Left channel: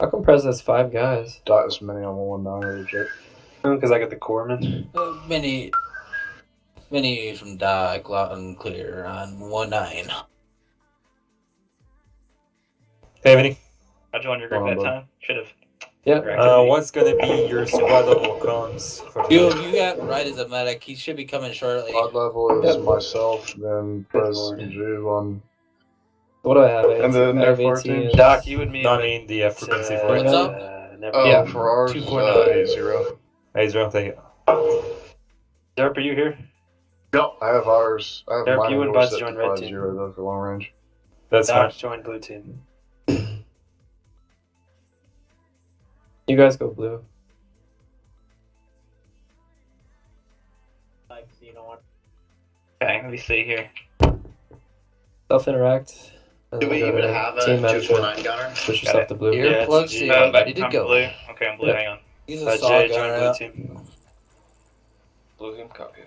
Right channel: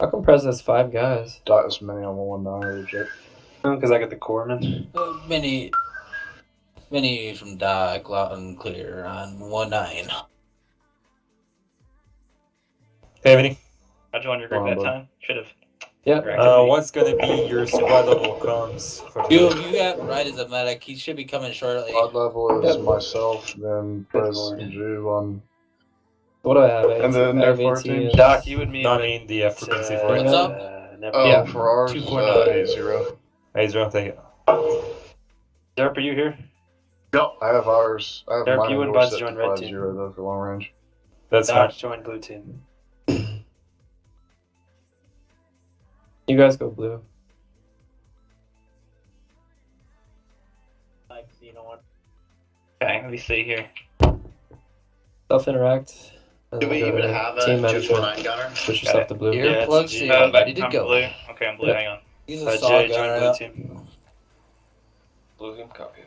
How come Prez has 5 guys? Dot as many on 119 or reject. Because I got the corpsman. Many from Doc, loud and clear on 1-9. Hey, Vinny. I joined your group that time. Should have. Yep. What's gonna be your squad level comms for You today? got right as a medic. He should be coming shortly. Squad level is Yep. myself, then Prez Lord. and Juve on. What do I have? And then I have their 18 teams. and- Doc, you and me. No, I mean the frequency for What's it. up? Never. Oh, Yeah. for ours, 249. 80. Hey, Zero, take it. Derp, are you here? Yep. I have ours. I have Derp, mine you and yours Buds set join to red 50 team. though for long range. That's fine. Doc joined blue team. You guys go blue. Okay, let me see here. Self-interact. and Do then we go even to have team a management. 249 gunner? Switch Got yourself it. to blue. Yeah, Earplugs it's stay ready to I'm go. blue. Okay, I'm blue. Yeah. Hang on. He's a saw Jay joined blue gunner. team. Blue team copy.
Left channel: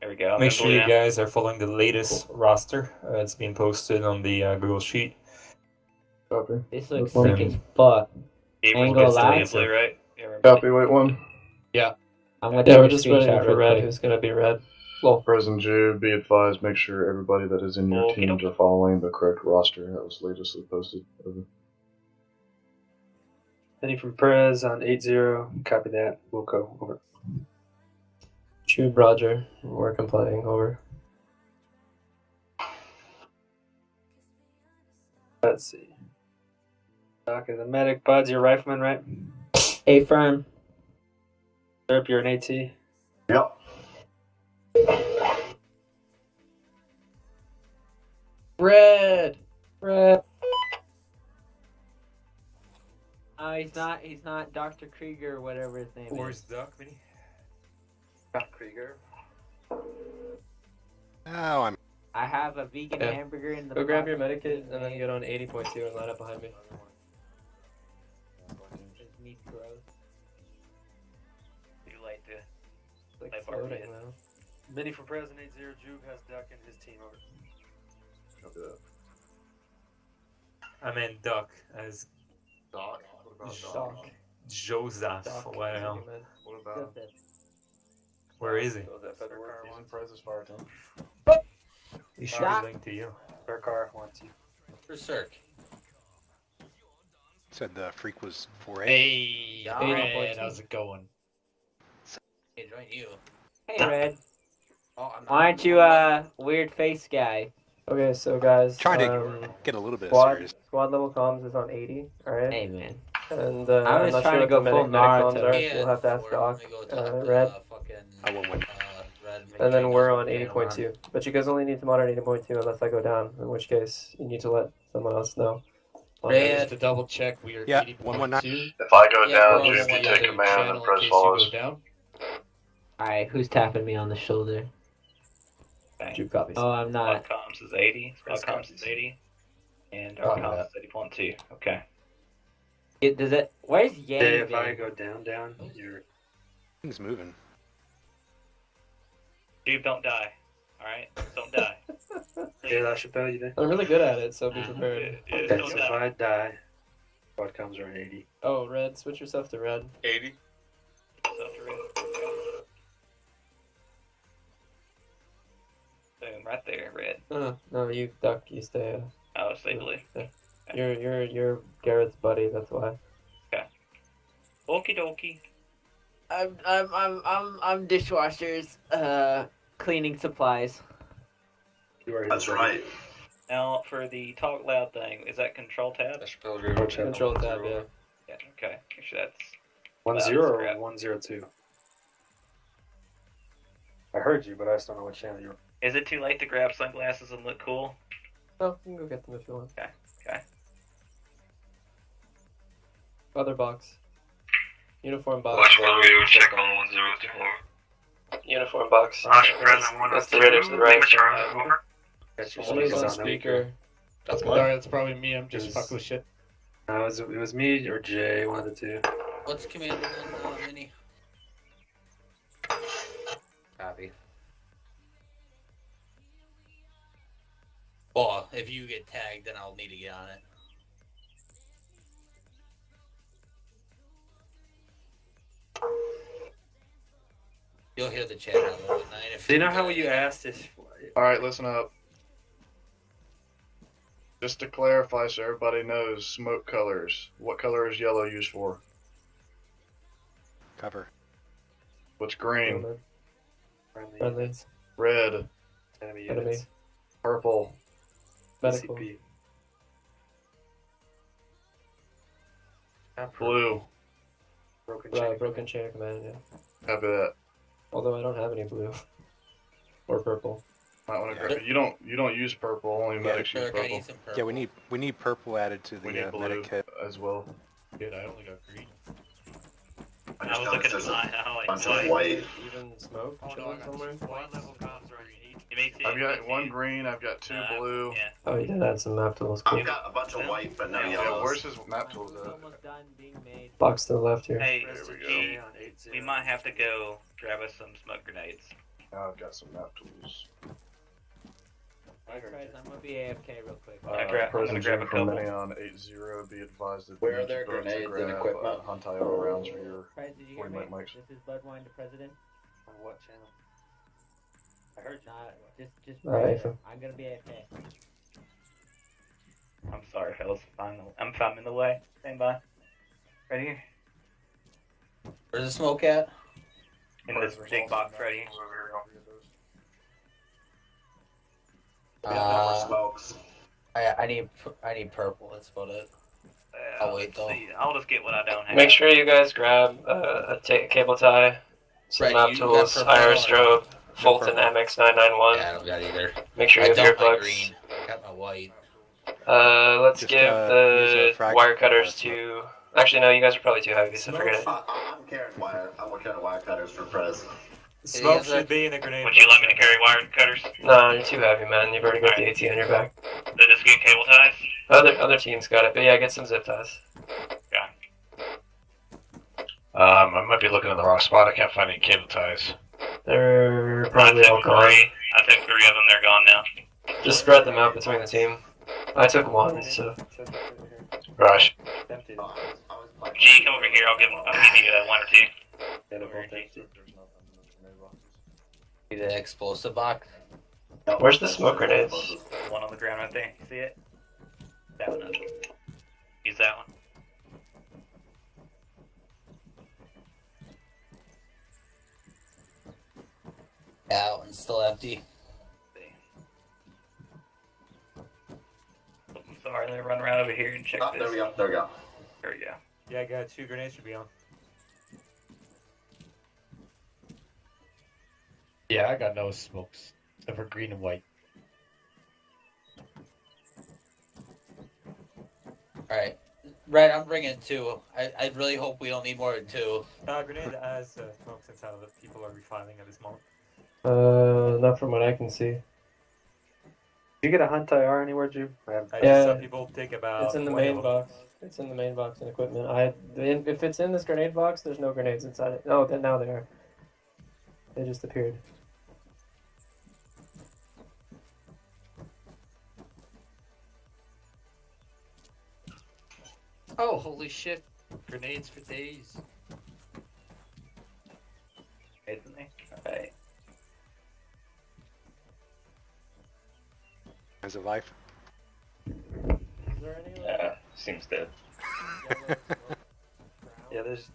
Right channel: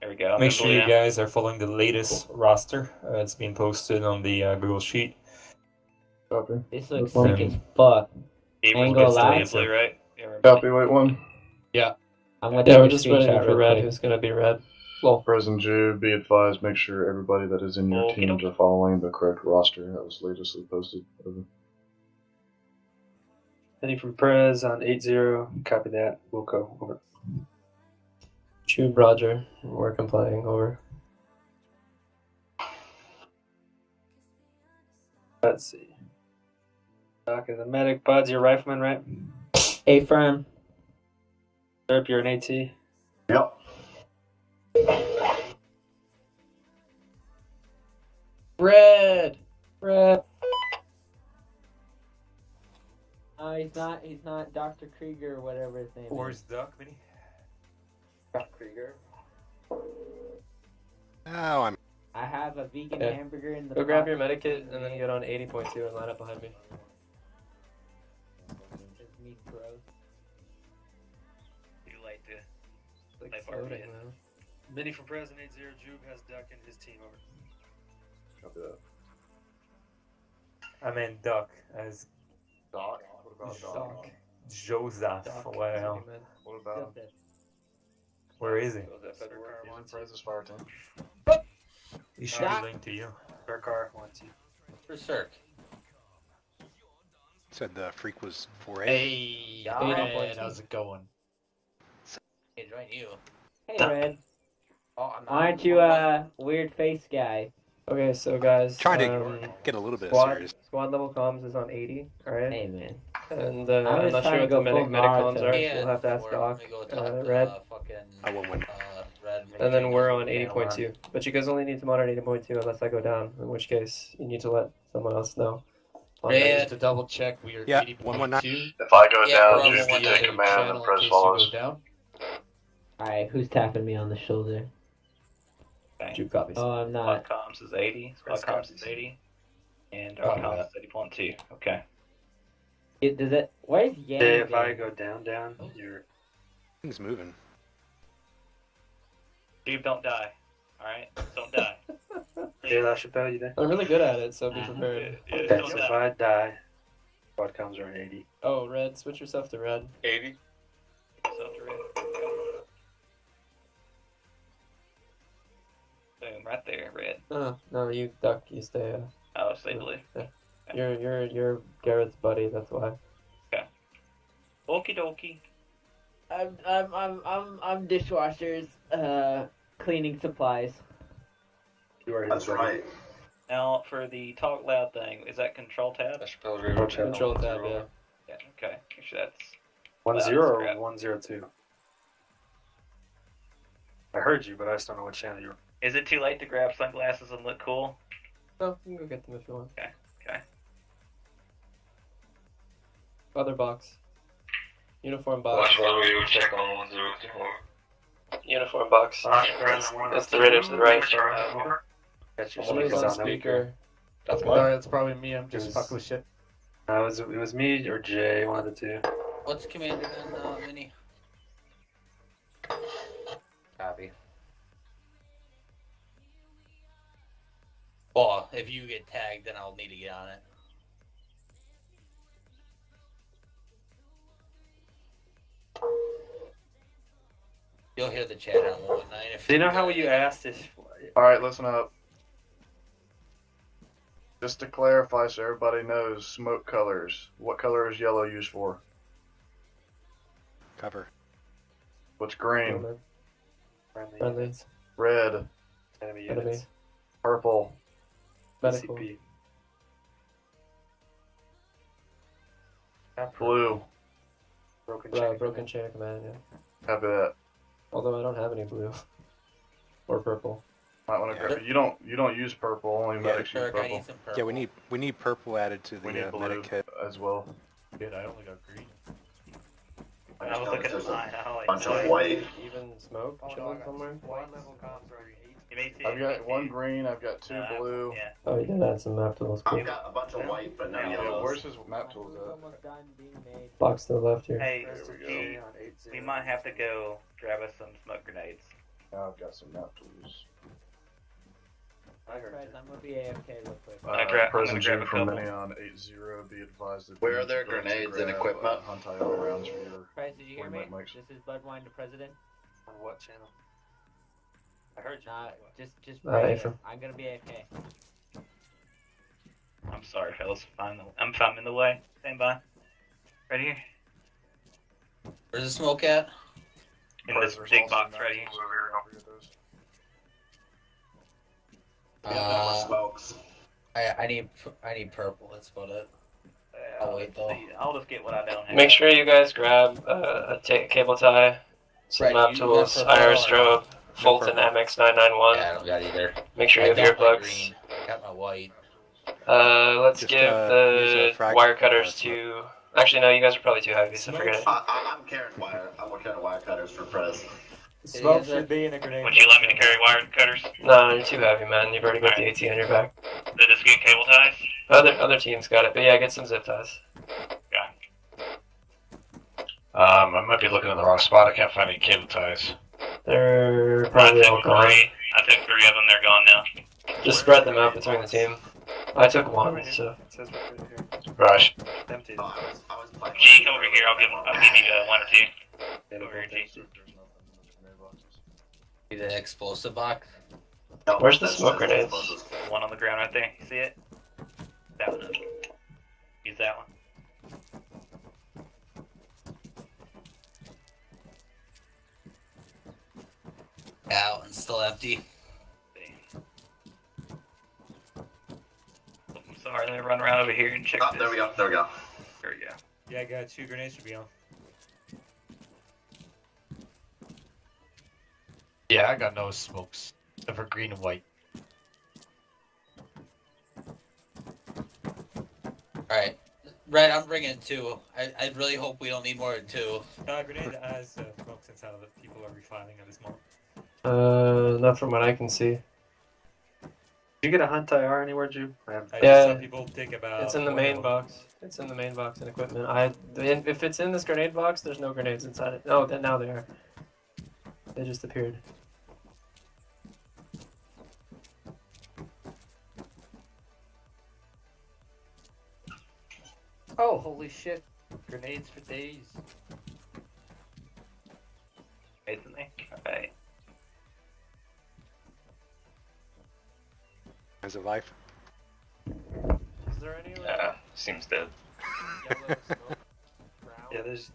There we go. I'm Make in sure blue you now. guys are following the latest roster. It's being posted on the Google Sheet. Copy. This looks Um, sick as fuck. Steve, Ain't we're gonna still lie. in blue, right? Yeah, we're in Copy, wait one. I'm gonna Yeah, take we're a just waiting screenshot for real red. quick. Who's gonna be red? Well, Prez and Juve, be advised, make sure everybody that is in your Okey teams doke. are following the correct roster that was latestly posted. Over. Any from Prez on 80. Copy that. We'll go over. Tube Roger. We're complying. Over. Let's see. Doc is a medic. Buds, you're a rifleman, right? A firm. Derp, you're an AT. Yep. Red. Red. He's not Dr. Krieger or whatever his name Where's is. Duck, Vinny? Doc Krieger. Oh, I'm. I have a vegan Yeah. hamburger in the Go grab your pocket. medikit and then get on 80.2 and line up behind me. It's meat gross. Would you like to? It's like Like floating, already. man. Mini from Prez on 80. Juve has Duck and his team on it. Copy that. I meant Duck as Dot. What about Doc. Dot? Joseph. Doc. Wow. What about Where is he? He's in Prez's fire team. He should Doc. be linked to you. Their car, 1 2. For Cirque. Said the freak was 4A. Hey, Yeah. Red, how's it going? Hey, join you. Hey, Red. Oh, I'm Why aren't you a weird face guy? Okay, so guys, Trying to get a little bit squad, serious. squad level comms is on 80, alright? Hey, man. And I I'm was not trying sure to what go the full medic comms Naruto. are, Yeah, so you'll have to ask before Doc. we go talk, Red. Fucking, I won't win. Red. And then we're on Yeah, 80.2. But you guys only need to monitor 80.2 unless I go down, in which case you need to let someone else know. Yeah. Just to double check, we are Yeah, 119. If I go Yeah, down, we're on Juve, you the take other command and channel in Prez case follows. you go down. Alright, who's tapping me on the shoulder? Okay. Two copies. Oh, I'm Squad not. comms is 80. Squad Press comms copies. is 80. And our Copy comms is 80.2. Okay. Does it? Where's Yang? Jay, if I been? go down, you're. Things moving. Dude, don't die. Alright? Don't die. Jay Please. LaChapelle, you there? I'm really good at it, so be prepared. Yeah, Okay, don't so die. if I die, squad comes around 80. Oh, red, switch yourself to red. 80. Self to red. Okay. Boom, right there, red. No, you Duck, you stay. Oh, stay blue. You're Garrett's buddy, that's why. Okie dokie. I'm dishwashers, cleaning supplies. You are That's his buddy. right. Now, for the talk loud thing, is that control tab? Control tab. Control tab, yeah. Yeah, okay. Make sure that's 1 loud 0 as or crap. 102. I heard you, but I just don't know what channel you're. Is it too late to grab sunglasses and look cool? Oh, you can go get them if you want. Okay. Other box. Uniform box. check on 102. Uniform box. That's the radio to the right. Somebody's on speaker. Sorry, that's probably me. I'm just fucking with shit. No, it was me or Jay, one of the two. What's commanded in Mini? Copy. Well, if you get tagged, then I'll need to get on it. You'll hear the chat on 119 if Do you know how you asked this? Alright, listen up. Just to clarify so everybody knows, smoke colors. What color is yellow used for? Cover. What's green? Friendly. Red. Enemy. Purple. Medical. Blue. Broken chain of command, yeah. Copy that. Although I don't have any blue. Or purple. Might wanna Yeah. go. You don't use purple, only medics use Kirk, I purple. need some purple. Yeah, we need purple added to We the need blue medic kit. as well. Dude, I only got green. I was looking at mine. I like Bunch of white. Even smoke chilling somewhere? I've got one green, I've got two blue. Yeah. Oh, you did add some map tools. Cool. You got a bunch of white, but no Yeah, Yeah, yellows. where's his map tools It's at? almost done being made. Box to the left here. Hey, There we go. G, we might have to go grab us some smoke grenades. Now I've got some map tools. Alright, I'm gonna be AFK real quick. I'm gonna Prison grab G a from couple. me on 80. Be advised that Where you are there vote to grenades and grab, equipment? Huntai rounds for your. Price, did you hear 40 me? mics. This is Budwine the President. On what channel? I heard you. Nah, just Hey, right from- here. I'm gonna be AFK. I'm sorry, fellas. I'm in the way. Stand by. Right here. Where's the smoke at? In this big box right here. We have no more smokes. I need purple. That's about it. I'll wait, though. See, I'll just get what I don't have. Make sure you guys grab a cable tie, some Right, map you tools, got purple IR on. strobe, Fulton purple. MX991. Yeah, I don't got either. Make sure I you have dumped my earplugs. green. Got my white. Let's Just, give use a the frag- wire cutters to. Actually, no, you guys are probably too heavy, so forget it. I'm carrying wire. I'm carrying wire cutters for Prez. Smoke Is should it- be in a grenade. Would you let me to carry wire cutters? No, you're too heavy, man. You've already got the AT on your back. So just get cable ties? Other teams got it, but yeah, get some zip ties. I might be looking in the wrong spot. I can't find any cable ties. They're probably all gone. I took 3 of them. They're gone now. Just spread them out between the team. I took one, so. Gosh. Empty. G, come over here. I'll give you 1 or 2. Over here, G. Need an explosive box. No, Where's the that's smoke just grenades? explosives. One on the ground right there. See it? That one. Use that one. Out and still empty. I'm sorry. Let me run around over here and check Oh, this. there we go. There we go. There we go. Yeah, I got 2 grenades should be on. Yeah, I got no smokes. Except for green and white. Alright. Right, I'm bringing 2. I really hope we don't need more than 2. Grenade has smokes inside of it. People are refiling at this moment. Not from what I can see. Did you get a Huntai R anywhere, Jude? I Yeah. just saw people take about. It's in the 20 main of them. box. It's in the main box and equipment. If it's in this grenade box, there's no grenades inside it. Oh, then now they are. They just appeared. Oh, holy shit. Grenades for days. Isn't it? Alright. Is it life? Is there any? Seems dead. Yeah, there's.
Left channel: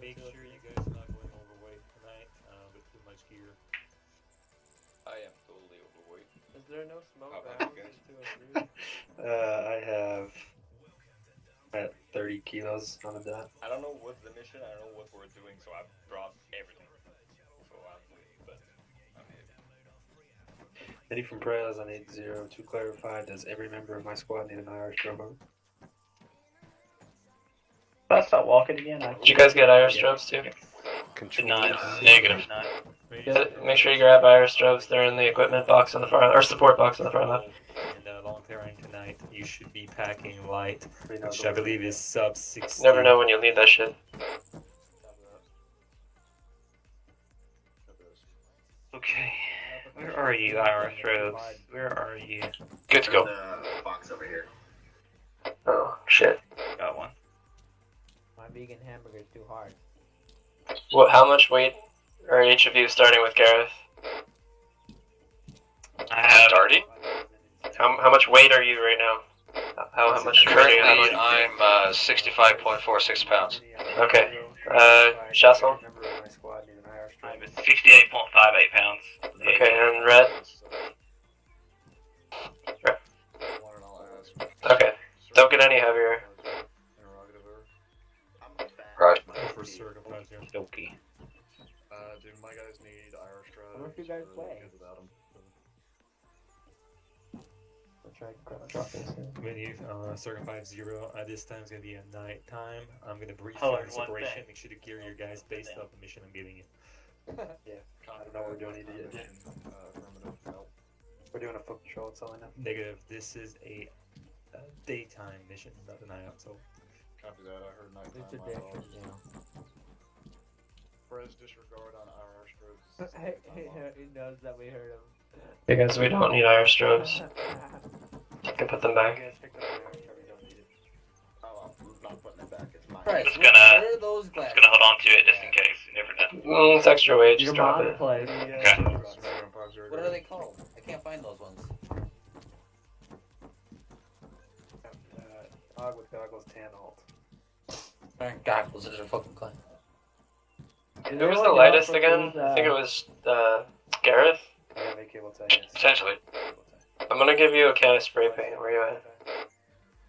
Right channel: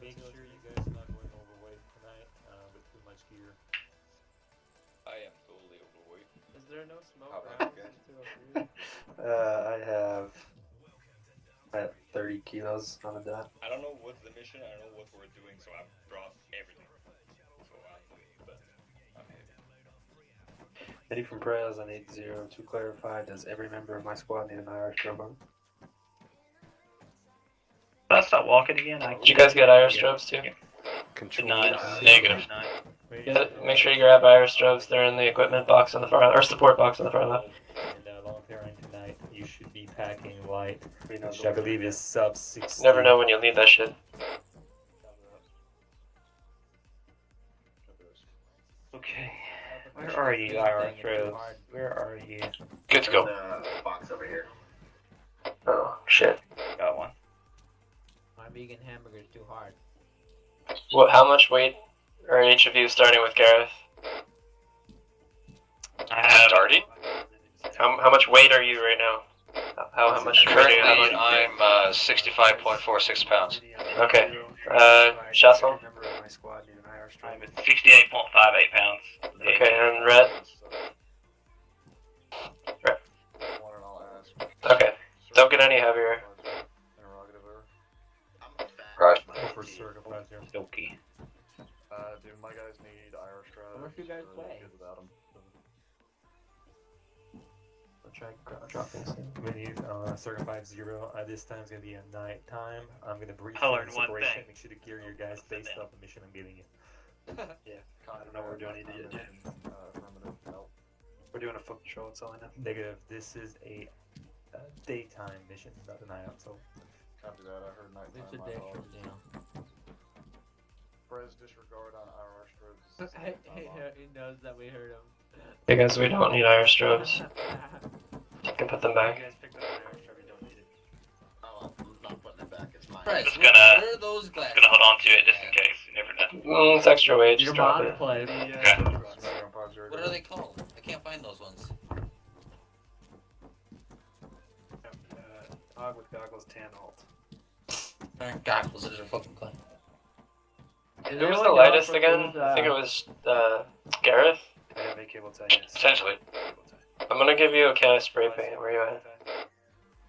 Make sure you guys are not going overweight tonight with too much gear. I am totally overweight. Is there no smoke? How about around you guys? 203? I have at 30 kilos on a dot. I don't know what the mission, I don't know what we're doing, so I've brought everything. So but Eddie from Prez on 80 to clarify, does every member of my squad need an IR strobe? Did I stop walking again? Did you guys get IR strobes too? Did not. Negative. Make sure you grab IR strobes. They're in the equipment box on the far or support box on the far left. And long carrying tonight, you should be packing light, We know which I believe is sub 60. Never know when you'll need that shit. Okay. Where are you, IR throws? Where are you? Good to go. The box over here. Oh shit. Got one. My vegan hamburger's too hard. What? How much weight Are each of you starting with Gareth? Starting? How much weight are you right now? How much weight do you have Currently, on you? I'm 65.46 pounds. Okay. Shassel? I'm 68.58 pounds. Okay, and Red? Okay. Don't get any heavier. Right. For circumcised, yeah. Dokie. Dude, my guys need Irish I don't know if you guys play. without them. I'll try and drop this in. Menu, circa 50. This time's gonna be at night time. I'm gonna brief Color you on in one separation. thing. Make sure to gear your guys based off the mission I'm giving you. Yeah, I don't know what we're doing yet. Affirmative. Nope. We're doing a foot patrol, that's all I know. Negative. This is a daytime mission, not a night out. So Copy that. I heard It's nighttime. a My different, fault. yeah. Prez disregard on Irish strobes. He knows that we heard him. Because we don't need Irish strobes. You can put them back. Oh, I'm not putting it back. It's mine. Right, Just where gonna- are those Just glasses? gonna hold on to it just in case. You never know. It's extra weight, just Your drop mom it. plays. Okay. What are they called? I can't find those ones. I with goggles, tan alt. Goggles, those are fucking clean. Who was the lightest again? I think it was Gareth. I have a cable tie. Yes. Essentially. I'm gonna give you a can of spray paint. Where you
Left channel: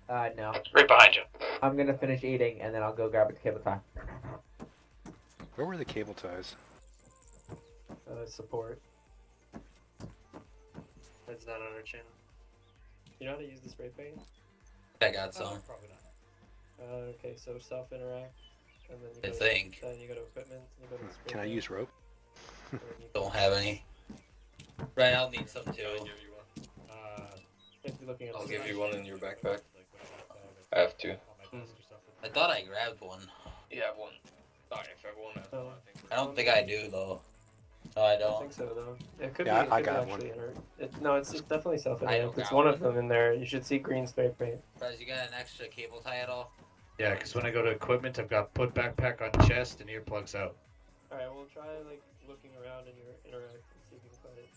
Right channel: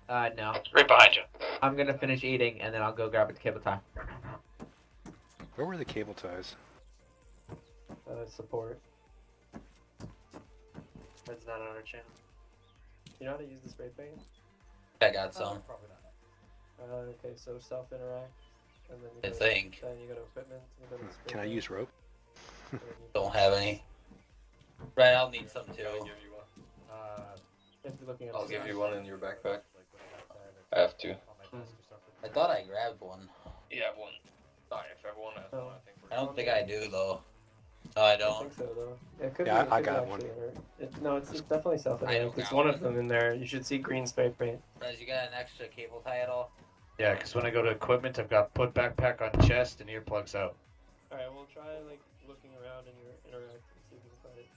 at? No. Right behind you. I'm gonna finish eating and then I'll go grab a cable tie. Where were the cable ties? Support. That's not on our channel. You know how to use the spray paint? I got some. probably not. Okay, so self-interact. And then you The go thing. Then you go to equipment. You go to spray Can I paint, use rope? and then you Don't have any. Right, I'll need some too. if you're looking at I'll a give you one in your backpack. I have to. I thought I grabbed one. You have one. Oh, yes, I have one. Oh. I don't think I do though. No, I I don't. think so though. It could Yeah, be, I it could got actually hurt. No, it's definitely self-interact. It's got one one. of them in there. You should see green spray paint. Guys, you got an extra cable tie at all? Yeah, because when I go to equipment, I've got put backpack on chest and earplugs out. Alright, we'll try like looking around in your interact and see if you can find it.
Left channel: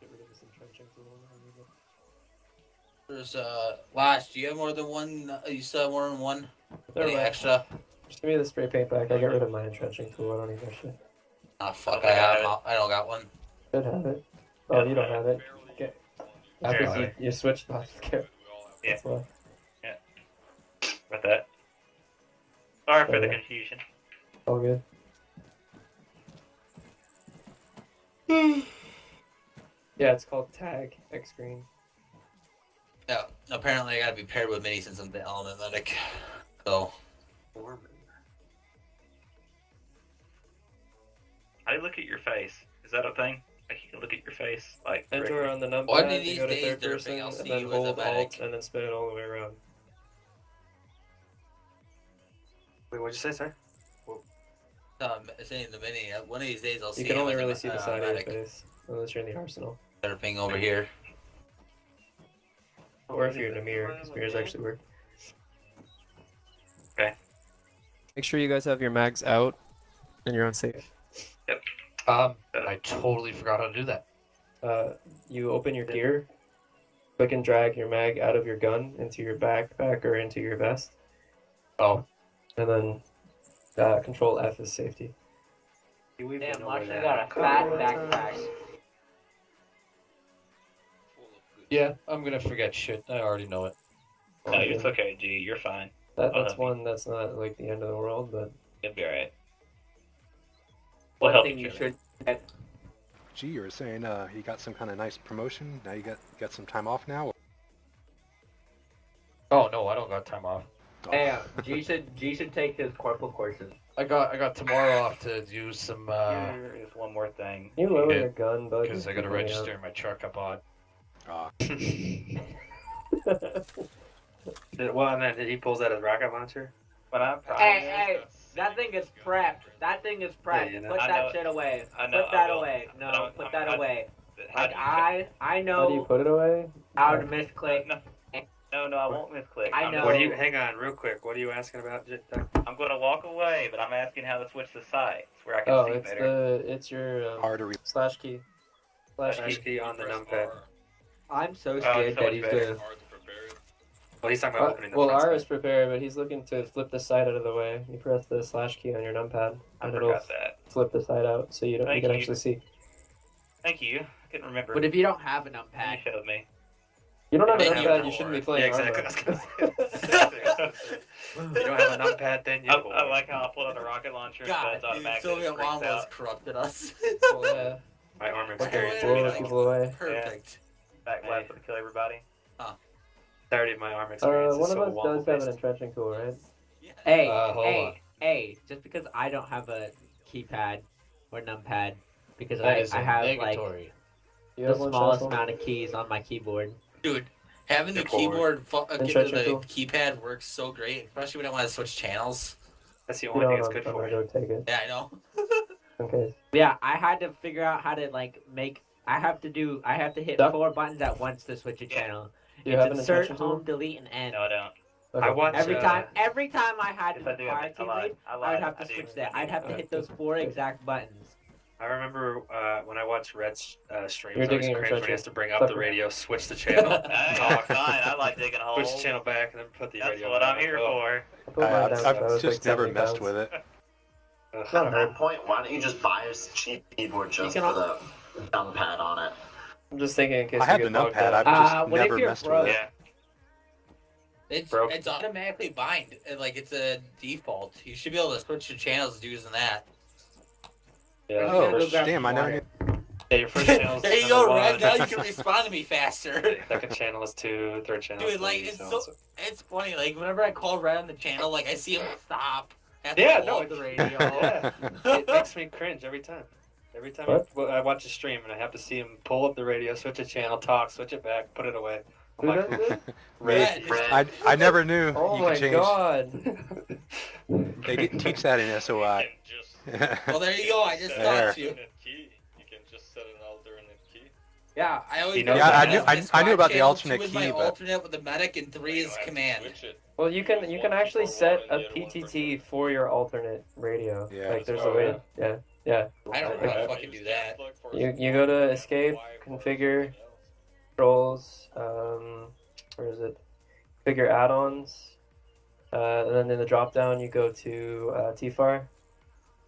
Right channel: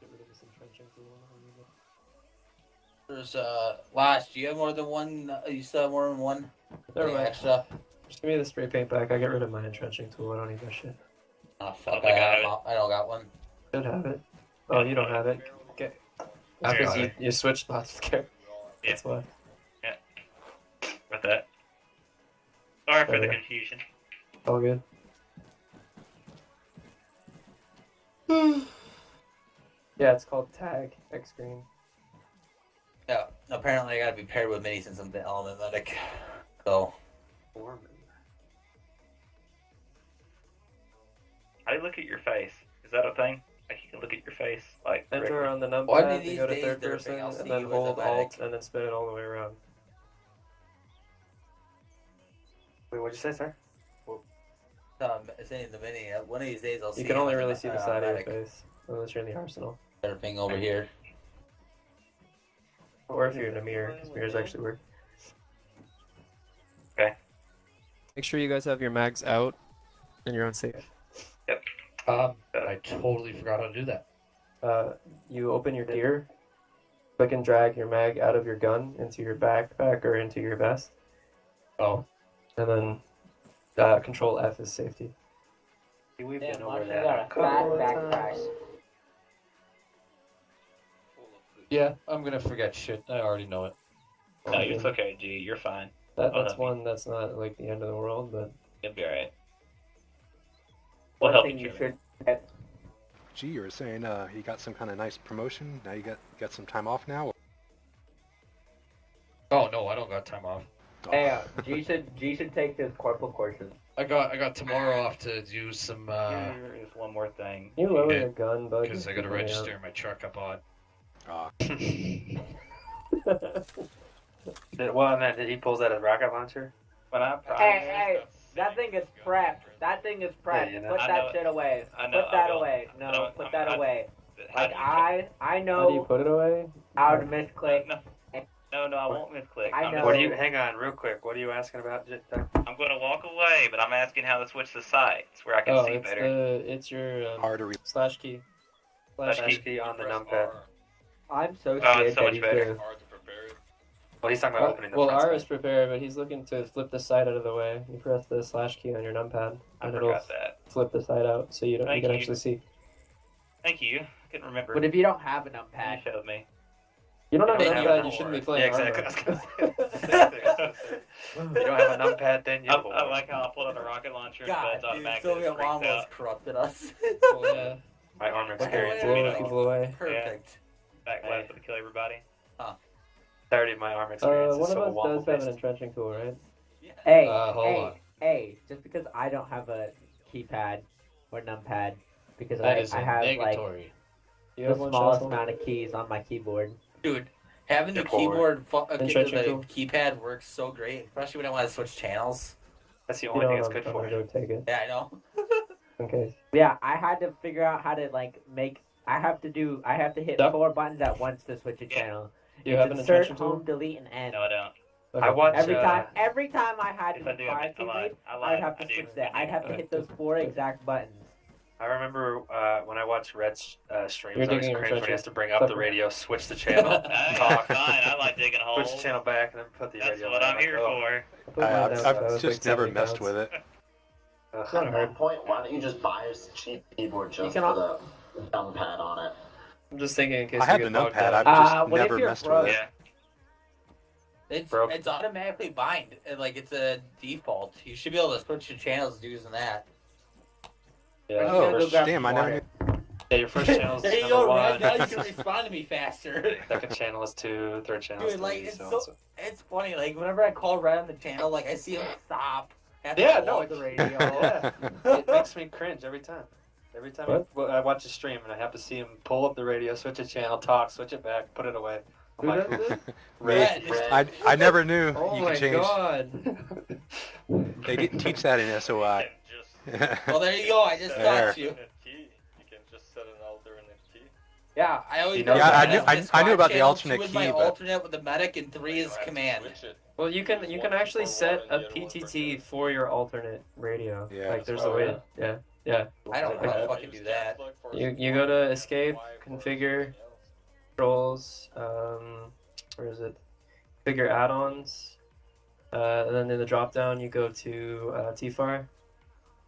Get rid of this entrenching tool and then remove it. There's Lash, do you have more than one? You still have more than one? Never Any mind. extra? Just give me the spray paint back. I get rid of my entrenching tool. I don't need that shit. Ah, fuck, don't think I I don't got one. Should have it. Oh, you don't have it. Okay. That's I've because got you switched spots with Garrett. Yeah. That's why. With that. Sorry for the Yeah. confusion. All good. Yeah, it's called tag X screen. Yeah, apparently I gotta be paired with Mini since I'm the element medic. So, How do you look at your face? Is that a thing? Like you can look at your face, like. Enter on the One of numpad, these you go to days, third Derping, person, I'll see and then you as a hold Alt, medic. and then spin it all the way around. Wait, what'd you say, sir? saying the Mini, one of these days I'll see You can only him as a really see the side of medic. your face, unless you're in the arsenal. Derping over here. Or if you're in a mirror, because mirrors actually work. Okay. Make sure you guys have your mags out, and you're on safe. I totally forgot how to do that. You open your gear, click and drag your mag out of your gun into your backpack or into your vest. Oh. And then Control F is safety. Damn, Marsh, I got a fat backpack. Yeah, I'm gonna forget shit. I already know it. No, it's okay, G. You're fine. That's I'll help you. one that's not like the end of the world, but You'll be alright. We'll help Thing each you other. should. Gee, you were saying you got some kind of nice promotion. Now you got some time off now. Oh no, I don't got time off. Hey, G should take his corporal courses. I got tomorrow off to do some Here is one more thing. you lower Yeah. your gun, bud. because I gotta register my truck up on. Well, and then he pulls out his rocket launcher. When I prime Hey, that thing is prepped. That thing is prepped. Yeah, you know. Put I that know- shit away. I know, Put I that will. away. But No, I'm- put I'm- that away. how do you I How do you know put it away? how to misclick. No. No, I won't misclick. I know. What do you? Hang on, real quick. What are you asking about? I'm going to walk away, but I'm asking how to switch the sites where I can Oh, see it's better. it's your R to re- slash key. Slash Slash key. key on the numpad. I'm so Oh, scared it's so that much he's better. gonna. Well, he's talking about opening the Well, front R side. is prepared, but he's looking to flip the side out of the way. You press the slash key on your numpad, I and it'll forgot that. flip the side out, so you Thank can you. actually see. Thank you. I couldn't remember. But if you don't have an You numpad, showed me. You don't have a Then you numpad, roll. you shouldn't be playing Yeah, Arma. exactly. You don't have a numpad, then you. I like how I pulled out a rocket launcher and God, buds automatically Soviet just freaks mom out. corrupted us. Well, yeah. My armor But experience. Blow Blow the people away. Perfect. Back left to kill everybody. Already my armor experience. One is of so us does have an womble-based. entrenching tool, right? hey, Hold on. hey, just because I don't have a keypad or numpad, because That is I have like negatory. You the have one, smallest Cecil? amount of keys on my keyboard. Dude, having the Good lord. keyboard, the Entrenching tool? keypad works so great, especially when I want to switch channels. That's the You only know thing what, it's good I'm for. gonna go take it. Yeah, I know. Okay. Yeah, I had to figure out how to like make. I have to hit Duck? 4 buttons at once to switch a Yeah. channel. Do you have an Insert, entrenching tool? home, delete, and end. No, I don't. Okay. I watch. Every time I had Yes, to I do. hit I card lied. keyboard, I I'd lied. have I to do. switch that. I I'd do. have to hit those 4 exact buttons. I remember when I watched Red's streams. You're I was digging your crazy when he trenches. has to bring up the Sucker. radio, switch the channel, Hey, talk, I'm fine. I like digging holes. switch the channel back, and then put the That's radio what on. I'm like, here oh. for. I put mine down, so I've it'll just take never 70 messed pounds. with it. It's not At hard. that point, why don't you just buy a cheap keyboard just can for the numpad on it? I'm just thinking in case I have you the get bogged numpad. down. I've just what if never you're messed broke? with it. Yeah. It's automatically bind. Like it's a default. You should be able to switch your channels using that. Yeah, Oh, first, damn! I never knew. yeah, your first channel is There you number go, one. Red. Now you can respond to me faster. Second channel is 2. Third channel is Dude, 3. like it's so on so, so. it's funny. Like whenever I call Red on the channel, like I see him stop. Have to Yeah, pull no, up the it- radio. yeah. It makes me cringe every time. Every time I watch a stream and I have to see him pull up the radio, switch a channel, talk, switch it back, put it away. I'm Who like, does this? Red. I never knew Oh you my could change. god. They didn't teach that in SOI. Well, there you go. I just There. taught you. You can just set an alternate key. Yeah, I always. You know do Yeah, that. I knew Squad about the channel, alternate 2 is my key, but- alternate with the medic, and 3 is command. Switch it. Well, you can One actually for set one a and the other one for PTT for your alternate radio. Yeah. Like there's Oh, a way. Yeah. Yeah. I don't know how to I fucking use do that. caps lock for You go one to and escape, Y for configure, something else. controls, where is it? Figure add-ons, and then in the drop-down you go to TFAR,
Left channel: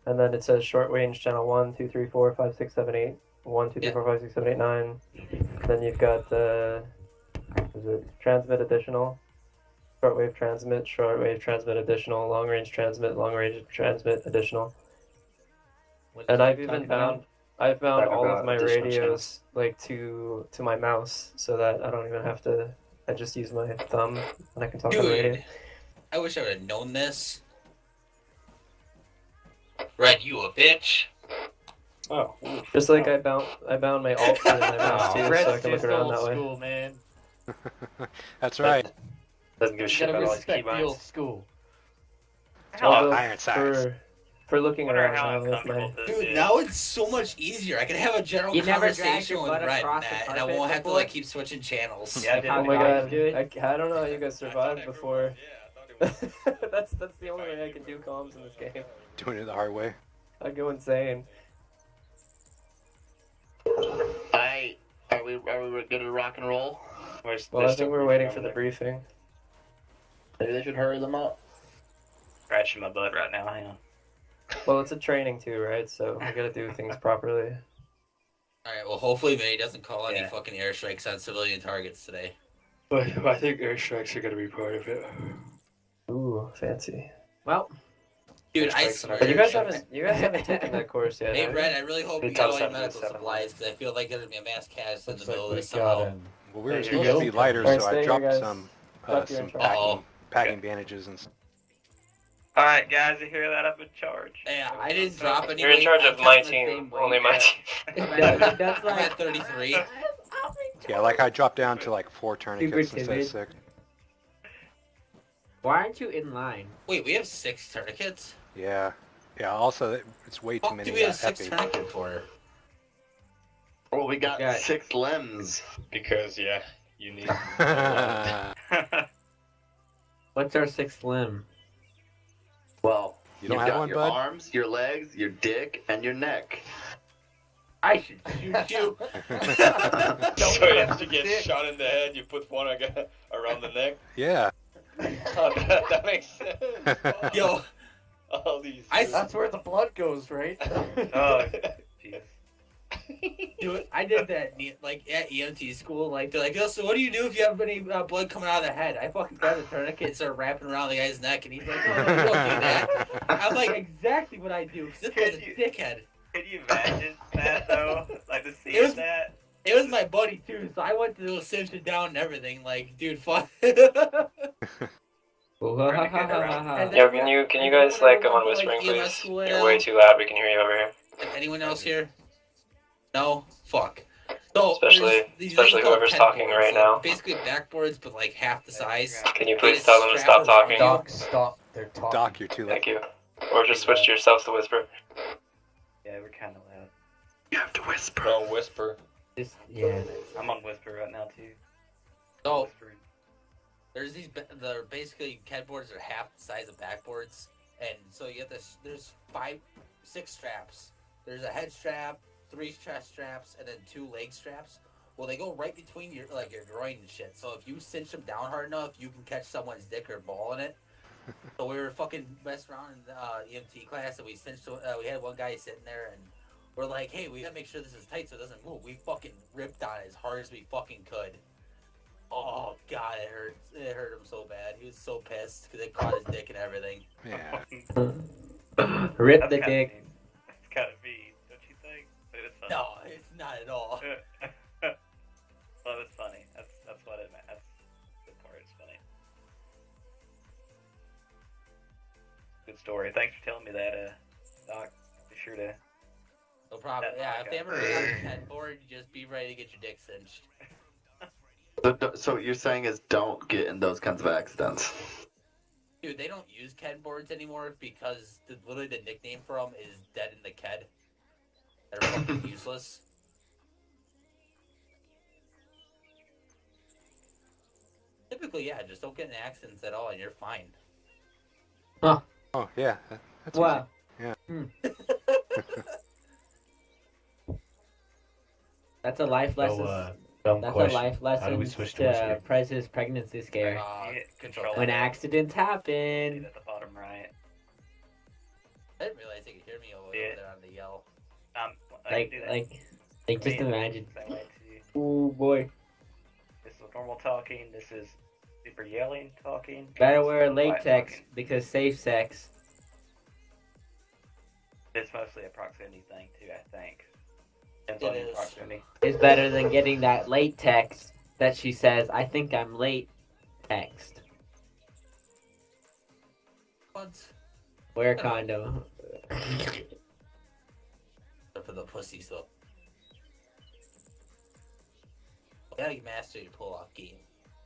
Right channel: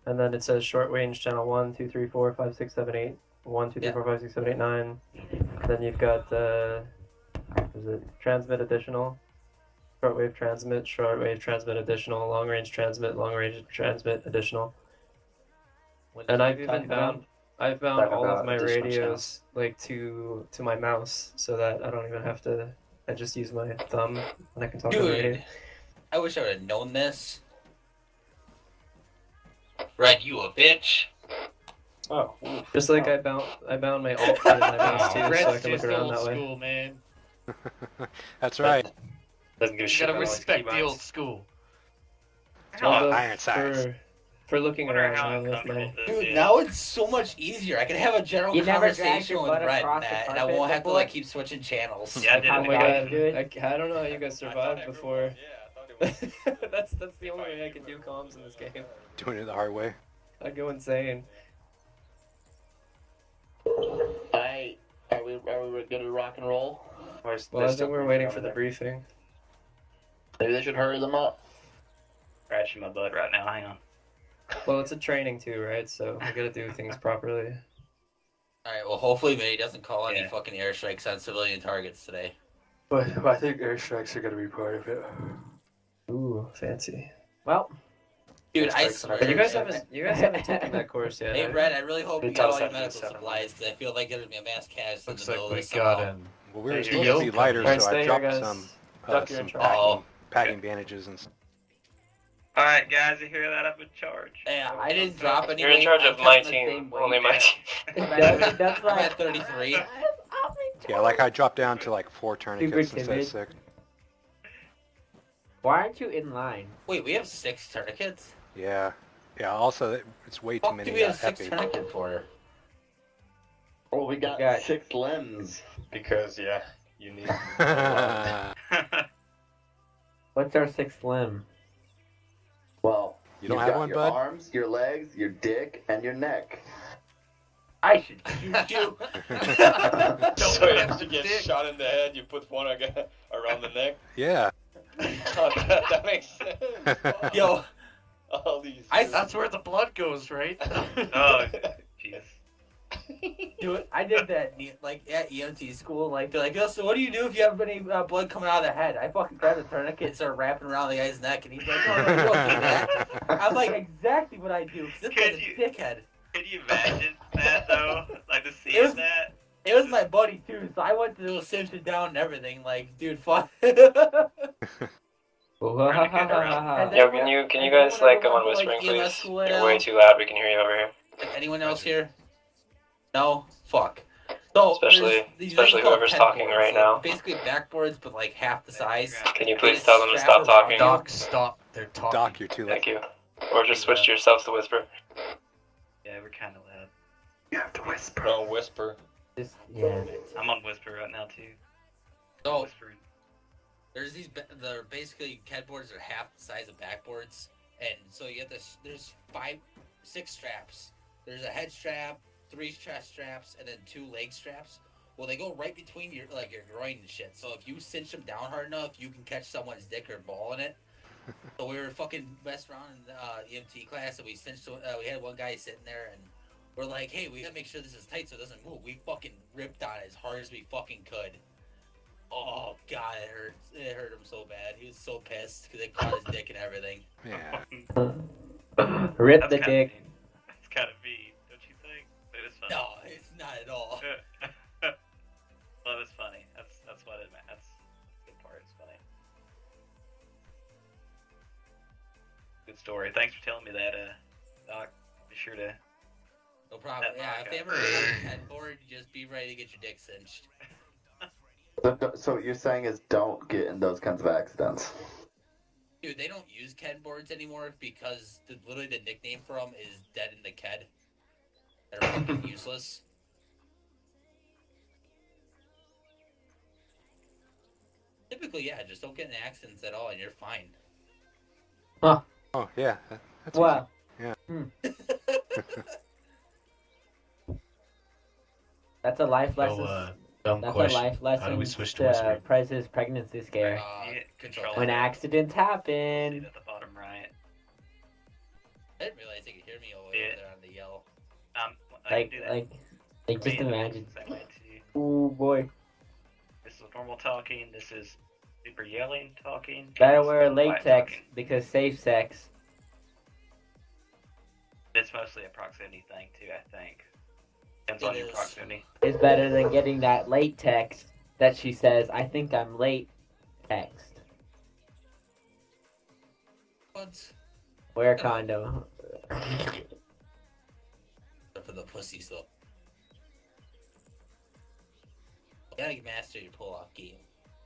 and then it says short range channel 1, 2, 3, 4, 5, 6, 7, 8, 1, 2, 3, 4, 5, 6, 7, 8, 9. Then you've got is it transmit additional, shortwave transmit additional, long range transmit additional. And I've found Talk all of about my additional radios channels. like to my mouse, so that I don't even have to. I just use my thumb and I can talk on the radio. Dude, I wish I would have known this. Red, you a bitch. Oh, Just like I bound my alt to my mouse too, so I Red's can look just around old that way. school, man. That's right. doesn't give a You shit gotta about all his respect the keybinds. old school. Although iron sights. for looking Wonder around how now with my uncomfortable this Dude, is. now it's so much easier. I can have a general You never dragged conversation your with butt Red, across the and I carpet won't have to before? like keep switching channels. Yeah, I did oh it my again. god, Good. I don't know how you guys I thought survived everyone- before. Yeah, I thought it was. that's the only way I can do comms in this game. Doing it the hard way. I'd go insane. Hey, are we good to rock and roll? Where's Well, I there's think still we're briefing waiting over for the there. briefing. Maybe they should hurry them up. Scratching my butt right now. Hang on. Well, it's a training too, right? So we gotta do things properly. Alright, well, hopefully May doesn't call any Yeah. fucking airstrikes on civilian targets today. But I think airstrikes are going to be part of it. Ooh, fancy. Well, Dude, I Airstrikes on our swear. You guys airstrikes. haven't taken that course yet. Hey, have you? Red, I really hope They you taught got us all how your to do medical seven. supplies, because I feel like there's going to be a mass casualty in the Looks middle like of we this got somehow. him. Well, we were Hey, supposed to be yo. lighter, Alright, so stay I here, dropped guys. some Duck, you're in charge. packing bandages and stuff. Alright, guys, you hear that? I'm in charge. Yeah, I didn't drop any. You're in weight. charge I of kept my the team, same weight. only my team. that's I'm like at 33. Yeah, like I dropped down to like 4 tourniquets Super instead of timid. 6. Why aren't you in line? Wait, we have 6 tourniquets? Yeah. Yeah, also, it's way too What do many we have 6 epi. tourniquets for? Well, we got Got- 6 limbs. Because, yeah. You need. What's our sixth limb? Well, You don't you've have got one, your bud? arms, your legs, your dick, and your neck. I should shoot you. So if you get shot in the head, you put one around the neck. Yeah. Oh, that makes sense. Wow. Yo, All these. That's where the blood goes, right? Oh, jeez. dude, I did that like at EMT school. Like they're like, "Yo, so what do you do if you have any blood coming out of the head?" I fucking grabbed a tourniquet and started wrapping around the guy's neck, and he's like, "No, no, you don't do that." I'm like, exactly what I do. 'Cause this guy's a dickhead. Can you imagine that though? Like to see It was- that. It was my buddy too, so I went to sit him down and everything. Like, dude, fuck. Yo, can you guys like go on whispering, please? You're way too loud. We can hear you over here. Anyone else here? No? Fuck. So, Especially there's these especially things called whoever's pen talking boards. right They're now. Basically backboards, but like half the size. Can you please tell them to stop talking? Doc, stop. They're talking. Doc, you're too late. Thank you. Or just switch to yourselves to whisper. Yeah, we're kind of loud. You have to whisper. Don't whisper. Yeah. I'm on whisper right now too. So, Whispering. there's these, they're basically headboards are half the size of backboards. And so you have this, there's 6 straps. There's a head strap, 3 chest straps, and then 2 leg straps. Well, they go right between your groin and shit. So if you cinch them down hard enough, you can catch someone's dick or ball in it. So we were fucking messing around in EMT class, and we cinched. We had one guy sitting there, and we're like, "Hey, we gotta make sure this is tight so it doesn't move." We fucking ripped on it as hard as we fucking could. Oh god, it hurt. It hurt him so bad. He was so pissed because it caught his dick and everything. Yeah. Rip That's the kinda dick. mean. It's kind of mean, don't you think? But it's funny. No, it's not at all. Well, it's funny. That's what it meant. That's the good part. It's funny. Good story. Thanks for telling me that, Doc. Be sure to. No problem. Yeah, if they ever have a headboard, just be ready to get your dick cinched. So what you're saying is don't get in those kinds of accidents. Dude, they don't use Ken boards anymore because literally the nickname for them is Dead in the Ked. They're fucking useless. Typically, yeah, just don't get in accidents at all and you're fine. Huh. Oh, yeah. That's Wow. easy. Yeah. That's a life lesson. Dumb That's question. a life How do lesson we switch to to whispering? Prez's pregnancy scare. Control. When accidents See happen. it at the bottom right. I didn't realize they could hear me over there on the yell. I can do that. Like, just imagine. Same way too. Ooh, boy. This is normal talking. This is super yelling talking. Better this wear is quiet latex talking. because safe sex. It's mostly a proximity thing too, I think. Depends It on your is. proximity. Is better than getting that late text that she says, "I think I'm late." Text. What? Wear a condom. For the pussies, though. You gotta master your pull-off game.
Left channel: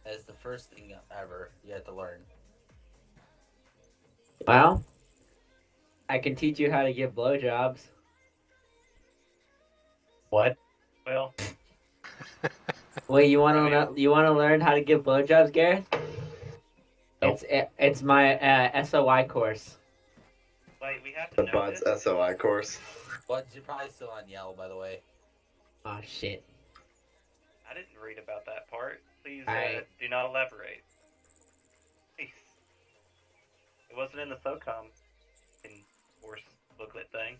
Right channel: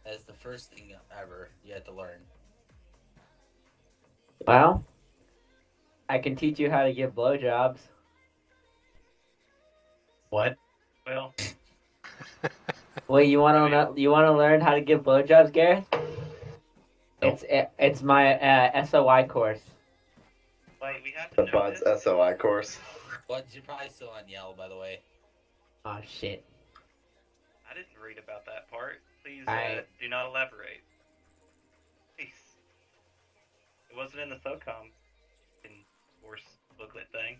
That's the first thing ever you have to learn. Well, I can teach you how to give blowjobs. What? Well, Well, you want to learn how to give blowjobs, Gareth? It's my SOI course. wait, we have to The know Bud's this? SOI course. But you're probably still on yell, by the way. Oh shit. I didn't read about that part. Please I- do not elaborate. Please. It wasn't in the SOCOM course booklet thing.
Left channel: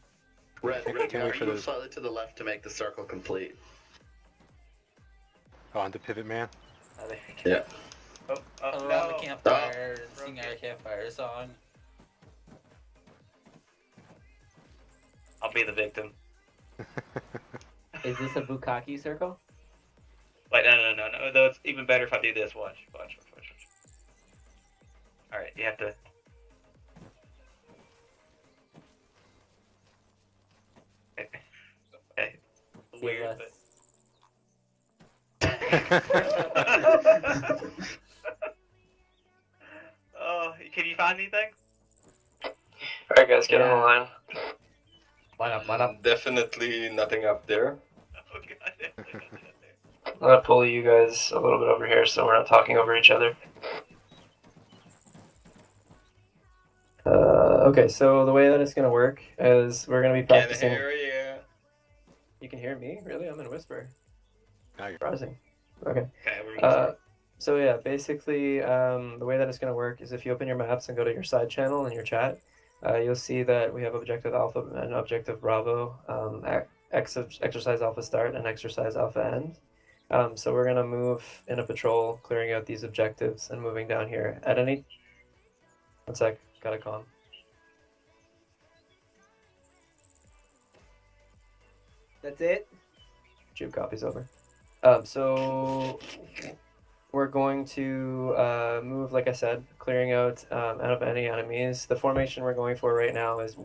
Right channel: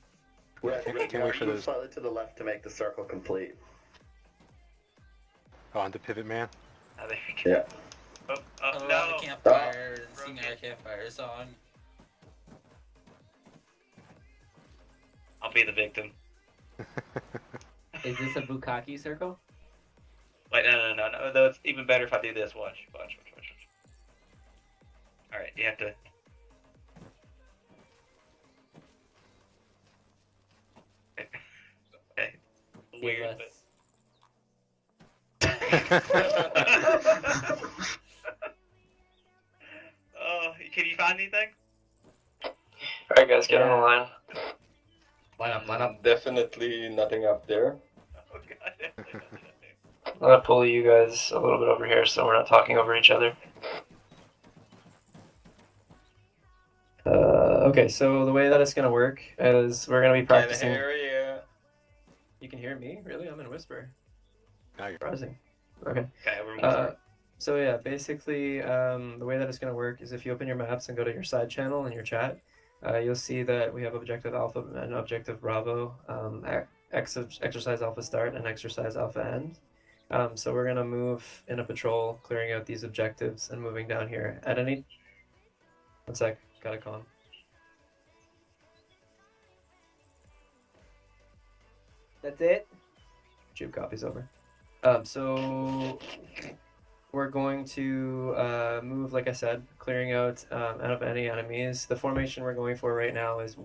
Right, Can't wait for move those. slightly to the left to make the circle complete. Oh, on the Pivot Man. I think. Yeah. Oh, Around no. the campfire and sing our campfire song. I'll be the victim. Is this a bukkake circle? Like, no. Though it's even better if I do this. Watch. Alright, you have to. Okay. Weird, but. Oh, can you find anything? Alright, guys, get on the line. Line up. Definitely nothing up there. Oh, God. gonna pull you guys a little bit over here so we're not talking over each other. Okay, so the way that it's gonna work is we're gonna be practicing. Can hear ya. You can hear me? Really? I'm in whisper. Now you're Surprising. Okay. Okay, we're whispering. So yeah, basically, the way that it's gonna work is if you open your maps and go to your side channel in your chat, you'll see that we have Objective Alpha and Objective Bravo, Exercise Alpha Start and Exercise Alpha End. So we're gonna move in a patrol, clearing out these objectives and moving down here. At any... One sec, gotta calm. That's it? Shoot, copies over. So we're going to move, like I said, clearing out out of any enemies. The formation we're going for right now is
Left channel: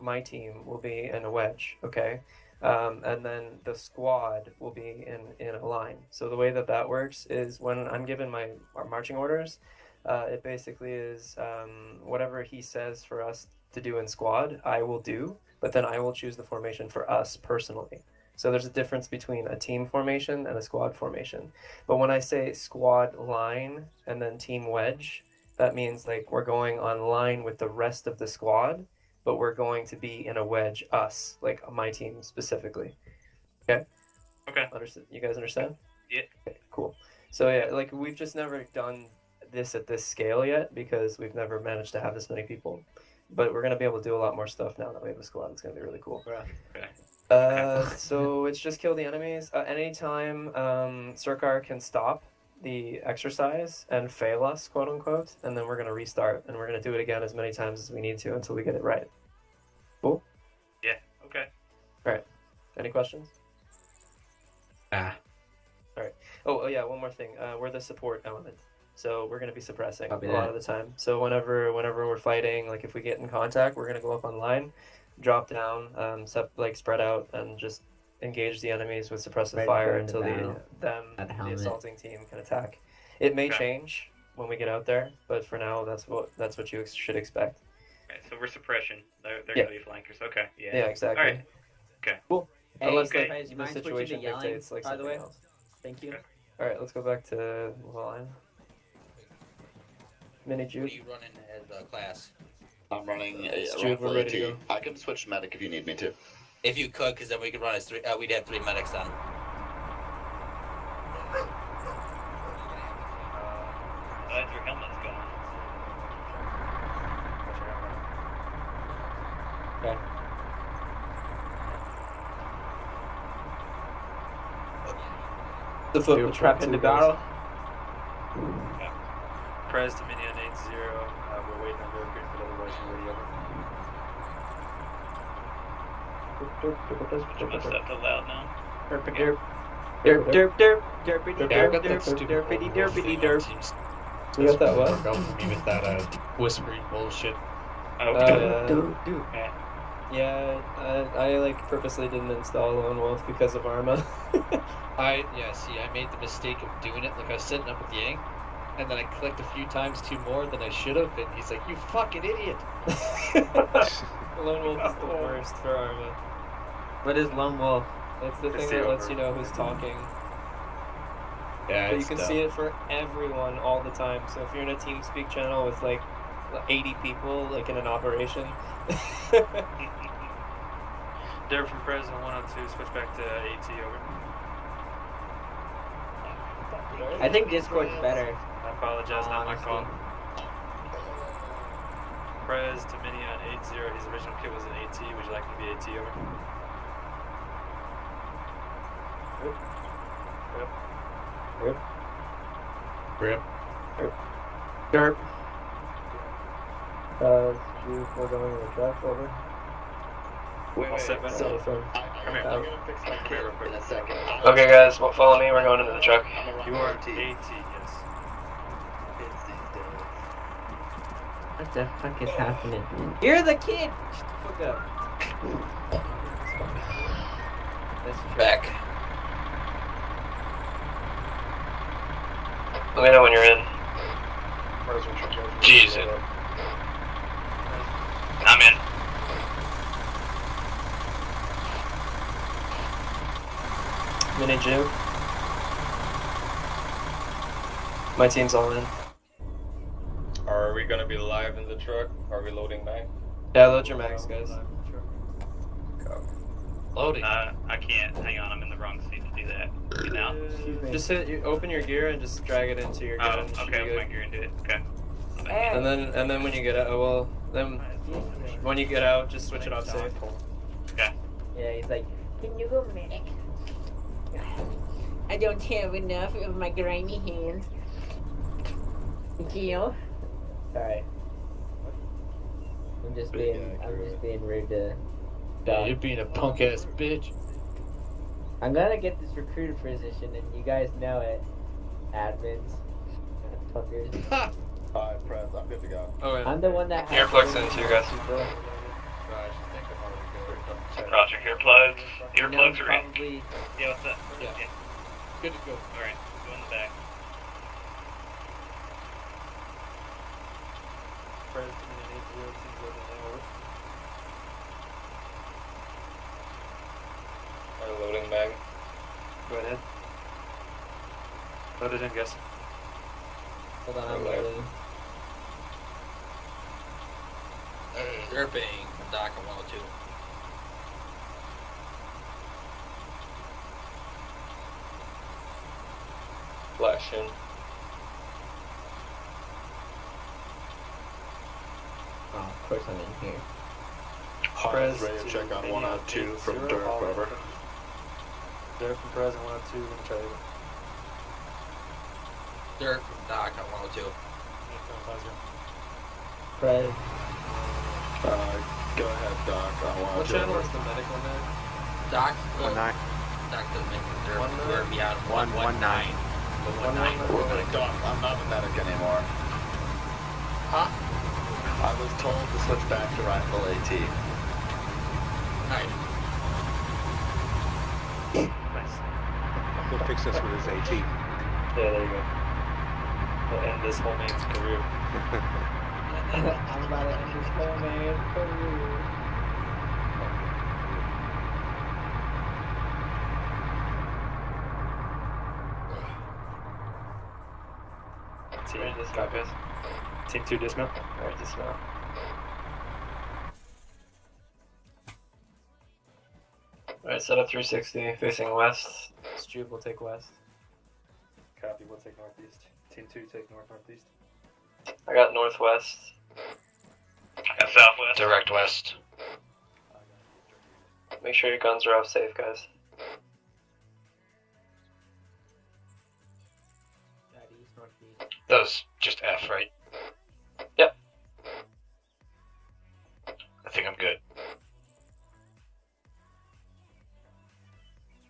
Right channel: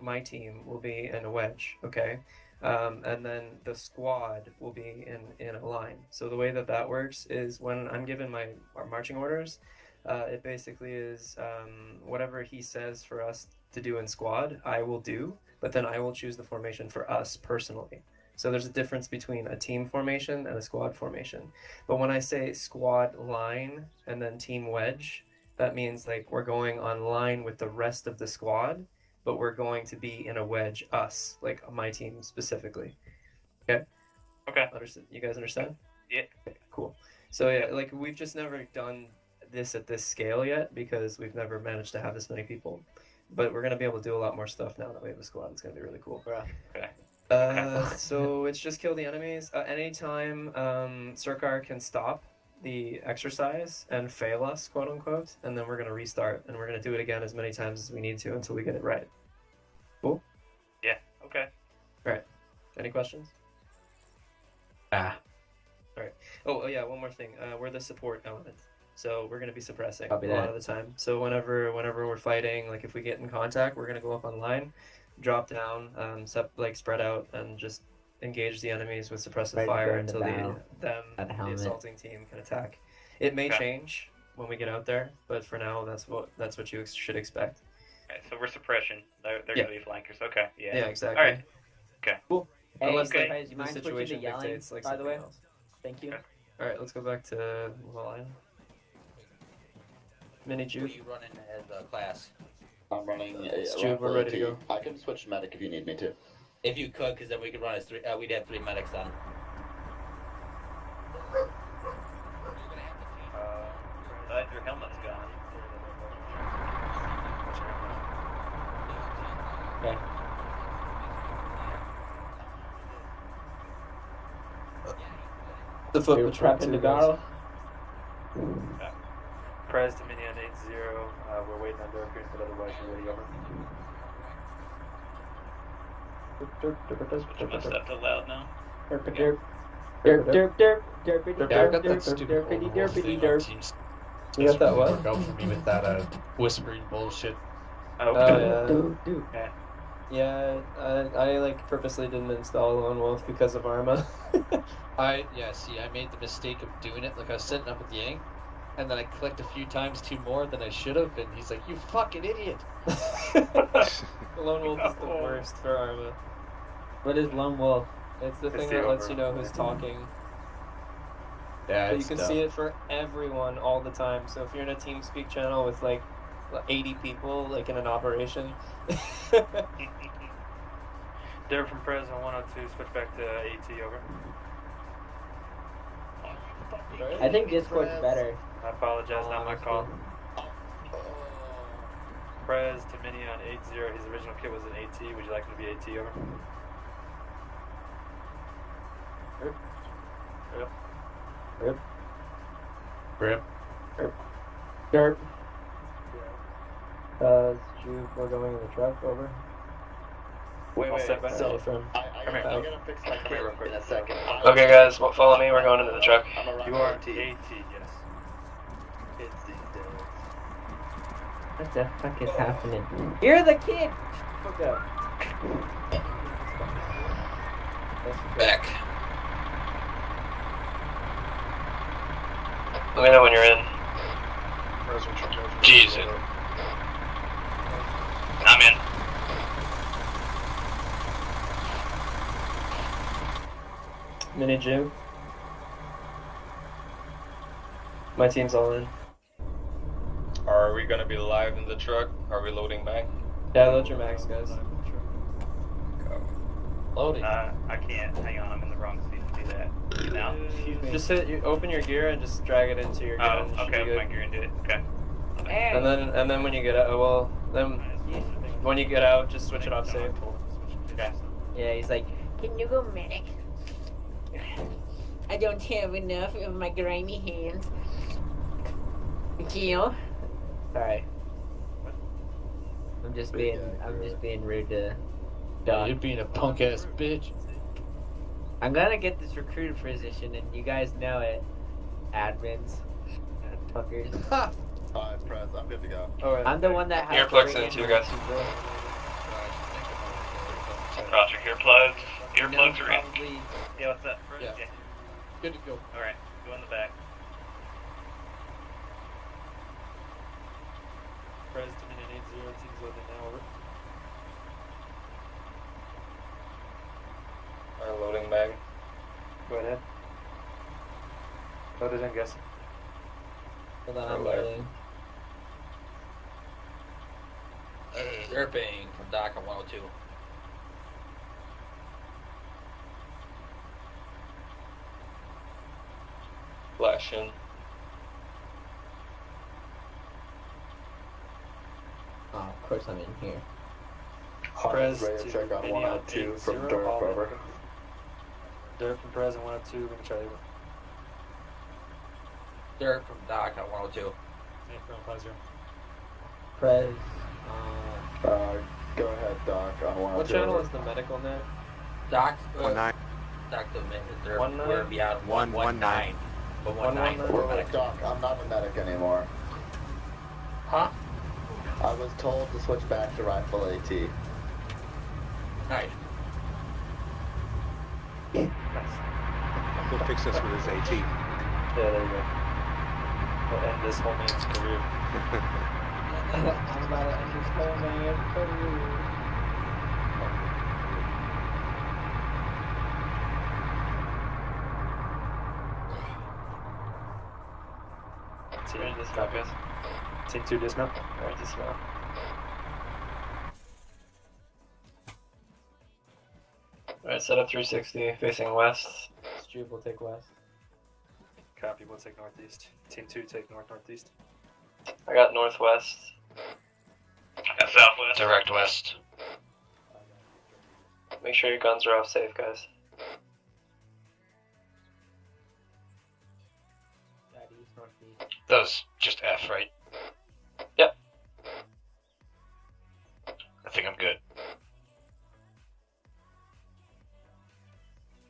my team, will be in a wedge, okay? And then the squad will be in a line. So the way that works is when I'm given my marching orders, it basically is whatever he says for us to do in squad, I will do, but then I will choose the formation for us personally. So there's a difference between a team formation and a squad formation. But when I say squad line and then team wedge, that means like we're going on line with the rest of the squad, but we're going to be in a wedge, us, like my team specifically. Okay? Okay. You guys understand? Yeah. Okay, cool. So yeah, like we've just never done this at this scale yet because we've never managed to have this many people. But we're going to be able to do a lot more stuff now that we have a squad. It's going to be really cool. Okay. So it's just kill the enemies. Anytime Surkar can stop the exercise and fail us, quote unquote, and then we're going to restart and we're going to do it again as many times as we need to until we get it right. Cool? Yeah, okay. Alright. Any questions? Alright. Oh, yeah, one more thing. We're the support element. So we're going to be suppressing a lot of the time. So whenever we're fighting, like if we get in contact, we're going to go up online, drop down, spread out, and just engage the enemies with suppressive fire until the assaulting team can attack. It may change when we get out there, but for now, that's what you should expect. Okay, so we're suppression. They're gonna be flankers. Okay. Yeah. Yeah, exactly. All right. Okay. Cool. Hey, Unless okay. the You mind switching situation to yelling, dictates like by the something way? else. Thank you. All right, let's go back to the line. Mini What juke. are you running as a class? I'm running Jude, we're ready to go. I can switch medic if you need me to. If you could, because then we could run as three. We'd have 3 medics then. Glad your helmet's gone. Okay. The foot We were patrol prepping too, to guys. go. Yeah. Prez Dominion 8-0. We're waiting on Gurkhan, but otherwise we're ready Switch my stuff to loud now. Derp, derp, derp, derpity, Yeah, I derp, got that derp, stupid derpity, lone wolf derpity, thing on derp. Teams. You got that Doesn't what? work out for me with that whispering bullshit. Oh, Yeah. yeah. I like purposely didn't install Lone Wolf because of Arma. I made the mistake of doing it. Like I was setting up with Yang, and then I clicked a few times too more than I should have, and he's like, "You fucking idiot!" Lone Wolf is the worst for Arma. What is Lone Wolf? It's the thing that lets you know who's talking. Yeah, But you can see it for everyone all the time. So if you're in a TeamSpeak channel with like 80 people, like in an operation. Derek from Prez on 102, switch back to AT, over. Sorry? I think Discord's better. I apologize, not my fault. Prez to Mini on 8-0, his original kit was an AT, would you like me to be AT, over? Rip. Rip. Derp. Juke, we're going in the truck, over. Wait, set back. so From I'm gonna fix my kit in a second. Okay, guys, follow me. We're going into the truck. I'm gonna You run are AT. AT, yes. What the fuck is happening? You're the kid! Fuck up. Back. Let me know when you're in. Jesus. I'm in. Mini Juke. My team's all in. Are we gonna be live in the truck? Are we loading back? Yeah, load your mags, guys. Loading. I can't. Hang on, I'm in the wrong seat to do that. Now? Just open your gear and just drag it into your gear. Oh, and it should be okay, good. my gear and do it. Okay. And then when you get out, well, then when you get out, just switch it off safe. Okay. Yeah, he's like, can you go medic? I don't have enough of my grimy hands. Gil. Sorry. I'm just being rude to. Yeah, you're being a punk ass bitch. I'm gonna get this recruiter position, and you guys know it, admins, fuckers. Press, I'm good to go. Oh, I'm the one that. Earplugs in too, guys. Roger, earplugs are in. Yeah, what's up? Yeah. Good to go. Alright, go in the back. President and 80 teams loading now. Over. Our loading bag. Go ahead. Load it in, guys. Hold on, I'm loading. Derping from Doc on 102. Flash in. Oh, of course I'm in here. Prez Ready to to check on Maniac 102 from 80, Dirk, all in. over. Dirk from Prez and 102, we're gonna try to Derek from Doc on 102. make from 50. Prez. Go ahead, Doc. I want What to. channel is the medical now? Doc. 19. Doc didn't make it. They're 19? beyond 119. The 19. Doc, I'm not a medic anymore. Huh? I was told to switch back to rifle AT. Right. He'll fix this with his AT. Yeah, there you go. We'll end this whole man's career. I'm about to end this whole man's career. Team dismount, guys. Team 2 dismount. Alright, dismount. Alright, set up 360, facing west. Stroop will take west. Copy, we'll take northeast. Team 2 take northeast. I got northwest. And southwest. Direct west. Make sure your guns are off safe, guys. That was just F, right? Yep. I think I'm good.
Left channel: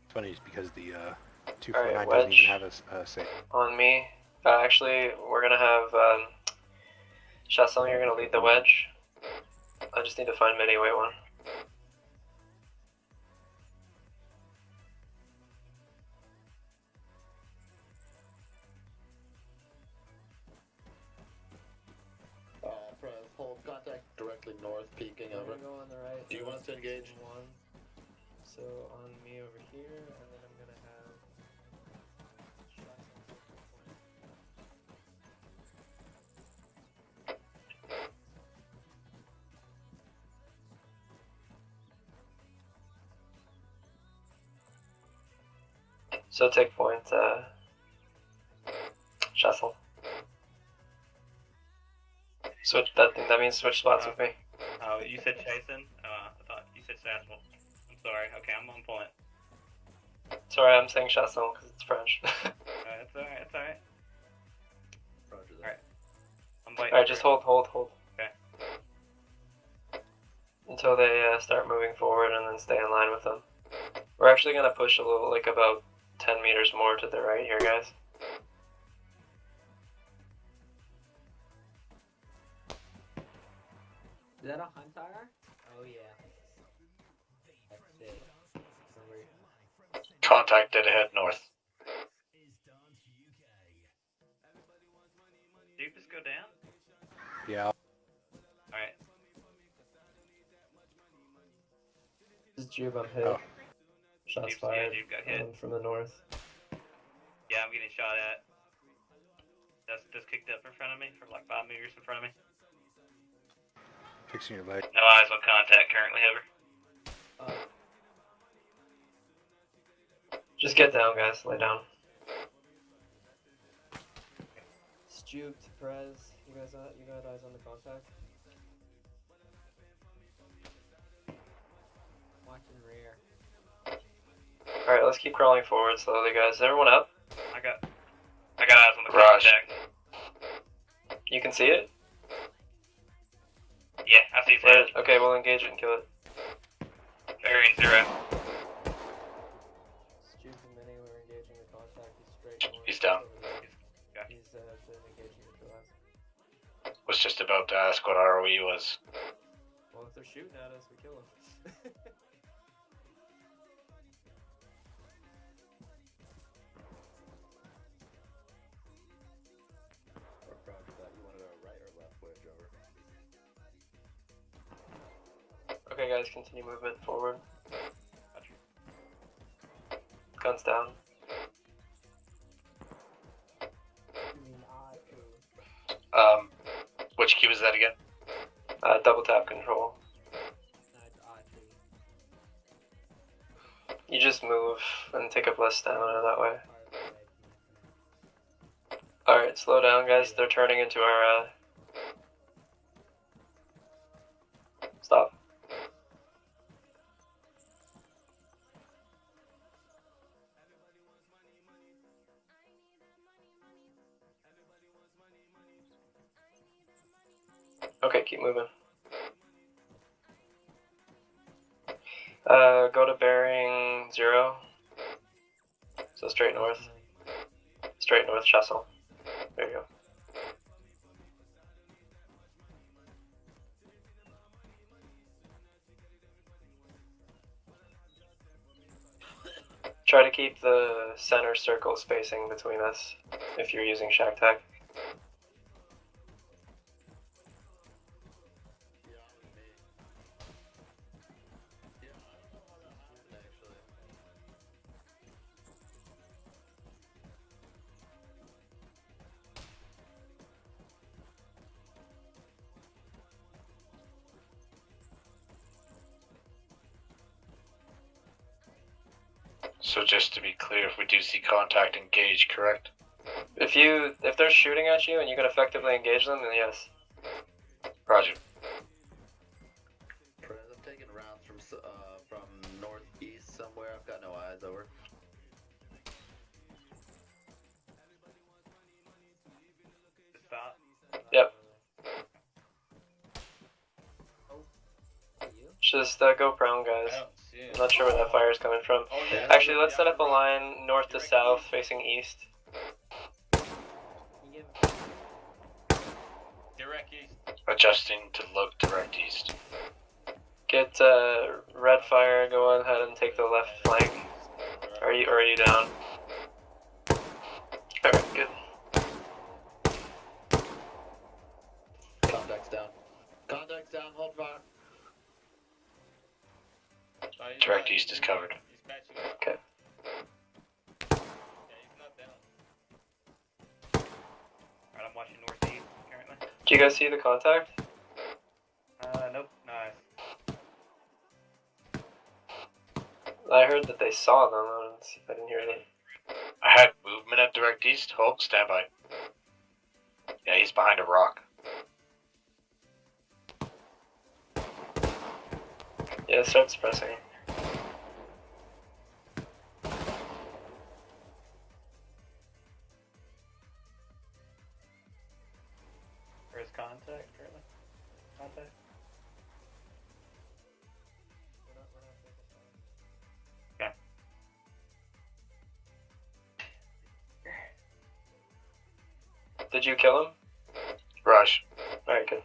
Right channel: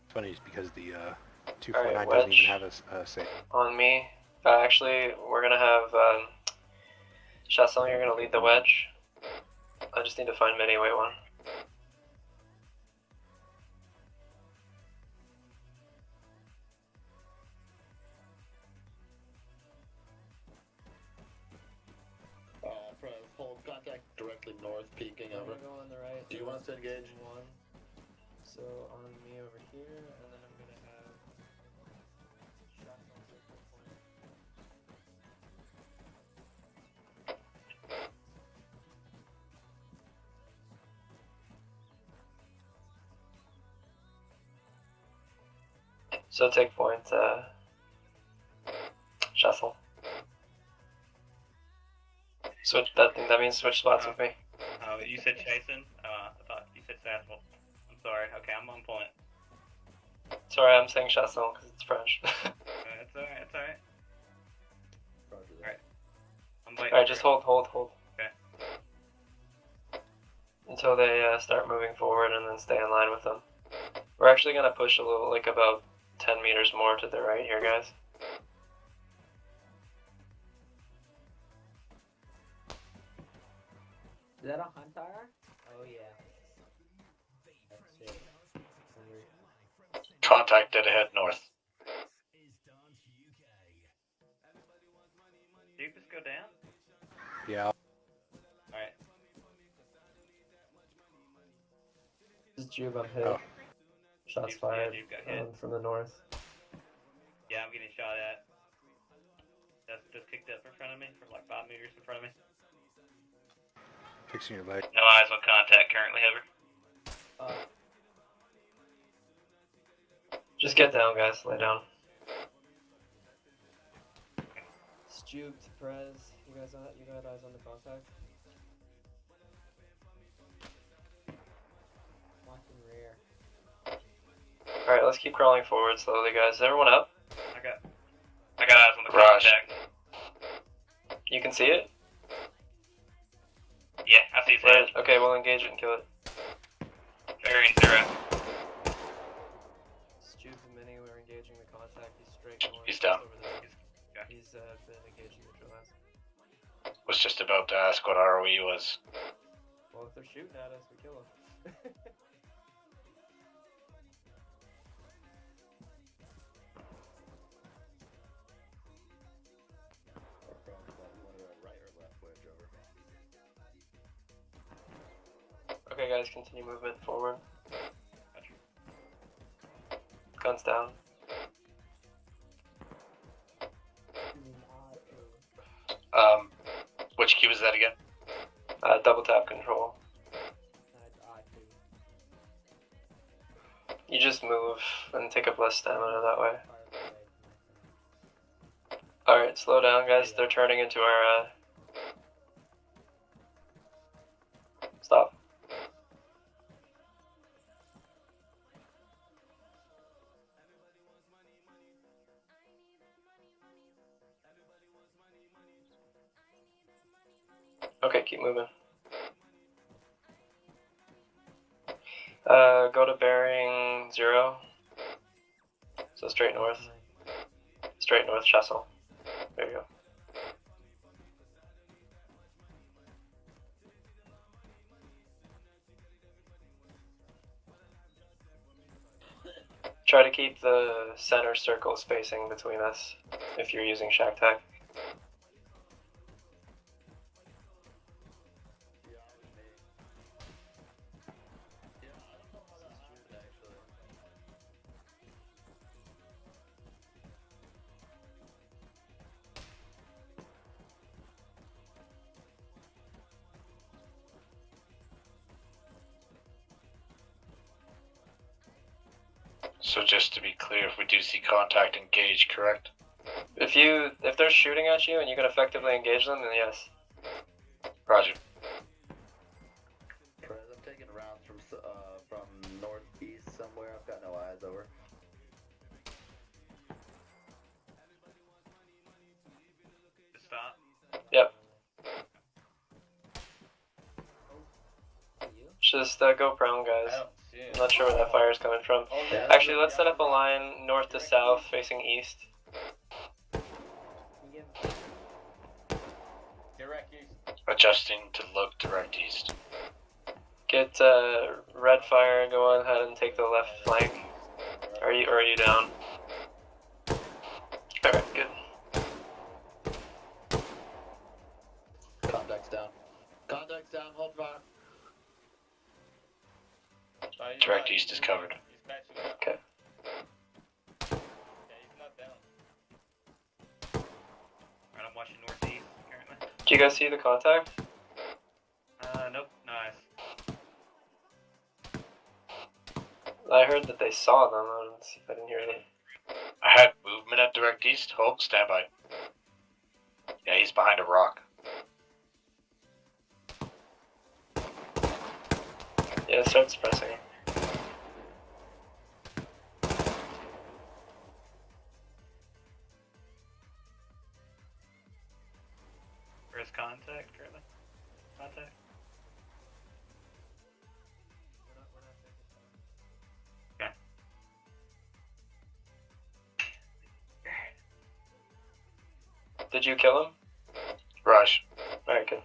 Funny is because the 249 Alright, doesn't even wedge. have a safe. On me. Actually, we're gonna have Chasson, you're gonna lead the wedge. I just need to find mid weight one. Hold contact directly north, peeking I'm over. gonna go on the right. Do you want us to engage? One. So on me over here, and then I'm gonna have. So take point, Chasson. Switch that means switch spots with me. Oh, you said Chasen? I thought you said Sassel. I'm sorry. Okay, I'm on point. Sorry, I'm saying Chasson because it's French. It's alright, it's alright. Alright. I'm waiting. Alright, just hold. Okay. Until they start moving forward and then stay in line with them. We're actually gonna push a little, like about 10 meters more to the right here, guys. Is that a hunter? Oh yeah. That's it. Contact dead ahead north. Do you just go down? Yeah. Alright. This is Jube, I'm hit. Oh. Shots Jube's fired hit, Jube got hit. from the north. Yeah, I'm getting shot at. Just kicked up in front of me from like 5 meters in front of me. Fixing your leg. No eyes on contact currently, Hover. Just get down, guys. Lay down. Juke to Perez. You got eyes on the contact? Watching rear. Alright, let's keep crawling forward slowly, guys. Is everyone up? I got eyes on the contact. You can see it? Yeah, I see Where? it. Okay, we'll engage it and kill it. Bearing 0. Juke and Mini, we're engaging the contact. He's straight north. He's down. Over there. He's been engaging the guys. Was just about to ask what ROE was. Well, if they're shooting at us, we kill them. Okay, guys, continue movement forward. Guns down. Which key was that again? Double tap control. You just move and take up less stamina that way. Alright, slow down, guys. They're turning into our, Stop. Okay, keep moving. Go to bearing 0. So straight north. Straight north, Chessel. There you go. Try to keep the center circle spacing between us if you're using shack tag. So just to be clear, if we do see contact, engage, correct? If they're shooting at you and you can effectively engage them, then yes. Roger. I'm taking rounds from northeast somewhere. I've got no eyes over. Stop. Yep. Just go prone, guys. I'm not sure where that fire is coming from. Actually, let's set up a line north to south facing east. Direct east. Adjusting to look direct east. Get red fire, go ahead and take the left flank. Are you down? Alright, good. Contact's down. Contact's down, hold fire. Direct east is covered. Okay. Alright, I'm watching northeast currently. Do you guys see the contact? Nope, nice. I heard that they saw them. I didn't hear anything. I had movement at direct east. Hold, stand by. Yeah, he's behind a rock. Yeah, start suppressing. Where's contact currently? Contact? Okay. Did you kill him? Rush. Alright, good.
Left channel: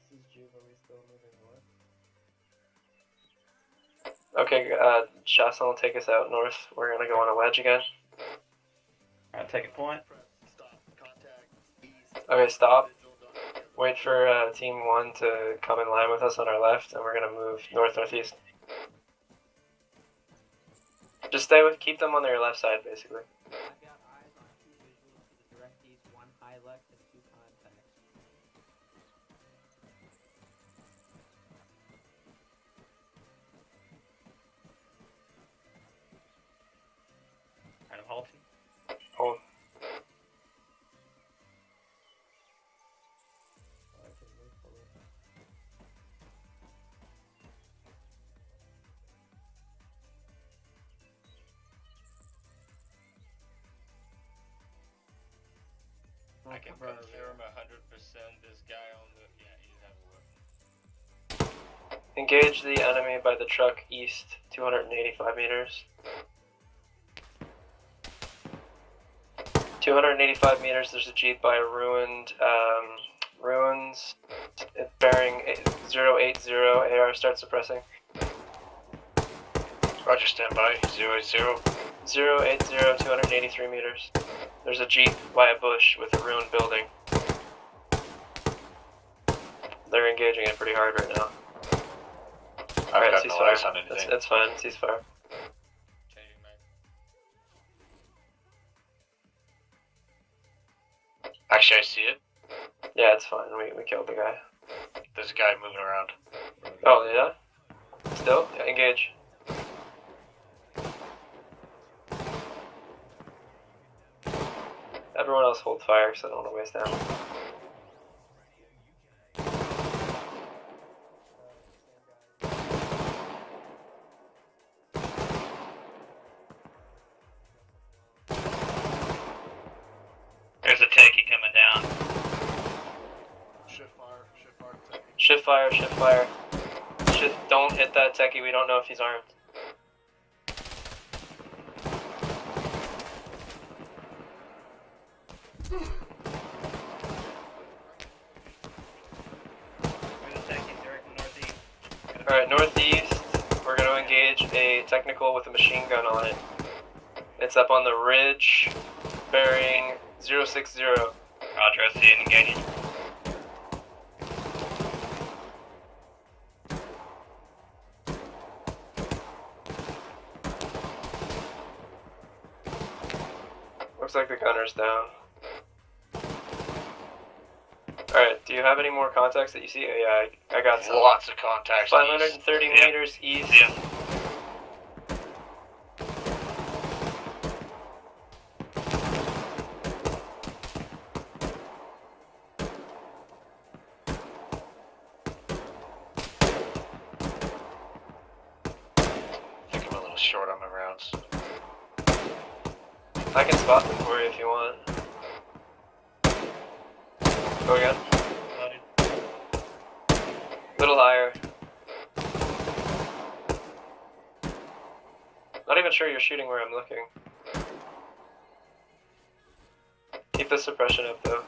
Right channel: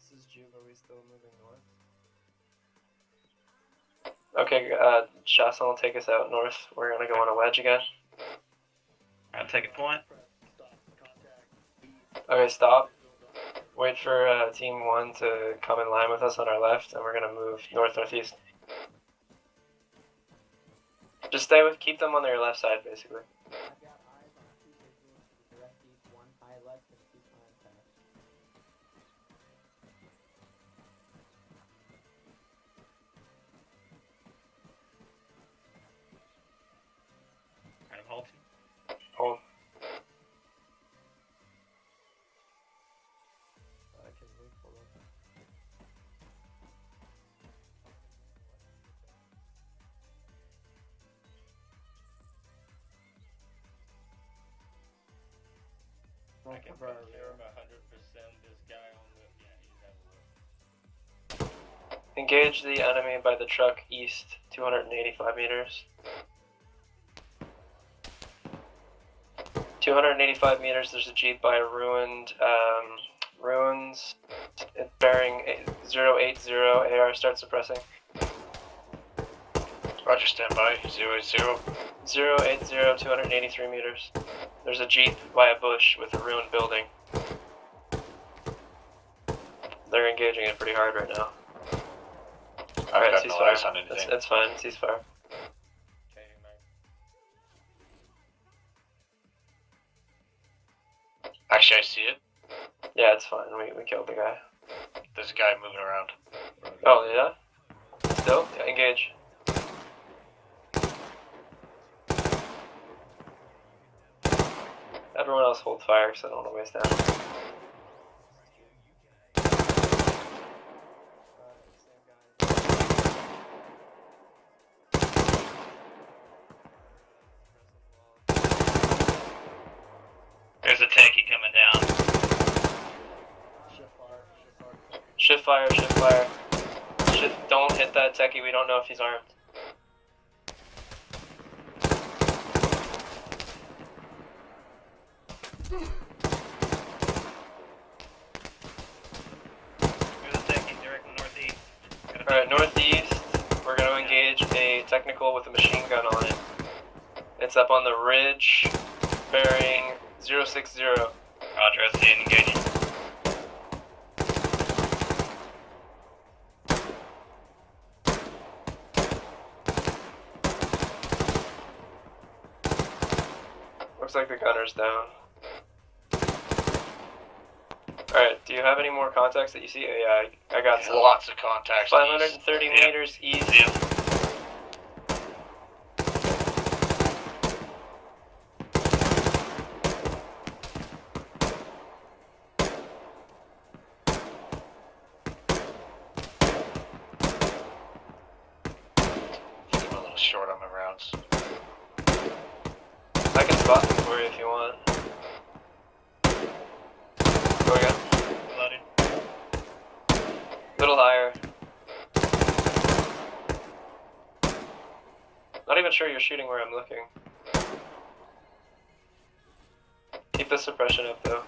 This is Juve, are we still moving north? Okay, Shasson will take us out north. We're gonna go on a wedge again. I'll take a point. Okay, stop. Wait for Team 1 to come in line with us on our left, and we're gonna move north-northeast. Just stay with, keep them on their left side, basically. I've got eyes on 2 visuals to the direct east, 1 high left, and 2 contacts. I'm halting. Hold. I can move forward. I can confirm 100% this guy on the. Yeah, he's at work. Engage the enemy by the truck east, 285 meters. 285 meters, there's a jeep by a ruined, ruins, bearing 080, AR, start suppressing. Roger, stand by. 080. 080, 283 meters. There's a jeep by a bush with a ruined building. They're engaging it pretty hard right now. Alright, got no eyes ceasefire. on anything. It's fine, ceasefire. Actually, I see it. Yeah, it's fine. We killed the guy. There's a guy moving around. Oh, yeah? Still? Yeah, engage. Everyone else hold fire because I don't want to waste ammo. There's a tanky coming down. Shift fire. Shift fire. Don't hit that techie, we don't know if he's armed. There's a tanky directly northeast. Alright, northeast, we're going to engage a technical with a machine gun on it. It's up on the ridge, bearing 060. Roger, I see it engaging. Looks like the gunner's down. Alright, do you have any more contacts that you see? Oh, yeah, I got some. Lots of contacts. 530 east. meters east. Yeah. I think I'm a little short on my rounds. I can spot them for you if you want. Go again. Loaded. Little higher. Not even sure you're shooting where I'm looking. Keep the suppression up though.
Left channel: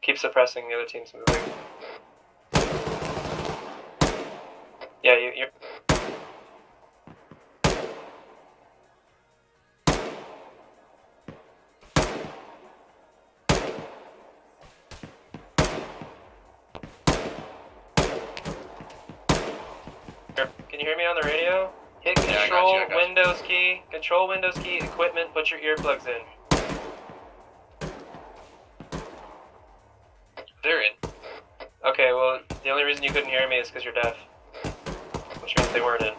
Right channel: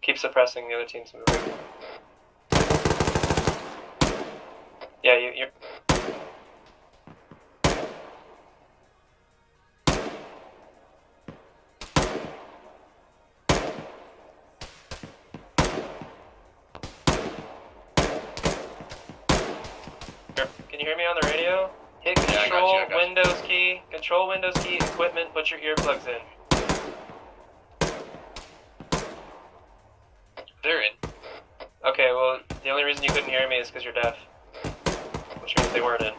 Keep suppressing, the other team's moving. Yeah, you're... Can you hear me on the radio? Hit Yeah, I got control, you, I got you. Windows key, control, Windows key, equipment, put your earplugs in. They're in. Okay, well, the only reason you couldn't hear me is because you're deaf. Which means they weren't in.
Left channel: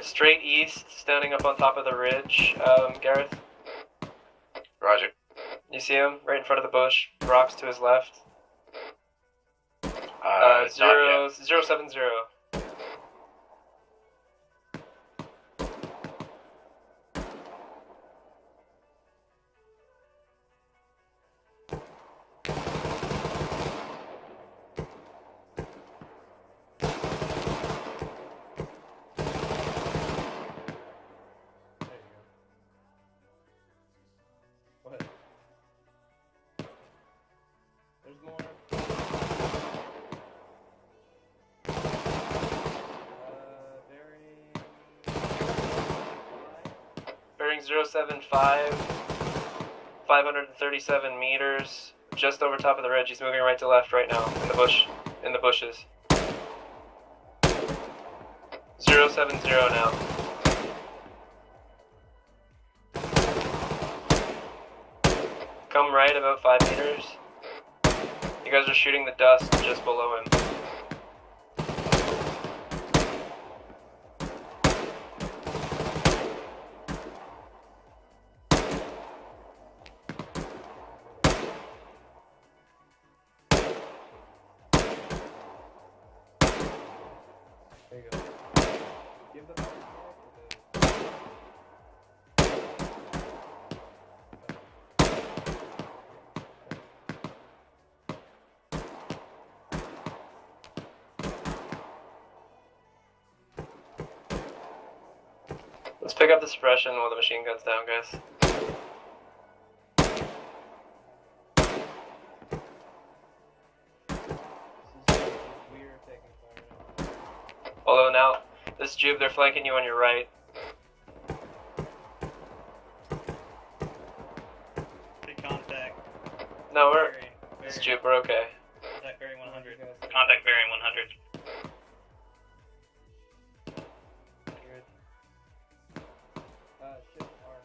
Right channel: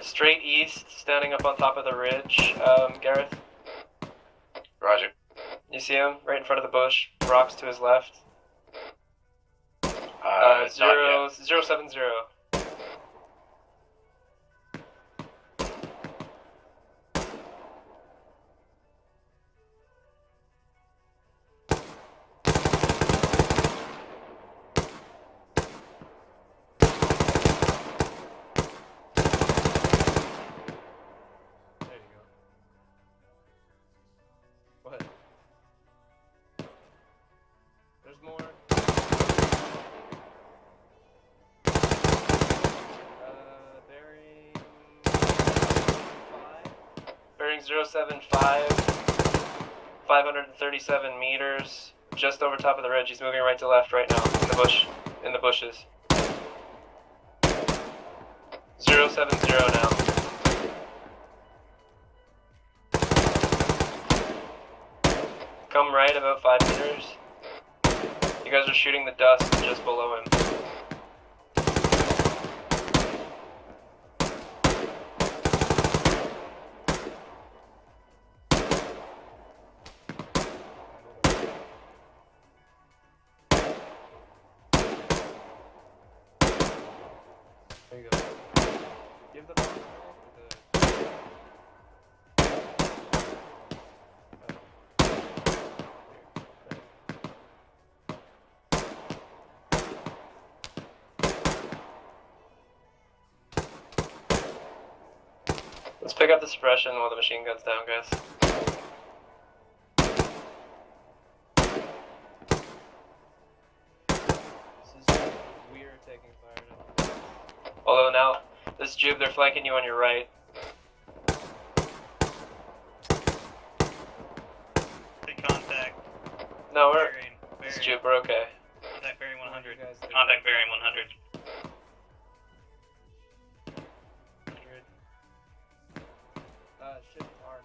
Straight east, standing up on top of the ridge, Gareth. Roger. You see him? Right in front of the bush. Rocks to his left. Not yet. 070. bearing 075, 537 meters, just over top of the ridge. He's moving right to left right now, in the bushes. 070 now. Come right about 5 meters. You guys are shooting the dust just below him. There you go. Give them Let's pick up the suppression while the machine gun's down, guys. we are taking fire now. Although now, this Jube, they're flanking you on your right. Big contact. No, we're... Bearing, This bearing. Jube, we're okay. Contact bearing 100. Contact bearing 100. Ship arm.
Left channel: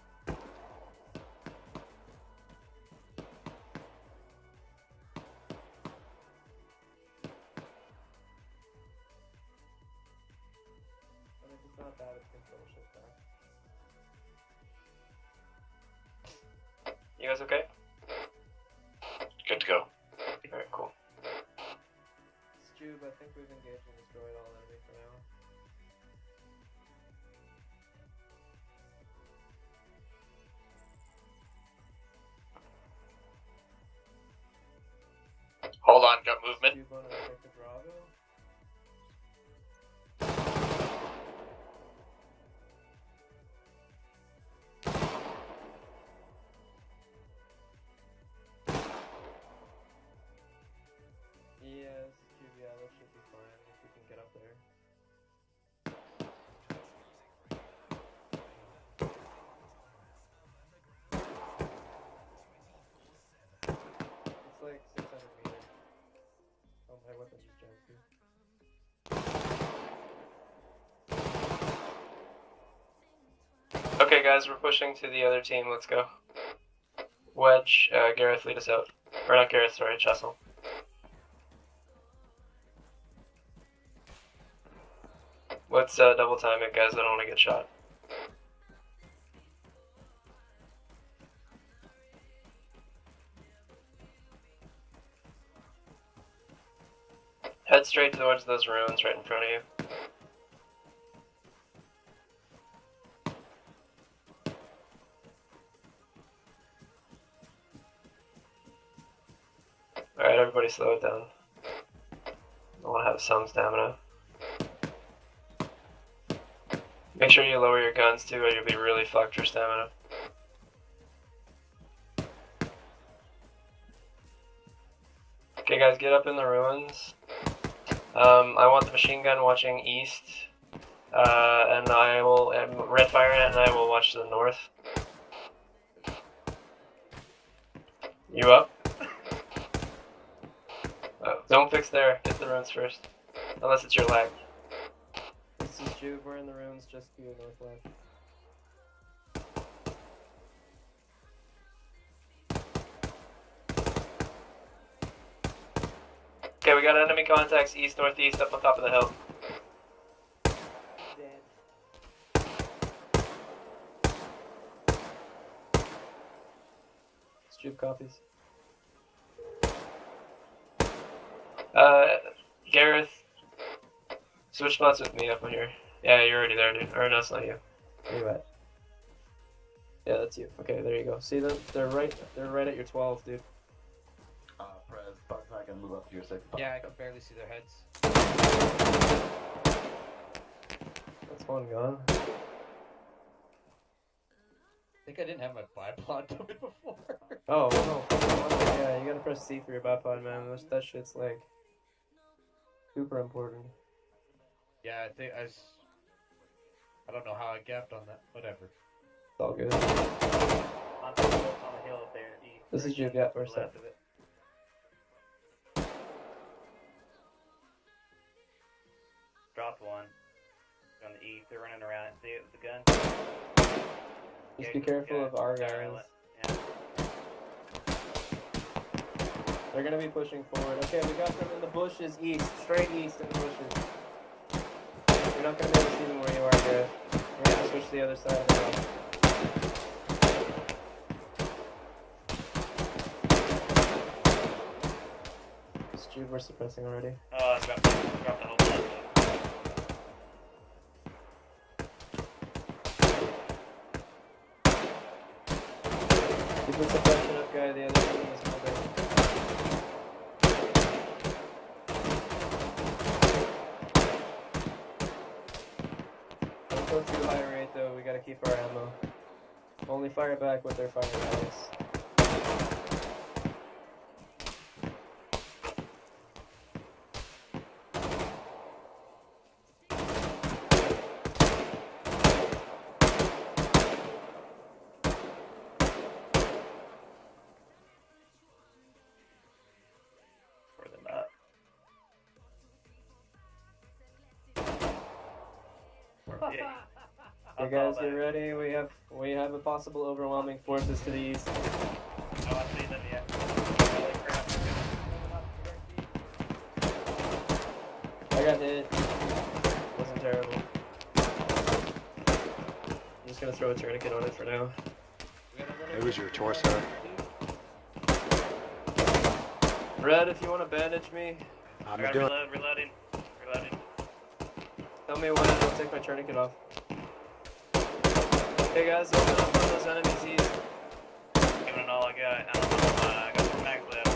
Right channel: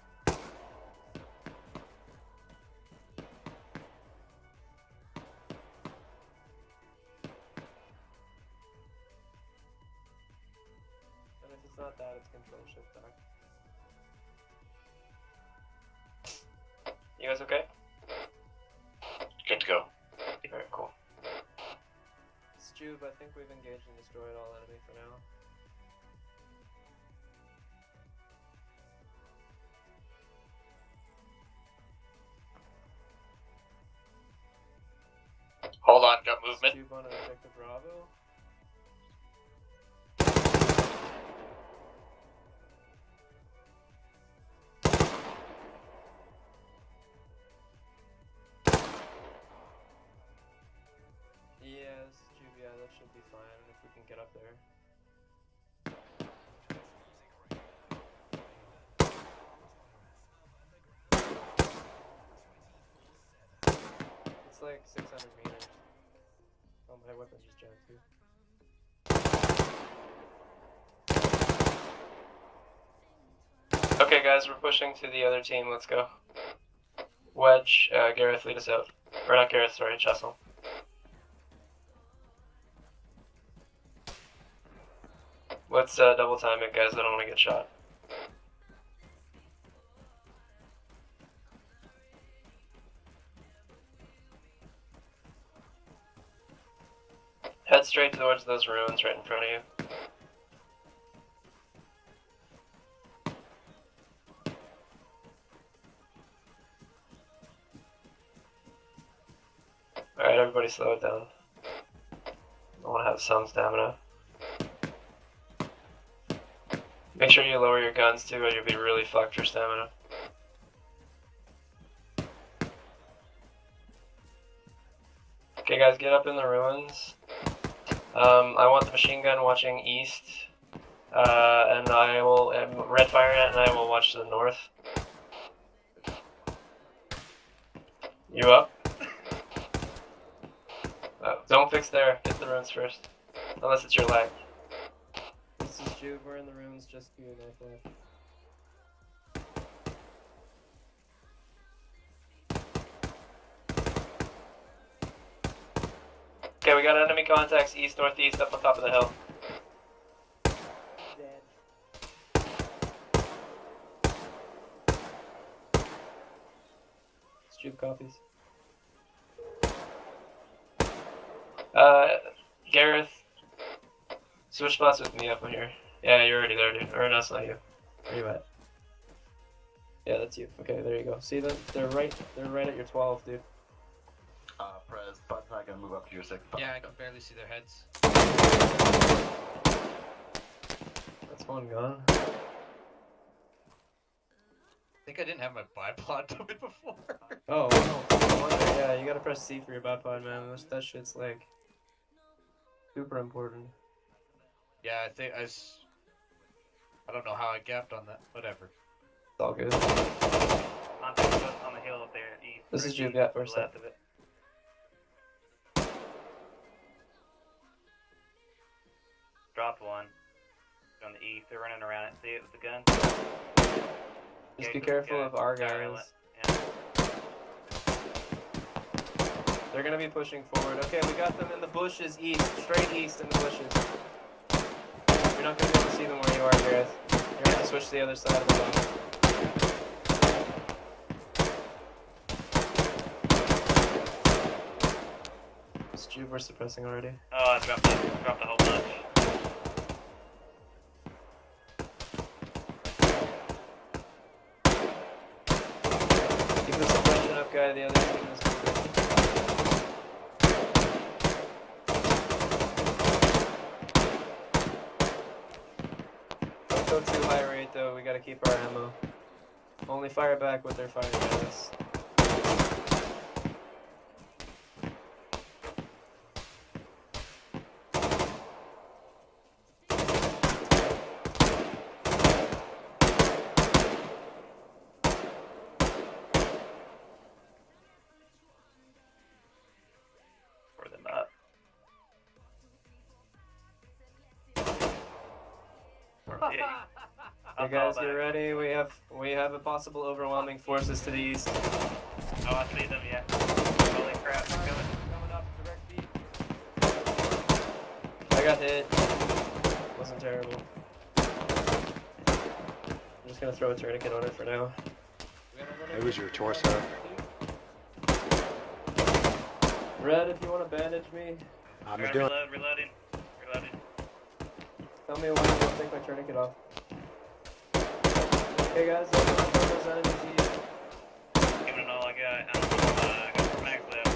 And if it's not that, it's control ship back. You guys okay? Good to go. Alright, cool. Stube, I think we've engaged and destroyed all enemy for now. Hold on, got movement. Stube on objective Bravo. Yes, Stube, yeah, that should be fine if we can get up there. It's like 600 meters. Oh, my weapon just jammed too. Okay, guys, we're pushing to the other team. Let's go. Wedge, Gareth, lead us out. Or not Gareth, sorry, Chessel. Let's double time it, guys. I don't want to get shot. Head straight towards those ruins right in front of you. Alright, everybody slow it down. I want to have some stamina. Make sure you lower your guns too, or you'll be really fucked for stamina. Okay guys, get up in the ruins. I want the machine gun watching east. And I will, red fire ant and I will watch the north. You up? Don't fix there, hit the ruins first. Unless it's your lag. This is Jube, we're in the ruins just to your northwest. Okay, we got enemy contacts east, northeast, up on top of the hill. Jube copies. Gareth, switch spots with me up on here. Yeah, you're already there, dude. Or no, it's not you. Where you at? Yeah, that's you. Okay, there you go. See them? They're right at your 12, dude. Prez, button's not gonna move up to your 6. Yeah, I can barely see their heads. That's one gun. I think I didn't have my bipod open before. Oh, no. Yeah, you gotta press C for your bipod, man. That shit's like super important. Yeah, I think I don't know how I gapped on that. Whatever. It's all good. On the hill up there, east. This is east, Juve, yeah, to we're the set. left of it. Dropped one. On the east, they're running around it. See it with the gun? Just Yeah, be good careful guy. of our Guy guys. island. Yeah. They're gonna be pushing forward. Okay, we got them in the bushes east, straight east in the bushes. We're not gonna be able to see them where you are, Gareth. We're gonna switch to the other side of the map. This Juve we're suppressing already. Oh, I dropped a whole bunch. Keep the suppression up, guy. The other team is moving. Don't go too high rate though. We gotta keep our ammo. Only fire back with their fire guys. For them up. Yeah. Hey guys, get ready. We have a possible overwhelming forces to the east. Oh, I see them, yeah. Holy crap. I got hit. Wasn't terrible. I'm just gonna throw a tourniquet on it for now. It was your torso. Red, if you want to bandage me, I'm Alright, doing. reloading. tell me when I'll take my tourniquet off. Hey guys, look at those enemies east. Giving it all I got. I got some max left.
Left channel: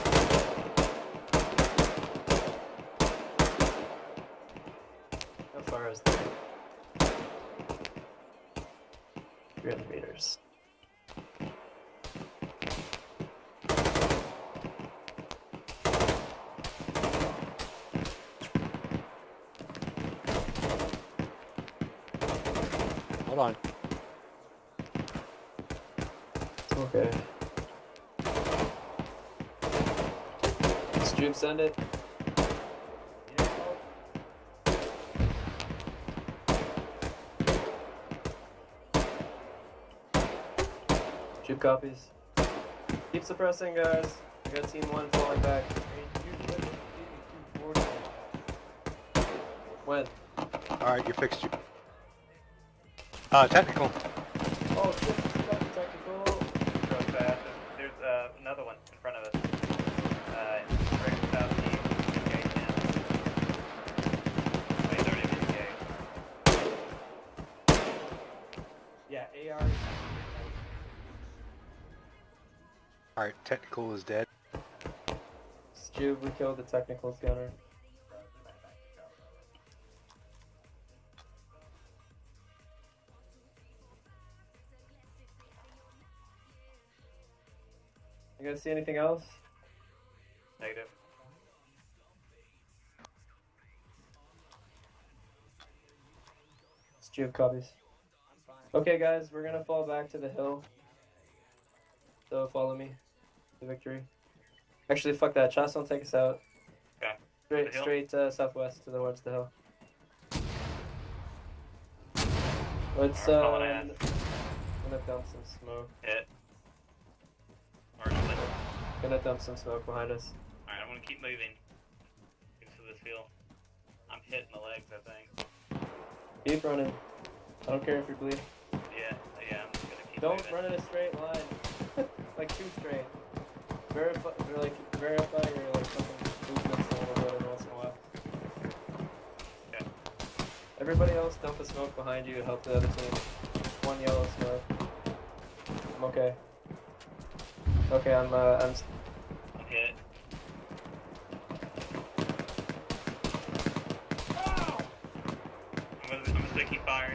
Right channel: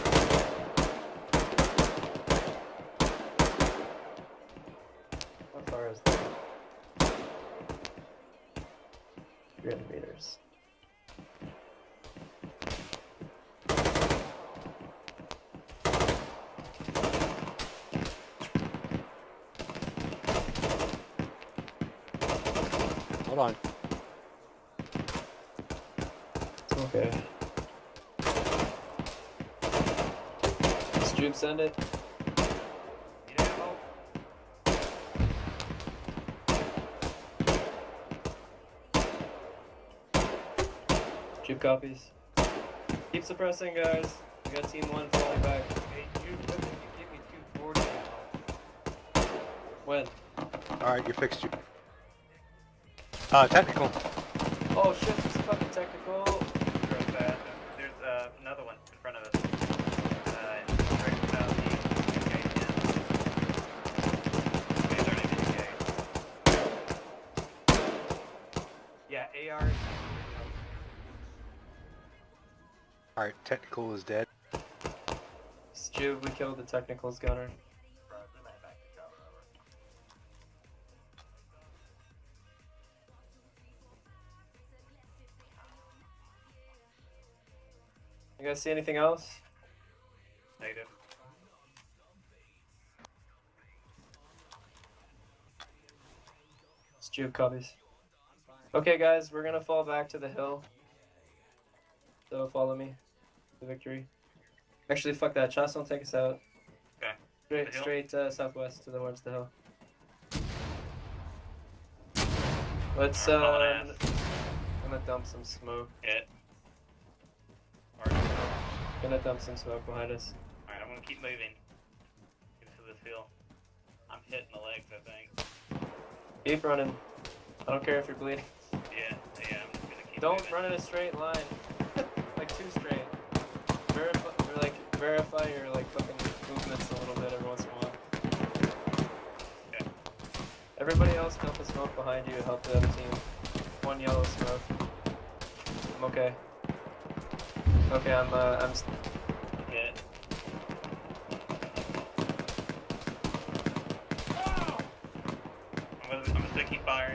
How far is that? 300 meters. Hold on. Okay. Stream, send it. Juke copies. Keep suppressing, guys. We got team 1 falling back. When? Alright, you fixed you. Technical. Oh shit, it's a fucking technical. There's another one in front of us. Yeah, AR. Alright, technical is dead. Jude, we killed the technicals gunner. You guys see anything else? Negative. It's Jude copies. Okay guys, we're gonna fall back to the hill. So follow me to victory. Actually, fuck that. Chas will take us out. Okay. Straight southwest to the towards the hill. Let's I'm gonna dump some smoke. Hit. Gonna dump some smoke behind us. Alright, I'm gonna keep moving. Into this hill. I'm hitting the legs, I think. Keep running. I don't care if you're bleeding. Yeah. Don't run in a straight line. Like too straight. Verify your like fucking movements a little bit every once in a while. Okay. Everybody else dump a smoke behind you to help the other team. One yellow smoke. I'm okay. Okay, I'm Hit. I'm taking fire.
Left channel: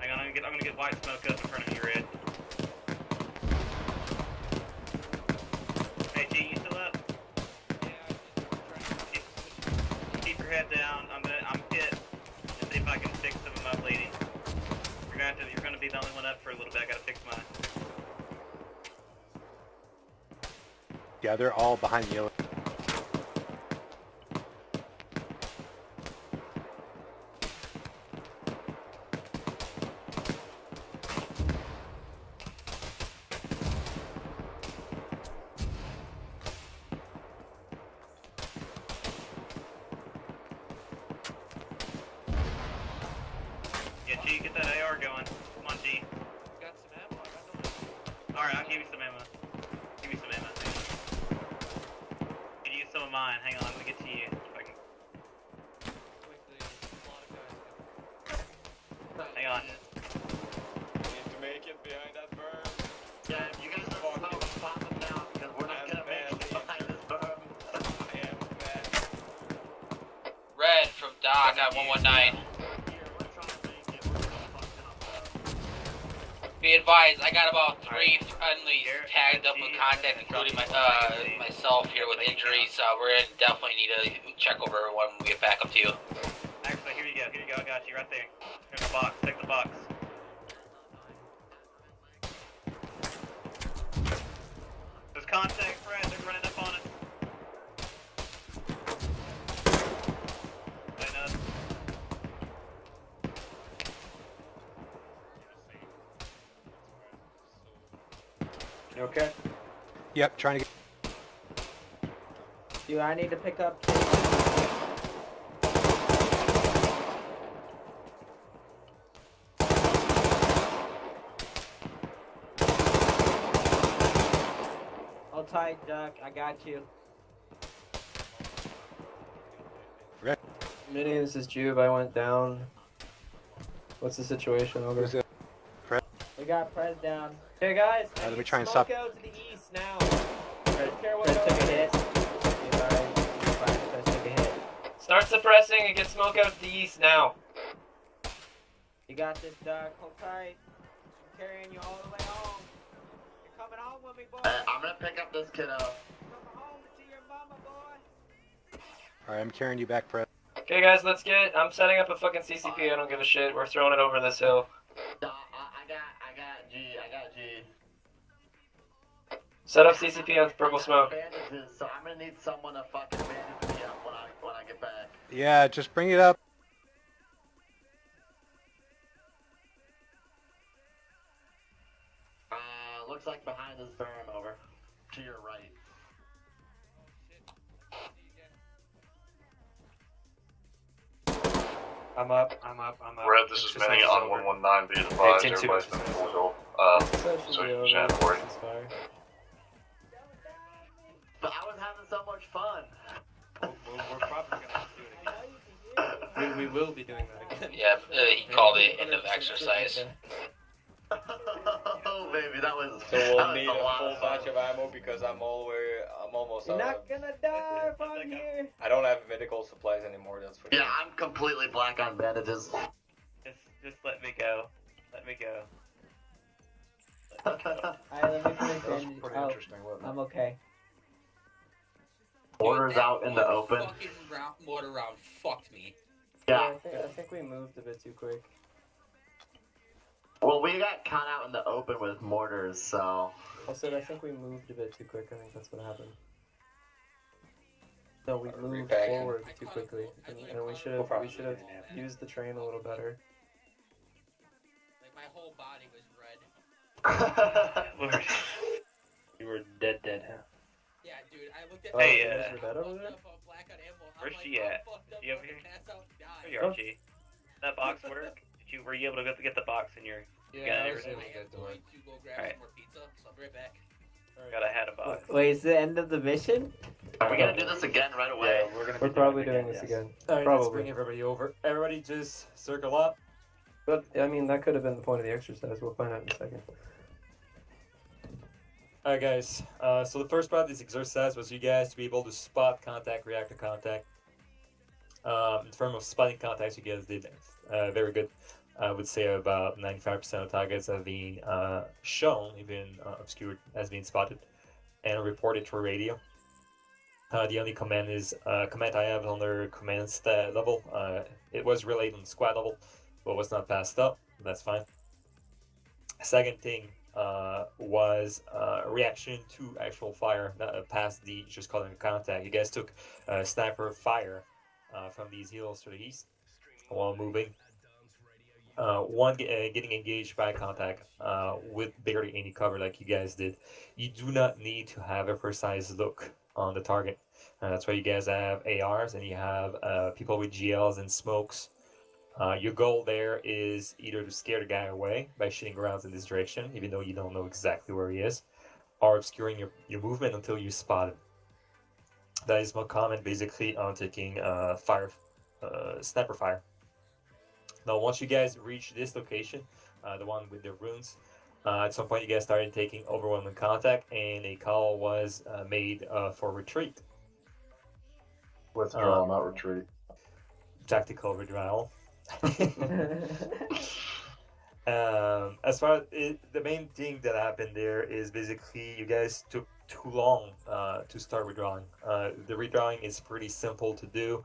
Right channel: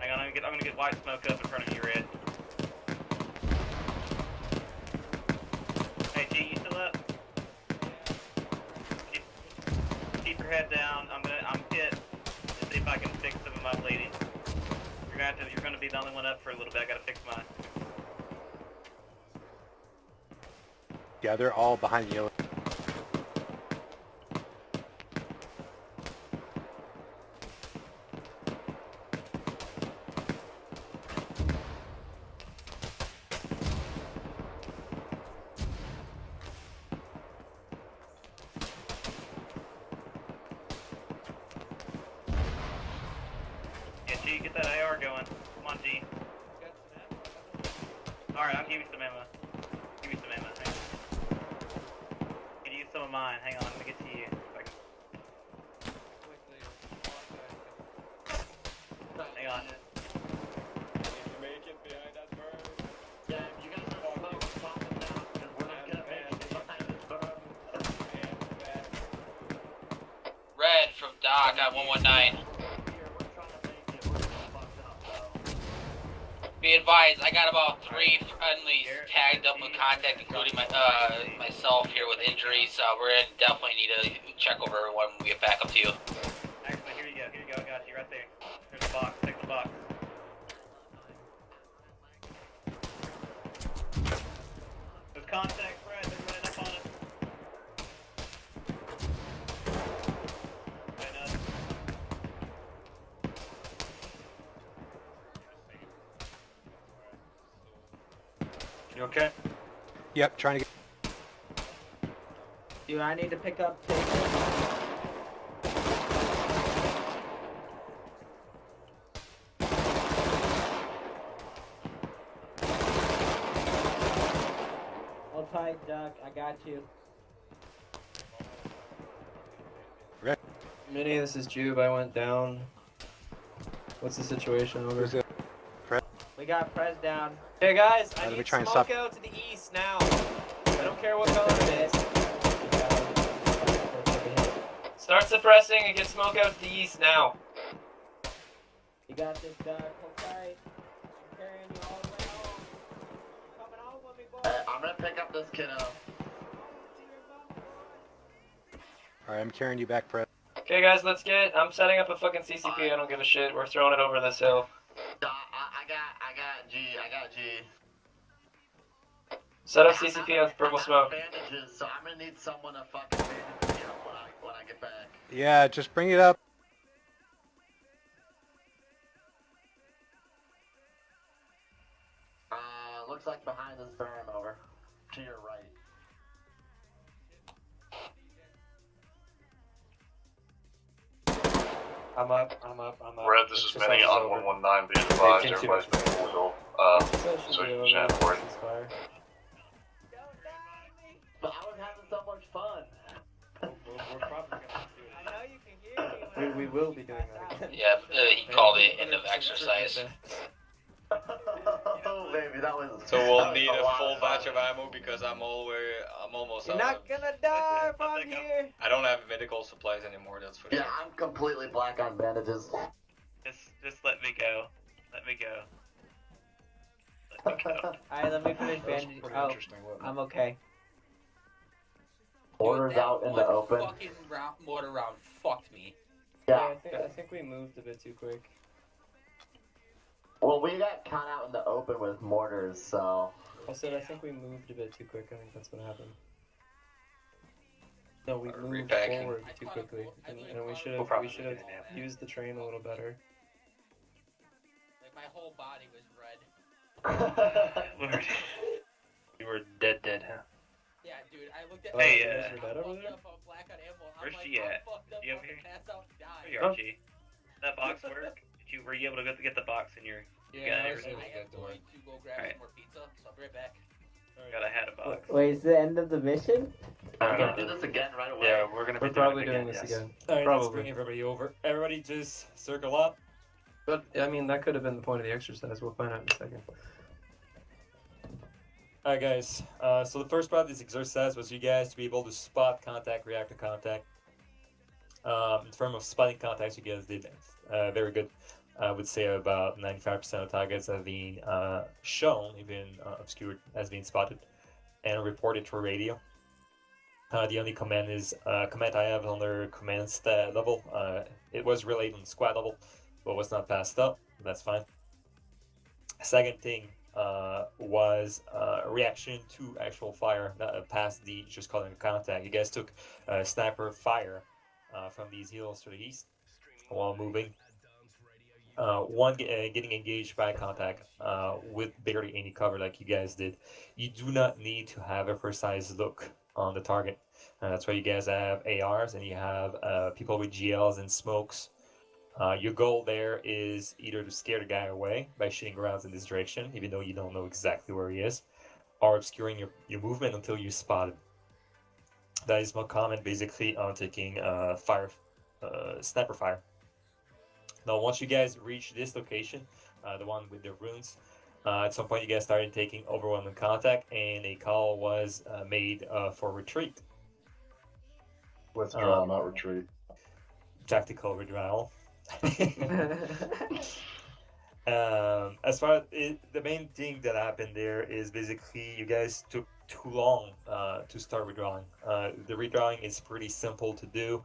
Hang on, I'm gonna get white smoke up in front of you, Red. Hey, G, you still up? Keep your head down. I'm hit. Let's see if I can fix some of my but I gotta fix mine. Yeah, they're all behind the yellow. Yeah, G, get that AR going. Come on, G. Alright, I'll give you some ammo. Give me some ammo. Can you use some of mine? Hang on, let me get to you. Hang on. Make it behind that bird. Yeah, you guys are all popping down because we're not gonna make it behind this berm. Red from Doc at 119. Be advised, I got about 3 friendlies tagged up with contact, including myself here with injuries. We're gonna definitely need to check over everyone when we get back up to you. Actually, here you go, I got you right there. Here's the box, take the box. There's contact, Fred, they're running up on it. You okay? Yep, trying to get. Do I need to pick up? Hold tight, Duck. I got you. Minnie, this is Jube. I went down. What's the situation? Who's it? Fred? We got Prez down. Hey guys, I Let me need try and smoke stop. out to the east now. I don't care what color it is. Start suppressing and get smoke out to the east now. You got this, Duck. Hold tight. I'm carrying you all the way home. Coming home with me, boy. I'm gonna pick up this kiddo. Alright, I'm carrying you back, Fred. Okay guys, let's get. I'm setting up a fucking CCP. I don't give a shit. We're throwing it over this hill. I got G. Set up CCP on purple smoke. Bandages, so I'm gonna need someone to fucking pick me up when I get back. Yeah, just bring it up. Looks like behind this berm, over. To your right. I'm up. Red, this is Minnie on 119. Be advised, everybody's been pulled so you can't worry. But I was having so much fun. We're probably We will be doing that again. Yeah, he called it end of exercise. Oh baby, that was. So we'll need a full batch of ammo because I'm almost You're out. not gonna die if I'm here. I don't have medical supplies anymore. That's for Yeah, sure. I'm completely black on bandages. Just let me go. Let me go. Alright, let me finish bandaging. Oh, I'm okay. Orders out in the open. Fucking mortar round fucked me. Yeah. I think we moved a bit too quick. Well, we got caught out in the open with mortars, so. I said I think we moved a bit too quick. I think that's what happened. No, we moved Repacking. forward too quickly, and we should have used the train a little better. Like my whole body was red. You were dead, huh? Yeah, dude, I looked at. Oh, Hey, you guys were dead over there? Where's she at? You have here? There you are, G. That box work? Were you able to get the box in your? Yeah, I was able to get to work. Go grab Alright. more pizza, so I'll be right back. Got a hat a box. Wait, is the end of the mission? Are we gonna do this again right away? Yeah, we're probably doing this again. Alright, let's Probably. bring everybody over. Everybody just circle up. But I mean, that could have been the point of the exercise. We'll find out in a second. Alright guys, so the first part of this exercise was you guys to be able to spot contact, react to contact. In terms of spotting contacts, you guys did very good. I would say about 95% of targets have been shown, even obscured, as being spotted, and reported through radio. The only command I have under command stat level. It was relayed on squad level, but was not passed up. That's fine. Second thing was reaction to actual fire, not past the just calling contact. You guys took sniper fire from these hills to the east while moving. One getting engaged by contact with barely any cover like you guys did. You do not need to have a precise look on the target. That's why you guys have ARs and you have people with GLs and smokes. Your goal there is either to scare the guy away by shooting rounds in this direction, even though you don't know exactly where he is, or obscuring your movement until you spot him. That is my comment basically on taking sniper fire. Now, once you guys reach this location, the one with the runes, at some point you guys started taking overwhelming contact, and a call was made for retreat. Withdrawal, not retreat. Tactical withdrawal. As far as the main thing that happened there is basically you guys took too long to start withdrawing. The withdrawing is pretty simple to do.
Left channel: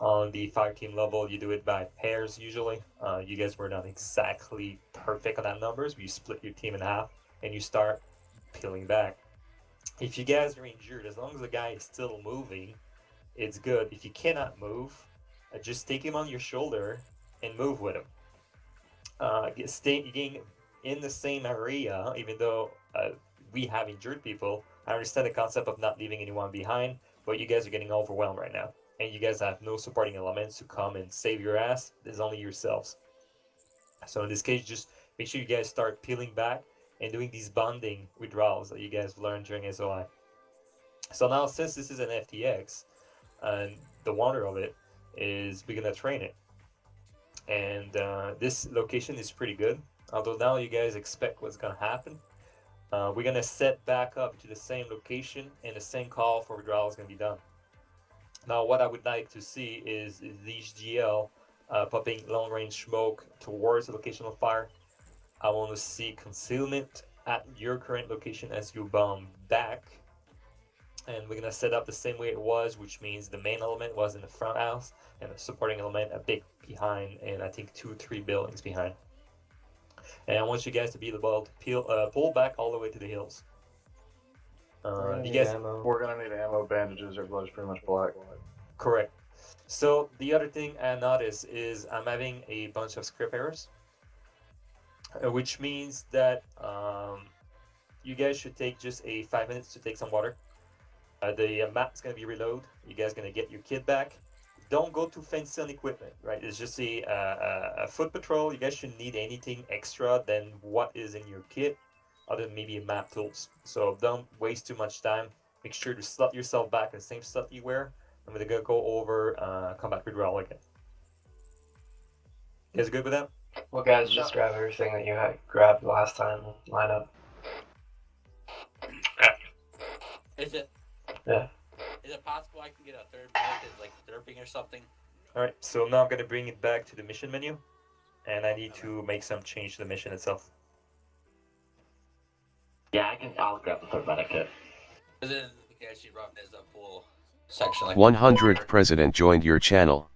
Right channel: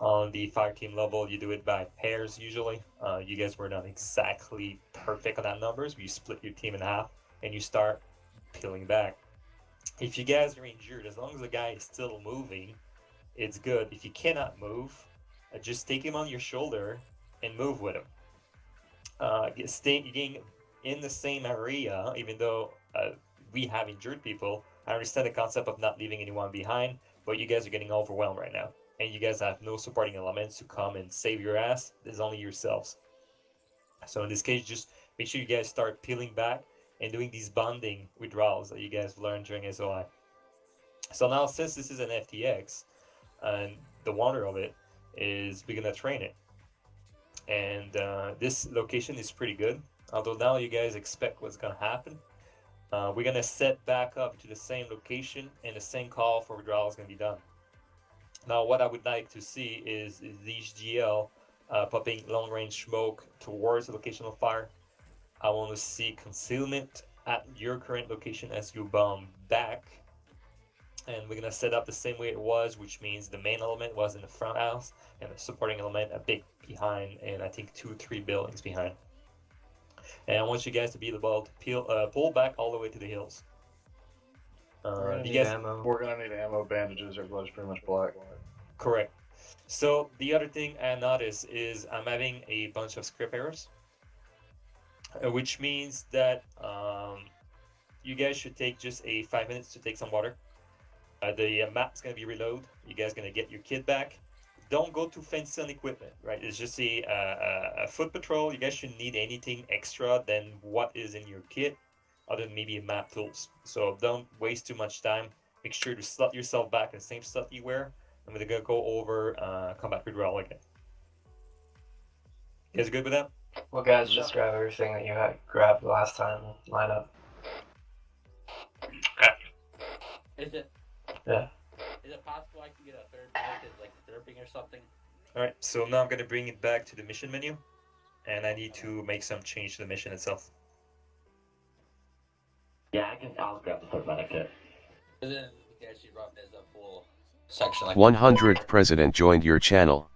On the fire team level, you do it by pairs usually. You guys were not exactly perfect on that numbers. You split your team in half and you start peeling back. If you guys are injured, as long as the guy is still moving, it's good. If you cannot move, just take him on your shoulder and move with him. Staying in the same area, even though we have injured people, I understand the concept of not leaving anyone behind, but you guys are getting overwhelmed right now. And you guys have no supporting elements to come and save your ass. There's only yourselves. So in this case, just make sure you guys start peeling back and doing these bonding withdrawals that you guys learned during SOI. So now, since this is an FTX, and the wonder of it is we're gonna train it. And this location is pretty good. Although now you guys expect what's gonna happen. We're gonna set back up to the same location and the same call for withdrawal is gonna be done. Now, what I would like to see is these GL popping long range smoke towards the location of fire. I want to see concealment at your current location as you bomb back. And we're gonna set up the same way it was, which means the main element was in the front house and the supporting element a bit behind, and I think 2-3 buildings behind. And I want you guys to be able to pull back all the way to the hills. You guys, we're gonna need ammo, bandages. Everybody's pretty much black. correct. So the other thing I noticed is I'm having a bunch of script errors, which means that you guys should take just 5 minutes to take some water. The map's gonna be reload. You guys gonna get your kit back. Don't go too fancy on equipment, right? It's just a foot patrol. You guys shouldn't need anything extra than what is in your kit, other than maybe map tools. So don't waste too much time. Make sure to slot yourself back in the same stuff you wear. I'm gonna go over combat withdrawal again. You guys good with that? Well, guys, just grab everything that you had grabbed last time. Line up. Is it? Yeah. Is it possible I can get a third mic, like derping or something? Alright, so now I'm gonna bring it back to the mission menu, and I need to make some change to the mission itself. Yeah, I'll grab the third medic kit. But then we can actually run as a full section like 100th president joined your channel.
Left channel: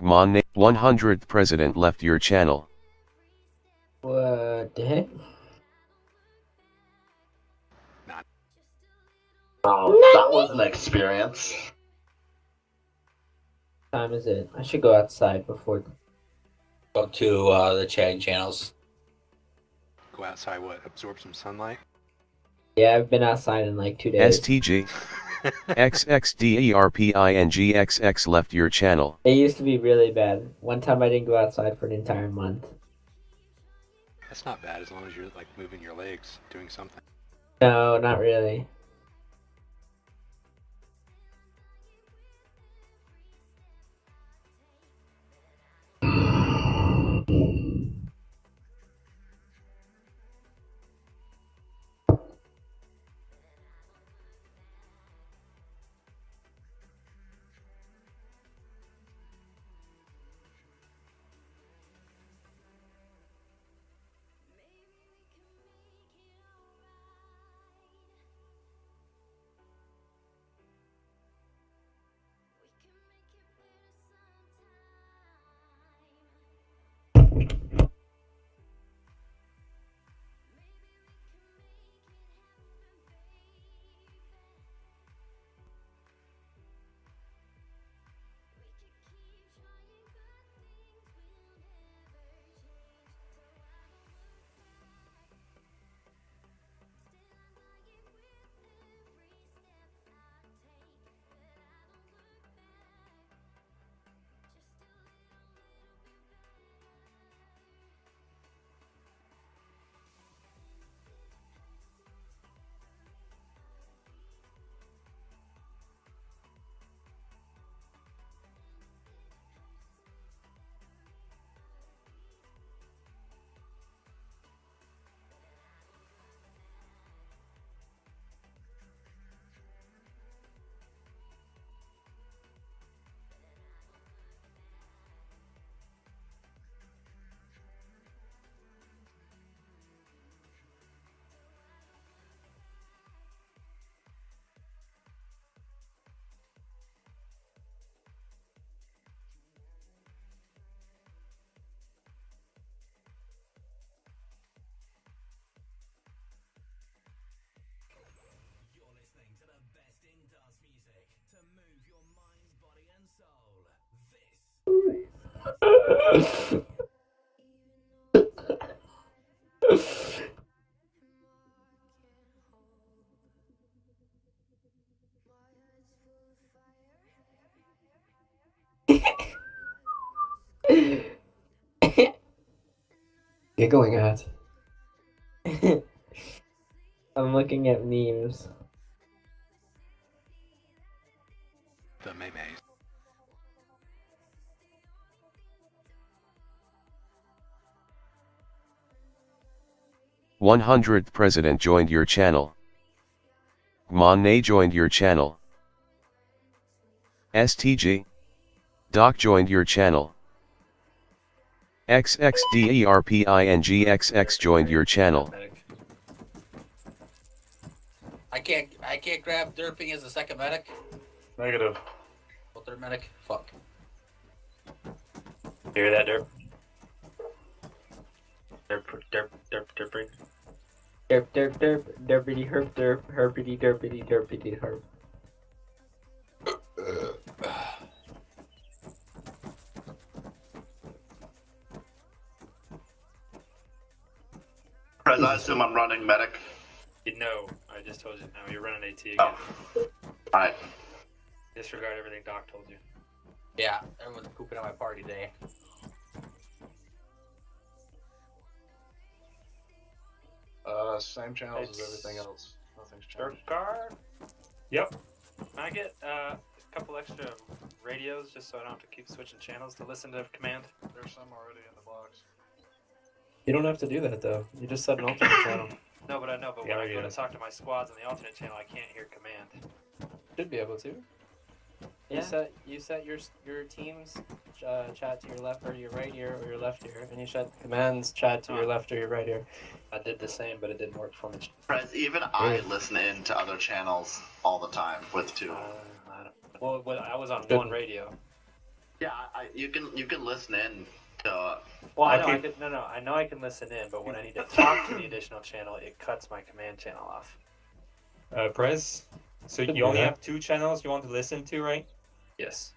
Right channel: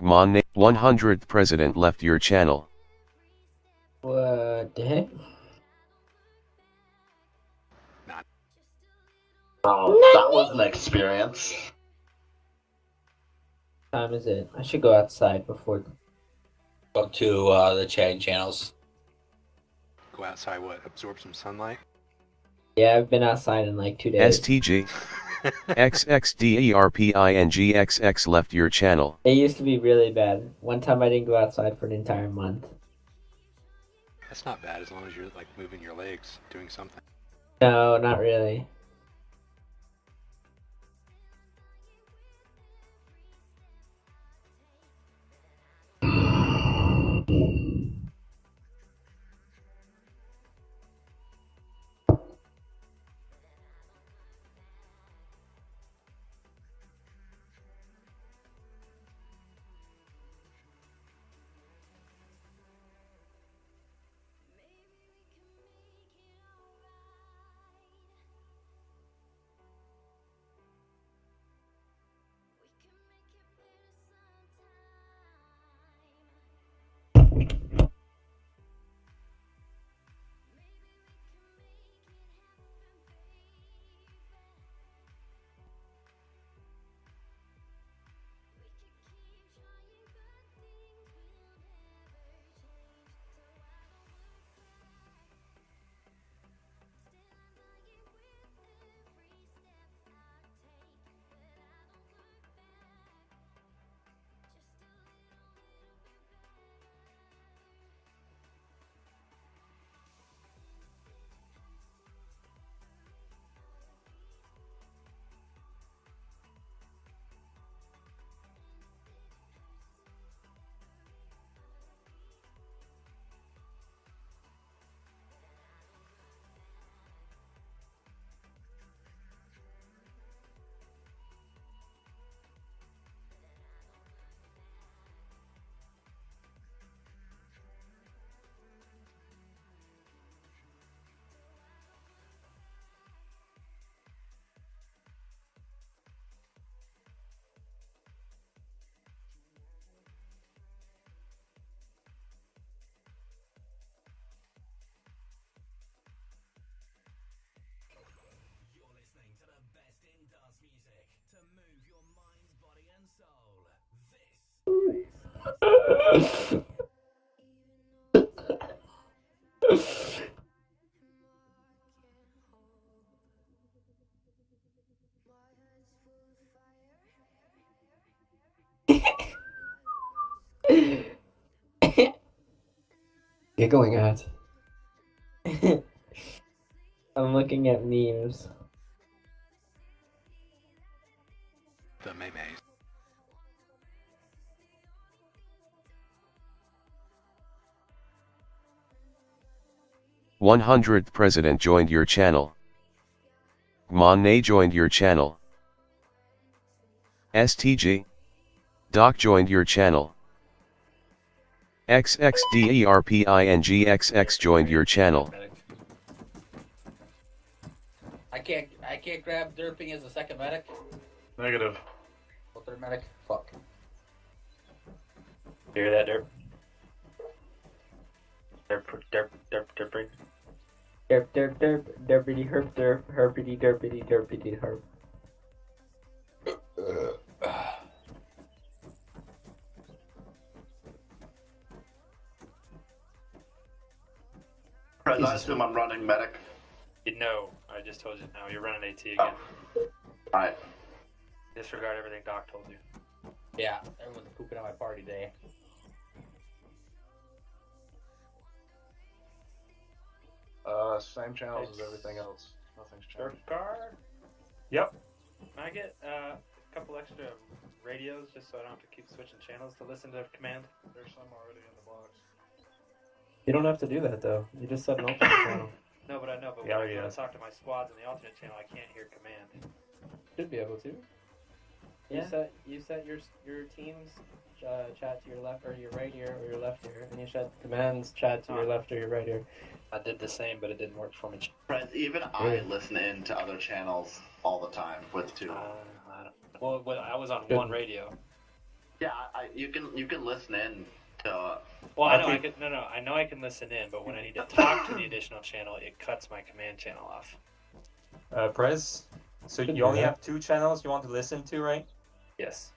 100th president left your channel. What the heck? Oh, that was an experience. What time is it? I should go outside before. Go to the chatting channels. Go outside, what? Absorb some sunlight? Yeah, I've been outside in like 2 days. STG. XXDERPINGXX left your channel. It used to be really bad. One time I didn't go outside for an entire month. That's not bad as long as you're like moving your legs, doing something. No, not really. Giggling at. I'm looking at memes. The memes. 100th president joined your channel. Monne joined your channel. STG. Doc joined your channel. XXDERPINGXX joined your channel. I can't grab derping as a second medic. Negative. Well, third medic. Fuck. You hear that, Derp? Derp. Derp, derp, derp, derpity herp derp, herpity derpity derpity herp. Prez, I assume I'm running medic. You know, I just told you now. You're running AT again. Oh. Alright. Disregard everything Doc told you. Yeah, everyone's pooping on my party day. Same channels as everything else. Nothing's changed. Car? Yep. Can I get a couple extra radios just so I don't have to keep switching channels to listen to command? There's some already in the box. You don't have to do that though. You just set an alternate channel. No, but I know. But Yeah, when I go yeah. to talk to my squads on the alternate channel, I can't hear command. Should be able to. Yeah. You set your team's chat to your left or your right ear or your left ear, and you set command's chat to your left or your right ear. I did the same, but it didn't work for me. Prez, even I listen in to other channels all the time with two. Well, I was on Good. one radio. Yeah, you can listen in to. Well, I know Okay. I could. No, I know I can listen in, but when I need to talk to the additional channel, it cuts my command channel off. Prez, so Could you do only that. have 2 channels you want to listen to, right? Yes.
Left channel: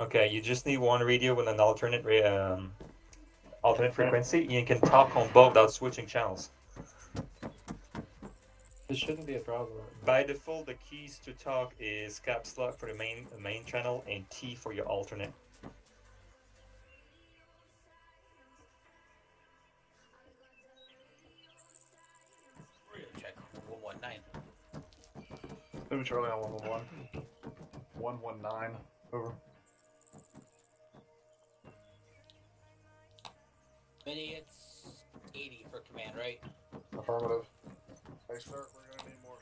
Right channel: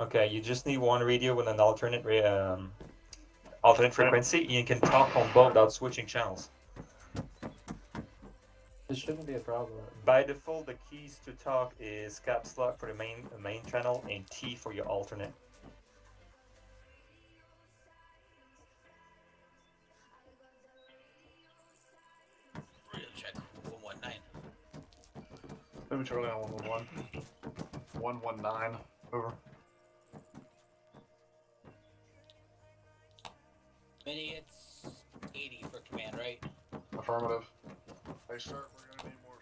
Okay, you just need one radio with an alternate alternate frequency. You can talk on both without switching channels. This shouldn't be a problem. By default, the keys to talk is caps lock for the main channel and T for your alternate. Check 119. Maybe Charlie on 111. 119. Over. Mini, it's 80 for command, right? Affirmative. Hey, sir, we're gonna need more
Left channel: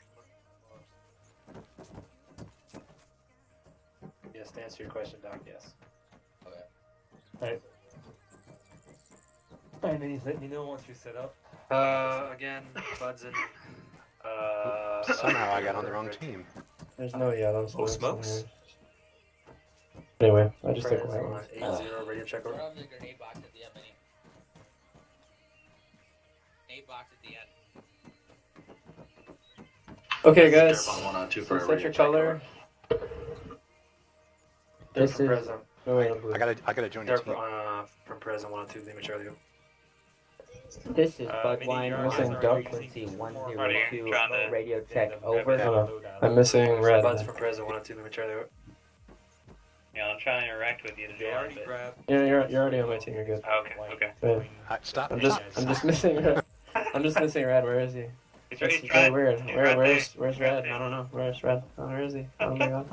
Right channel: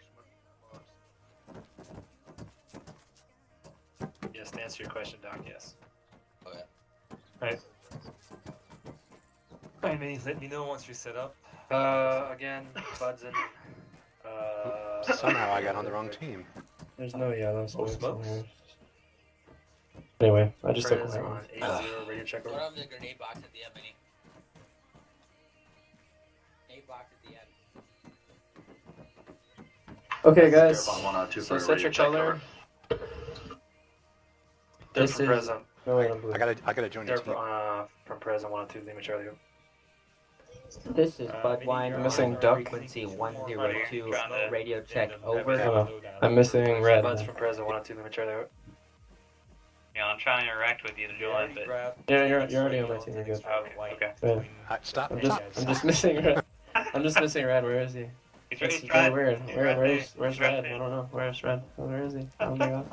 Yes, to answer your question, Doc. Yes. Okay. Right. I mean, let me know once you're set up. Again, Bud's in. Somehow I got on the wrong team. There's no yellow Oh, smokes in smokes? here. Anyway, I just took Prez that on one. 8-0 radio check Throw over. down the grenade box at the end, Mini. Grenade box at the end. Okay, guys. Derp on 102 So for a set radio your check color. Derp This from is. Prez on. No, wait, I'm blue. I gotta join your Derp team. from Prez on 102. Lima Charlie. This is Mini, Budwine you're missing on duck. frequency Two more 102 trying to- radio check Yeah, over. Oh, I'm missing red. Bud's from Prez on 102. Lima Charlie. Yeah, I'm trying to interact with you to do Charlie, it, but grab- Yeah, you're already on my team. You're good. Oh, okay. Yeah. Stop. I'm just missing red. I'm just missing red. Where is he? He's That's trying- very weird. he's right Where's there. red? I don't know. Where's red? Oh, where is he? Oh my god.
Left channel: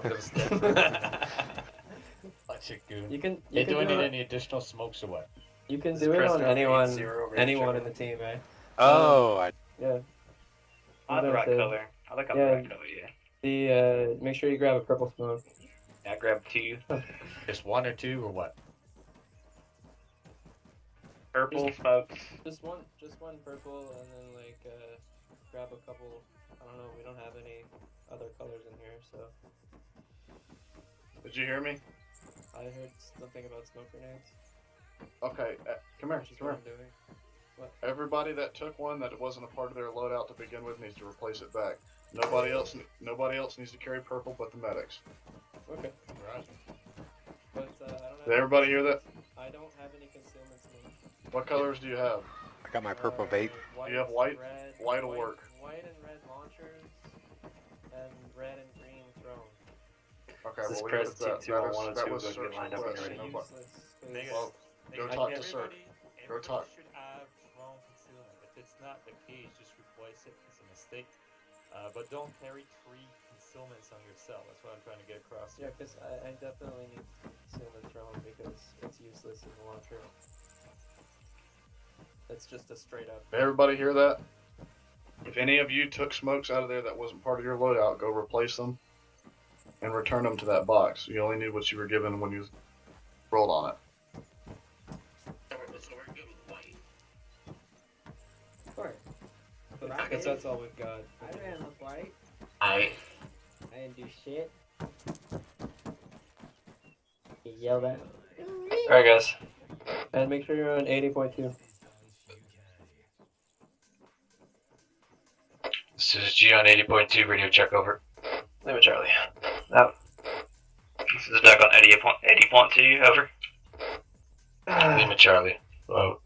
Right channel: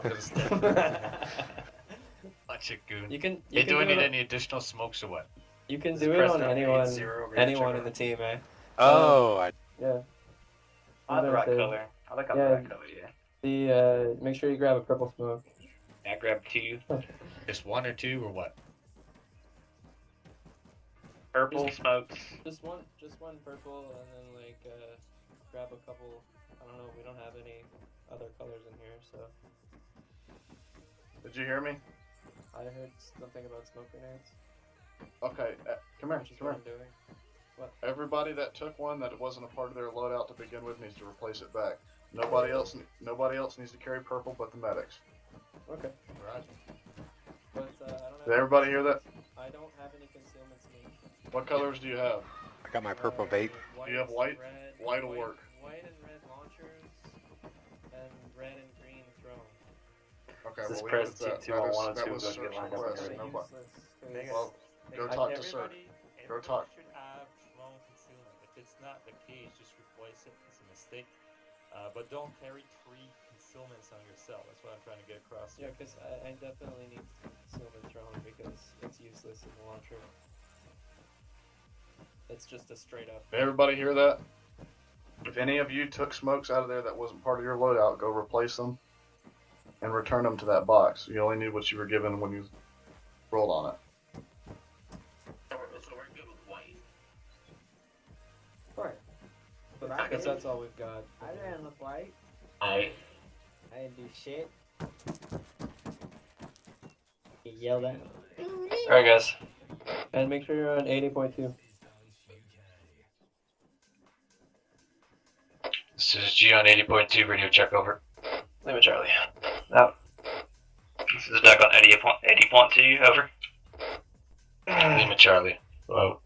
Such a goon. You can Hey, do I do need it. any additional smokes or what? You can do it Press on on anyone 8-0 radio anyone check in the team, eh? Oh, I Yeah. I like the right Okay. color. I like the Yeah. right color, yeah. The make sure you grab a purple smoke. I grabbed 2. Just 1 or 2 or what? Purple smokes. Just one purple, and then like grab a couple. I don't know. We don't have any other colors in here, so Did you hear me? I heard something about smoke grenades. Okay, come here. Just Come what here. I'm doing. What? Everybody that took one that wasn't a part of their loadout to begin with needs to replace it back. Nobody else needs to carry purple but the medics. Okay. Right. But I don't have. Did everybody hear that? I I don't have any concealments, man. What colors do you have? I got my purple vape. Do you have white? Red, White will work. White and red launchers, and red and green thrown. Okay, This well, we press put that. 2-2-1-1 That and was 2 search lined up request. already. Nobody. Vegas, Well, go Vegas, talk to everybody- Cirque. Go everybody talk. should have drone concealment. If it's not the case, just replace it. It's a mistake. But don't carry 3 concealments on yourself. That's what I'm trying to get across Yeah, here. because I definitely need concealment drone because it's useless as a launcher. It's just a straight up. Everybody hear that? If any of you took smokes out of there that wasn't part of your loadout, go replace them and return them to that box. You only need what you were given when you rolled on it. What? But I Because that's all we've got. I ran with white. I I didn't do shit. You yelled at me. Alright, guys. And make sure you're on 80.2. This is G on 80.2, radio check over. Lima Charlie. Out. This is back on 80.2, over. Lima Charlie. Whoa.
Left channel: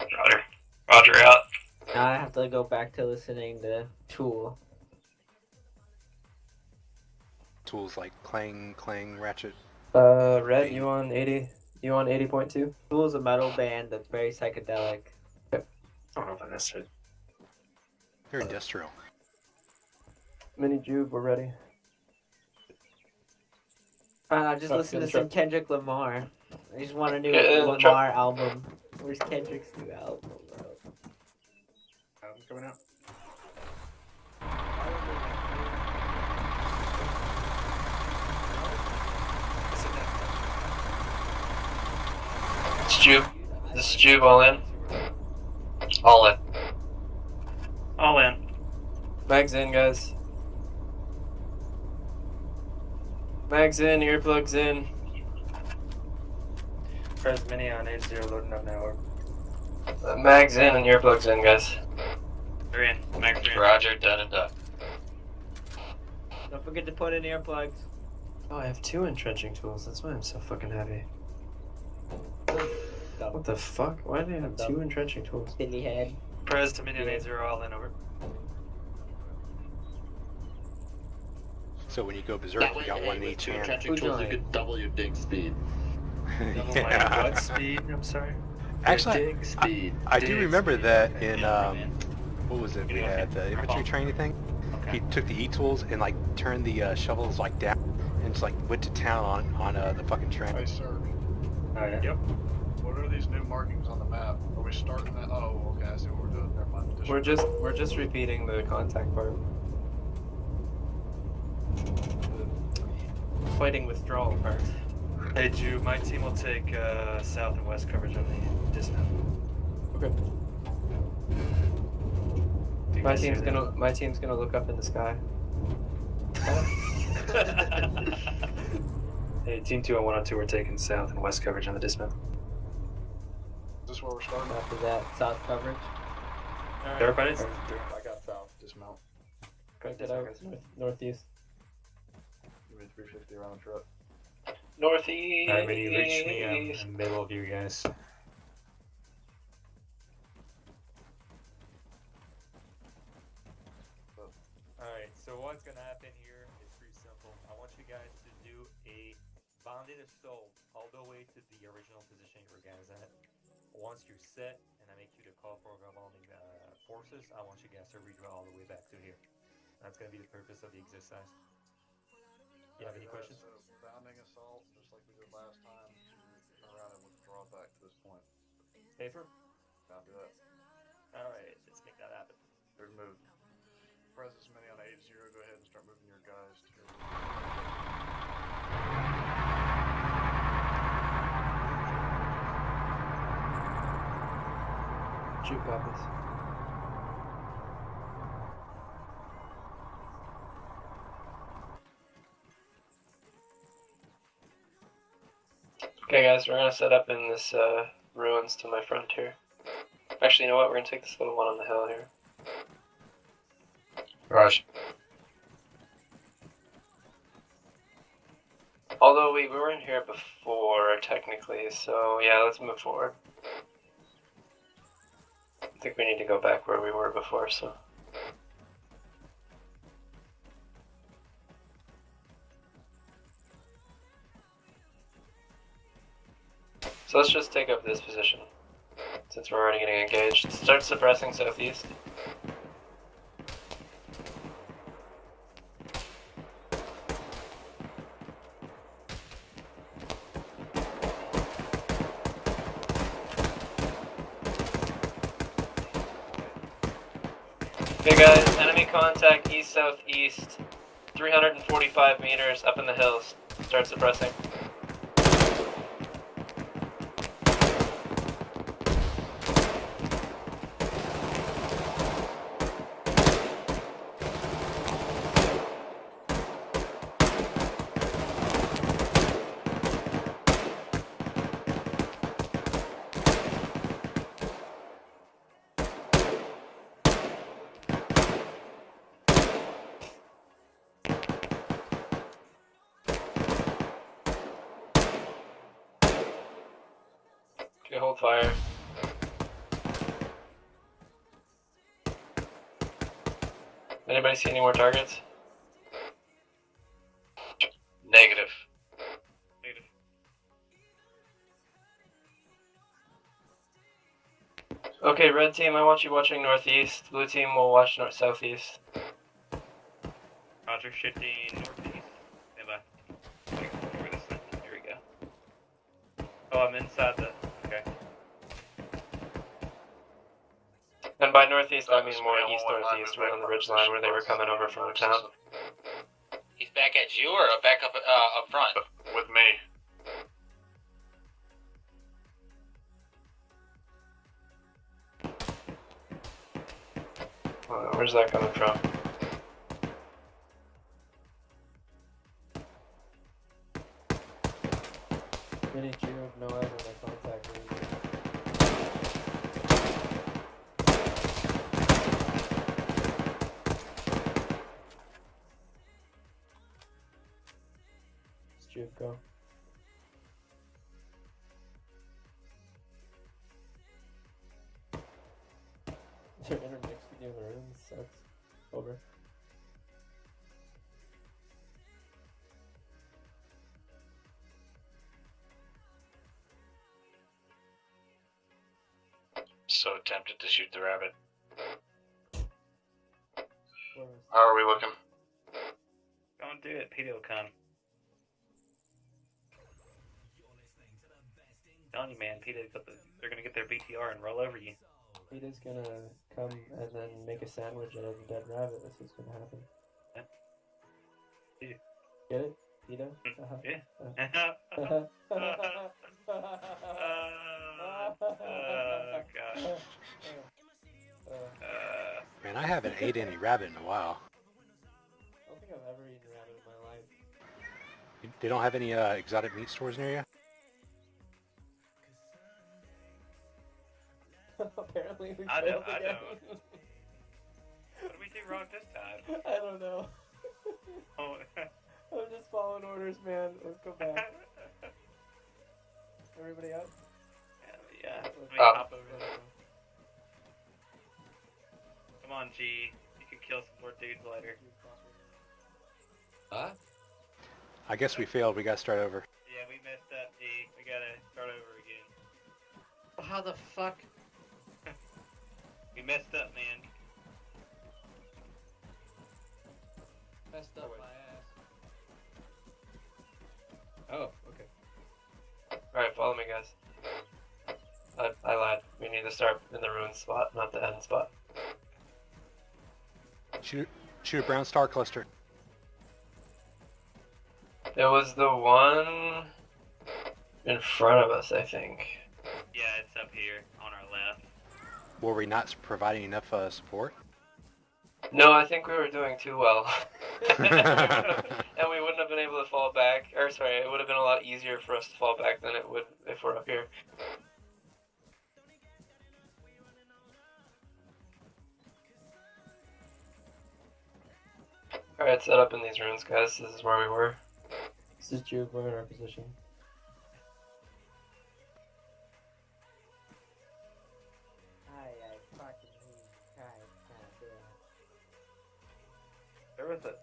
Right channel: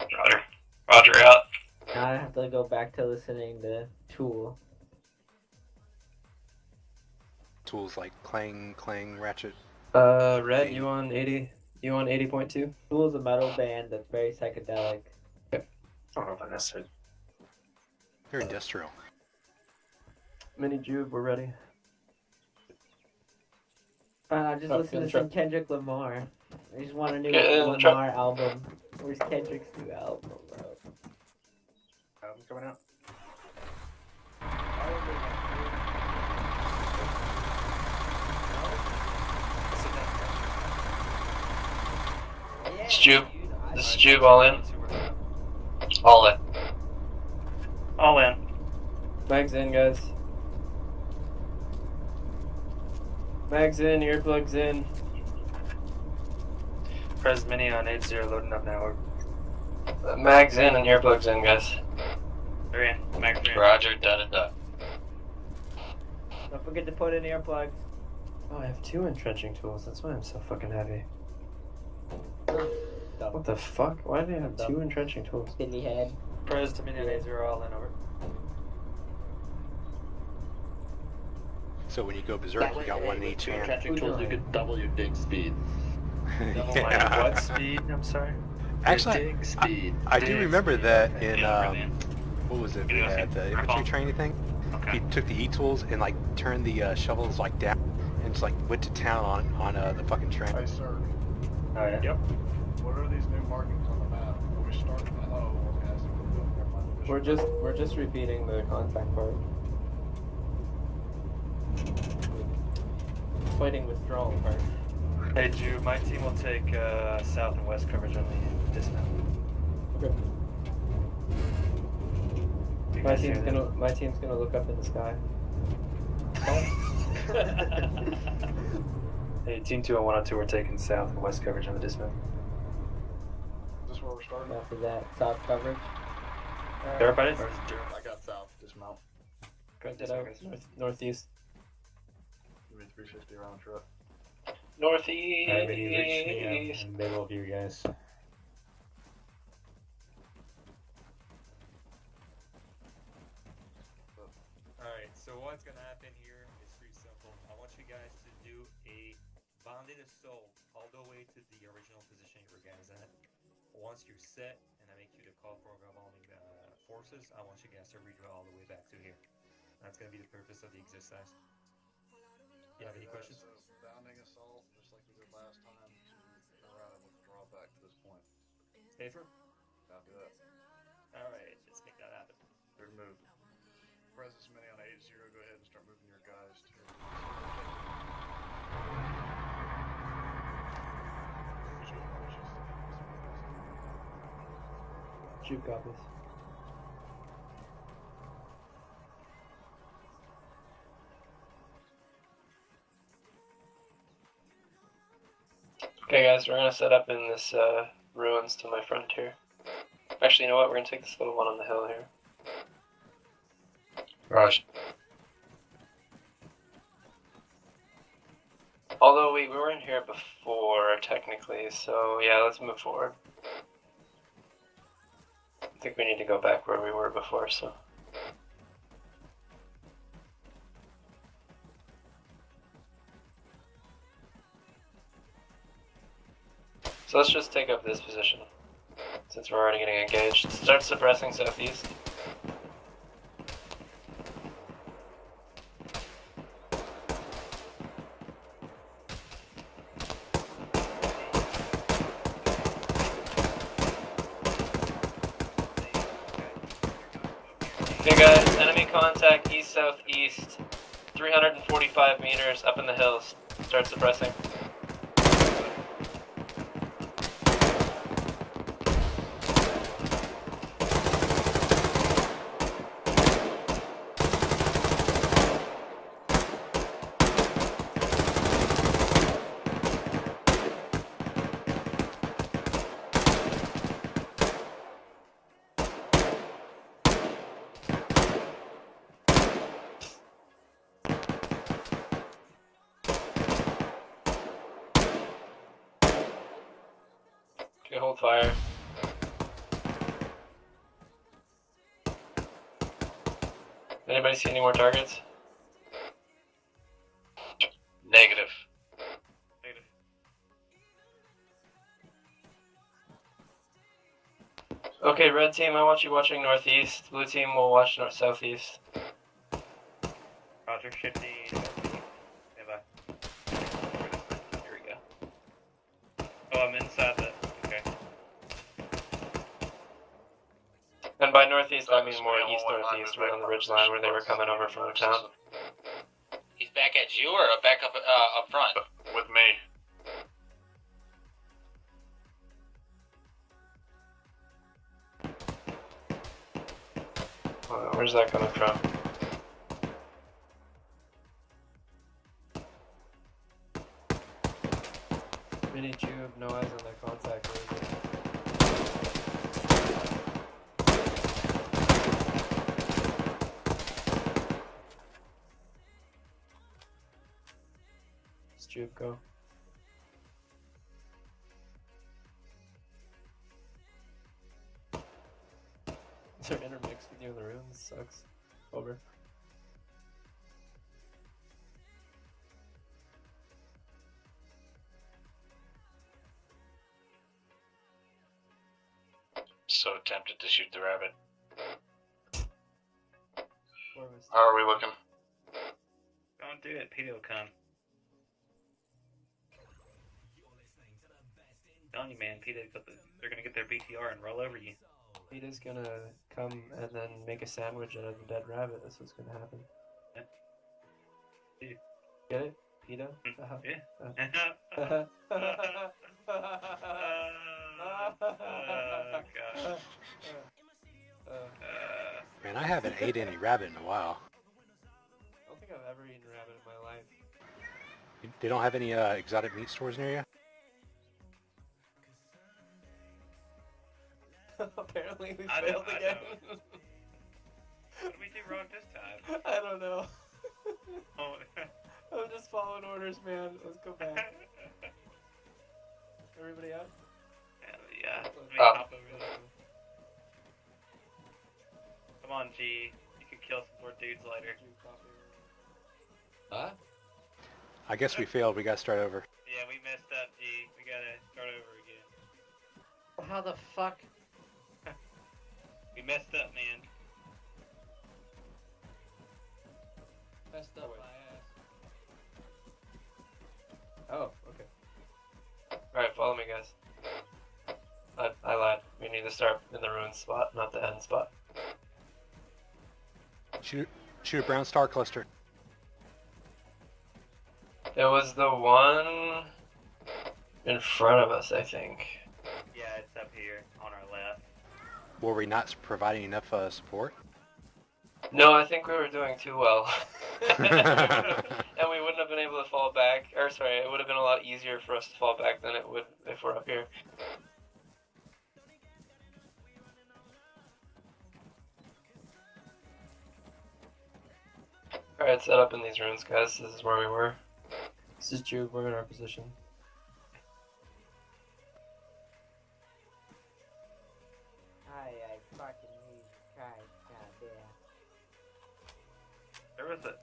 Roger. Roger out. Now I have to go back to listening to Tool. Tools like clang, clang, ratchet. Red, you on 80? You on 80.2? Tool is a metal band that's very psychedelic. I don't know if I necessarily. They're industrial. Mini Jube, we're ready. Just Oh, listen get to the some truck. Kendrick Lamar. I just want a new Get in the truck. Lamar album. Where's Kendrick's new album, bro? Album's coming out. This is Jube. This is Jube, all in. All in. All in. Mags in, guys. Mags in, earplugs in. Press Mini on 80 loading up now. Mags in and earplugs in, guys. They're in. Max, you're in. Roger, done and done. Don't forget to put in earplugs. Oh, I have 2 entrenching tools. That's why I'm so fucking heavy. What the fuck? Why do I have 2 entrenching tools? Silly head. Press to Mini on 80 all in, over. So when you go berserk, you got one in each hand. Catching tools, you could double your dig speed. Yeah. What speed? I'm sorry. Actually, Dig speed. I do remember that in what was it? We had the infantry training thing. He took the E-tools and like turned the shovels like down and just like went to town on the fucking train. Hey, sir. Oh, yeah. Yep. What are these new markings on the map? Are we starting that? Oh, okay. I see what we're doing. Never mind. We're just repeating the contact part. Fighting withdrawal part. Hey, Jude, my team will take south and west coverage on this one. Okay. My team's gonna look up in the sky. Hey, Team 2 and 1 on 2 are taking south and west coverage on the dismount. Is this where we're starting? After that, south coverage. Everybody? I got south. Dismount. Correct it out. Northeast. Give me 350 round trip. Northeast. Alright, ready to reach me in the middle of you guys. Alright, so what's gonna happen here is pretty simple. I want you guys to do a bonded assault all the way to the original position your guys at. Once you're set, and I make you the call for revolving forces, I want you guys to redraw all the way back to here. That's gonna be the purpose of the exercise. You have any questions? Bounding assault, just like we did last time. Turn around and withdraw back to this point. Paper? Copy that. Alright, let's make that happen. Good move. Press as many on 80. Go ahead and start moving your guys to. Shoot copies. Okay, guys, we're gonna set up in this ruins to my front here. Actually, you know what? We're gonna take this little one on the hill here. Raj. Although we weren't here before, technically, so yeah, let's move forward. I think we need to go back where we were before, so. So let's just take up this position, since we're already getting engaged. Start suppressing southeast. Okay guys, enemy contact east-southeast, 345 meters up in the hills. Start suppressing. Okay, hold fire. Anybody see any more targets? Negative. Okay, red team, I want you watching northeast. Blue team will watch southeast. Roger, shifting. Stand by. Here we go. Oh, I'm inside the. Okay. And by northeast, I mean more east-northeast, right on the ridge line where they were coming over from the town. He's back at you or back up up front? With me. Where's that coming from? Mini tube, no eyes on the contact. Let's tube go. They're intermixed with you in the room. This sucks. Over. So tempted to shoot the rabbit. How are we looking? Don't do it, Peter will come. Telling you, man, they're gonna get their BTR and roll over you. Peter's gonna come and then make a sandwich out of a dead rabbit. That's what's gonna happen. Yeah. Get it? Peter? Yeah. Man, I haven't ate any rabbit in a while. I don't think I've ever eaten rabbit in my life. They don't have any exotic meat stores near you? Apparently we I failed know. again. What did we do wrong this time? I don't know. Oh. I'm just following orders, man. Let's go back. Everybody out? Yeah. Up. Come on, G. You can kill some more dudes later. Huh? I guess we failed. We gotta start over. Yeah, we messed up, G. We gotta start over again. How the fuck? We messed up, man. Messed up my ass. Oh, okay. Alright, follow me, guys. I lied. We need to start in the ruin spot, not the end spot. Shoot a brown star cluster. It was the one in front of us, I think. Yeah, it's up here on our left. Were we not providing enough support? No, I think we were doing too well. And we wouldn't have been able to fall back. Or sorry, it would have been a lot easier for us to fall back than it would if we're up here. Alright, set up in these ruins, guys. This is where we were. This is Jude. We're in our position.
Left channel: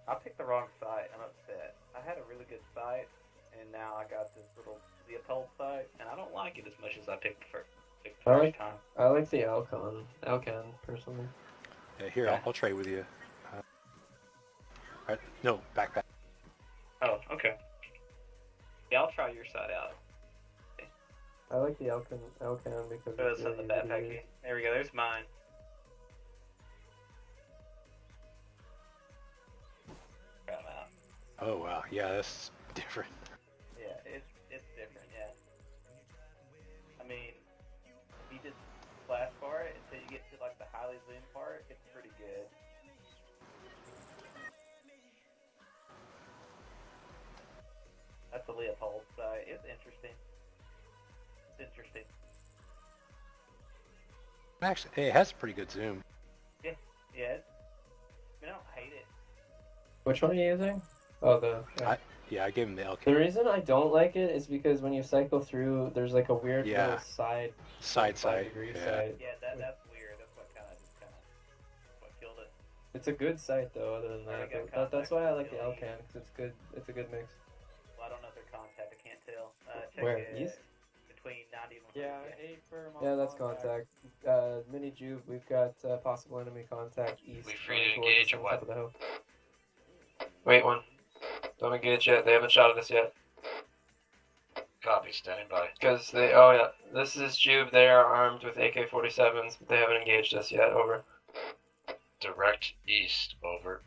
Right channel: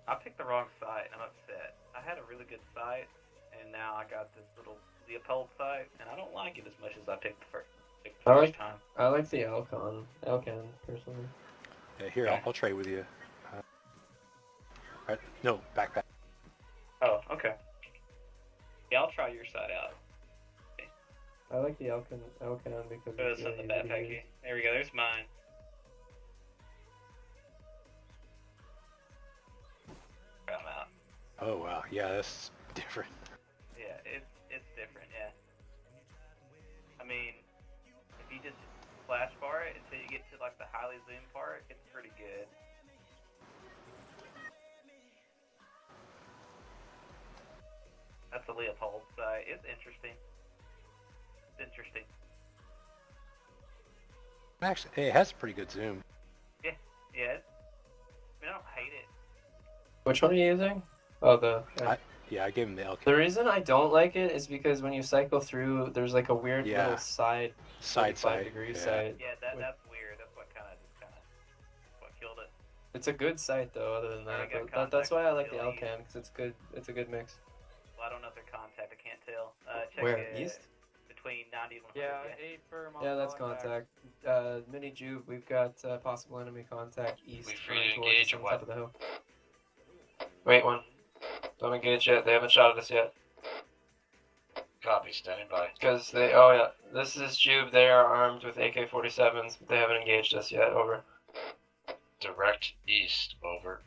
I picked the wrong site. I'm upset. I had a really good site, and now I got this little Leopold site, and I don't like it as much as I picked the first time. I like the Alcan personally. Yeah, here, I'll trade with you. Right, no, back. Oh, okay. Yeah, I'll try your side out. I like the Alcan because It's in the backpack view. There we go. There's mine. I'm out. Oh wow, yeah, that's different. Yeah, it's different. Yeah. I mean, if you just flash bar it until you get to like the highly zoom part, it's pretty good. That's the Leopold site. It's interesting. Actually, it has a pretty good zoom. Yeah. I don't hate it. Which one are you using? Oh, I gave him the LK. The reason I don't like it is because when you cycle through, there's like a weird little side side. degree side. Yeah, that's weird. That's what what killed it. It's a good site though. Other than that, but that's why I like the Alcan because it's good. It's a good mix. Well, I don't know if they're contact. I can't tell. Check Where east? Between 90 and 100. Yeah, 8 firm on Yeah, that's contact. Mini Juve, we've got possible enemy contact east. We free to engage or what? Top of the hill. Wait one. Don't engage yet. They haven't shot at us yet. Copy. Standing by. Because they. Oh yeah. This is Juve. They are armed with AK-47s, but they haven't engaged us yet. Over. Direct east. Over.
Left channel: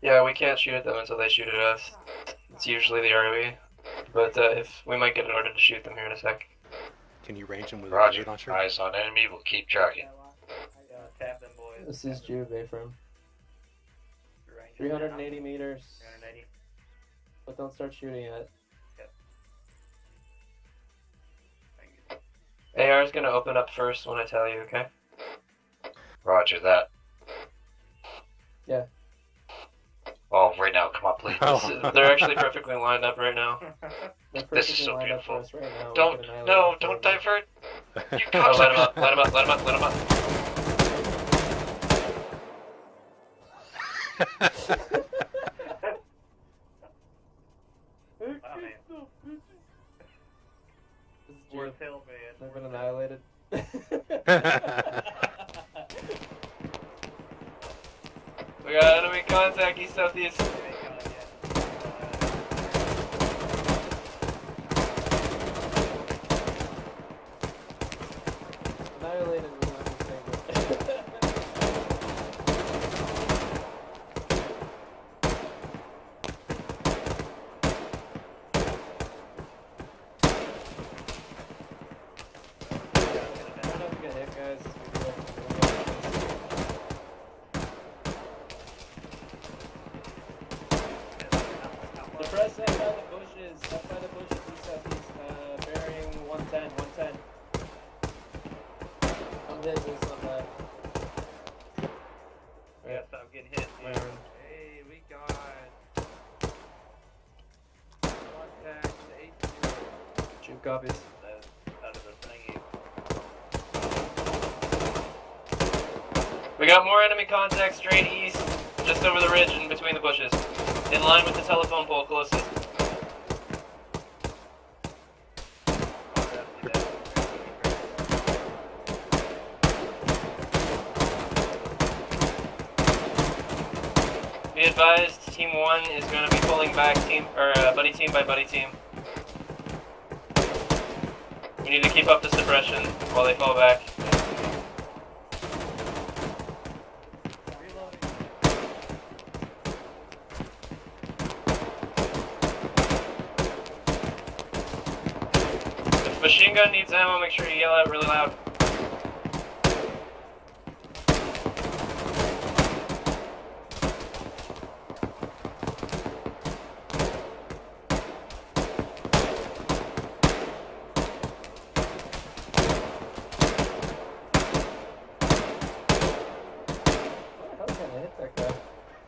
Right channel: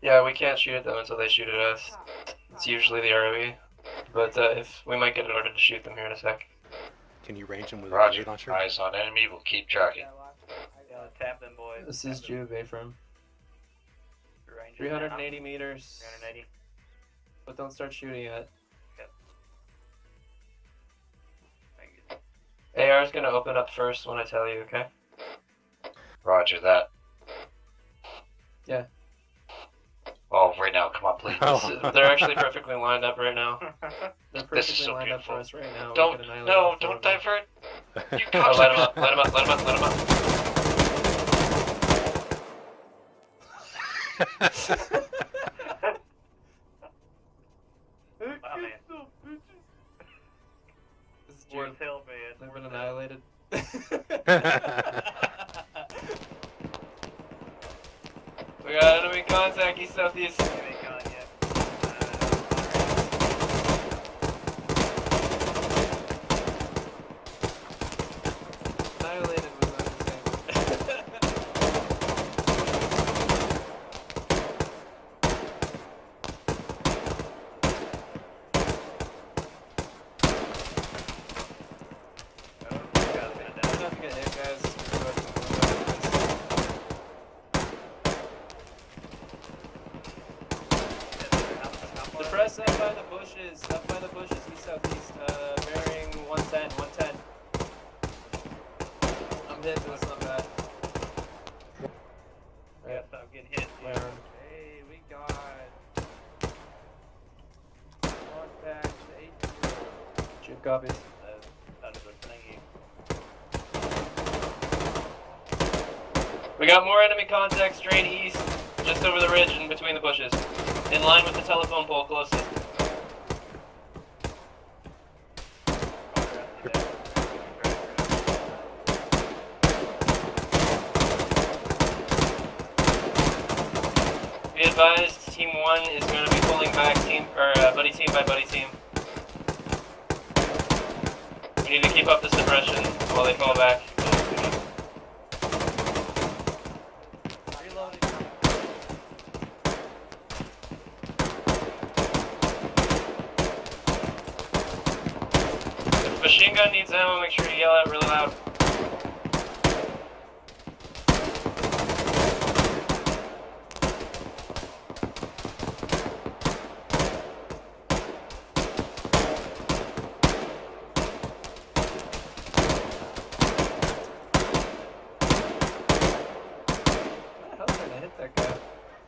Yeah, we can't shoot at them until they shoot at us. It's usually the ROE. But if we might get an order to shoot them here in a sec. Can you range them with a Roger. grenade launcher? Eyes on enemy. We'll keep tracking. Tap them, boys. This is Juve, A-firm. 380 meters. 380. But don't start shooting yet. AR is going to open up first when I tell you, okay? Roger that. Yeah. Oh, right now, come on, please. They're actually perfectly lined up right now. This is so beautiful. Right now. Don't divert. You oh, let him up, let him up, let him up, let him up. Wow, man. This is Poor Juve. tail, man. They've been annihilated. We got enemy contact east southeast. Annihilated. Press up by the bushes, we southeast, bearing 110. I'm hit with some bad. Yeah, stop getting hit, dude. Hey, we got contact 8. Two copies. Out of the thingy. We got more enemy contact straight east, just over the ridge and between the bushes. In line with the telephone pole closest. Be advised, team 1 is going to be pulling back buddy team by buddy team. We need to keep up the suppression while they fall back. If machine gun needs ammo, make sure you yell out really loud.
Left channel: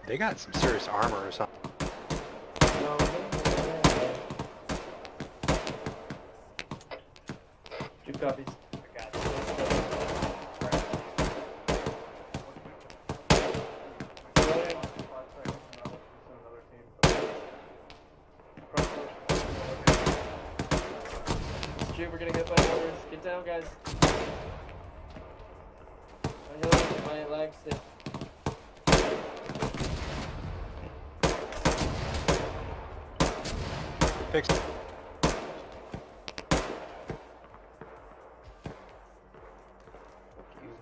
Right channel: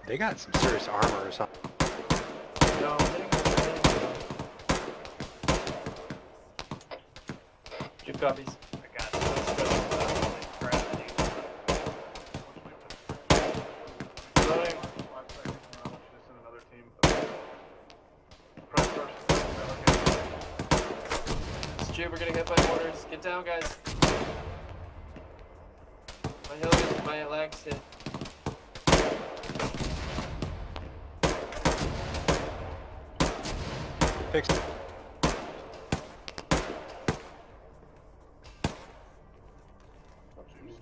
They got some serious armor or something. copies. Stu, we're gonna get by orders. Get down, guys. My heels, my legs. Yeah. Fixed.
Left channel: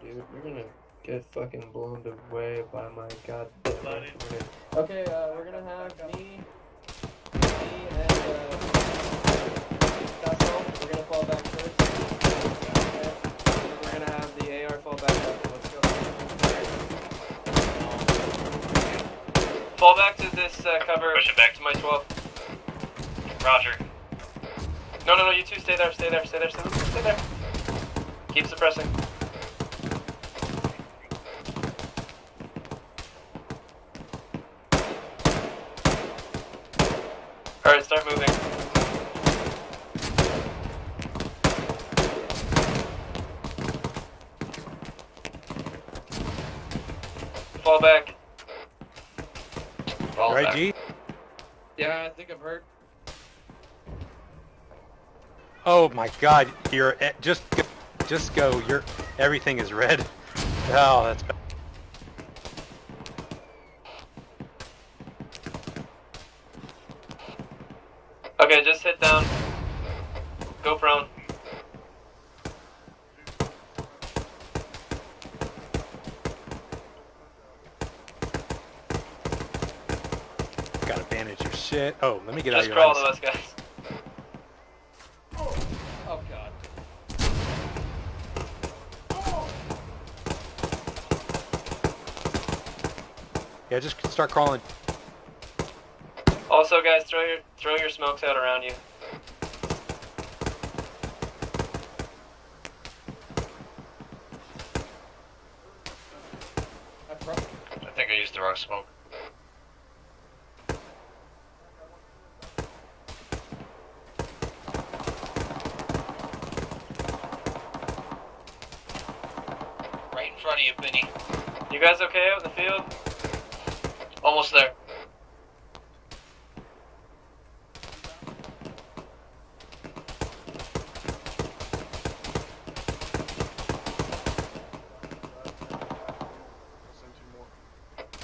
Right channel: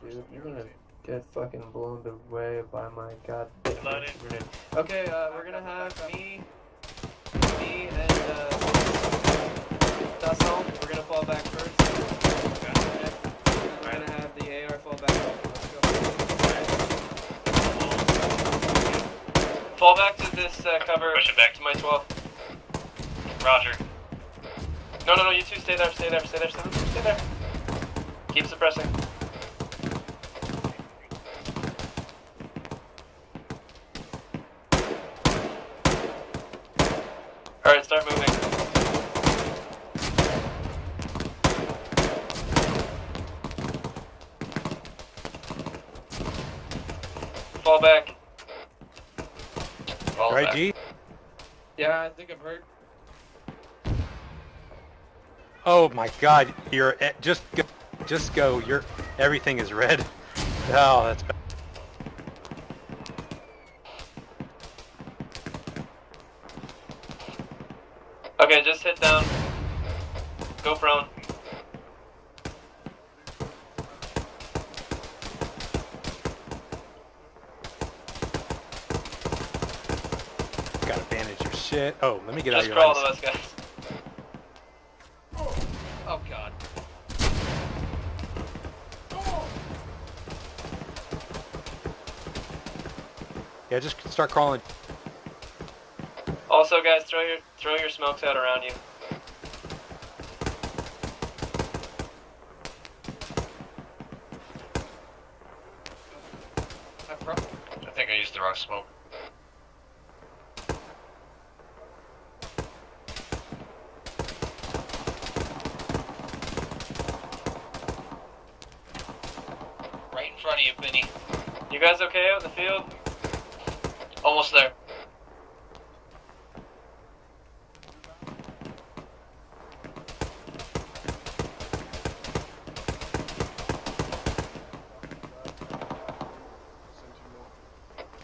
Dude, you're gonna get fucking blown away by my goddamn grenade. Okay, we're gonna have me and Tussle. We're gonna fall back first. Okay. We're gonna have the AR fall back up. Let's go. Fall back to this cover. Push it back to my 12. Roger. No, you two stay there, stay there. Keep suppressing. Alright, start moving. Fall back. All right, G? Yeah, I think I'm hurt. Oh my god, you're just go. Everything is red. Oh, that's bad. Okay, just hit down. Go prone. Gotta bandage your shit. Oh, let me get out Just of your crawl lines. to us, guys. Oh god. Yeah, just start crawling. Also, guys, throw your smokes out around you. I think I used the wrong smoke. Right in front of you, Benny. You guys okay out in the field? Almost there.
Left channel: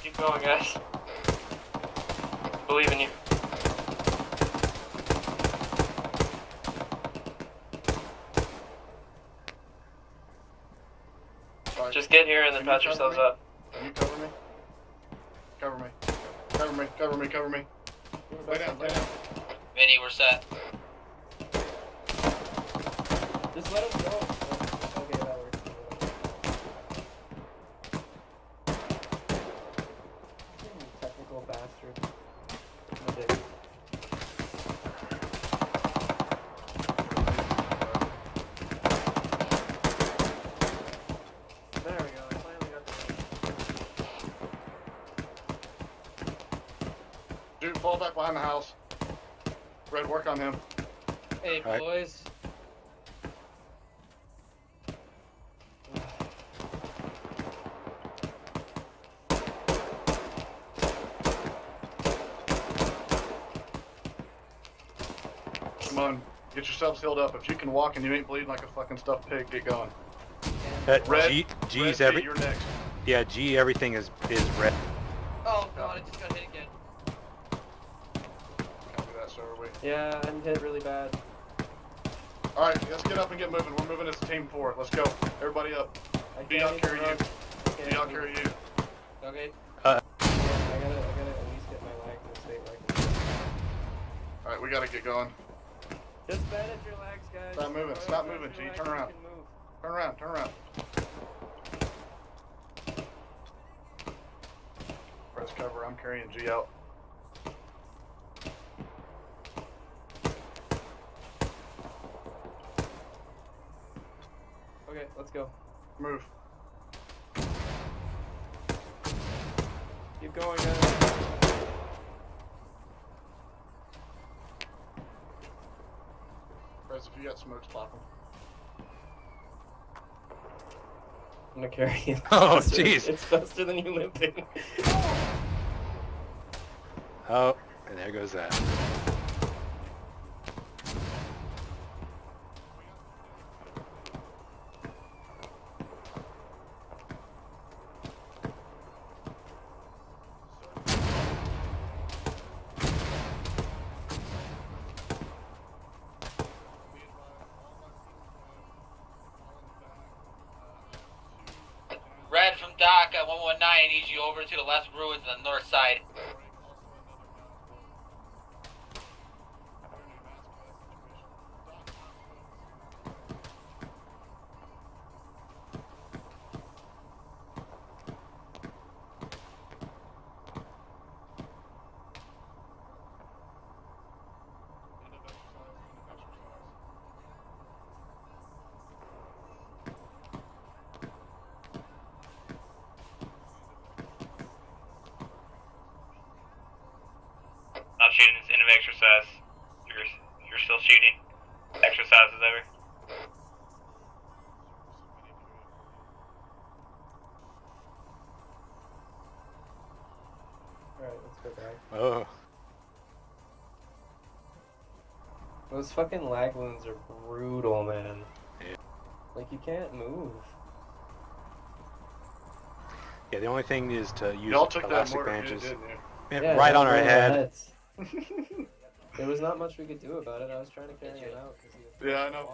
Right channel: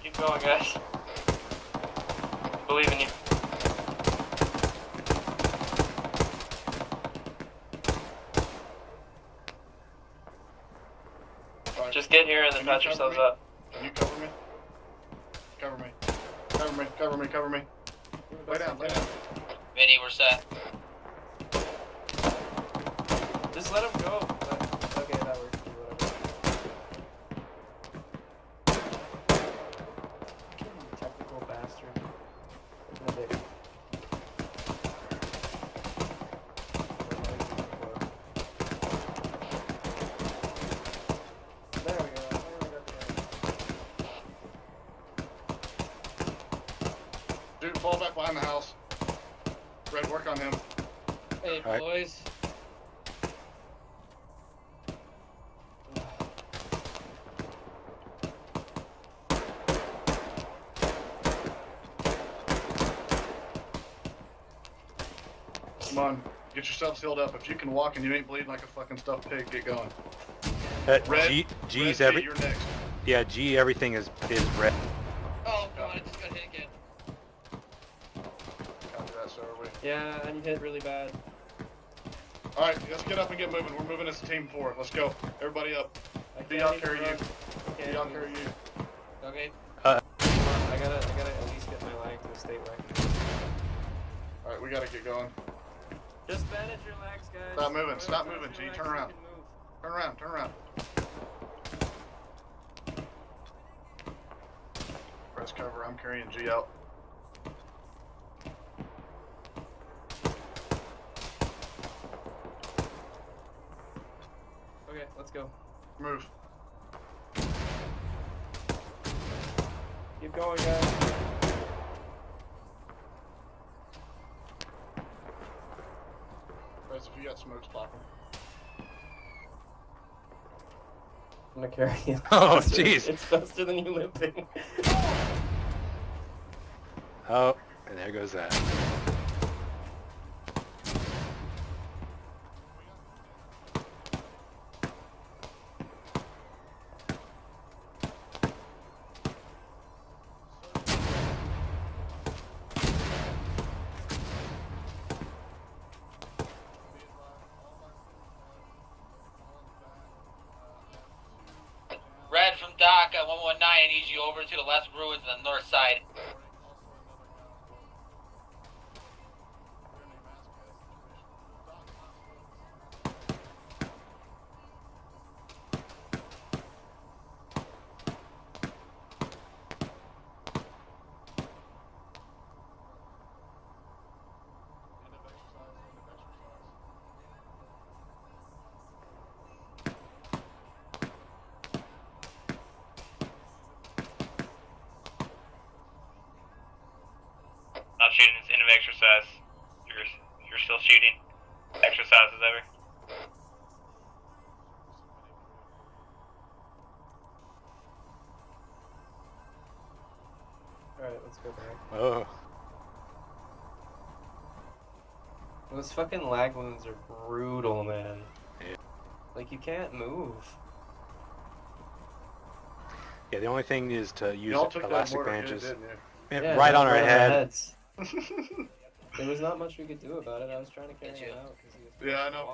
Keep going, guys. Believe in you. Right. Just get here and then Can you patch cover yourselves me? up. Can you cover me? Cover me. Cover me, cover me, cover me. Lay down, lay down. Vinny, we're set. Just let him go. Okay, that works. Technical bastard. I did. There we go. I finally got the right. Dude, fall back behind the house. Red, work on him. Hey, All right. boys. Come on, get yourselves healed up. If you can walk and you ain't bleeding like a fucking stuffed pig, get going. Red, G's Red, you're next. Yeah, G, everything is red. Oh god, I just got hit again. Copy that, sir. Are we? Yeah, I'm hit really bad. Alright, let's get up and get moving. We're moving as a team forward. Let's go. Everybody up. B, I'll carry you. B, I'll carry you. Okay. I gotta at least get my leg to stay leg. Alright, we gotta get going. Just bandage your legs, guys. Stop moving, stop moving, G. Turn around. Turn around, turn around. Press cover, I'm carrying G out. Okay, let's go. Move. Keep going, guys. Press, if you got smokes, pop them. I'm gonna carry you. Oh, Faster- jeez. It's faster than you limping. Oh, and there goes that. Red from Doc at 119, I need you over to the left ruins on the north side. Not shooting, it's end of exercise. You're still shooting. Exercise is over. Alright, let's go back. Oh. Those fucking lag wounds are brutal, man. Yeah. Like, you can't move. Yeah, the only thing is to use Y'all took that elastic mortar, bandages. didn't you? Man, Yeah, right on our over head. heads. There was not much we could do about it. I was trying to carry him out. 'Cause he was Yeah, I know.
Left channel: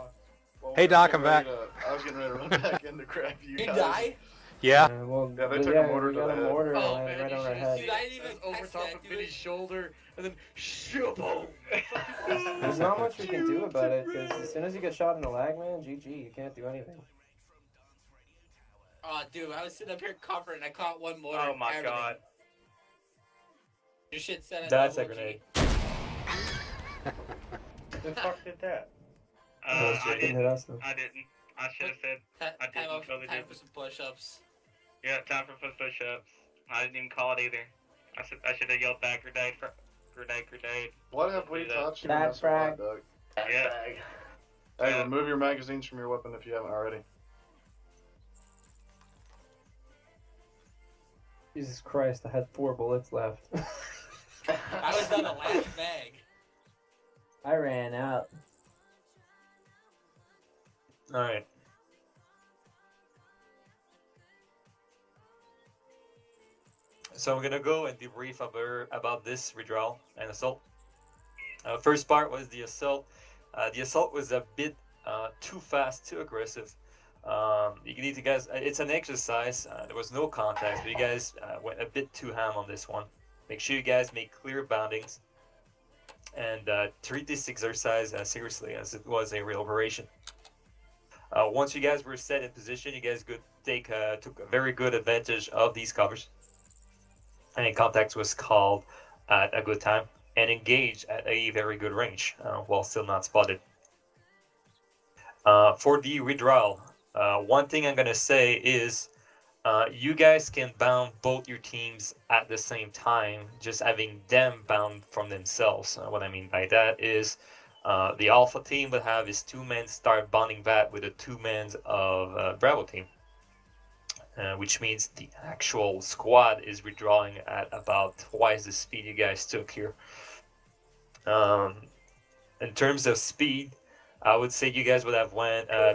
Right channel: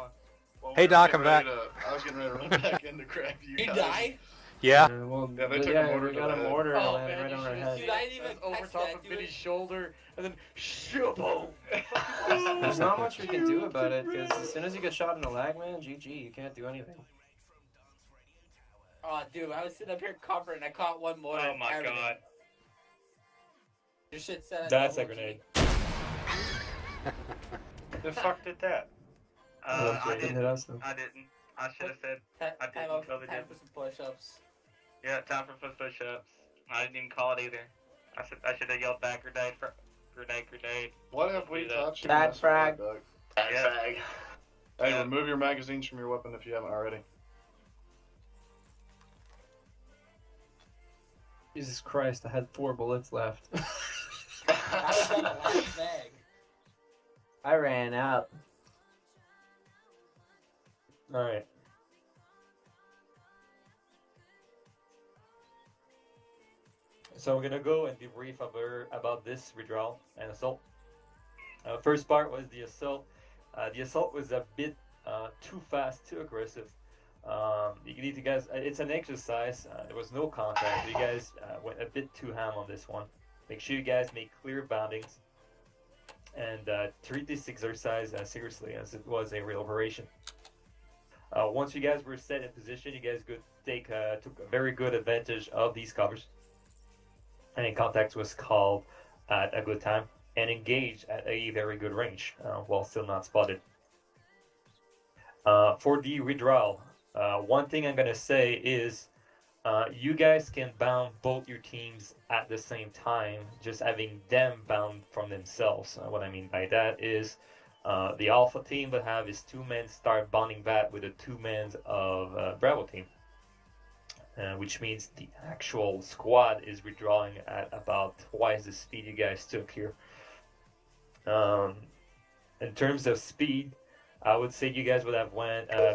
Well, Hey, we were Doc, getting I'm back. ready I was getting ready to run back in to grab you. You guys. died? Yeah. well, Yeah, they but took yeah, a mortar we to got the a head. mortar Oh, landed man, right you on our should've head. seen- I didn't even over catch top that, of dude. Vinny's shoulder, and then shaboom. There's not much we can do about it, because as soon as you get shot in the lag, man, GG, you can't do anything. Oh, dude, I was sitting up here covering. I caught one mortar. Oh my everything. god. Your shit said I That's a double grenade. The fuck did that? Unless you I didn't didn't. hit us, then. I didn't. I should have said. I didn't. Totally time didn't. for some push-ups. Yeah, time for push-ups. I didn't even call it either. I should have yelled back grenade, grenade. What have we Do that. taught you Bad in this squad, frag. Doug? Yeah. Hey, Yeah. remove your magazines from your weapon if you haven't already. Jesus Christ, I had 4 bullets left. I was on the last bag. I ran out. Alright. So we're gonna go and debrief about this withdrawal and assault. First part was the assault. The assault was a bit too fast, too aggressive. You need to guys. It's an exercise. There was no contact, but you guys went a bit too ham on this one. Make sure you guys make clear boundings and treat this exercise as seriously as it was a real operation. Once you guys were set in position, you guys took a very good advantage of these covers. And contact was called at a good time and engaged at a very good range while still not spotted. For the withdrawal, one thing I'm going to say is you guys can bound both your teams at the same time, just having them bound from themselves. What I mean by that is the Alpha team will have his 2 men start bonding back with the 2 men of Bravo team. Which means the actual squad is withdrawing at about twice the speed you guys took here. In terms of speed, I would say you guys would have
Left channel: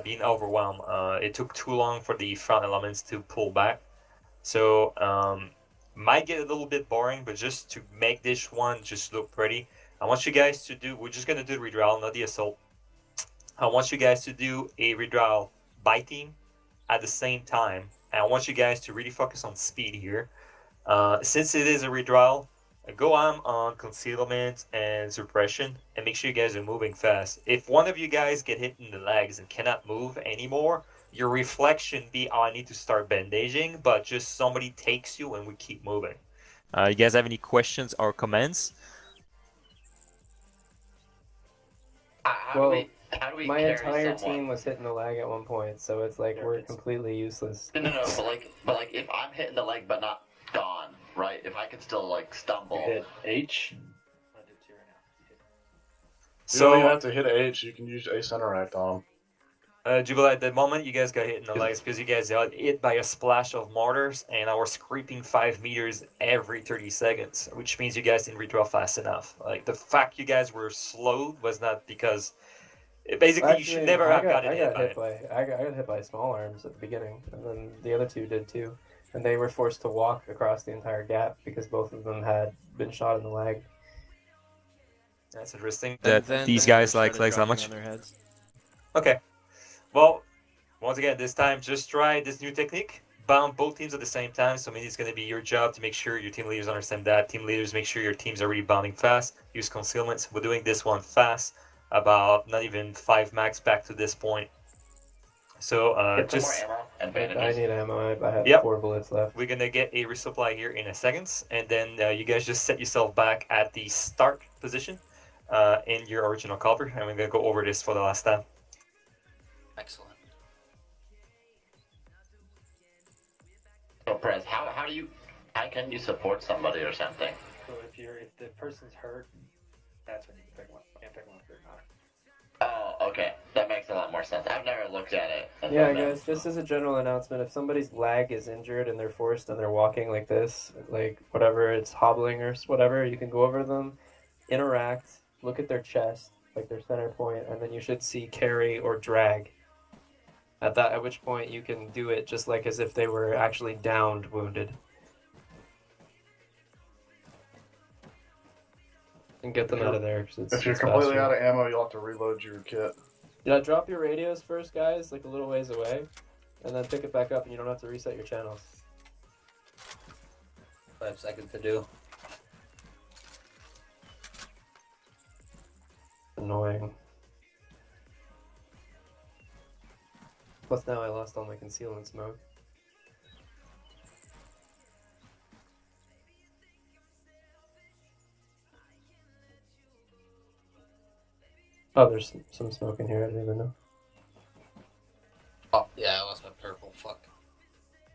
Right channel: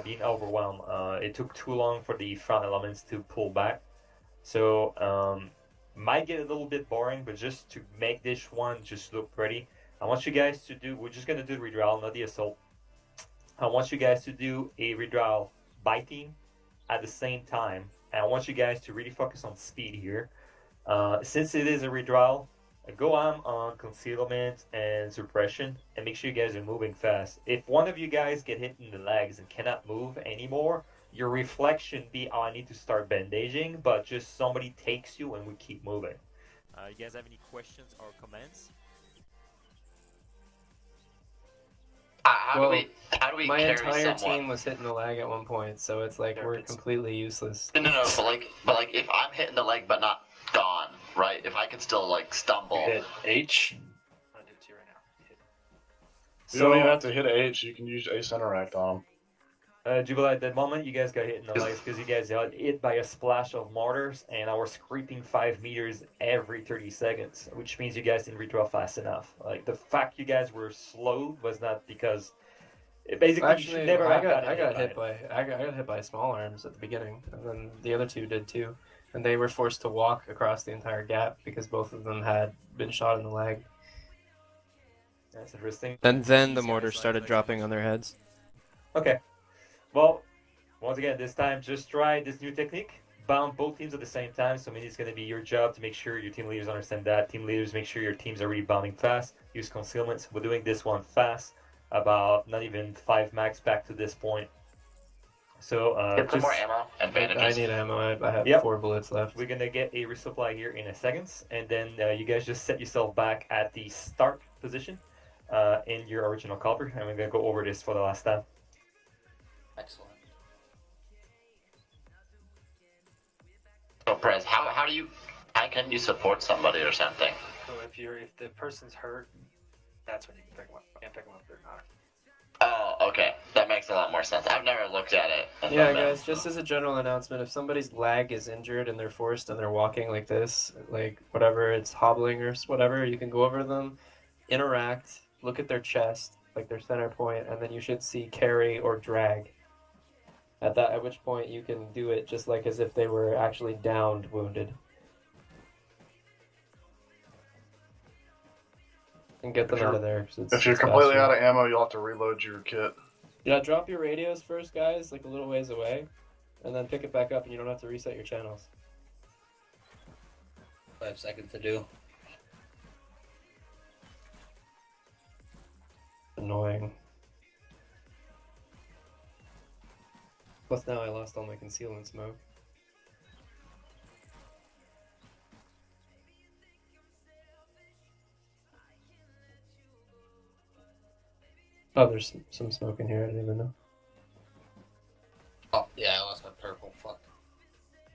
been overwhelmed. It took too long for the front elements to pull back. So might get a little bit boring, but just to make this one just look pretty, I want you guys to do, we're just going to do the withdrawal, not the assault. I want you guys to do a withdrawal by team at the same time. And I want you guys to really focus on speed here. Since it is a withdrawal, go on concealment and suppression and make sure you guys are moving fast. If one of you guys get hit in the legs and cannot move anymore, your reflex shouldn't be, oh, I need to start bandaging, but just somebody takes you and we keep moving. You guys have any questions or comments? How do we my carry entire someone? team was hitting the lag at one point, so it's like we're completely useless. No, but like, if I'm hitting the leg but not gone, right? If I can still like stumble. Hit H. I'll do 2 right now. You don't even have to hit H. You can use Ace Interact on them. Jubilee, at the moment you guys got hit in the legs because you guys got hit by a splash of mortars, and I was creeping 5 meters every 30 seconds, which means you guys didn't redraw fast enough. Like, the fact you guys were slowed was not because... Basically, you should never have gotten hit by it. I got hit by small arms at the beginning, and then the other two did too. And they were forced to walk across the entire gap because both of them had been shot in the leg. That's interesting. And then these the guys mortars like started how dropping much? on their heads. Okay. Well, once again, this time just try this new technique. Bound both teams at the same time. So maybe it's going to be your job to make sure your team leaders understand that. Team leaders make sure your teams are really bounding fast. Use concealments. We're doing this one fast. About not even 5 max back to this point. So Get some more just... ammo and I bandages. need ammo. I have Yep. 4 bullets left. We're gonna get a resupply here in a second, and then you guys just set yourself back at the start position in your original caliber, and we're gonna go over this for the last time. Excellent. So, Prez, how can you support somebody or something? So if the person's hurt, that's when you can pick them up. You can't pick them up if they're not. Oh, okay. That makes a lot more sense. I've never looked at it. Yeah, guys, just as a general announcement, if somebody's leg is injured and they're forced and they're walking like this, like whatever, it's hobbling or whatever, you can go over to them, interact, look at their chest, like their center point, and then you should see carry or drag. At which point you can do it just like as if they were actually downed, wounded. And get them out of there. If you're completely out of ammo, you'll have to reload your kit. Yeah, drop your radios first, guys, like a little ways away, and then pick it back up, and you don't have to reset your channel. 5 seconds to do. Annoying. Plus now I lost all my concealment smoke. Oh, there's some smoke in here, I didn't even know. Oh, yeah, I lost my purple. Fuck.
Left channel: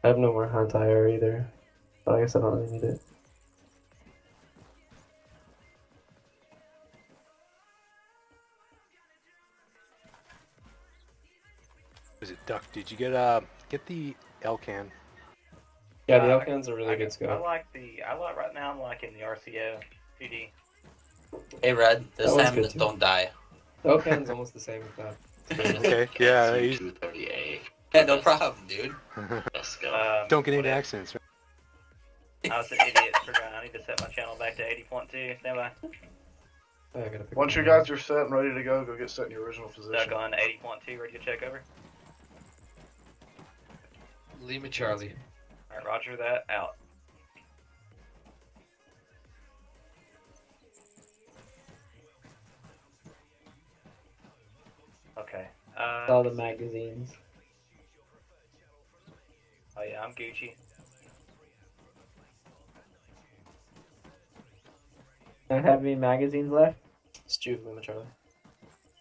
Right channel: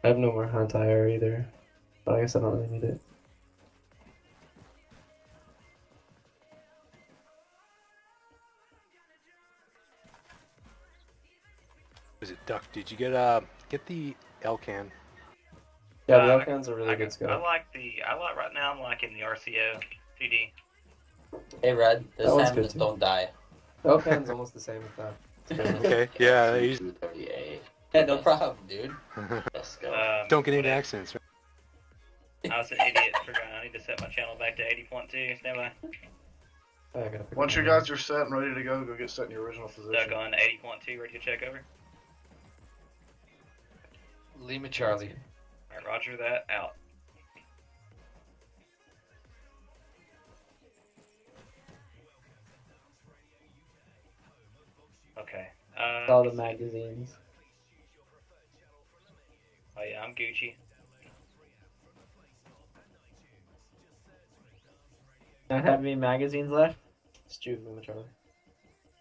I have no more anti-air either, but I guess I don't really need it. Was it Duck? Did you get the L-can? Yeah, the L-cans are really good I scope. like right now. I'm liking the RCO 2D. Hey, Red, this That one's time good, too. don't die. The L-can's almost the same as that. Okay, yeah. Yeah, no problem, dude. Let's go. Don't get into accidents. Right? I was an idiot. Forgot I need to set my channel back to 80.2. Stand by. Once you guys are set and ready to go get set in your original position. Stuck on 80.2. Ready to check over? Lima Charlie. Alright, roger that. Out. Okay. All the magazines. Oh yeah, I'm Gucci. Don't have any magazines left? It's Jude, Lima Charlie.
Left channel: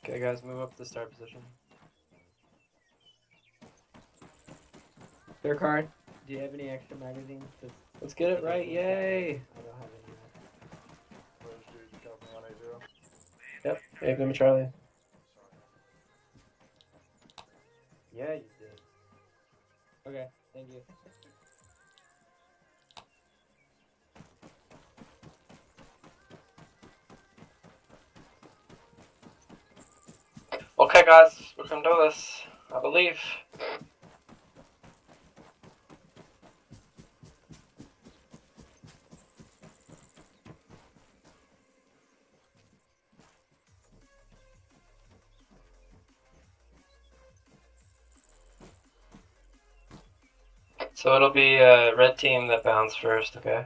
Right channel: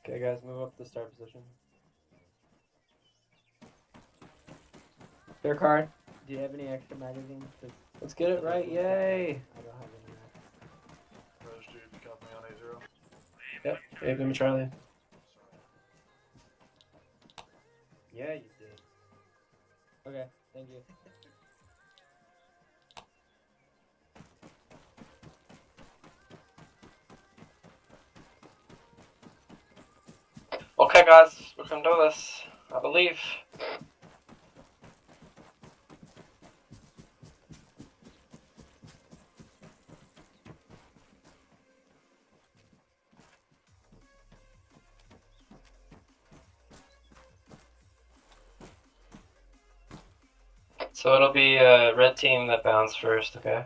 Okay, guys, move up to the start position. Their card. Do you have any extra magazines? Let's get it right, yay! I don't have any left. Yep, hey, Lima Charlie. Yeah, you did. Okay, thank you. Okay, guys, we can do this. I believe. So it'll be red team that bounds first, okay?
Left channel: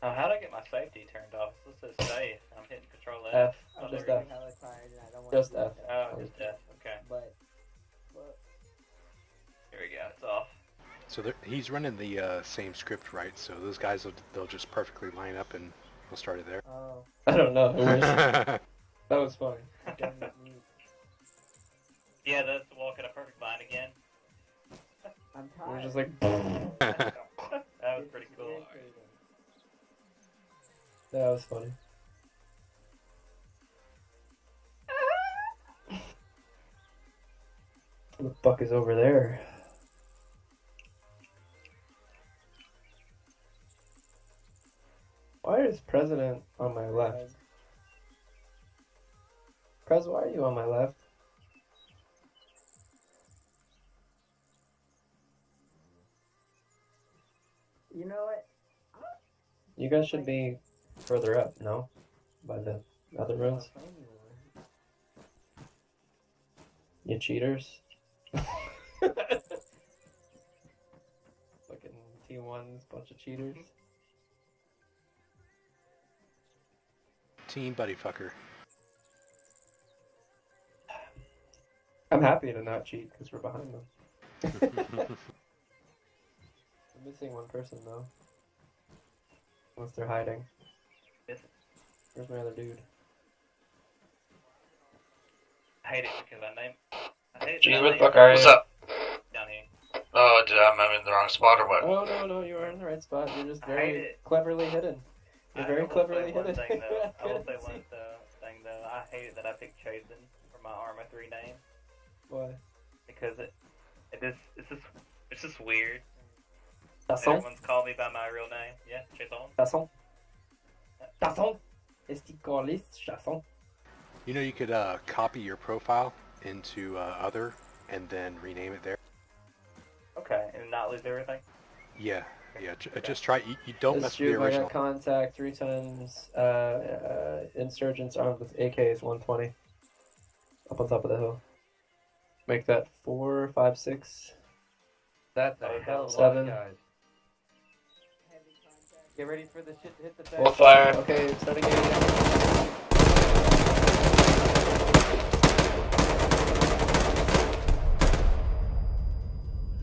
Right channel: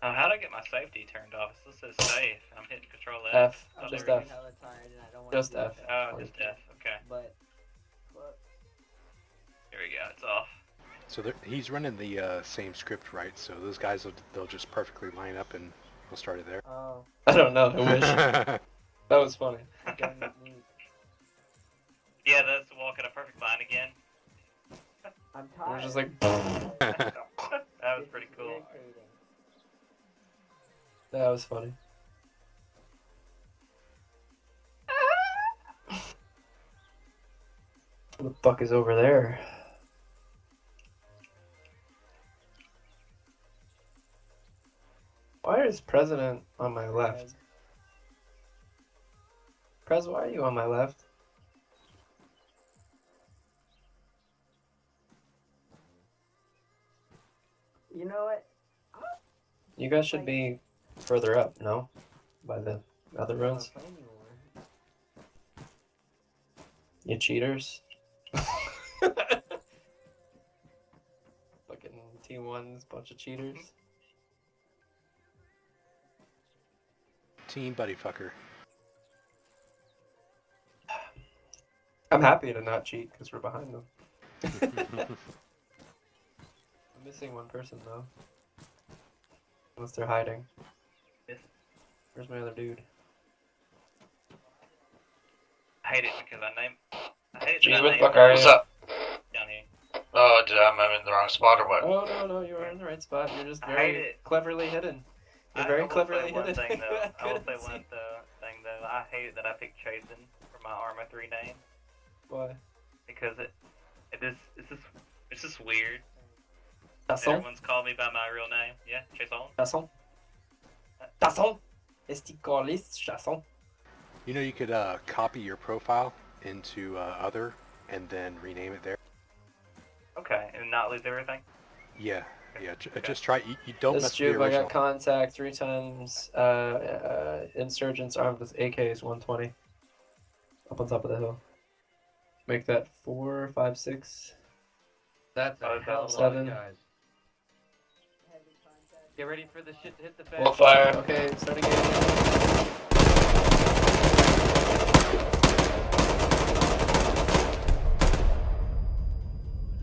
How do I get my safety turned off? This says safe. I'm hitting Control F. F. Oh, Just there we F. go. Just F. Oh, just F. Okay. But Here we go. It's off. So he's running the same script, right? So those guys they'll just perfectly line up and we'll start it there. Oh. I don't know. I wish. That was funny. Yeah, that's walking a perfect line again. I'm tired. We're just like. That was pretty cool. That was funny. Who the fuck is over there? Why is President on my left? Prez, why are you on my left? You know what? You guys should be further up, no? By the other roads. You cheaters. Fucking T1's bunch of cheaters. Team buddy fucker. I'm happy to not cheat because we're behind them. I'm missing one person though. Unless they're hiding. Where's my other dude? I hate it because I hate Gee, that what the I fuck name- are you? What's up? Down here. Oh, I'm in the wrong spot or what? Oh no, you are in the right spot. You're just I hate very it. cleverly hidden. You're very I will cleverly say one hidden. thing though. I will couldn't say see. one thing though. I hate that I picked Chasen for my Arma 3 name Why? because it's just weird. Tasson? Everyone's called me by my real name. Yeah, Chasen. Tasson? Tasson? Esticolis Chasson? You know, you could copy your profile into other and then rename it there. Okay, and not lose everything. Yeah. Just try. You don't This mess with the Jube, I original. got contact 3 times. Insurgents armed with AKs 120. Up on top of the hill. Make that 4, 5, 6. That's a hell of a 7. guys. Get ready for the shit to hit the fan. Full fire. Okay, starting to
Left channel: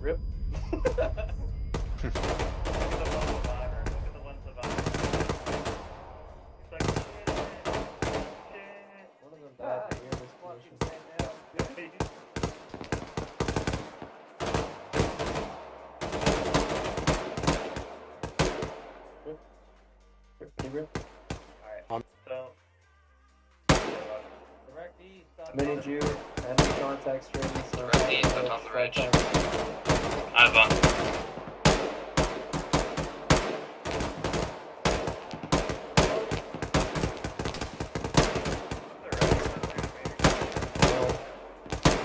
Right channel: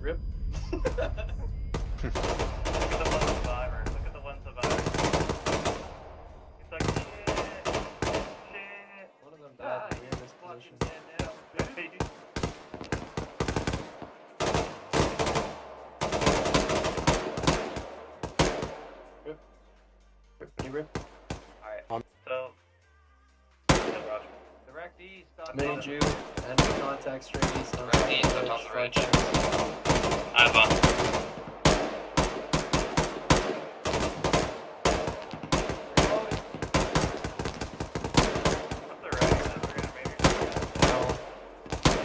Rip. One of them died in the weirdest position. Rip. Alright. So. Direct east. Mini Jew, enemy contact straight east. Direct east, up on the ridge. I've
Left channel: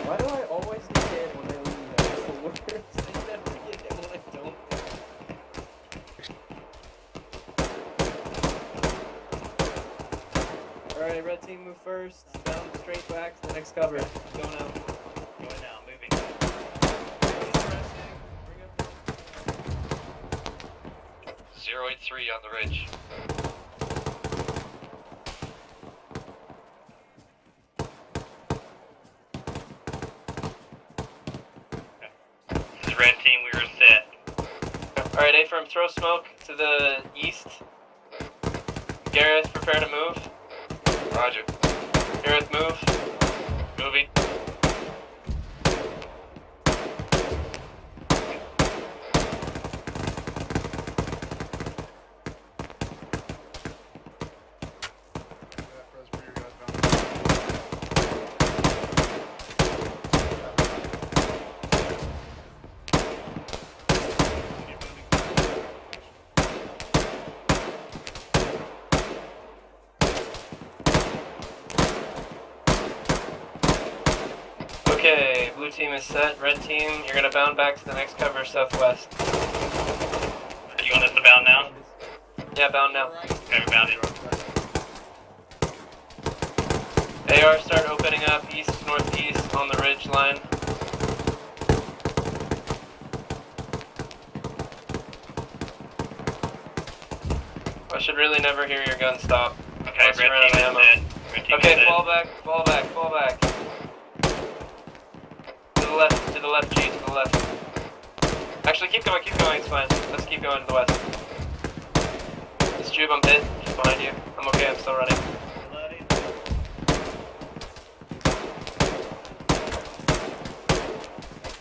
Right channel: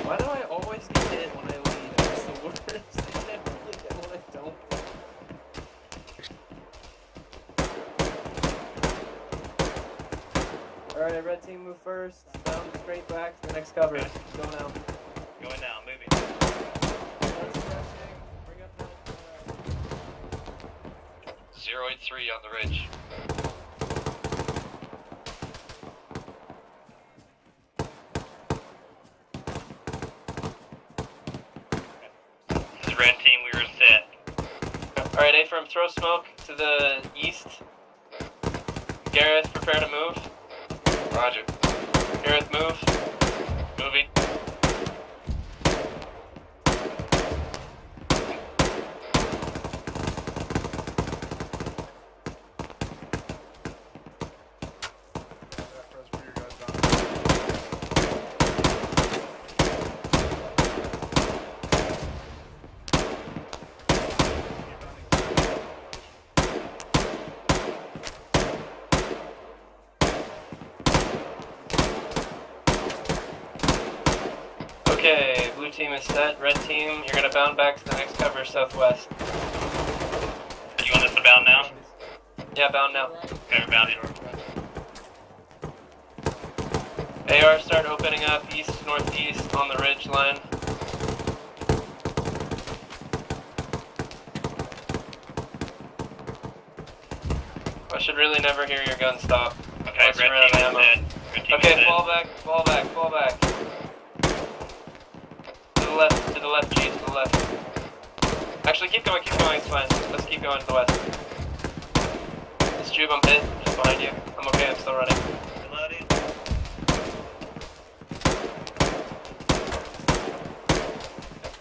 Why do I always get hit when I lead? That's the worst. I never get hit when I don't. Alright, red team move first. Down straight back to the next cover. Go now. Going now, moving. 083 on the ridge. This is red team, we were set. Alright, A-firm, throw smoke to the east. Gareth, prepare to move. Roger. Gareth, move. Moving. Okay, blue team is set. Red team, you're gonna bound back to the next cover southwest. You want us to bound now? Yeah, bound now. Okay, we're bounding. AR, start opening up east, northeast on the ridge line. I should really never hear your gun stop. Okay, Unless red you're out of team is ammo. dead. Red team is Okay, dead. fall back, fall back, fall back. To the left, G, to the left. Actually, keep going, it's fine. Let's keep going to the west. This Jube, I'm hit, just behind you. I'm okay, I'm still running.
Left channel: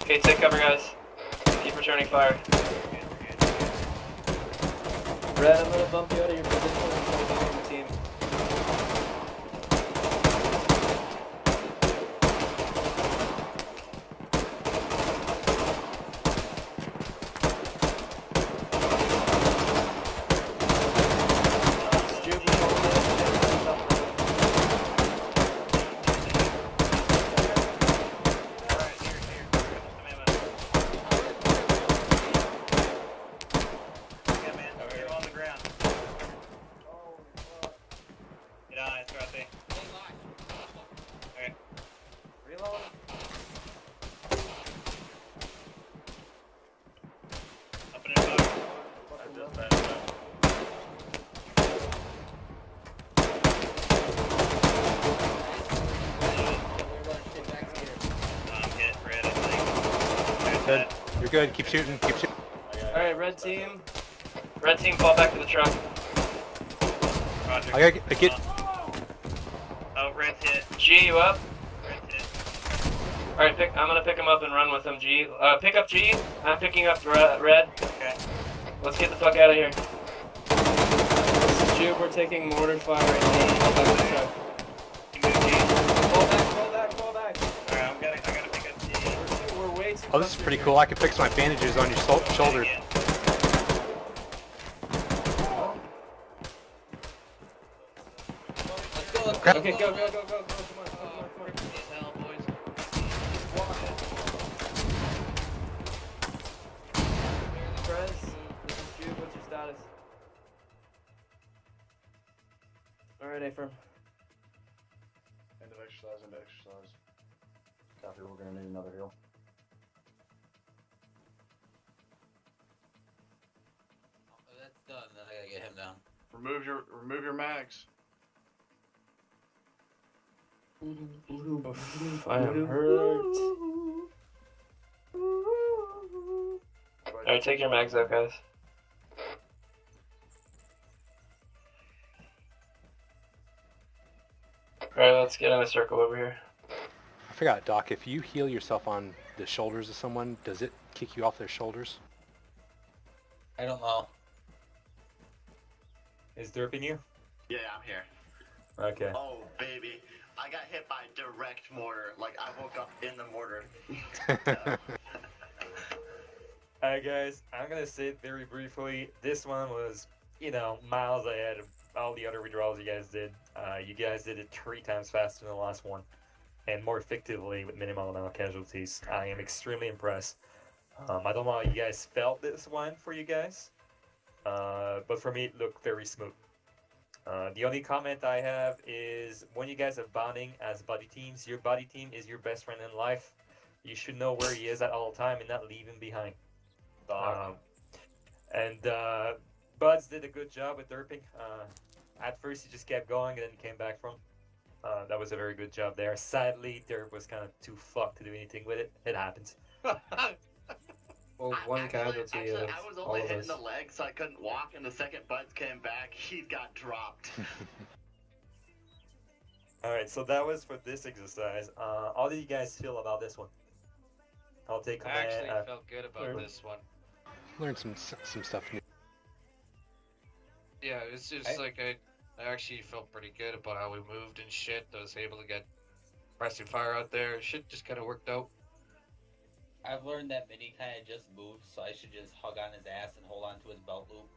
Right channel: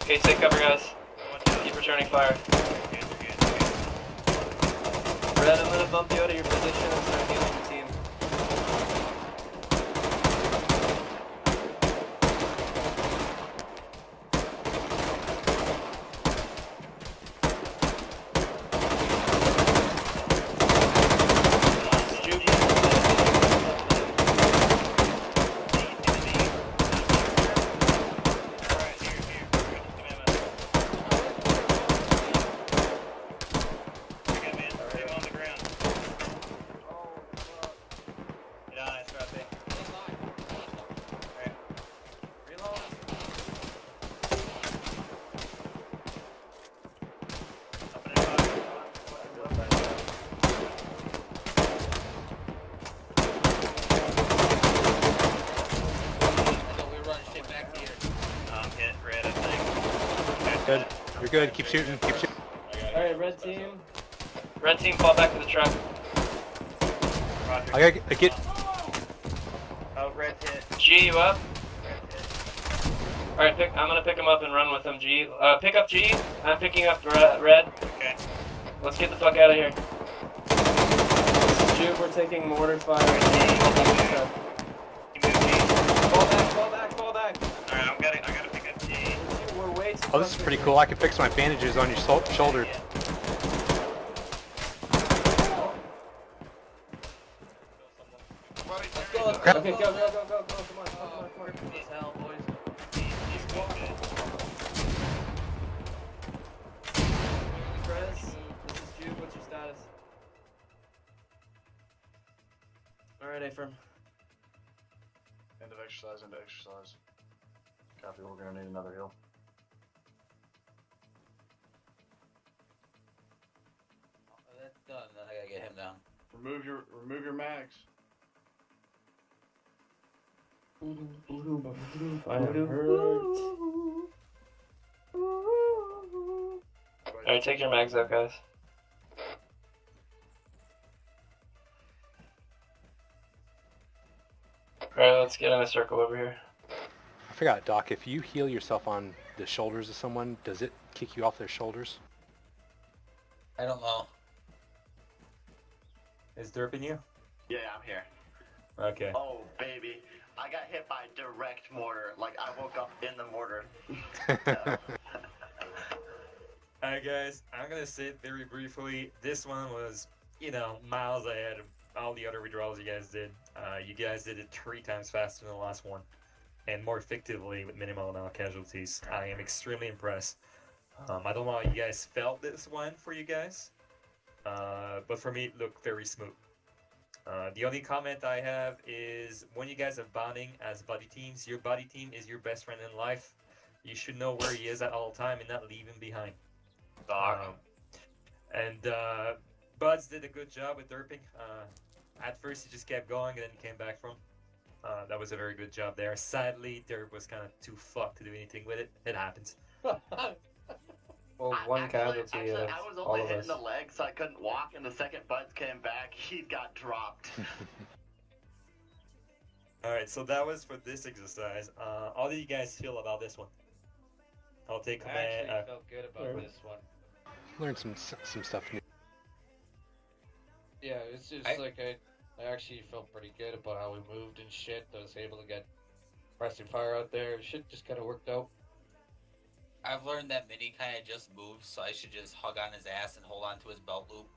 Okay, take cover, guys. Keep returning fire. Red, I'm gonna bump you out of your position and start getting your team. good. Keep shooting. Keep shooting. Alright, red team. Red team, fall back to the truck. I gotta get. Oh, red hit. G, you up? Alright, I'm gonna pick him up and run with him, G. Pick up G. I'm picking up red. Okay. Let's get the fuck out of here. Jube, we're taking mortar fire. We're gonna fall back to the truck. Fall back. Alright, I gotta pick up G. We're way too Oh, this is pretty cool. I can fix my bandages on your shoulder. Crap. Okay, go. Come on. What's your status? Alright, Ephraim. End of exercise, into exercise. Copy, we're gonna need another heal. That's done. Then I gotta get him down. Remove your mags. I am hurt. Alright, take your mags out, guys. Alright, let's get in a circle over here. I forgot, Doc. If you heal yourself on the shoulders of someone, does it kick you off their shoulders? I don't know. Is derping you? Yeah, I'm here. Okay. Oh, baby. I got hit by direct mortar. Like, I woke up in the mortar. Alright guys, I'm gonna say it very briefly. This one was, miles ahead of all the other withdrawals you guys did. You guys did it 3 times faster than the last one, and more effectively with minimal amount of casualties. I am extremely impressed. I don't know how you guys felt this one for you guys, but for me it looked very smooth. The only comment I have is when you guys are bonding as buddy teams, your buddy team is your best friend in life. You should know where he is at all time and not leave him behind. Buds did a good job with derping. At first he just kept going and then came back from. That was a very good job there. Sadly, derp was kind of too fucked to do anything with it. It happens. Well, one casualty Actually, of I was all only of hitting us. the leg, so I couldn't walk, and the second Buds came back, he got dropped. Alright, so that was for this exercise. How do you guys feel about this one? I'll take I command. actually felt good about this one. Learned some stuff new. Yeah, it's just I actually felt pretty good about how we moved and shit. I was able to get pressing fire out there. Shit just kind of worked out. I've learned that Mini kind of just moves, so I should just hug on his ass and hold on to his belt loop.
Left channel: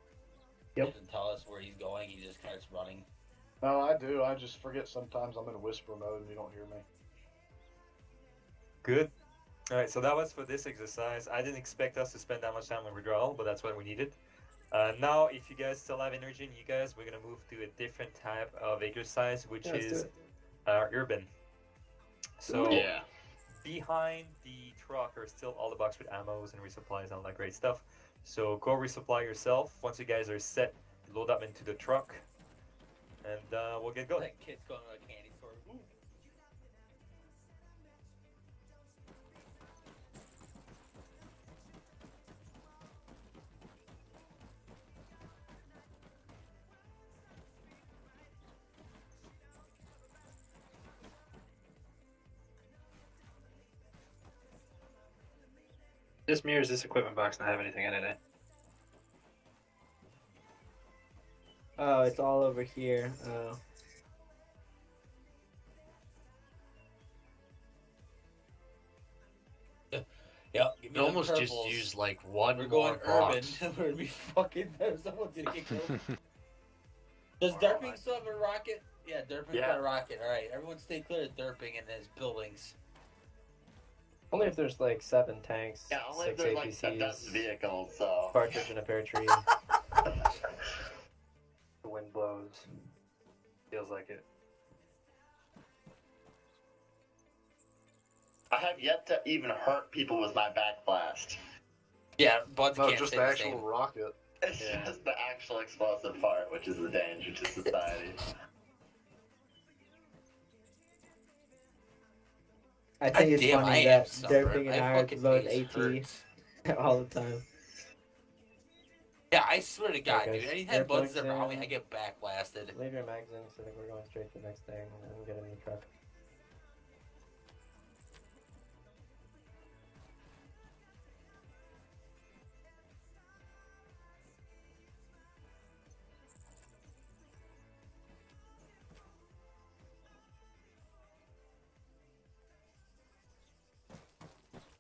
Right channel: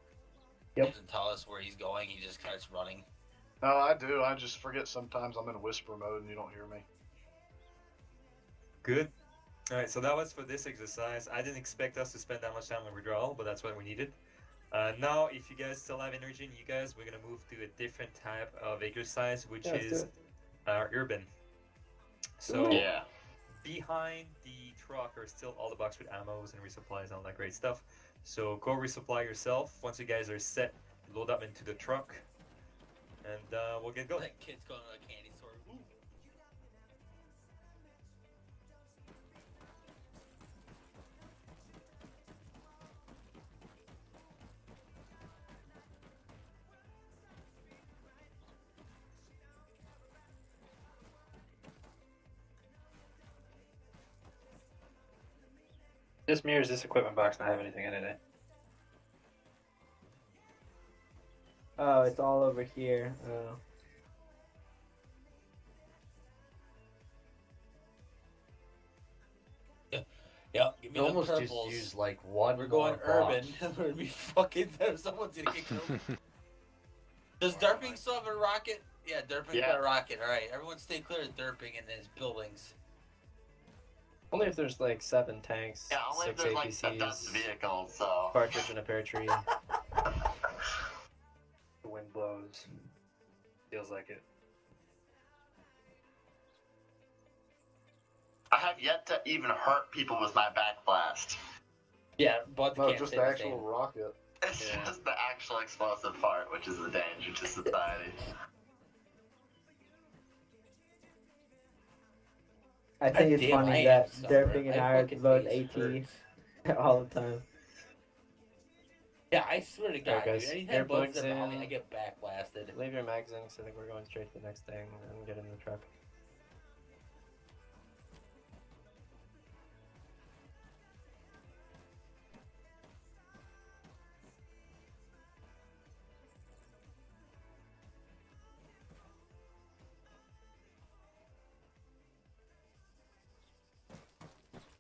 Yep. He doesn't tell us where he's going, he just starts running. No, I do. I just forget sometimes I'm in whisper mode and you don't hear me. Good. Alright, so that was for this exercise. I didn't expect us to spend that much time on withdrawal, but that's what we needed. Now, if you guys still have energy in you guys, we're going to move to a different type of exercise, which is urban. So, yeah. Behind the truck are still all the boxes with ammos and resupplies and all that great stuff. So go resupply yourself. Once you guys are set, load up into the truck, and we'll get going. That kid's going to a candy store. Ooh. This mirrors this equipment box not have anything in it. Oh, it's all over here. Oh. Yep, give me You the almost purples. just used like one. We're going more urban. box. We're gonna be fucking there. Someone's gonna get killed. Does derping still have a rocket? Yeah, derping's got a rocket. All right, everyone stay clear of derping and his buildings. Only if there's like 7 tanks, Yeah, only if 6 there's like APCs, a dozen vehicles, so. partridge in a pear tree. The wind blows. Feels like it. I have yet to even hurt people with my back blast. Yeah, but No, just the actual rocket. It's just the actual explosive part, which is the danger to society. I think it's Damn, funny I that am sunburned. Derping and My I are fucking both face AT. hurts. All the time. Yeah, I swear to God, Alright, dude. guys, Anytime Bud's earplugs there behind me, in. I get backblasted. Leave your mags in, so I think we're going straight to the next thing and get in the truck.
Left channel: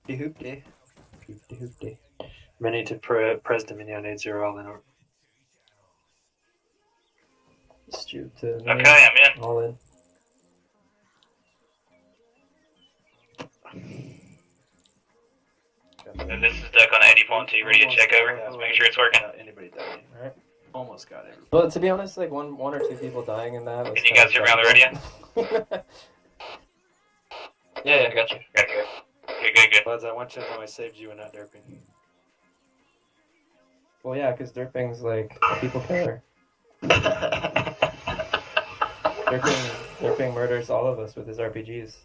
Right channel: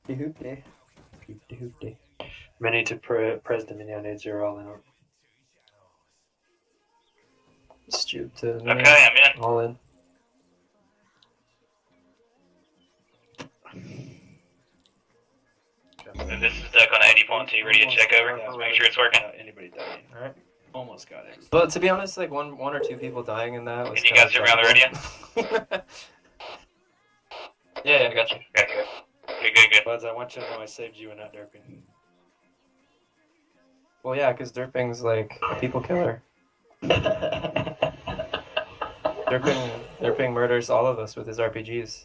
Hoopty. Hoopty hoopty. Mini to Pres Dominion 80 all in order. Stoop to Okay, I'm in. all in. And this is Duck on 80.2, ready to check over. Let's make sure it's working. Anybody dying? Alright. Almost got everybody. But to be honest, like one or two people dying in that. Can you guys hear me on the radio? Yeah, I got you. Okay, good. Buds, I want you to know I saved you and not derping. Well, yeah, because Derping's like a people killer. Derping murders all of us with his RPGs.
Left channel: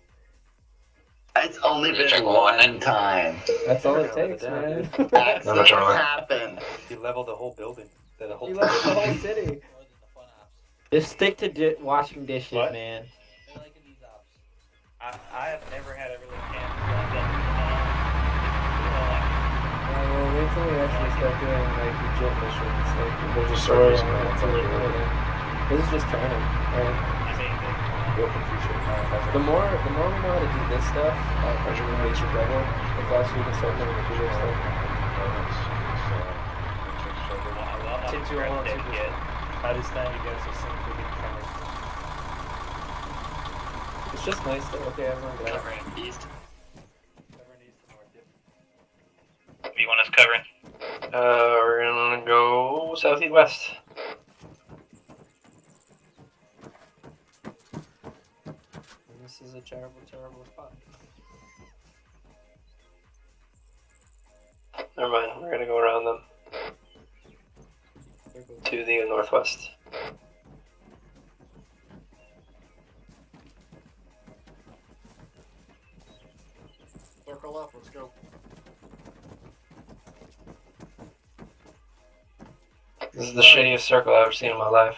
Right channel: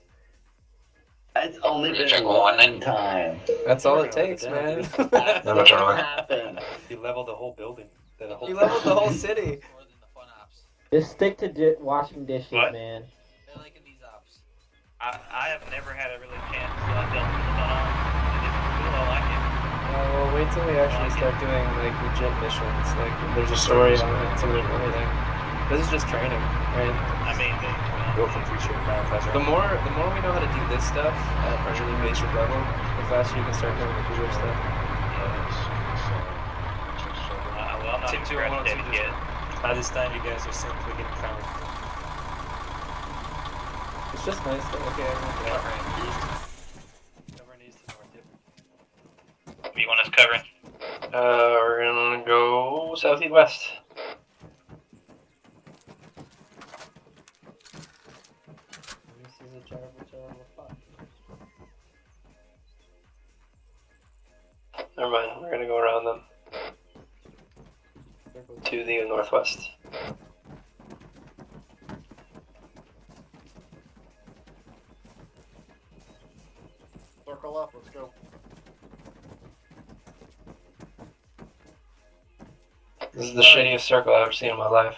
It's only been Check one time. That's all Never it gonna takes, live it man. down, That's No, not Charlie. gonna happen. You leveled the whole building. The whole You leveled the whole city. More than the fun ops. Just stick to washing dishes, What? man. They're liking these ops. I have never had a really chance. Wait till we actually start doing like legit missions. Like there's a story on it too and everything. This is just training, right? I mean, go for t-shirt. The more we know how to do this stuff at a basic level, the faster you can start doing the bigger stuff. Team 2 right now, Team 2. By this time, you guys are so freaking common. It's just nice to look at everyone go out. Covering east and north, yep. What do you want us covering? We're gonna go southeast west. This is a terrible spot. Never mind, we're gonna go around them. To the northwest. Circle up, let's go. This is the shittiest circle I've ever seen in my life.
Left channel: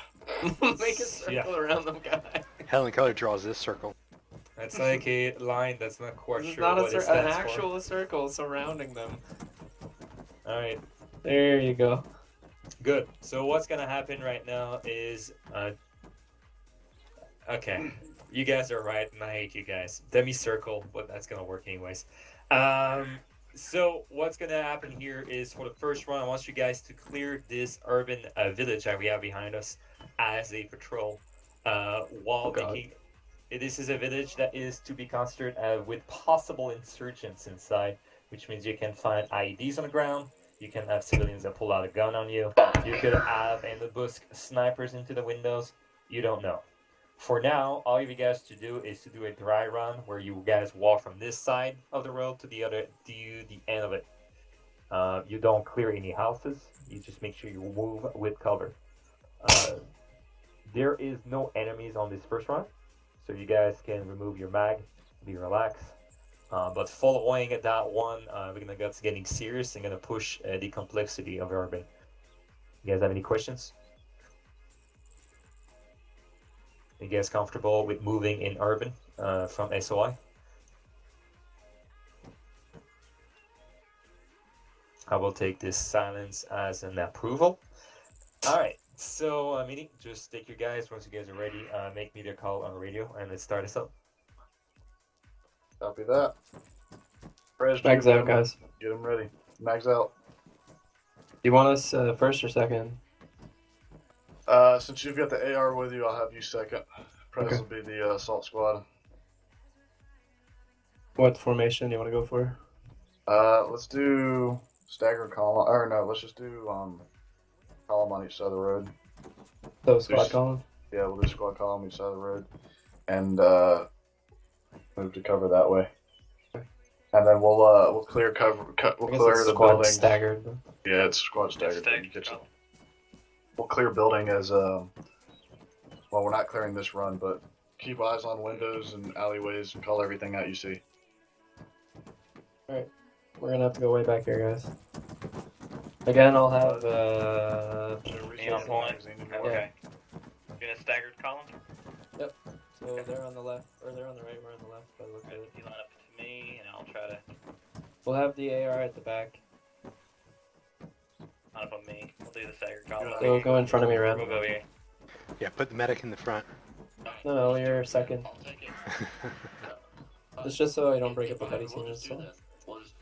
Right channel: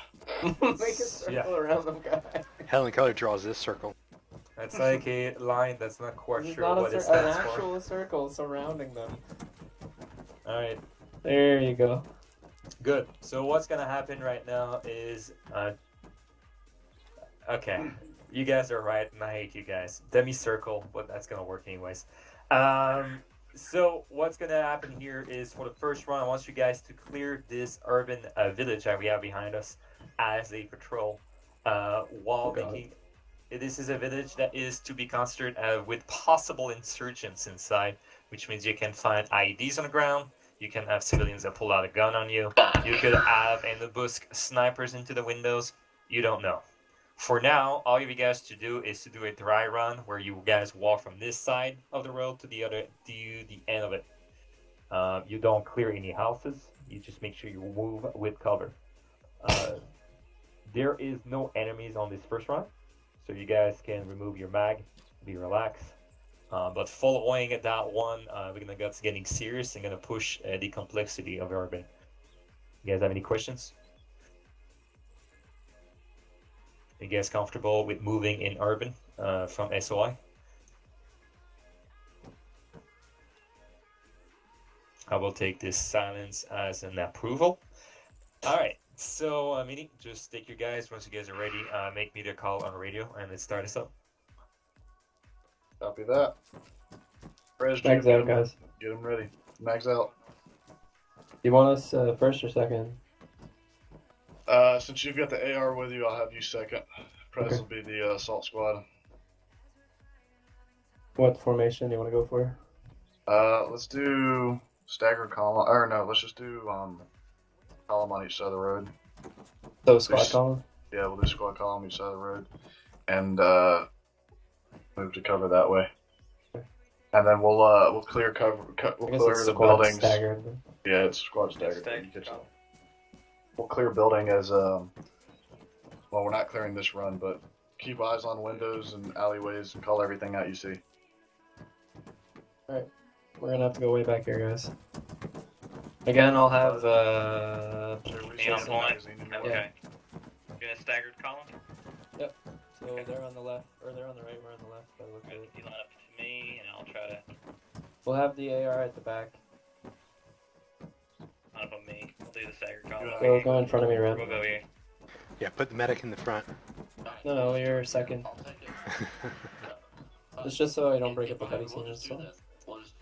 Make a circle Yeah. around them, guy. Helen Keller draws this circle. That's like a line that's not quite This is sure not what it an stands for. actual circle surrounding them. Alright, There you go. good. So what's gonna happen right now is, okay, you guys are right, and I hate you guys. Demi-circle, but that's gonna work anyways. So what's gonna happen here is for the first run, I want you guys to clear this urban village that we have behind us as a patrol, while making. This is a village that is to be considered with possible insurgents inside, which means you can find IEDs on the ground. You can have civilians that pull out a gun on you. You could have in the busk snipers into the windows. You don't know. For now, all you guys to do is to do a dry run where you guys walk from this side of the road to the end of it. You don't clear any houses. You just make sure you move with cover. There is no enemies on this first run, so you guys can remove your mag, be relaxed. But following that one, we're gonna get getting serious and gonna push the complexity of urban. You guys have any questions? You guys comfortable with moving in urban from SOI? I will take this silence as an approval. All right, so Mini, just take your guys once you guys are ready. Make me the call on the radio, and let's start us up. Copy that. Prez, Mags out, guys. Get them ready. Mags out. You want us first or second? Since you've got the AR with you, I'll have you second. Prez Okay. will be the assault squad. What formation do you want to go for? Let's do staggered column. Or no, let's just do column on each side of the road. So squad column? Yeah, we'll do squad column each side of the road, and move to cover that way. And then we'll clear cover. We'll I guess clear it's the squad buildings. staggered. Yeah, it's squad staggered. Staggered. We'll clear building as well, we're not clearing this run, but keep eyes on windows and alleyways and call everything out you see. Alright. We're gonna have to go way back here, guys. Again, I'll have Me on point. Okay. You in a staggered column? Yep. So they're on the left, or they're on the right. We're on the left. By the look of it. You line up to me, and I'll try to We'll have the AR at the back. line up on me. I'll do the staggered column. So go in front of me, Ren. We'll go here. Yeah, put the medic in the front. No, you're second. It's just so I don't break up the buddy We'll team. just do this. We'll just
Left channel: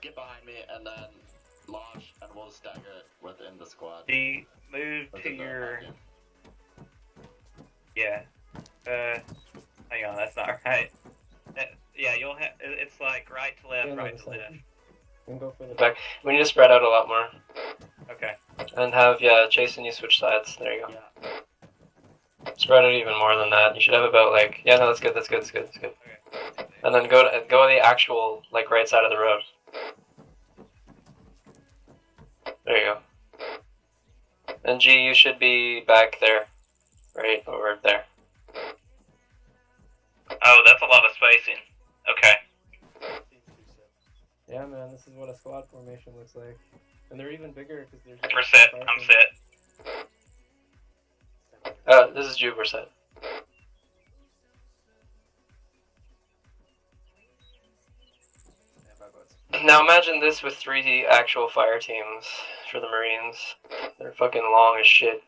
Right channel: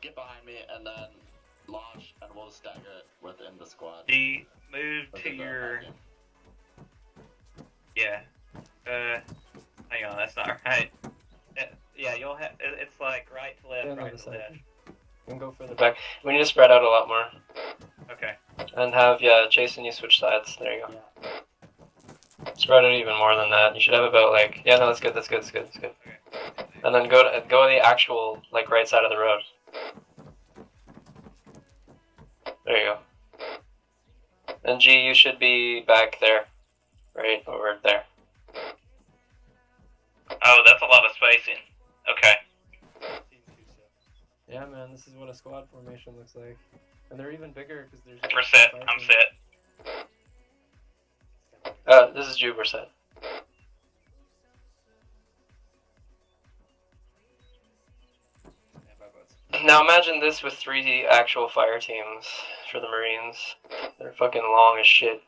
get behind me and then launch, and we'll stagger it within the squad. D, move to Within the your. back-end. Yeah. Hang on, that's not right. Yeah, you'll have. It's like right to left, Yeah, no, right the to left. second. And go for the Back. We need to spread out a lot more. Okay. And have, Jason, you switch sides. There you go. Spread it even more than that. You should have about like, yeah, no, that's good, that's good, that's good, that's good. And then go to the actual like right side of the road. There you go. And G, you should be back there, right over there. Oh, that's a lot of spacing. Okay. Yeah, man, this is what a squad formation looks like. And they're even bigger because there's. We're set. I'm set. This is Jude. We're set. Now imagine this with 3 actual fire teams for the Marines. They're fucking long as shit.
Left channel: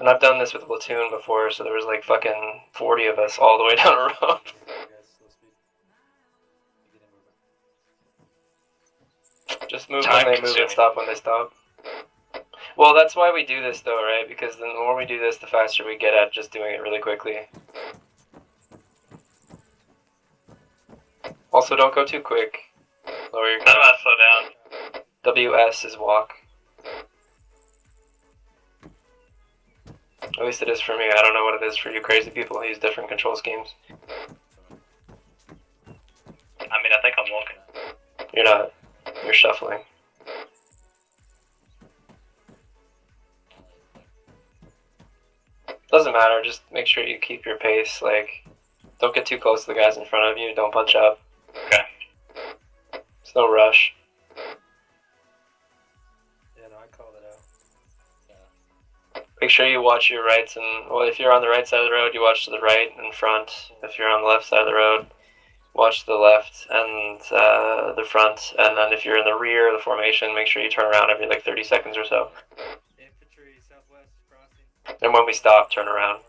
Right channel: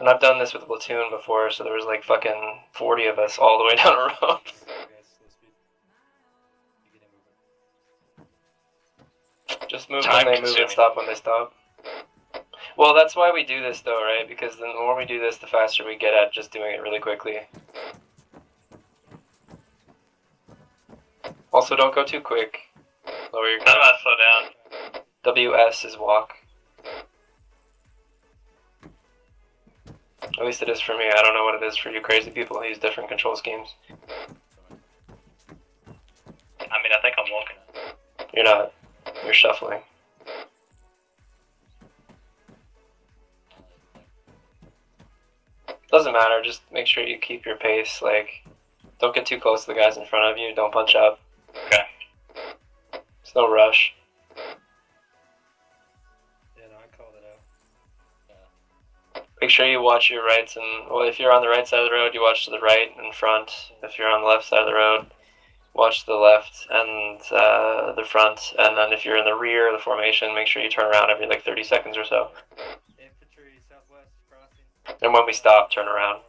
And I've done this with a platoon before, so there was like fucking 40 of us all the way down a road. Just move when they move and stop when they stop. Well, that's why we do this though, right? Because the more we do this, the faster we get at just doing it really quickly. Also, don't go too quick. Lower your gun. Slow down. WS is walk. At least it is for me. I don't know what it is for you crazy people who use different control schemes. I mean, I think I'm walking. You're not. You're shuffling. Doesn't matter, just make sure you keep your pace, like, don't get too close to the guys in front of you, don't punch up. Okay. There's no rush. Yeah, no, I called it out. Make sure you watch your rights, and, well, if you're on the right side of the road, you watch to the right and front. If you're on the left side of the road, watch to the left and the front, and then if you're in the rear of the formation, make sure you turn around every, like, 30 seconds or so. And when we stop, turn around.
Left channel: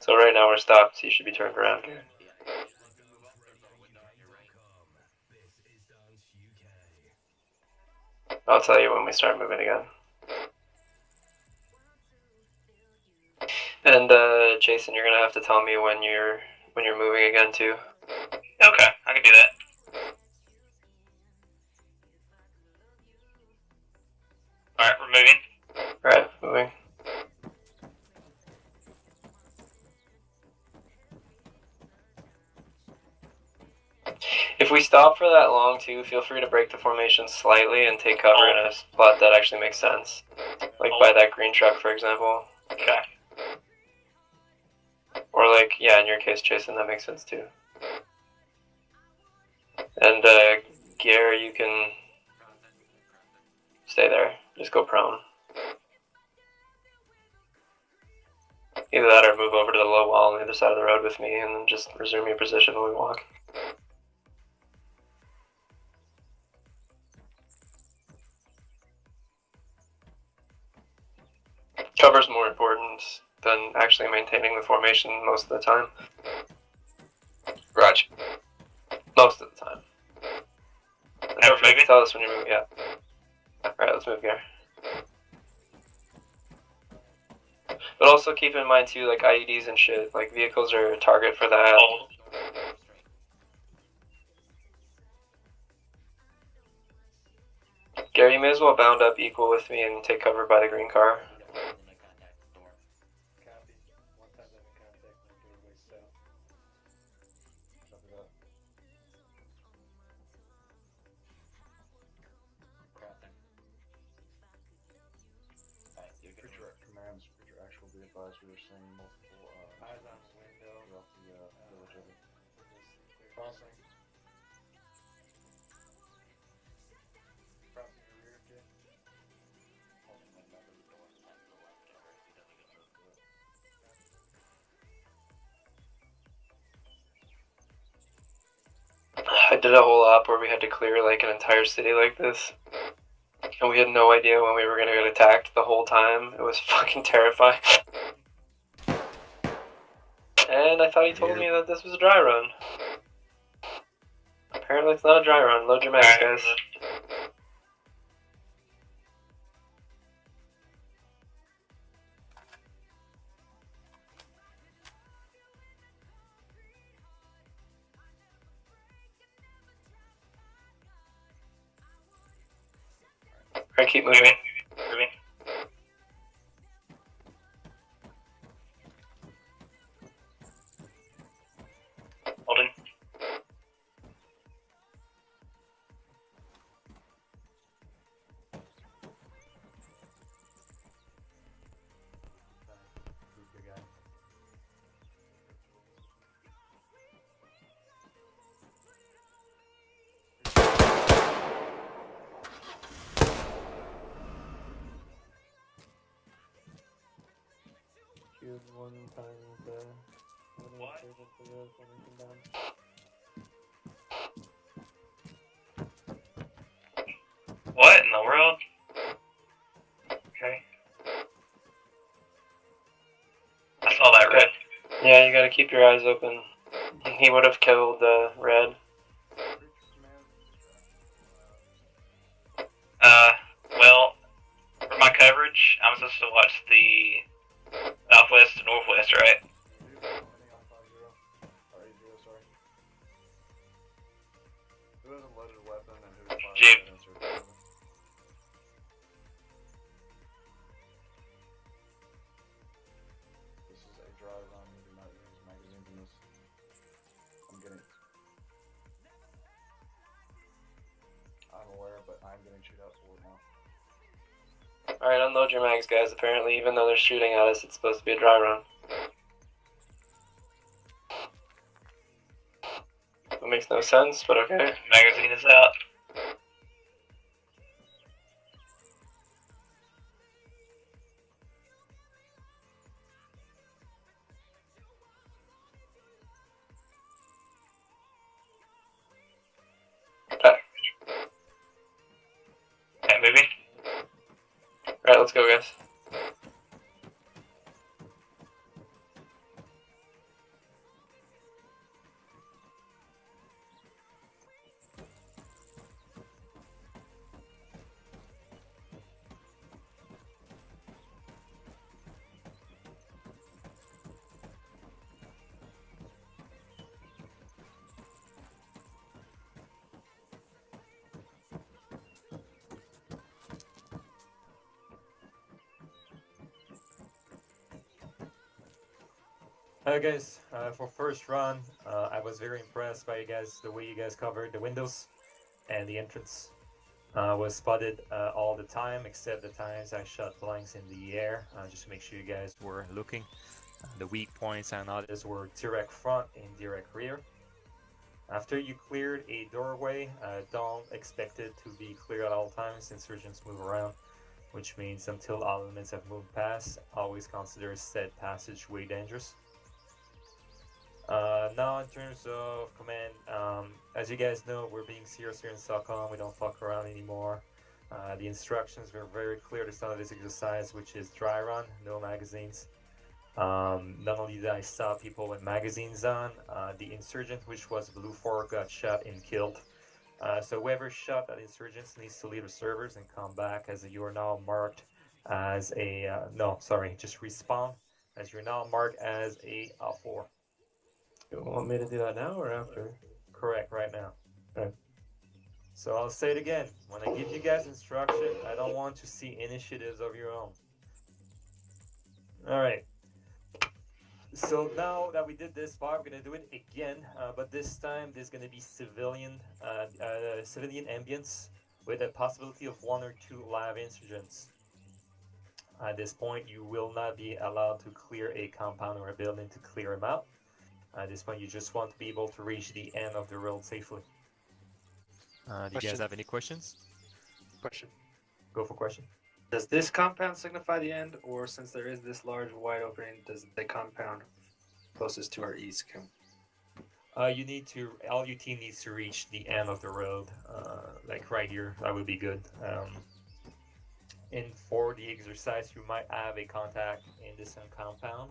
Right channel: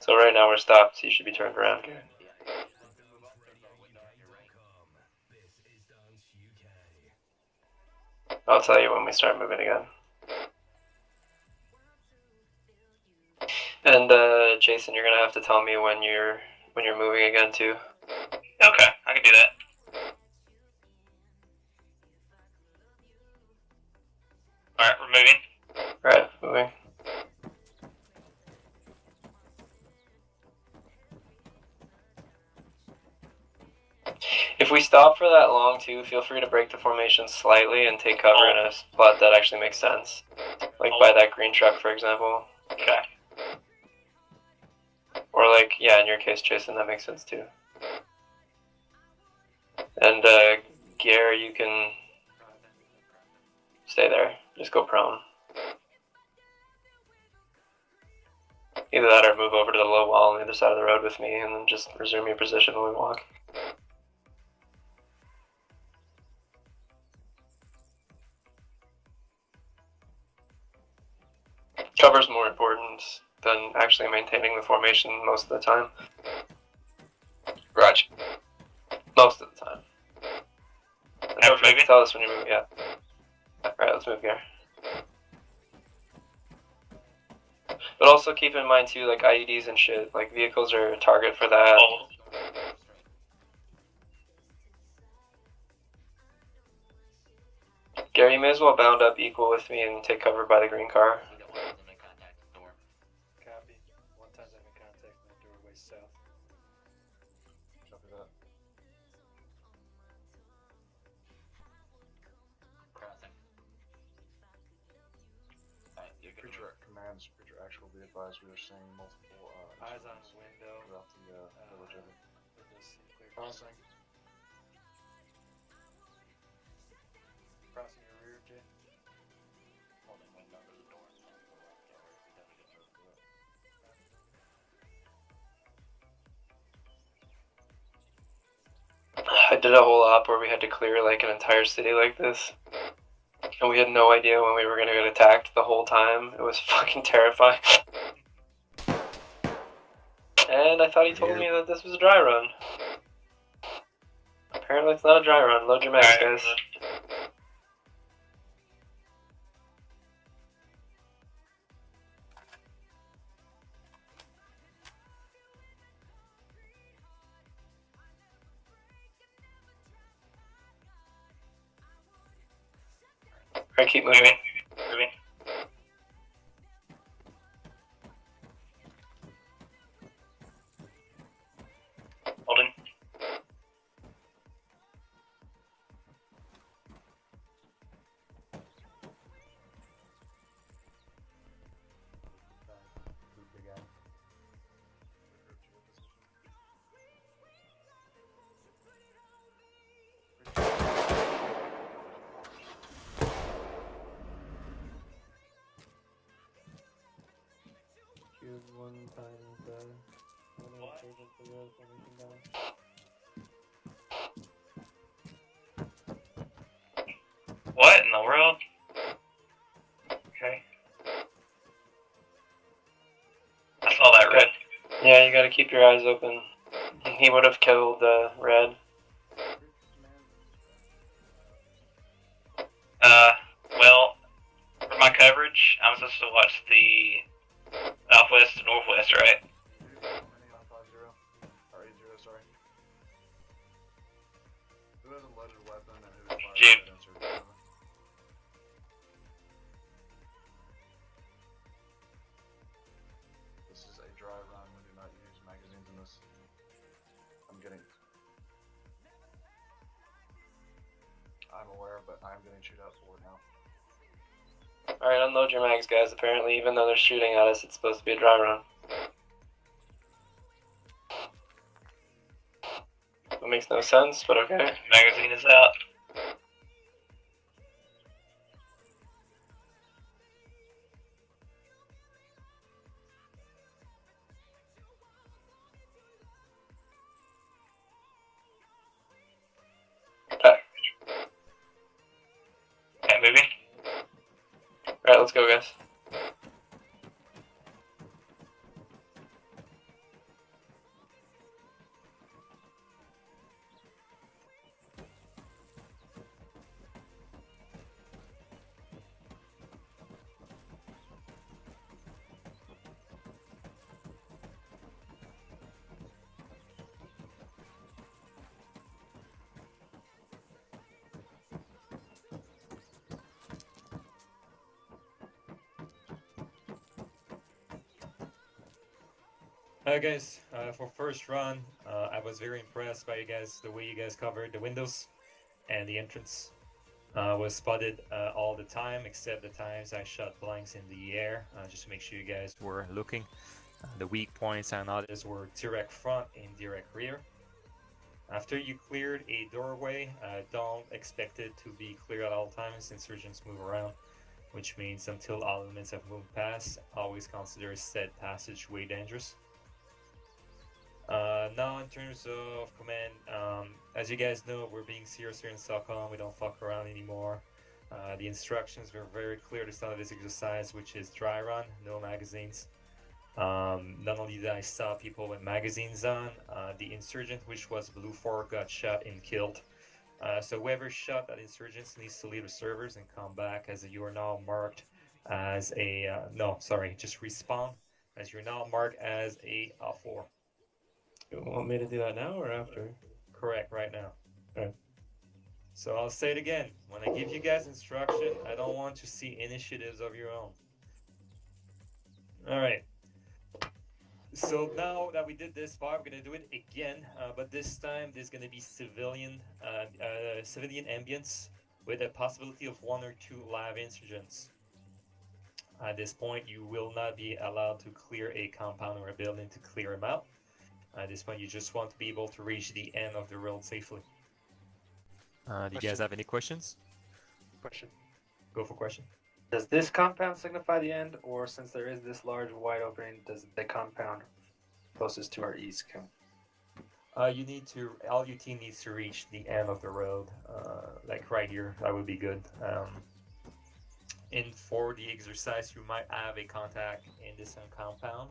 So right now we're stopped, so you should be turned around. I'll tell you when we start moving again. And Jason, you're gonna have to tell me when you're moving again too. Okay, I can do that. Alright, we're moving. Alright, moving. If we stop for that long too, feel free to break the formation slightly and take cover in a spot that actually makes sense. Like by that green truck, for example. Okay. Or like, yeah, in your case, Jason, that makes sense too. And Gare, you can stay there. Just go prone. Either that or move over to the low wall on the other side of the road with me and then just resume your position when we walk. Cover's more important than actually maintaining the formation most of the time. Roger. Most of the time. Don't forget to tell us when you're moving. Yeah. Alright, let's move here. But also keep in mind too, like IEDs and shit, like vehicles are a target for that. Gary, you may as well bound up equal with me and take cover by the green car. and Scrooge actual be advised we are seeing multiple Eyes on window. throughout the village of it. Crossing. Crossing your rear, Jay. Holding window to the door and the left gallery if he doesn't get moved to it. I did a whole op where we had to clear like an entire city like this. And we had no idea when we were gonna get attacked the whole time. It was fucking terrifying. And I thought he told me that this was a dry run. Apparently it's not a dry run. Load your mags, guys. Alright, keep moving. Moving. Holding. Shoot one time there. One insurgent for the formation down. What in the world? Okay. I saw that red. Yeah, you gotta keep your eyes open. He would have killed red. Well, for my coverage, I'm supposed to watch the southwest to northwest, right? Who has a loaded weapon and who is Jeep. This is a dry run. We do not use magazines in this. I'm aware, but I'm getting chewed out for it now. Alright, unload your mags, guys. Apparently, even though they're shooting at us, it's supposed to be a dry run. That makes no sense, but okay. Magazine is out. Okay, moving. Alright, let's go, guys. Hi guys, for first run, I was very impressed by you guys, the way you guys covered the windows and the entrance. Was spotted all the time, except the times I shot blanks in the air, just to make sure you guys were looking. The weak points and others were direct front and direct rear. After you cleared a doorway, don't expect it to be clear at all times. Insurgents move around, which means until all elements have moved past, always consider said passageway dangerous. Now in terms of command, as you guys know, we're being serious here in Stockholm. We don't fuck around anymore. The instructions were very clear to start this exercise, which is dry run, no magazines. Not only did I stop people with magazines on, the insurgent, which was Blue 4, got shot and killed. So whoever shot at insurgents needs to leave the servers and come back, as you are now marked as a, just respawn, as you're now marked as a 4. You want me to do that now or after? Correct, right now. Okay. So I'll say it again. When I give you guys instruction, I don't want to see initiatives of your own. Alright. So now that we did this part, we're going to do it again. But this time, there's going to be civilian ambience with a possibility of 1 or 2 live insurgents. At this point, you will not be allowed to clear a compound or a building to clear them out. At this point, you just want to be able to reach the end of the road safely. Do you guys Question. have any questions? Question. Go for question. Does this compound signify the end, or since there is this large wide opening, does the compound closest to our east count? You need to. All your team needs to reach the end of the road, like right here. That would be good. For the exercise, you might have a contact in this compound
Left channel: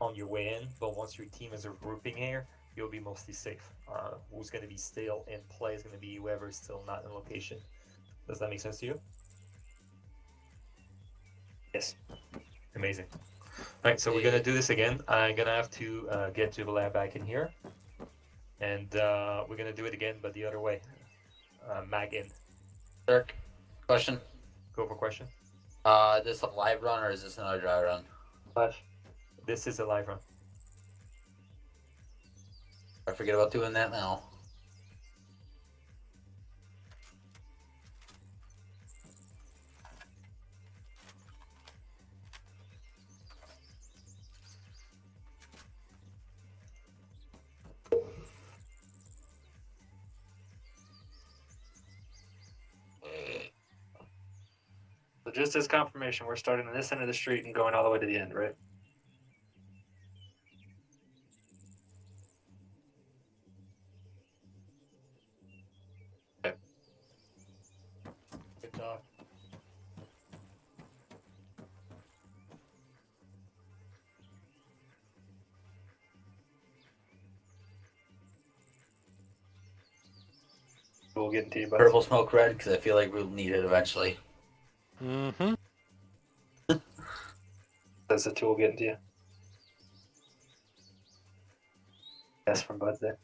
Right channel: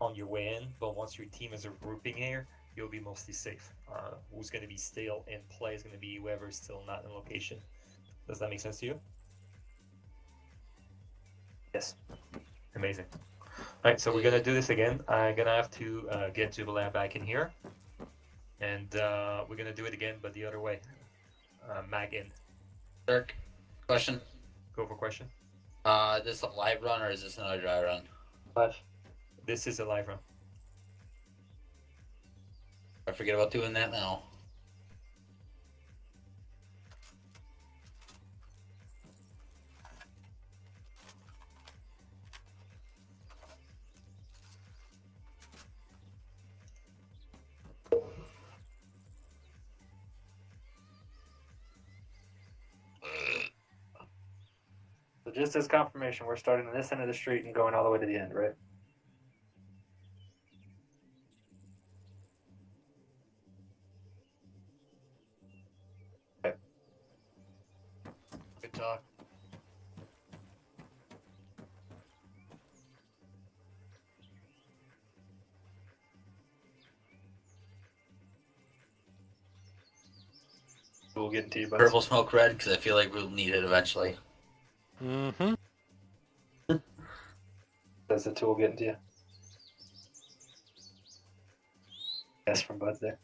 on your way in, but once your team is regrouping here, you'll be mostly safe. Who's going to be still in play is going to be whoever's still not in location. Does that make sense to you? Yes. Amazing. Alright, so we're going to do this again. I'm going to have to get Jubilee back in here. And we're going to do it again, but the other way. Mag in. Dirk, question. Go for question. This a live run or is this another dry run? Live. This is a live run. I forget about doing that now. So just as confirmation, we're starting on this end of the street and going all the way to the end, right? Okay. Good talk. We'll get into you, bud. Purple smoke red because I feel like we'll need it eventually. Mm-hmm. Does the tool get into you? Yes, from Bud's there.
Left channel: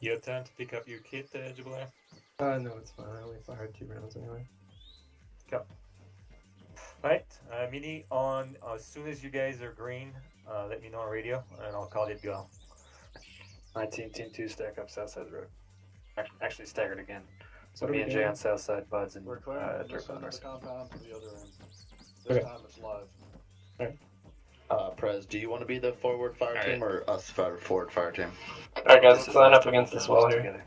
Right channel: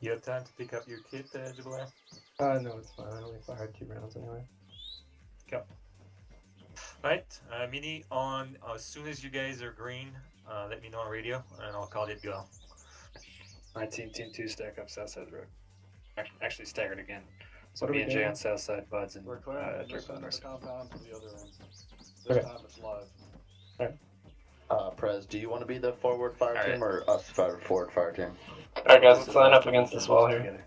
You have time to pick up your kit, Jubilee? No, it's fine. I only fired 2 rounds anyway. Go. Right, Mini, on as soon as you guys are green, let me know on radio, and I'll call it go. My team 2 stack up south side of the road. Actually staggered again. So What are me we and Jay doing? on south side, Buds and We're clearing from this Dirk on end of north the compound to the other end. This Okay. time it's live. Prez, do you want to be the forward fire team or us forward fire team? Alright guys, let's line up against this wall here.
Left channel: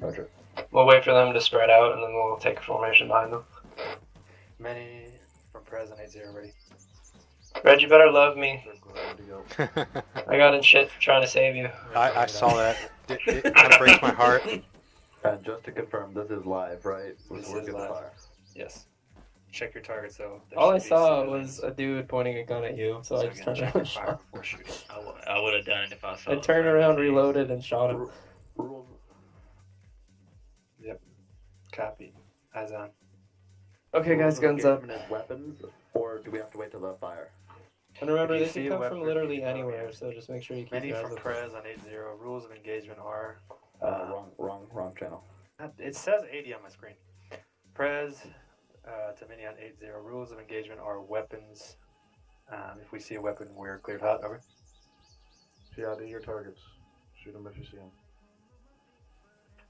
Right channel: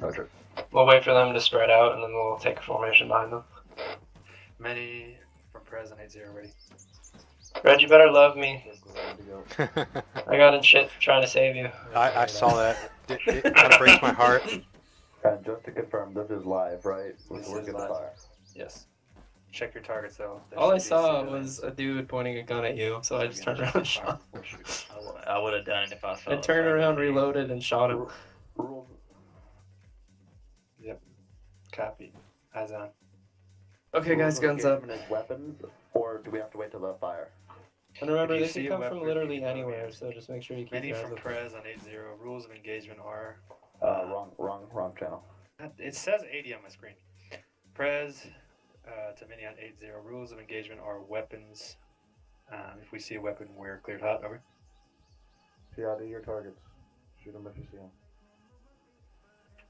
Roger. We'll wait for them to spread out and then we'll take a formation behind them. Many from Prez and 8-0 ready. Red, you better love me. I I got in shit trying to save you. saw that. It kind of breaks my heart. And just to confirm, this is live, right? This is live. Yes. Check your targets though. There All I should be saw civilians. was a dude pointing a gun at you, so I just turned around and shot him. I would have done it if I saw I turned around, reloaded, and shot him. Yep. Copy. Eyes on. Okay, guys, guns up. Weapons, or do we have to wait till the fire? And remember, If you they see can a come weapon, from literally anywhere, so just make sure you keep Many your eyes from open. Prez on 8-0. Rules of engagement are. Wrong channel. It says 80 on my screen. Prez to Mini on 8-0. Rules of engagement are weapons. If we see a weapon, we're cleared hot. Over. PID your targets. Shoot them if you see them.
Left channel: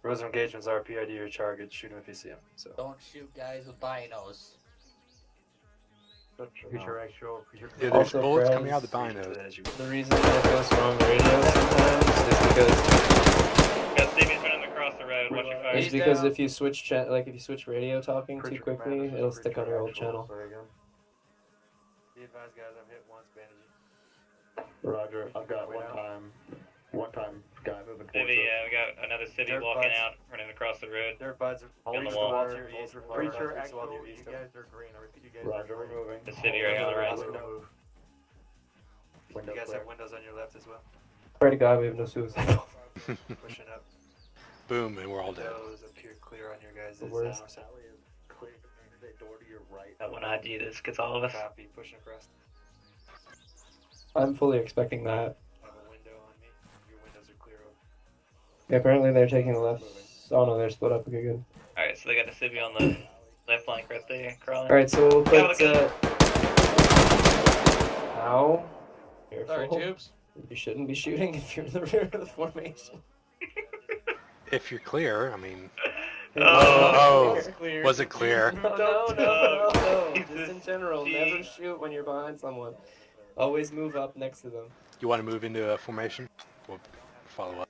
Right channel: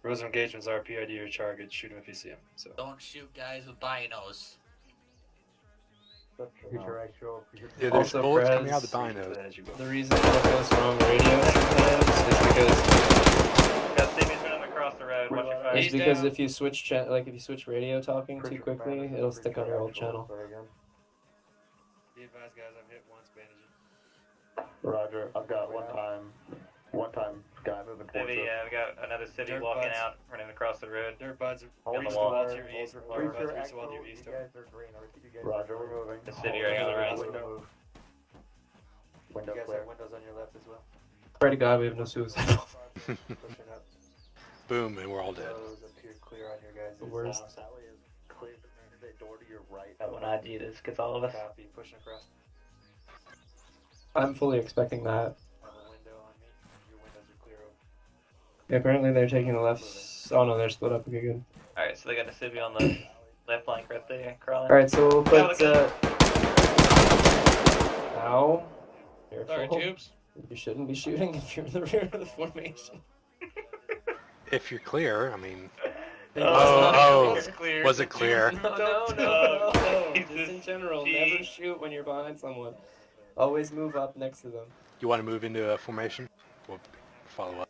Rules of engagements are PID your target. Shoot them if you see them. So. Don't shoot guys with binos. Future actual. Yeah, there's Also, bullets Prez, coming out of the binos. The reason that goes wrong radio sometimes Got Stevie's running across the road. Watch your fire. is because if you switch if you switch radio talking too quickly, it'll stick on your old channel. Be advised, guys. I've hit once, bandage. Roger. I've got one time guy moving towards Civvy, us. we got another civvy Dirt walking buds. out, running across the road. Dirt buds. On the east wall. wall to your east. Dirt buds, east wall to your east. Roger, we're moving. The civvy right on the right. You Window guys clear. have windows on your left as well. Pray to God we have no suicide. Pushing up. Boom, and we're all dead. Those appear clear on your guys' The worst. Clear the door to your right. When I do this, gets all of us. Copy. Pushing across. I'm fully expecting that. I have a window on me. Your windows are clear. Yeah, apparently they're taking the left. Oh no, they're split up. It'll be good. Alright, so they got the civvy on the left flank right there, crawling. Alright, so we'll Yeah, put. look Ow. Careful. Sorry, Tubes. You shouldn't be shooting if you're in the rear of the formation. If you're clear, I mean, Oh, Clear. was it clear? No. Just in general, never shoot when you're behind someone. Always move up next to them. You want to move into a formation? We'll follow up.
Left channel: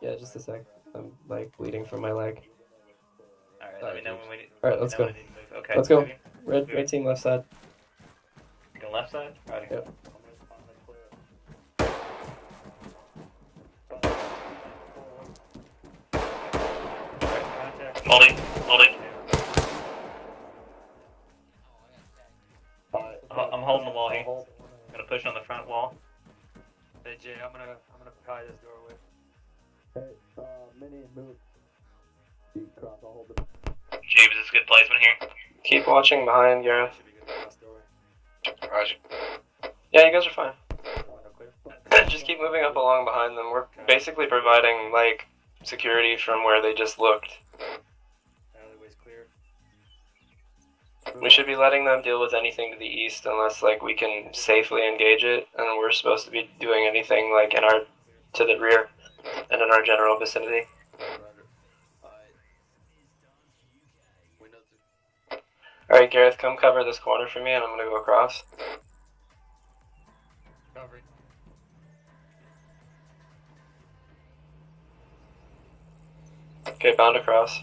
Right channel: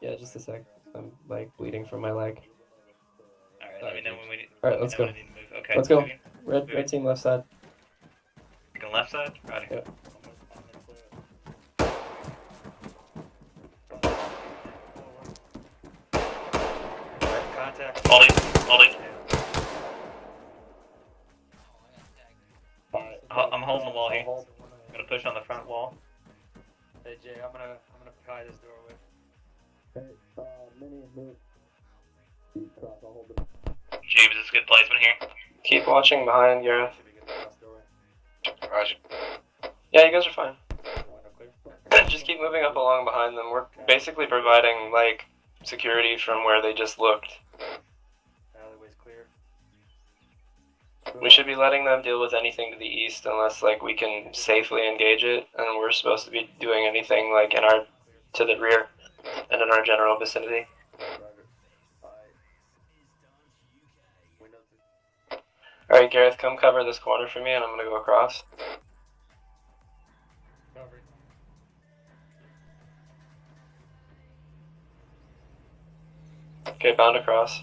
Yeah, just a sec. I'm like bleeding from my leg. Alright, let me know when we need. Alright, let's know go. when we need to move. Okay. Let's go. moving. Red team left side. Looking left side? Righty. Yep. Holding. I'm holding the wall here. I'm gonna push on the front wall. Hey Jay, I'm gonna pry this doorway. James, is this good placement here? Keep watching behind, Gareth. Roger. Yeah, you guys are fine. Just keep moving up along behind them. We're basically providing, like, security from where they just looked. Alleyway's clear. We should be letting them deal with anything to the east unless, like, we can safely engage it, and we're supposed to be doing anything, like, to the rear and in our general vicinity. Alright, Gareth, come cover this corner for me, and I'm gonna go across. Cover. Okay, bound across.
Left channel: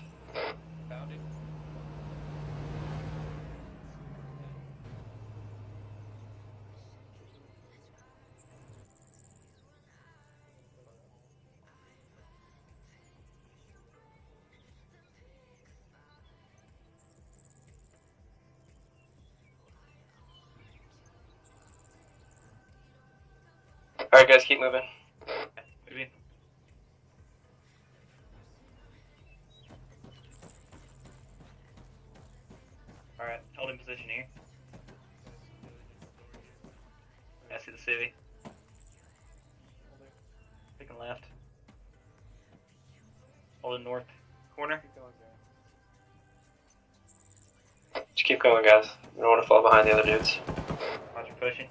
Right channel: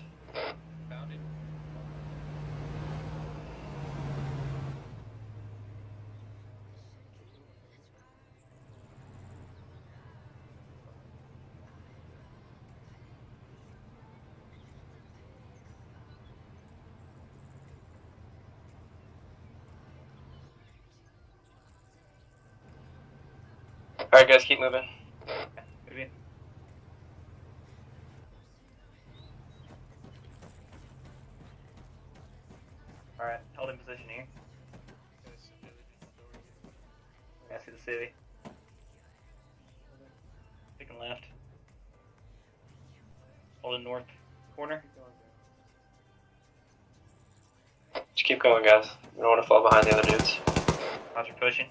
Alright guys, keep moving. Maybe. Alright, holding position here. I see the city. Picking left. Holding north corner. Just keep going, guys. We don't want to fall behind the other dudes. Roger, pushing.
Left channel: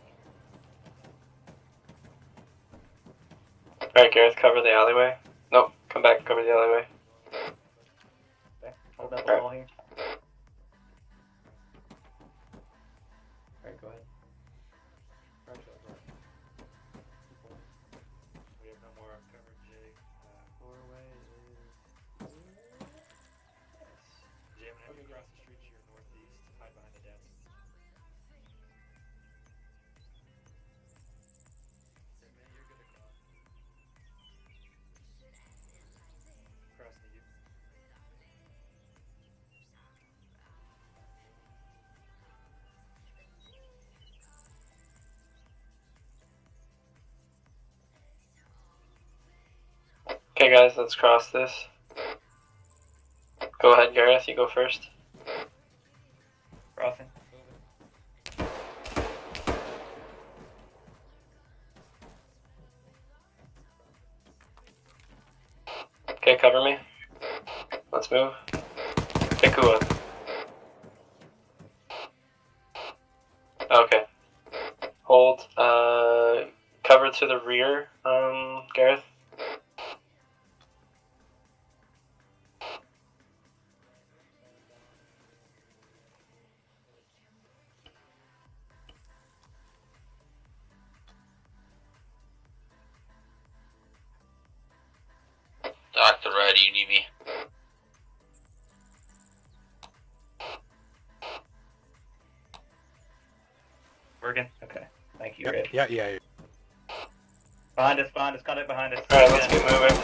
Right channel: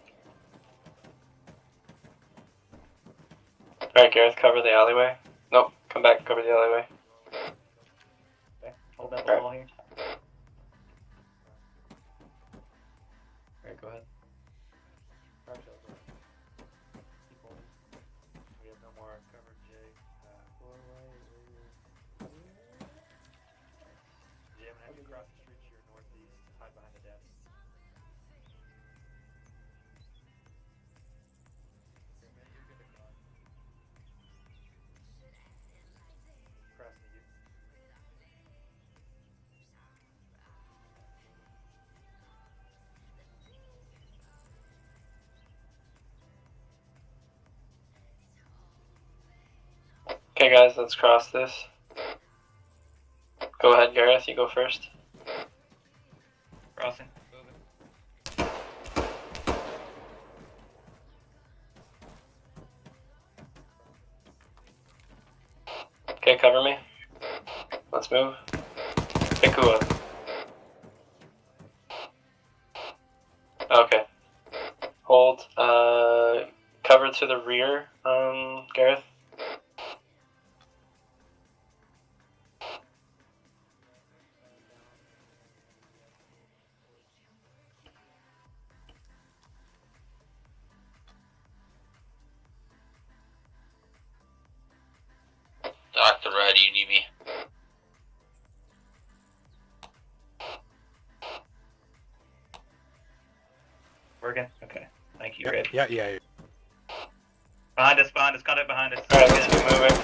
Alright, Gareth, cover the alleyway. Nope, come back, cover the alleyway. Okay, hold up the wall here. Alright, go ahead. We have no more cover, Jay. Doorway. Jay, I'm gonna have you cross the street to your northeast, hide behind the desk. Cross the deep. Okay guys, let's cross this. Go ahead, Gareth, you go first. Crossing. Okay, cover me. Let's move. Pick who up. Okay. Hold. Cover to the rear, Gareth. Dr. Red, you need me? Working? Okay. Thank you, Yep. Red. Yeah. Behind us, contact behind us. Alright, let's get moving.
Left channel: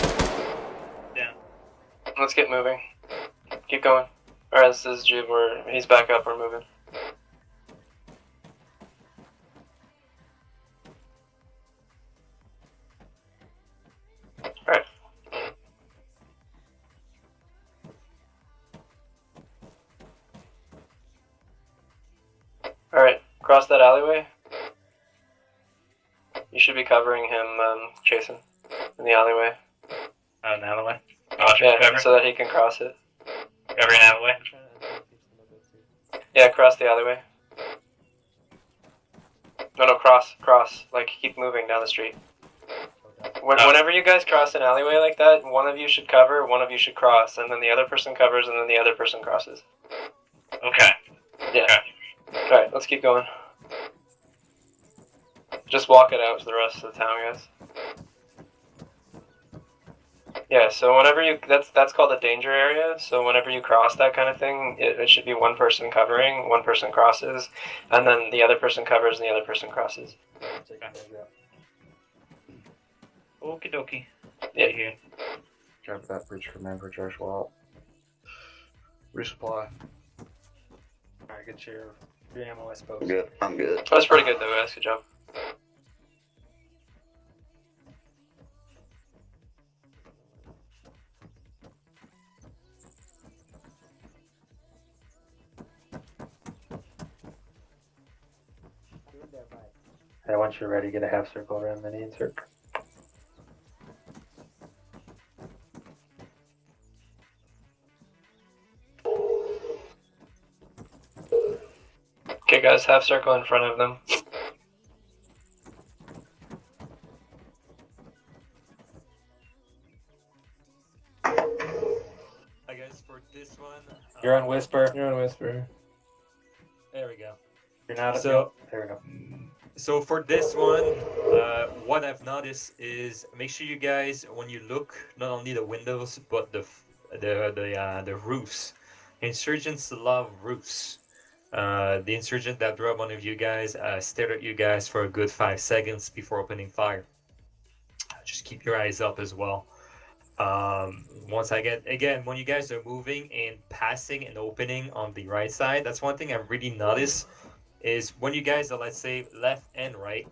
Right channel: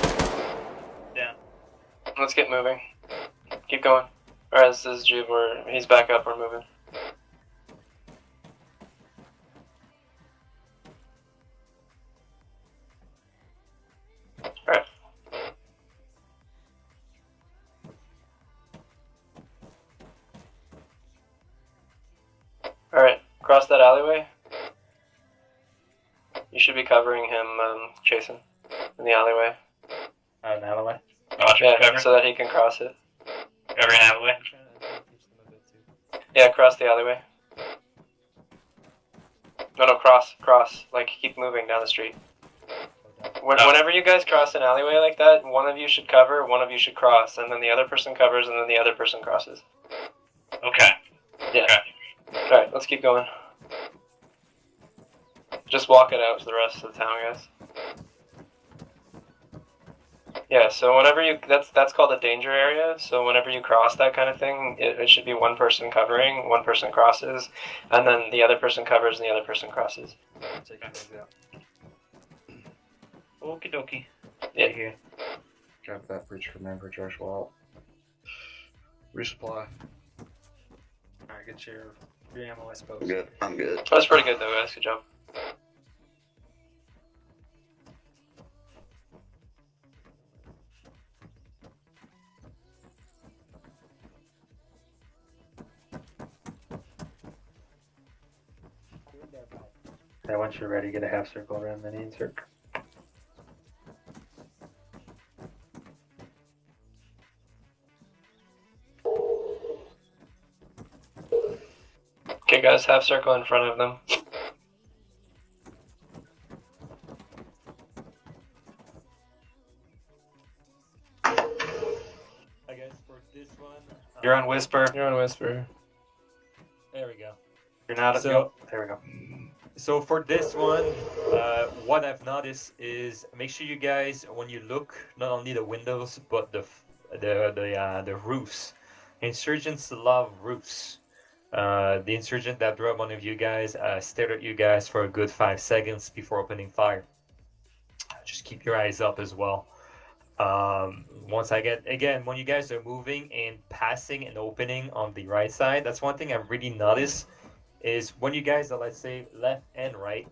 Down. Let's get moving. Keep going. Alright, this is Jube. He's back up, we're moving. Alright. Alright, cross that alleyway. You should be covering him, Jason, in the alleyway. Oh, in the alleyway? Yeah, cover. so that he can cross it. Covering alleyway. Yeah, cross the alleyway. No, cross. Like, keep moving down the street. Whenever you guys cross an alleyway like that, one of you should cover, one of you should cross, and then the other person covers, and then the other person crosses. Okay. Yeah. Okay. Alright, let's keep going. Just walk it out to the rest of the town, guys. Yeah, so whenever you, that's called a danger area, so whenever you cross that kind of thing, it should be one person covering, one person crosses, and then the other person covers and the other person crosses. Okie dokie. Yeah. Here. Grab that bridge for man projectile out. Resupply. Alright, get your ammo, I suppose. Good. I'm good. That's pretty good though, guys. Good job. Yeah, once you're ready, get a half circle then the insert. Okay, guys, half circle in front of them. I guess for this one. You're on Whisper. You're on Whisper. There we go. You're not. So there we go. So for this one, what I've noticed is make sure you guys, when you look, not only the windows but the roofs. Insurgents love roofs. The insurgent that dropped one of you guys stared at you guys for a good 5 seconds before opening fire. Just keep your eyes up as well. Once I get, again, when you guys are moving and passing and opening on the right side, that's one thing I've really noticed is when you guys are, let's say, left and right,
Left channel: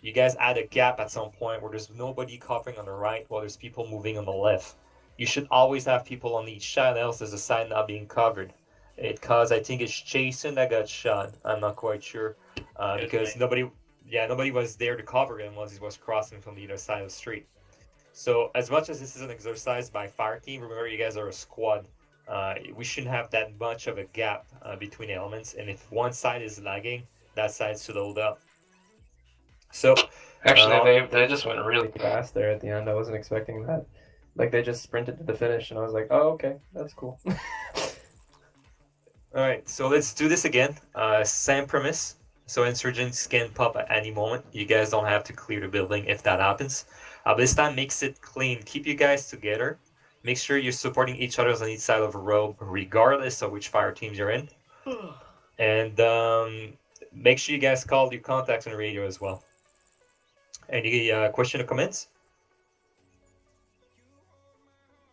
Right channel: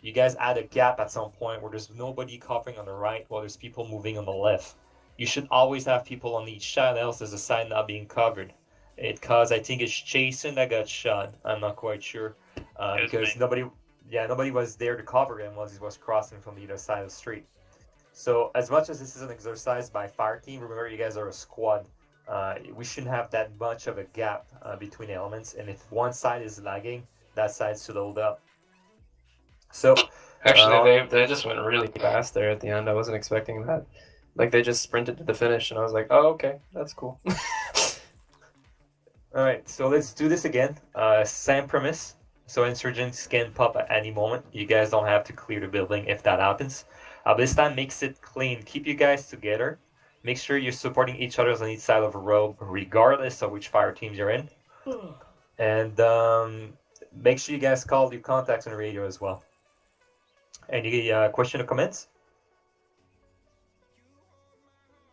you guys add a gap at some point where there's nobody covering on the right while there's people moving on the left. You should always have people on each side, else there's a side not being covered. Because I think it's Jason that got shot. I'm not quite sure. Because nobody was there to cover him while he was crossing from the other side of the street. So as much as this is an exercise by fire team, remember you guys are a squad. We shouldn't have that much of a gap between elements, and if one side is lagging, that side should hold up. So actually, they just went really fast there at the end. I wasn't expecting that. Like they just sprinted to the finish, and I was like, "Oh, okay, that's cool." All right, so let's do this again. Same premise. So insurgents can pop at any moment. You guys don't have to clear the building if that happens. This time, makes it clean. Keep you guys together. Make sure you're supporting each other on each side of a road, regardless of which fire teams you're in. And make sure you guys call your contacts on the radio as well. Any question or comments?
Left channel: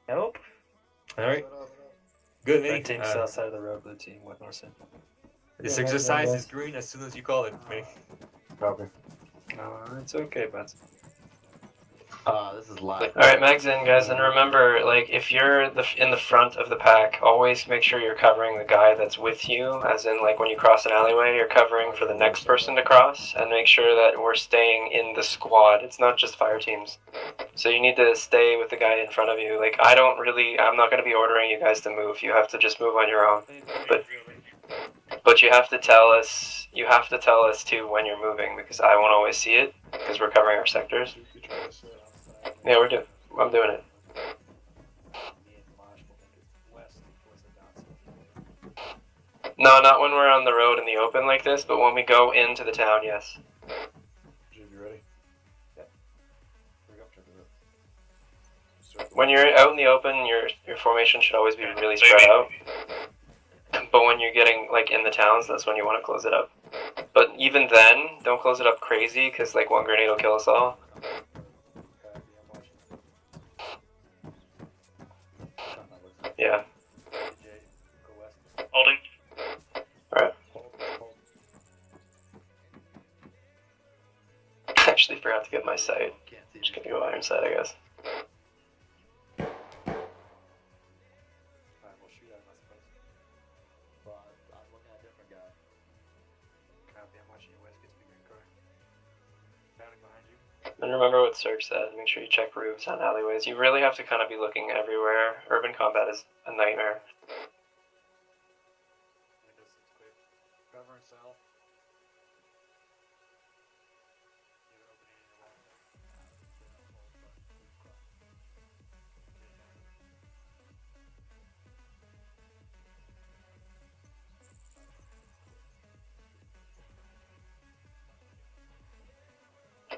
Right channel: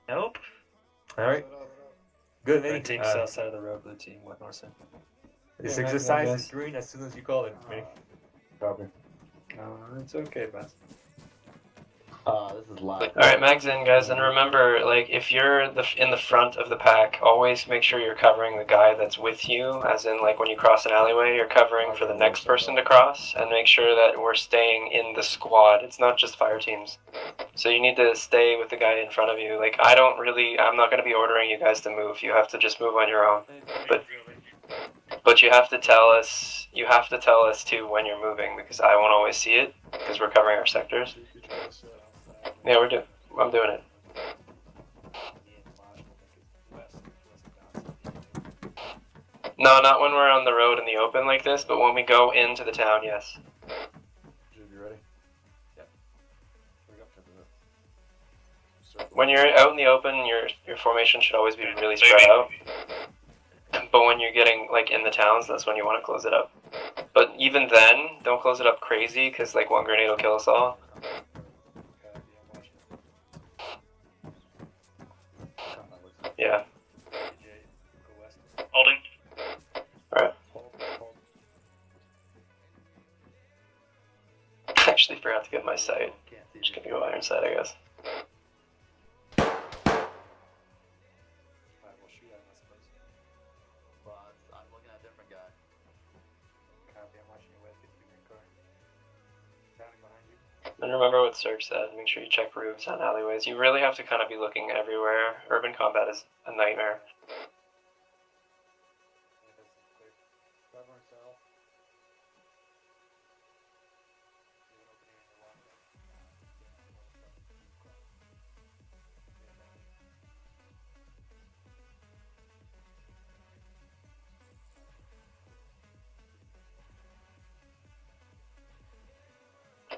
Nope. All right. Good, The mate. team south side of the road, blue team, what north side. This Yeah, exercise I is guess. green as soon as you call it, mate. Probably. It's okay, but. This is live. All right, mags in, guys, and remember, like, if you're in the front of the pack, always make sure you're covering the guy that's with you. As in, like, when you cross an alleyway, you're covering for the next person to cross, and make sure that we're staying in the squad. It's not just fire teams, so you need to stay with the guy in front of you. Like, I'm not going to be ordering you guys to move. You have to just move on your own. But you have to tell us. You have to tell us too when you're moving, because I won't always see it because we're covering our sectors. Yeah, I'm doing it. No, not when we're on the road in the open like this, but when we go into the town, yes. Jib, you ready? Yeah. Here we go. Check it out. When you're out in the open, your formation should always be really spread out. But when you're getting, like, in the towns, that's when you want to close it up. But even then, don't close it up crazy, because, like, one grenade will kill us all. Yeah. Holding. Alright. I actually forgot to get my sight. Just gonna go iron sight, I guess. Alright, we'll shoot out of space. Well, I'm looking at a different guy. Copy, I'm watching you west, get to the car. Bounty behind you. And remember what Serge said, make sure you check roofs on alleyways. You really have to kind of be looking everywhere. Urban combat is a nightmare. Cover and south. Give an opening in the walkway.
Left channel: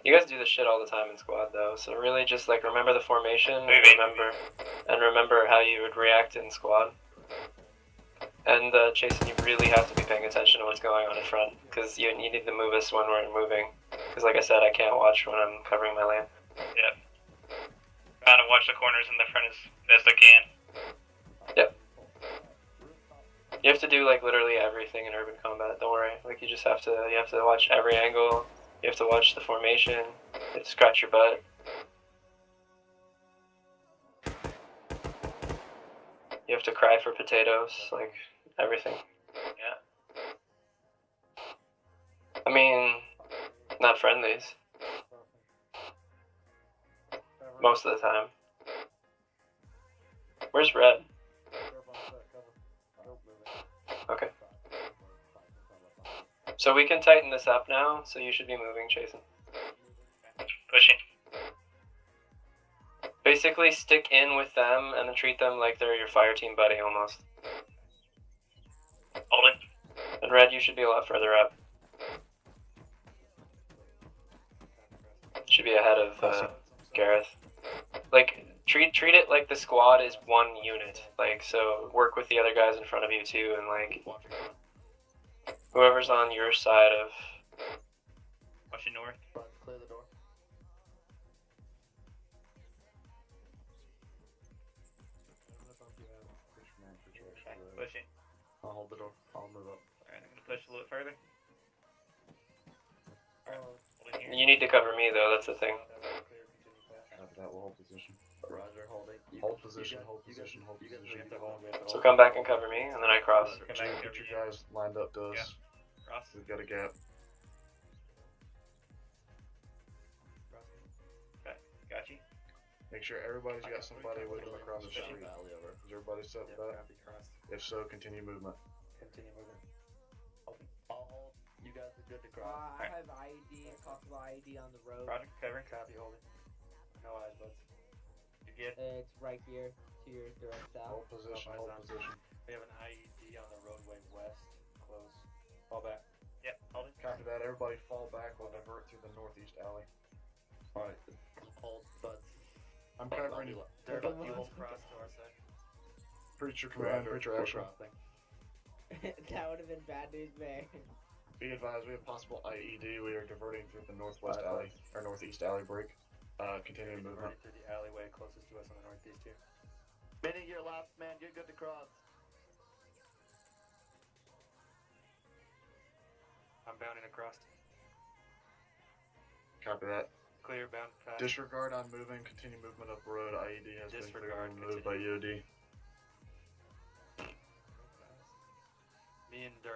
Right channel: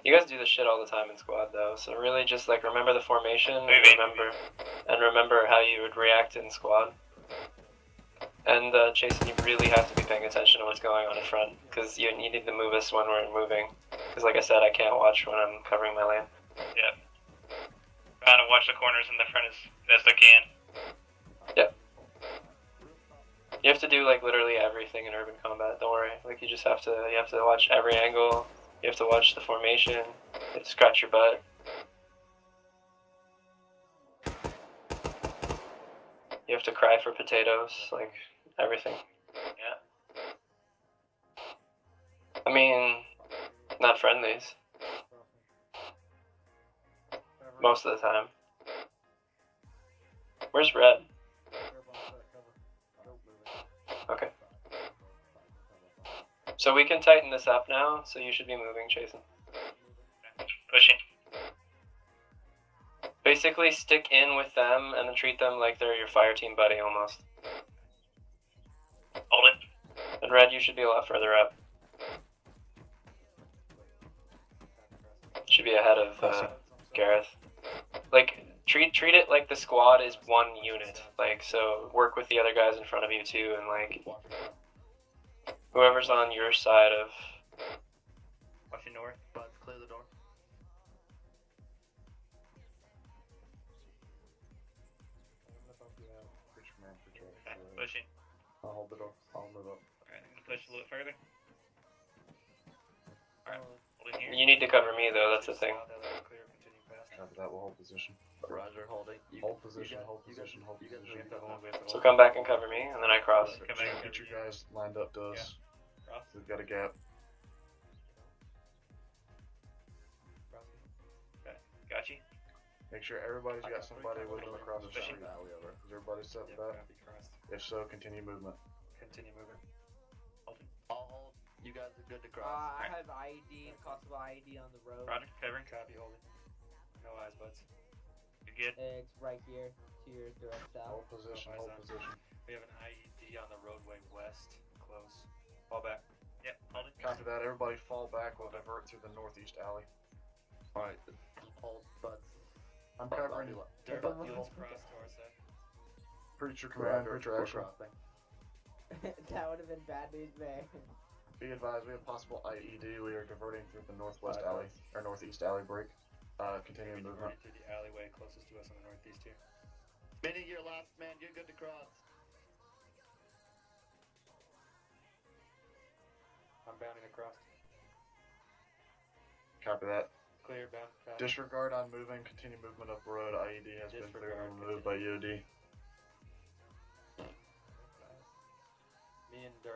You guys do this shit all the time in squad though, so really just like remember the formation and remember how you would react in squad. And Jason, you really have to be paying attention to what's going on in front, because you need to move us when we're moving. Because like I said, I can't watch when I'm covering my lane. Yep. Trying to watch the corners in the front as best I can. Yep. You have to do like literally everything in urban combat. Don't worry. Like you have to watch every angle. You have to watch the formation. You have to scratch your butt. You have to cry for potatoes. Like everything. Yeah. I mean, not friendlies. Most of the time. Where's Red? Okay. So we can tighten this up now, so you should be moving, Jason. Pushing. Basically stick in with them and then treat them like they're your fire team buddy almost. Holding. And Red, you should be a lot further up. Should be ahead of Gareth. Like, treat it like the squad is one unit. Like, so work with the other guys in front of you too, and like whoever's on your side of. Watching north. Clear the door. Pushing. I'll hold the door. I'll move up. Alright, push a little further. Alright, holding here. You need to cover me though. That's the thing. After that, we'll hold position. Roger, holding. Hold position, hold position, hold position. So come back and cover me, and then I cross. Get you guys lined up to us. Cross. We've got a gap. Okay, got you. Make sure everybody's got somebody with them across the street. Is everybody set with that? If so, continue movement. Continue moving. I'll hold. You guys are good to cross. I have IED, possible IED on the road. Roger, covering. Copy, holding. No eyes, buds. You're good. It's right here to your direct south. Hold position, hold position. We have an IED on the roadway west. Close. Fall back. Yeah, hold it. Copy that. Everybody fall back. We'll divert through the northeast alley. Alright, hold, bud. I'm covering you. You hold cross to our side. Preacher command, preacher action. That would have been bad news, man. Be advised, we have possible IED. We are diverting through the northwest alley, or northeast alley break. Continuing movement. Through the alleyway closest to us on the northeast too. Minnie, you're last man. You're good to cross. I'm bounding across. Copy that. Clear, bound, fast. Disregard on moving. Continue movement up the road. IED has been removed by EOD. Me and Jay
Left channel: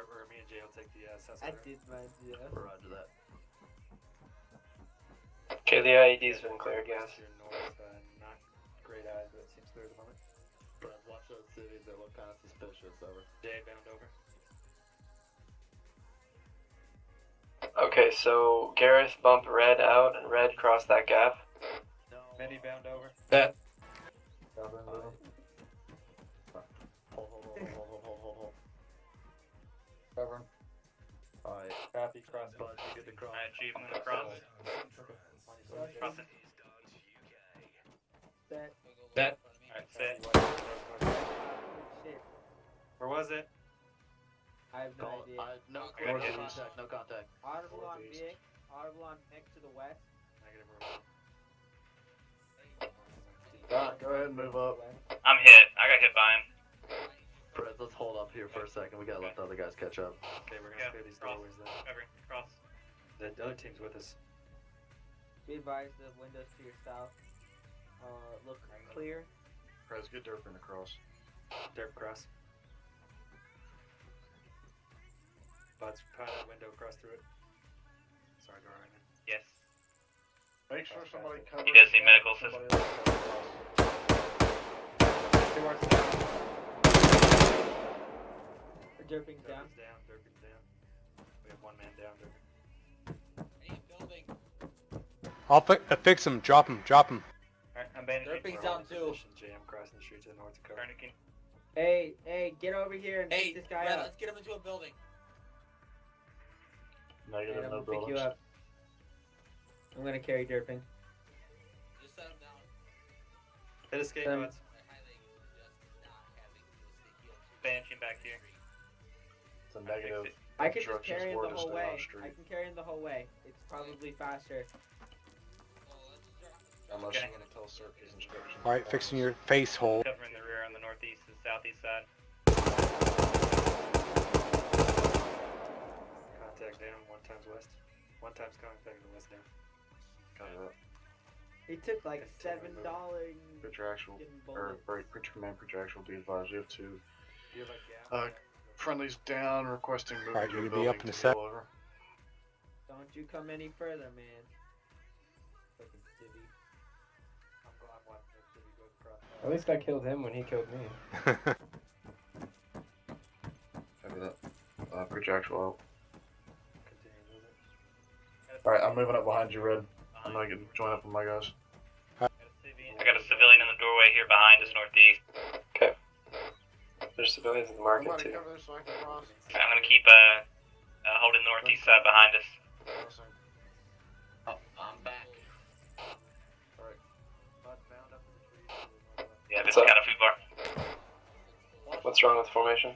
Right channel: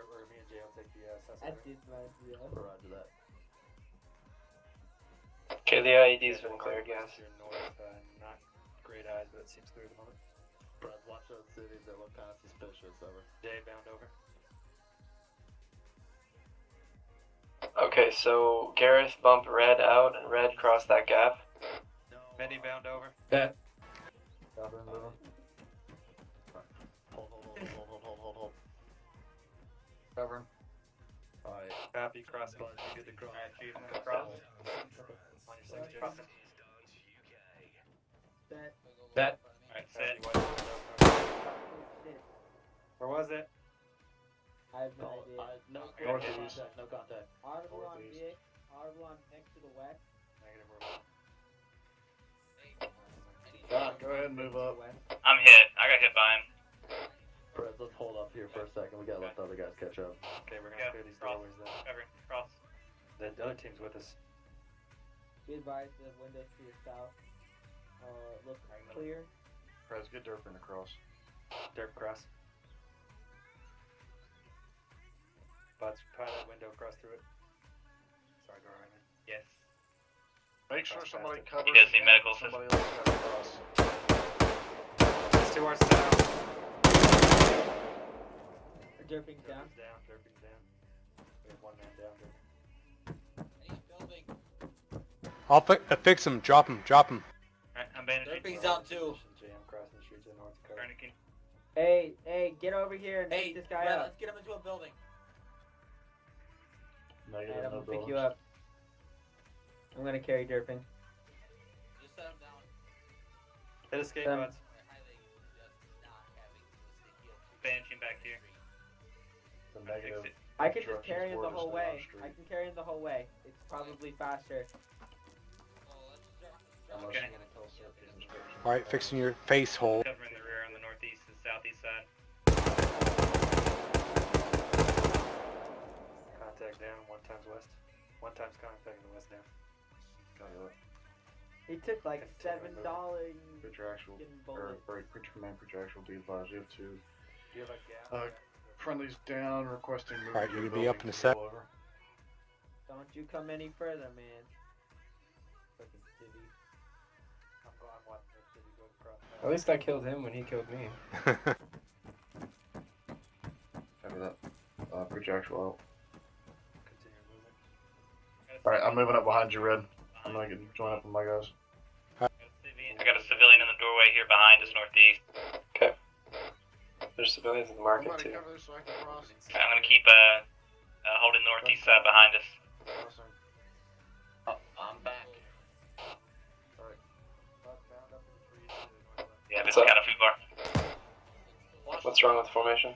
will take the assessment. I did my idea. Roger that. Okay, the IED's been cleared, guys. North, not great eyes, but it seems clear at the moment. Brad, watch those cities that look kind of suspicious over. Jay, bound over. Okay, so Gareth bump Red out, and Red cross that gap. Many bound over. That. Copy, moving. Hold. Covering. Alright. Copy, cross. Bud, you good to cross. Alright, Chief, cross. Crossing. That. Alright, set. Shit. Where was it? I have no Call idea. no Northeast. contact, no contact. Audible on Northeast. Vic. Audible on next to the west. Alright, go ahead and move up. I'm hit. I got hit by him. Brad, let's hold up here for a second. We gotta let the other guys catch up. Okay, we're gonna Yeah, clear these cross. doorways then. Cover. Cross. The other team's with us. Be advised the windows to your south. Look clear. Guys, get Durkin across. Derp cross. Buds, pilot window across through it. Sorry, go ahead. Yes. Make sure somebody covers. He does need medical somebody assistance. else across. To our south. Derping's down. Derping's down. We have one man down. Any building. I'll fix him. Drop him. Alright, I'm bandaging. Derping's down too. Jam crossing the street to the north to cover. Tourniquet. Hey, get over here and Hey, pick this guy Brad, up. let's get him into a building. Negative, And I'm no gonna pick buildings. you up. I'm gonna carry Durpin. Just set him down. Hit escape Then- rods. Banshee back here. It's a negative. I can just Instructions carry him for the to whole stay way. off street. I can carry him the whole way. It's probably faster. Unless you want to tell Cirque his instructions. Alright, fixing your face hole. Covering the rear on the northeast and southeast side. Contact down, 1 times west. 1 times contact in the west now. He took like $7. Contractual, or creature command contractual, be advised. You have two. Do you have like gas? Friendly's down, requesting movement. Alright, to you're the gonna be up in building a to sec. go over. Don't you come any further, man. Fucking city. I'm watching this city go across. At least I killed him when he killed me. After that, projectile Continue moving. out. Alright, I'm moving up behind you, Red. I'm gonna join up with my guys. I got a civilian in the doorway here behind us, northeast. Okay. There's civilians in the market Somebody too. cover this so I can cross. I'm gonna keep holding northeast side behind us. Awesome. Oh, I'm back. Alright. Yeah, this What's is up? kind of foobar. What's wrong with the formation?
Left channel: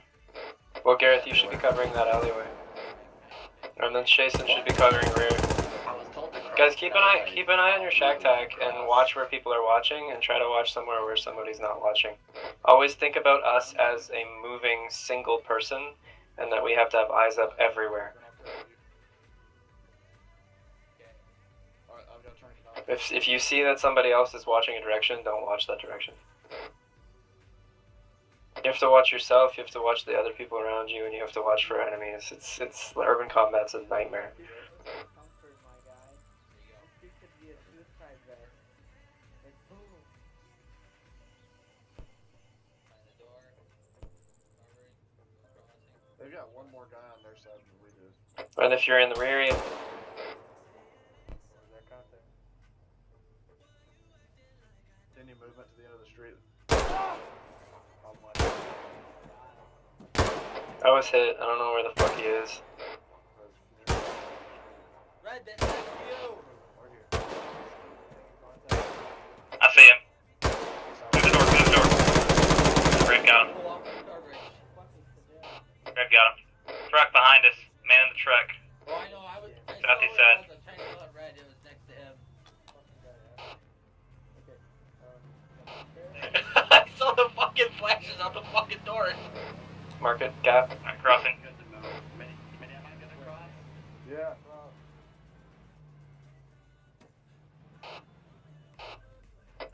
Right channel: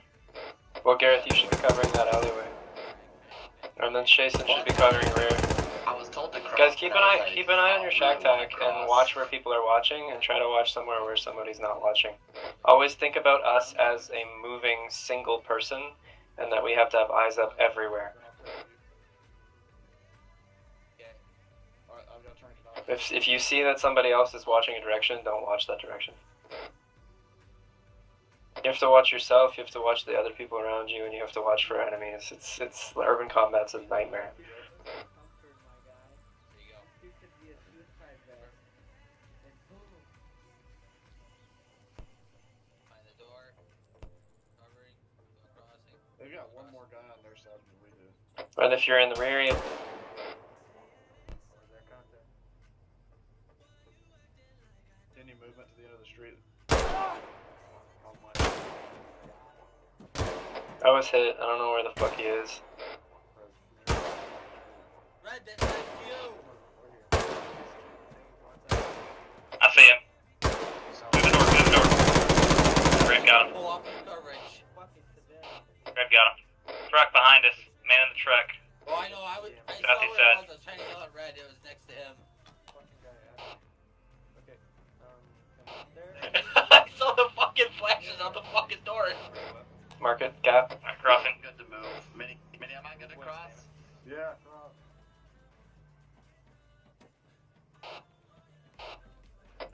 Well, Gareth, you should be covering that alleyway. And then Jason should be covering rear. I was told to cross. Guys, keep an eye on your shack tag and watch where people are watching, and try to watch somewhere where somebody's not watching. Always think about us as a moving single person, and that we have to have eyes up everywhere. Alright, I've got to turn it off. If you see that somebody else is watching a direction, don't watch that direction. You have to watch yourself, you have to watch the other people around you, and you have to watch for enemies. It's urban combat's a nightmare. They've got one more guy on their side than we do. And if you're in the rear, you... Continue movement to the end of the street. I was hit. I don't know where the fuck he is. Red, that's you. I see him. Through the door. Red got him. Pull off the coverage. Red got him. Truck behind us. Man in the truck. Oh, I know. I saw Southeast what side. I was trying to yell at Red. It was next to him. I saw the fucking flashes out the fucking door. Market, gap. I'm crossing. Good to move. Mini, am I good to cross? Yeah.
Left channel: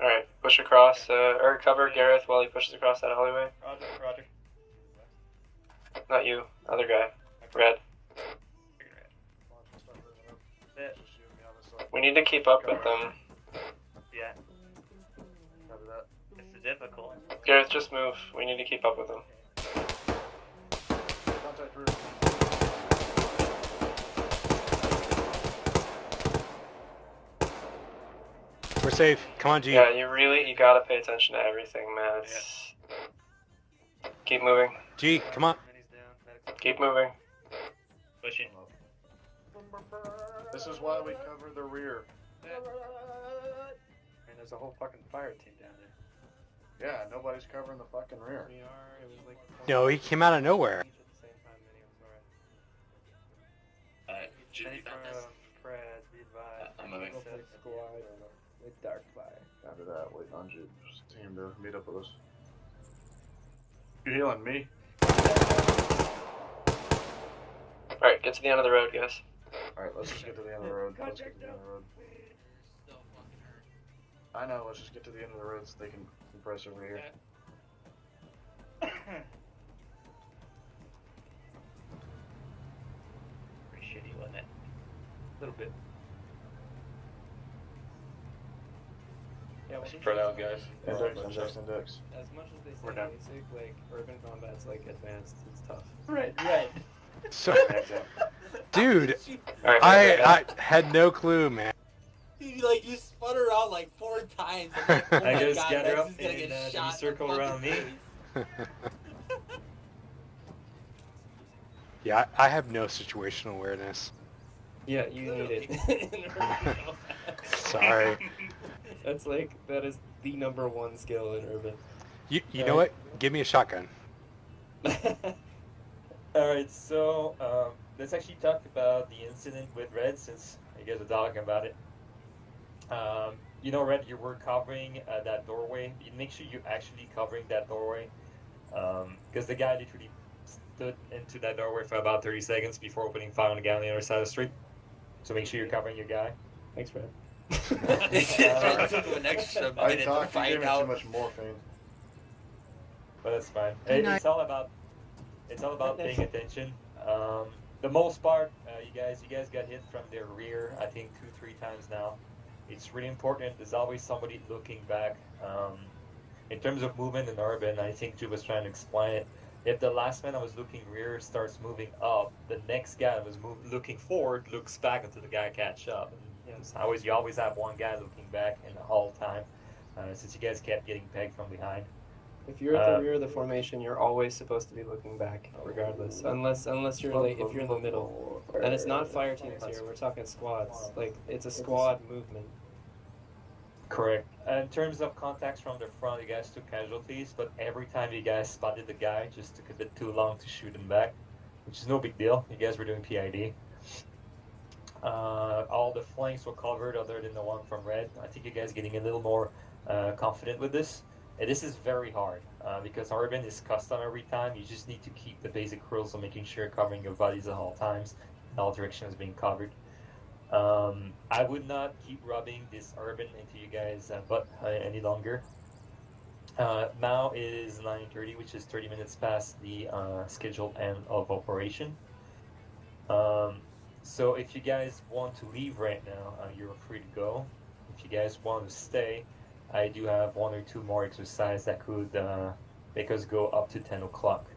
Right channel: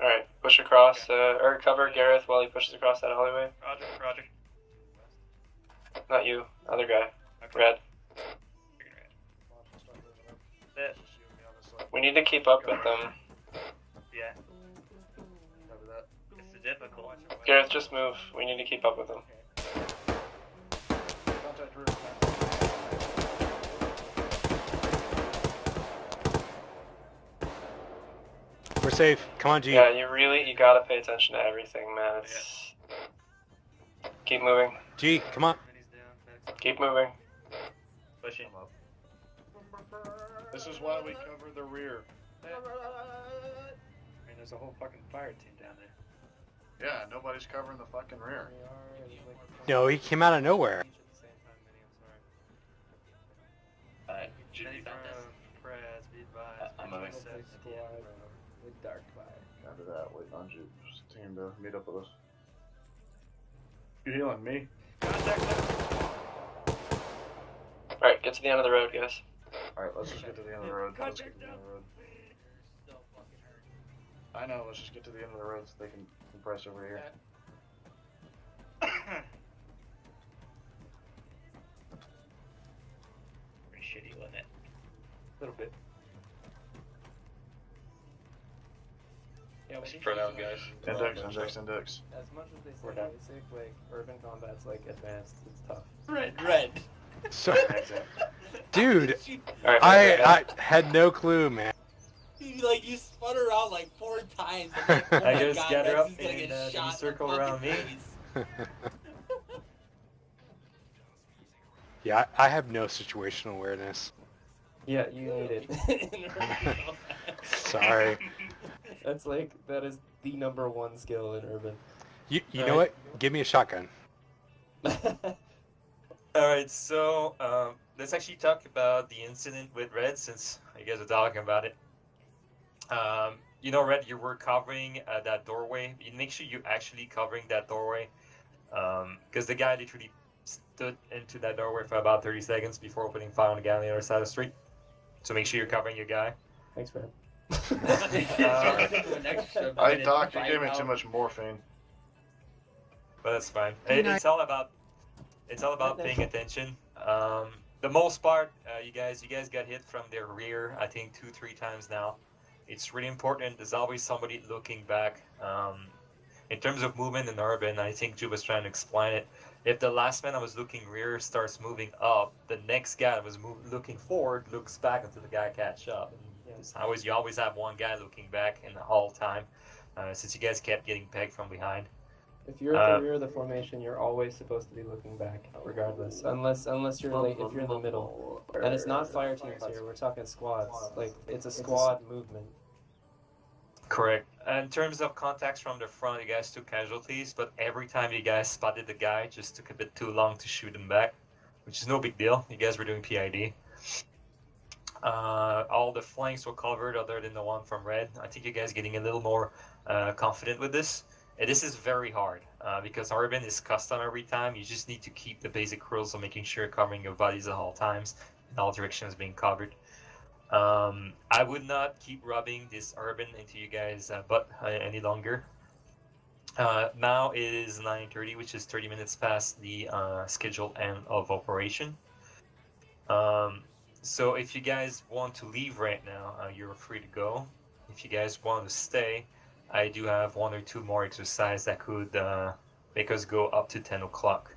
Alright, push across, or cover Gareth while he pushes across that alleyway. Roger. Not you, other guy. Red. We need to keep up with them. Yeah. Cover that. This is difficult. Gareth, just move. We need to keep up with them. Contact rear. We're safe. Come on, G. Yeah, you gotta pay attention to everything, man. It's... Keep moving. G, come on. Keep moving. Pushing. This is why we cover the rear. Man, there's a whole fucking fire team down there. Yeah, nobody's covering the fucking rear. No, he came out of nowhere. G, you got this. I'm moving. With dark fire. After that, waiting on Jude's team to meet up with us. You healing me? Alright, get to the end of the road, guys. Alright, let's just get to the end of the road. Let's get to the end of the road. I know, let's just get to the end of the road so they can compress over here. Pretty shitty, wasn't it? A little bit. Yeah, Spread out, guys. Index. As much as they We're say done. basic, like urban combat's like advanced, it's tough. Red. So, dude, Alright, I had no clue, man. Dude, like you spun around like 4 times. I'm like, oh I my just god, gather Red's up is gonna and get then shot in the circle fucking around me. face. Yeah, I have no situational awareness. Yeah, you need it. in urban combat. Sorry. That is the #1 skill in urban. You know what? Give me a shotgun. Alright, so let's actually talk about the incident with Red since you guys are talking about it. You know, Red, you were covering that doorway. You make sure you're actually covering that doorway. Because the guy literally stood into that doorway for about 30 seconds before opening fire on the guy on the other side of the street. So make sure you're covering your guy. Thanks, Red. Sorry. Hey, Doc, you gave me too much morphine. But that's fine. Good night. It's all about paying attention. The most part, you guys got hit from their rear. I think 2-3 times now. It's really important. There's always somebody looking back. In terms of movement in urban, I think Ju was trying to explain it. If the last man that was looking rear starts moving up, the next guy that was looking forward looks back until the guy catch up. And you always have one guy looking back in the whole time, since you guys kept getting pegged from behind. If you're at the rear of the formation, you're always supposed to be looking back, regardless. Unless you're if you're in the middle, and it's not fire teams here. We're talking squads. Like it's a squad movement. Correct. In terms of contacts from the front, you guys took casualties, but every time you guys spotted the guy, it just took a bit too long to shoot him back, which is no big deal. You guys were doing PID. All the flanks were covered other than the one from Red. I think you guys getting a little more confident with this. And this is very hard because Urban is custom every time. You just need to keep the basic rules of making sure you're covering your bodies at all times and all directions being covered. I would not keep rubbing this Urban into you guys' butt any longer. Now it is 9:30, which is 30 minutes past the scheduled end of operation. So if you guys want to leave right now, you're free to go. If you guys want to stay, I do have 1 or 2 more exercises that could make us go up to 10 o'clock.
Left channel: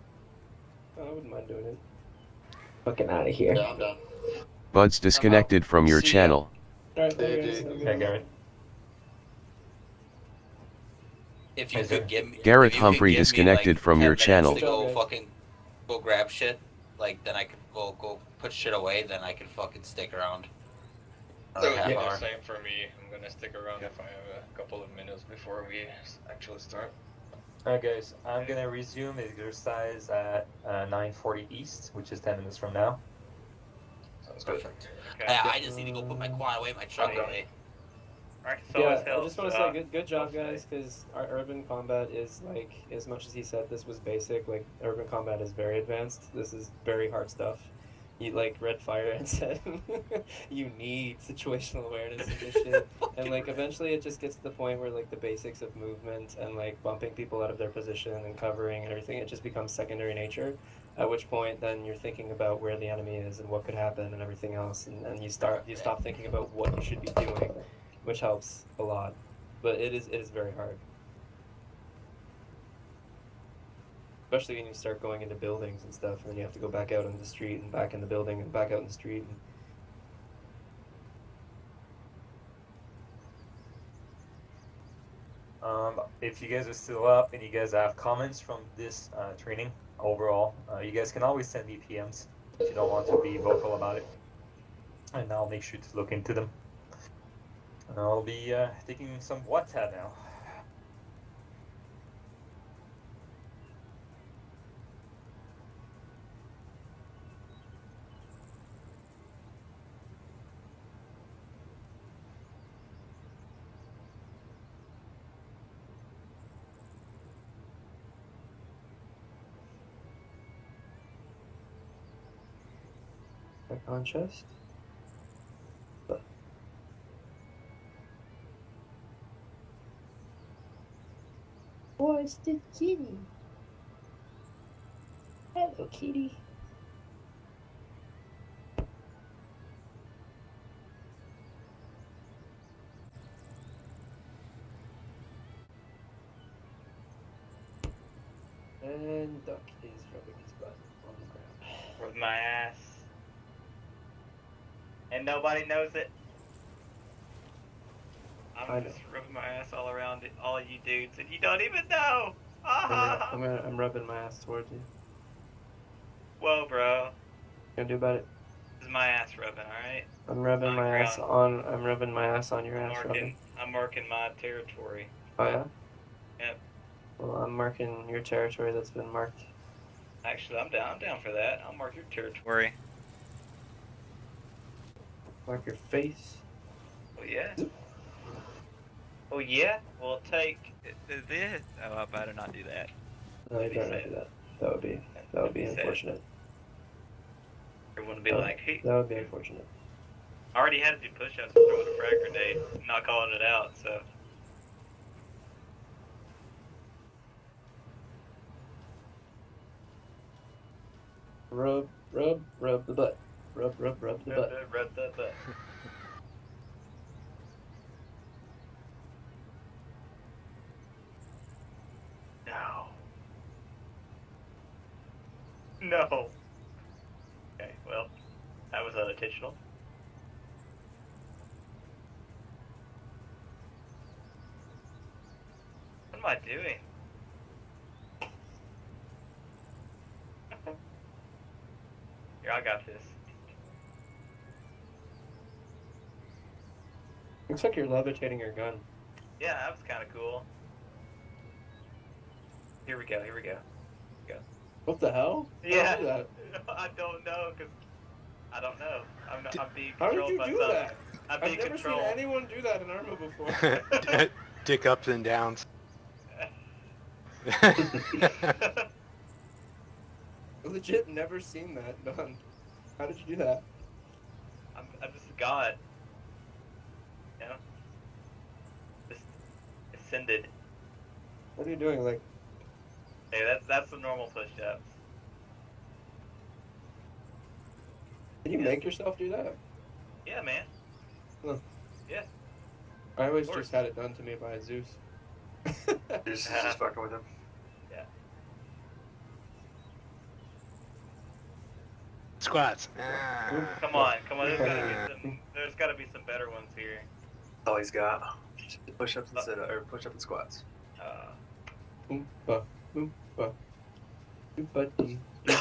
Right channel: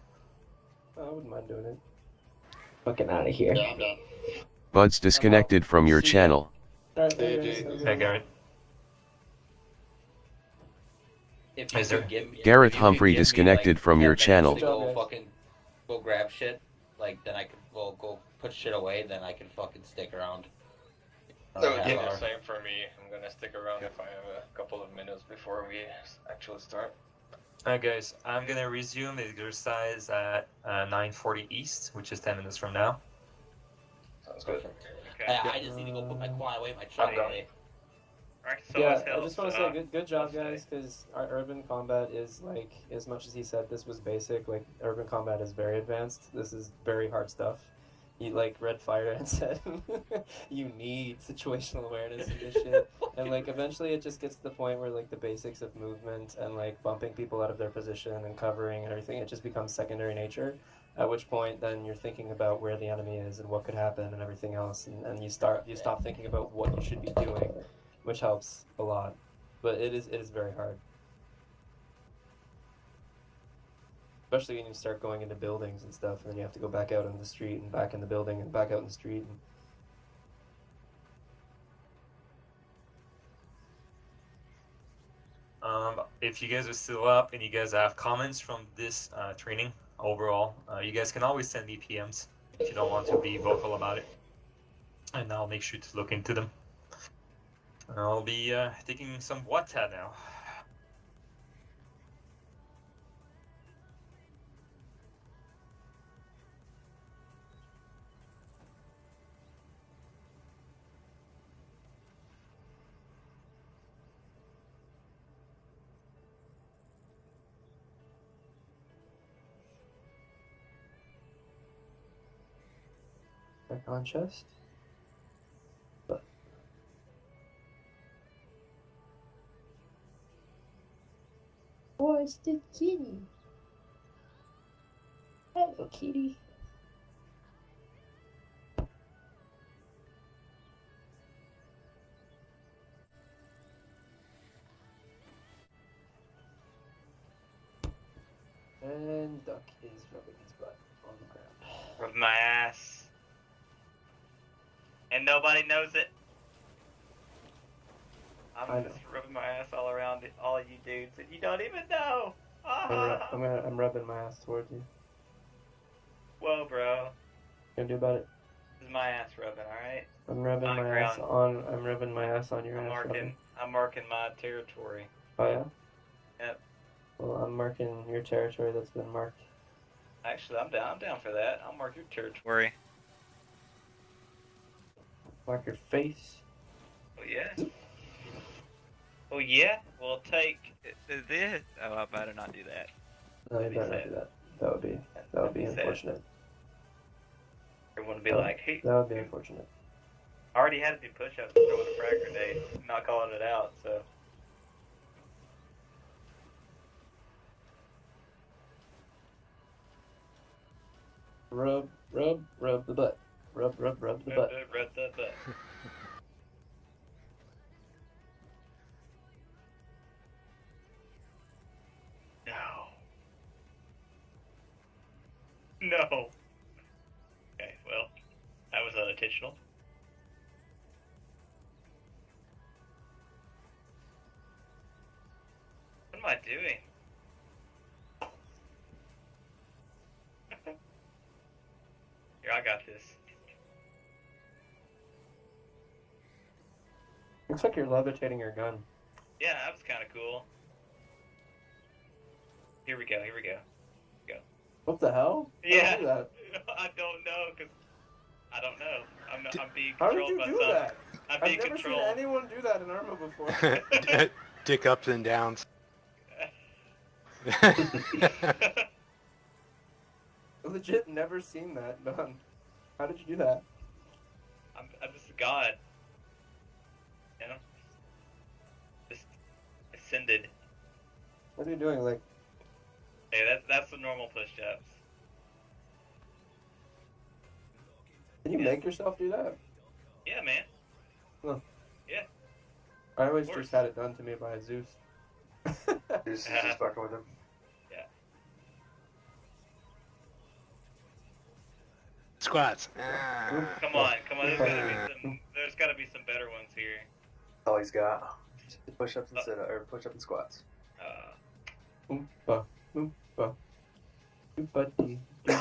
I wouldn't mind doing it. Fucking out of here. Yeah, I'm done. Bud's disconnected from your channel. Alright, Garrett. If you could give me, Garrett if you could Humphrey give me, disconnected like, from 10 your minutes channel. to go grab shit. Like then I could go put shit away. Then I can fucking stick around. So half yeah, hour. same for me. I'm gonna stick around if I have a couple of minutes before we actually start. Alright guys, I'm gonna resume the exercise at 9:40 East, which is 10 minutes from now. Sounds Perfect. I just need to go put my quad away, my truck away. Yeah, I just want to say good job, guys, because our urban combat is like, as much as he said this was basic, like urban combat is very advanced. This is very hard stuff. You like Red Fire and said, you need situational awareness and this shit. And like eventually it just gets to the point where like the basics of movement and like bumping people out of their position and covering and everything, it just becomes secondary nature. At which point then you're thinking about where the enemy is and what could happen and everything else, and you stop thinking about what you should be doing, which helps a lot. But it is very hard. Especially when you start going into buildings and stuff, and then you have to go back out on the street and back in the building and back out in the street. If you guys are still up and you guys have comments from this training overall, you guys can always send me PMs if you don't want to be vocal about it, and I'll make sure to look into them. I'll be taking some water now. Back on chest. Oh, it's the kitty. Hello, kitty. And Duck is rubbing his butt on the ground. Rub my ass. And nobody knows it. I know. Just rubbing my ass all around all you dudes, and you don't even know. I'm rubbing my ass towards you. Whoa, bro. Gonna do about it? This is my ass rubbing, alright? I'm rubbing On my the ass ground. on. I'm rubbing my ass on your I'm ass, rubbing. marking my territory. Oh yeah. Yep. Well, I'm marking your territory that's been marked. Actually, I'm down for that. I'll mark your territory. Mark your face. Oh yeah. Oh yeah. We'll take this. Oh, I better not do that. No, you better not do that. That would be unfortunate. Everyone would be That- like, hey. That would be unfortunate. I already had to do push-ups and throw a frag grenade, not calling it out. So. Rub the butt. Rub the butt. Rub the butt. No. No. Okay, well, that was unintentional. What am I doing? Here, I got this. Looks like you're levitating your gun. Yeah, that was kind of cool. Here we go. What the hell? Yeah. How do you do that? I don't know, cause I don't know. I'm being How did controlled you by do something. that? I'm I've being never controlled. seen anyone do that in Arma before. Dick ups and downs. I've legit never seen that done. How did you do that? I'm just a god. You know? Just ascended. What are you doing? Like, Hey, that's the normal push-ups. can you make yourself do that? Yeah, man. Huh. Yeah. I always Of course. just had it done to me by Zeus. Just fucking with him. Yeah. Squats. Come on. There's got to be some better ones here. All he's got. Push-ups and sit-ups, or push-up and squats. Oompa, oompa, oompa dee dee.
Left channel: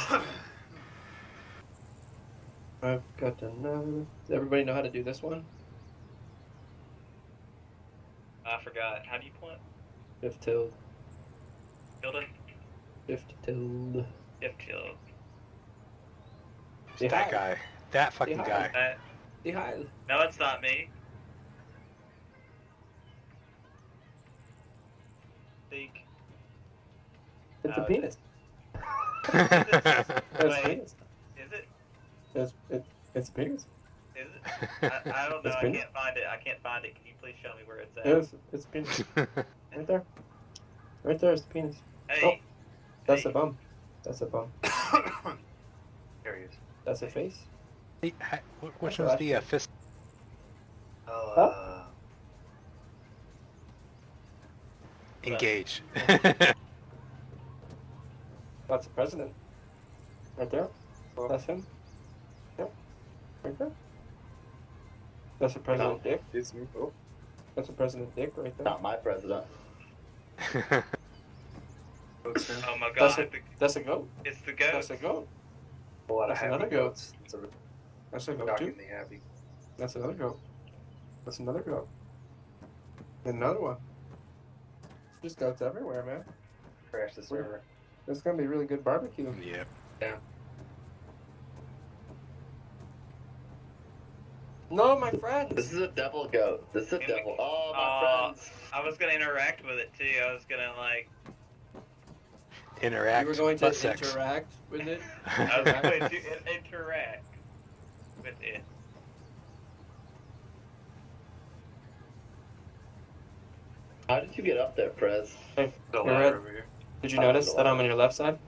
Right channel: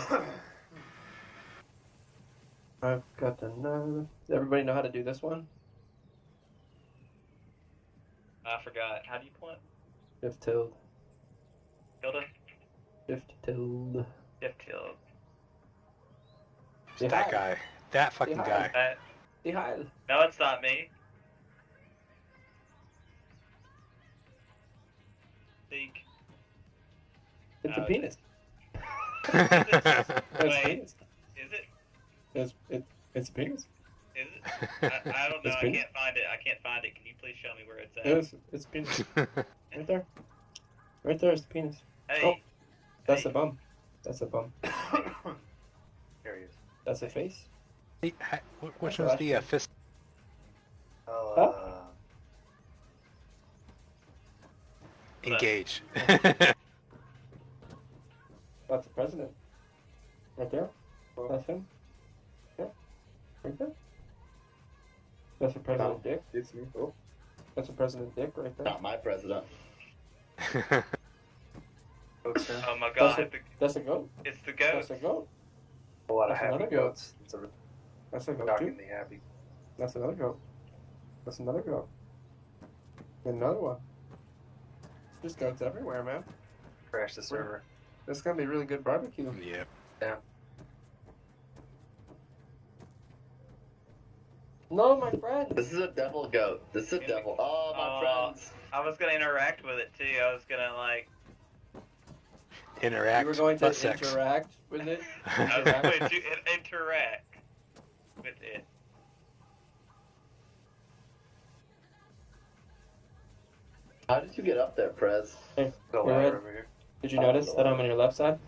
I've got another. Does everybody know how to do this one? I forgot. How do you point? Shift tilde. Tilde? Shift tilde. Shift tilde. Say That hi. guy. That fucking hi. guy. Say hi. No, it's not me. Think. It's a penis. Wait, It's a penis. is it? It's a penis. Is it? I don't know. It's I penis. can't find it. Can you please show me where it's at? It's a penis. Right there. Right there is the penis. Hey. Oh, that's a bum. That's a bum. There he is. That's a face. Hey, which one's the fist? Engage. That's the president. Right there. That's him. Yeah. Right there. That's the president dick. It's me. Oh. That's the president dick right there. Not my president. Oh my That's god. that's a goat. It's the goat. That's a goat. A lot of That's happy another goat. goats. It's a That's a goat doctor too. me happy. That's another goat. That's another goat. And another one. There's goats everywhere, man. Crash the server. This is gonna be really good barbecue. Yep. Yeah. No, my friends. This is a devil goat. This is a devil. Oh, my friends. I was gonna interact with it too. I was gonna like. Interact. You were going to butt sex. interact with it. I was going to interact with it. How did you get up there, Prez? Hey, The hey, ladder Red, over here. did you notice that I'm on your left side?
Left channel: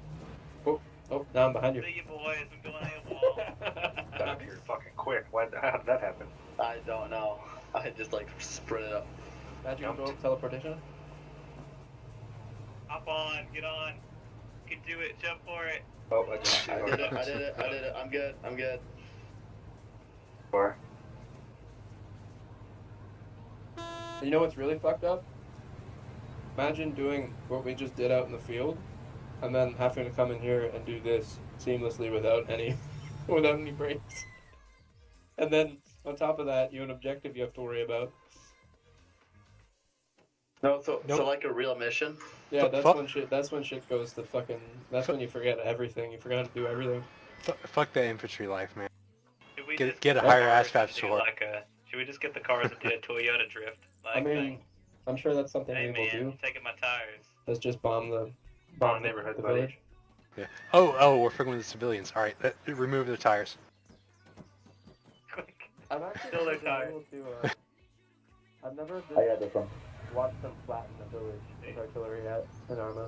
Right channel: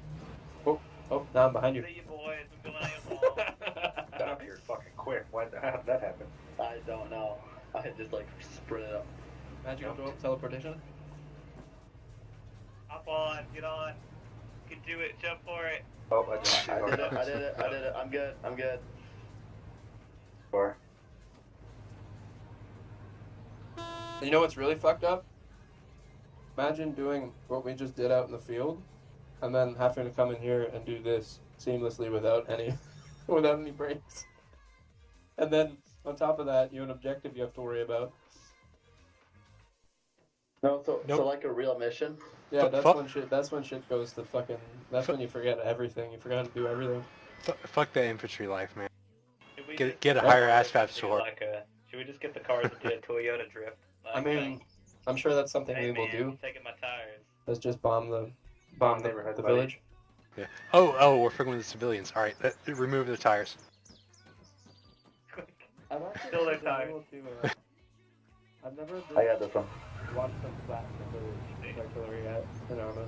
Oh, now I'm behind you. See you boys. I'm going AWOL. Got up here fucking quick. How did that happen? I don't know. I just like sprinted up. Magic roll teleportation. Hop on. Get on. You can do it. Jump for it. Oh, I did it. I did it. I did it. I'm good. I'm good. Or You know what's really fucked up? Imagine doing what we just did out in the field, and then having to come in here and do this seamlessly without any breaks. And then on top of that, you have an objective you have to worry about. No, so like a real mission. Yeah, that's when shit goes to fucking. That's when you forget everything. You forgot to do everything. Fuck that infantry life, man. Should we Get a just higher cars ASVAB to do score. should we just get the cars to do a Toyota drift? I mean, thing? I'm sure that's something Hey we will man, do. you're taking my tires. Let's just bomb the neighborhood, the buddy. village. Yeah. Oh, we're fucking with the civilians. All right, remove the tires. I'm actually Fill their been tires. able to. I've never I got this one. watched them flatten the village artillery at in Arma.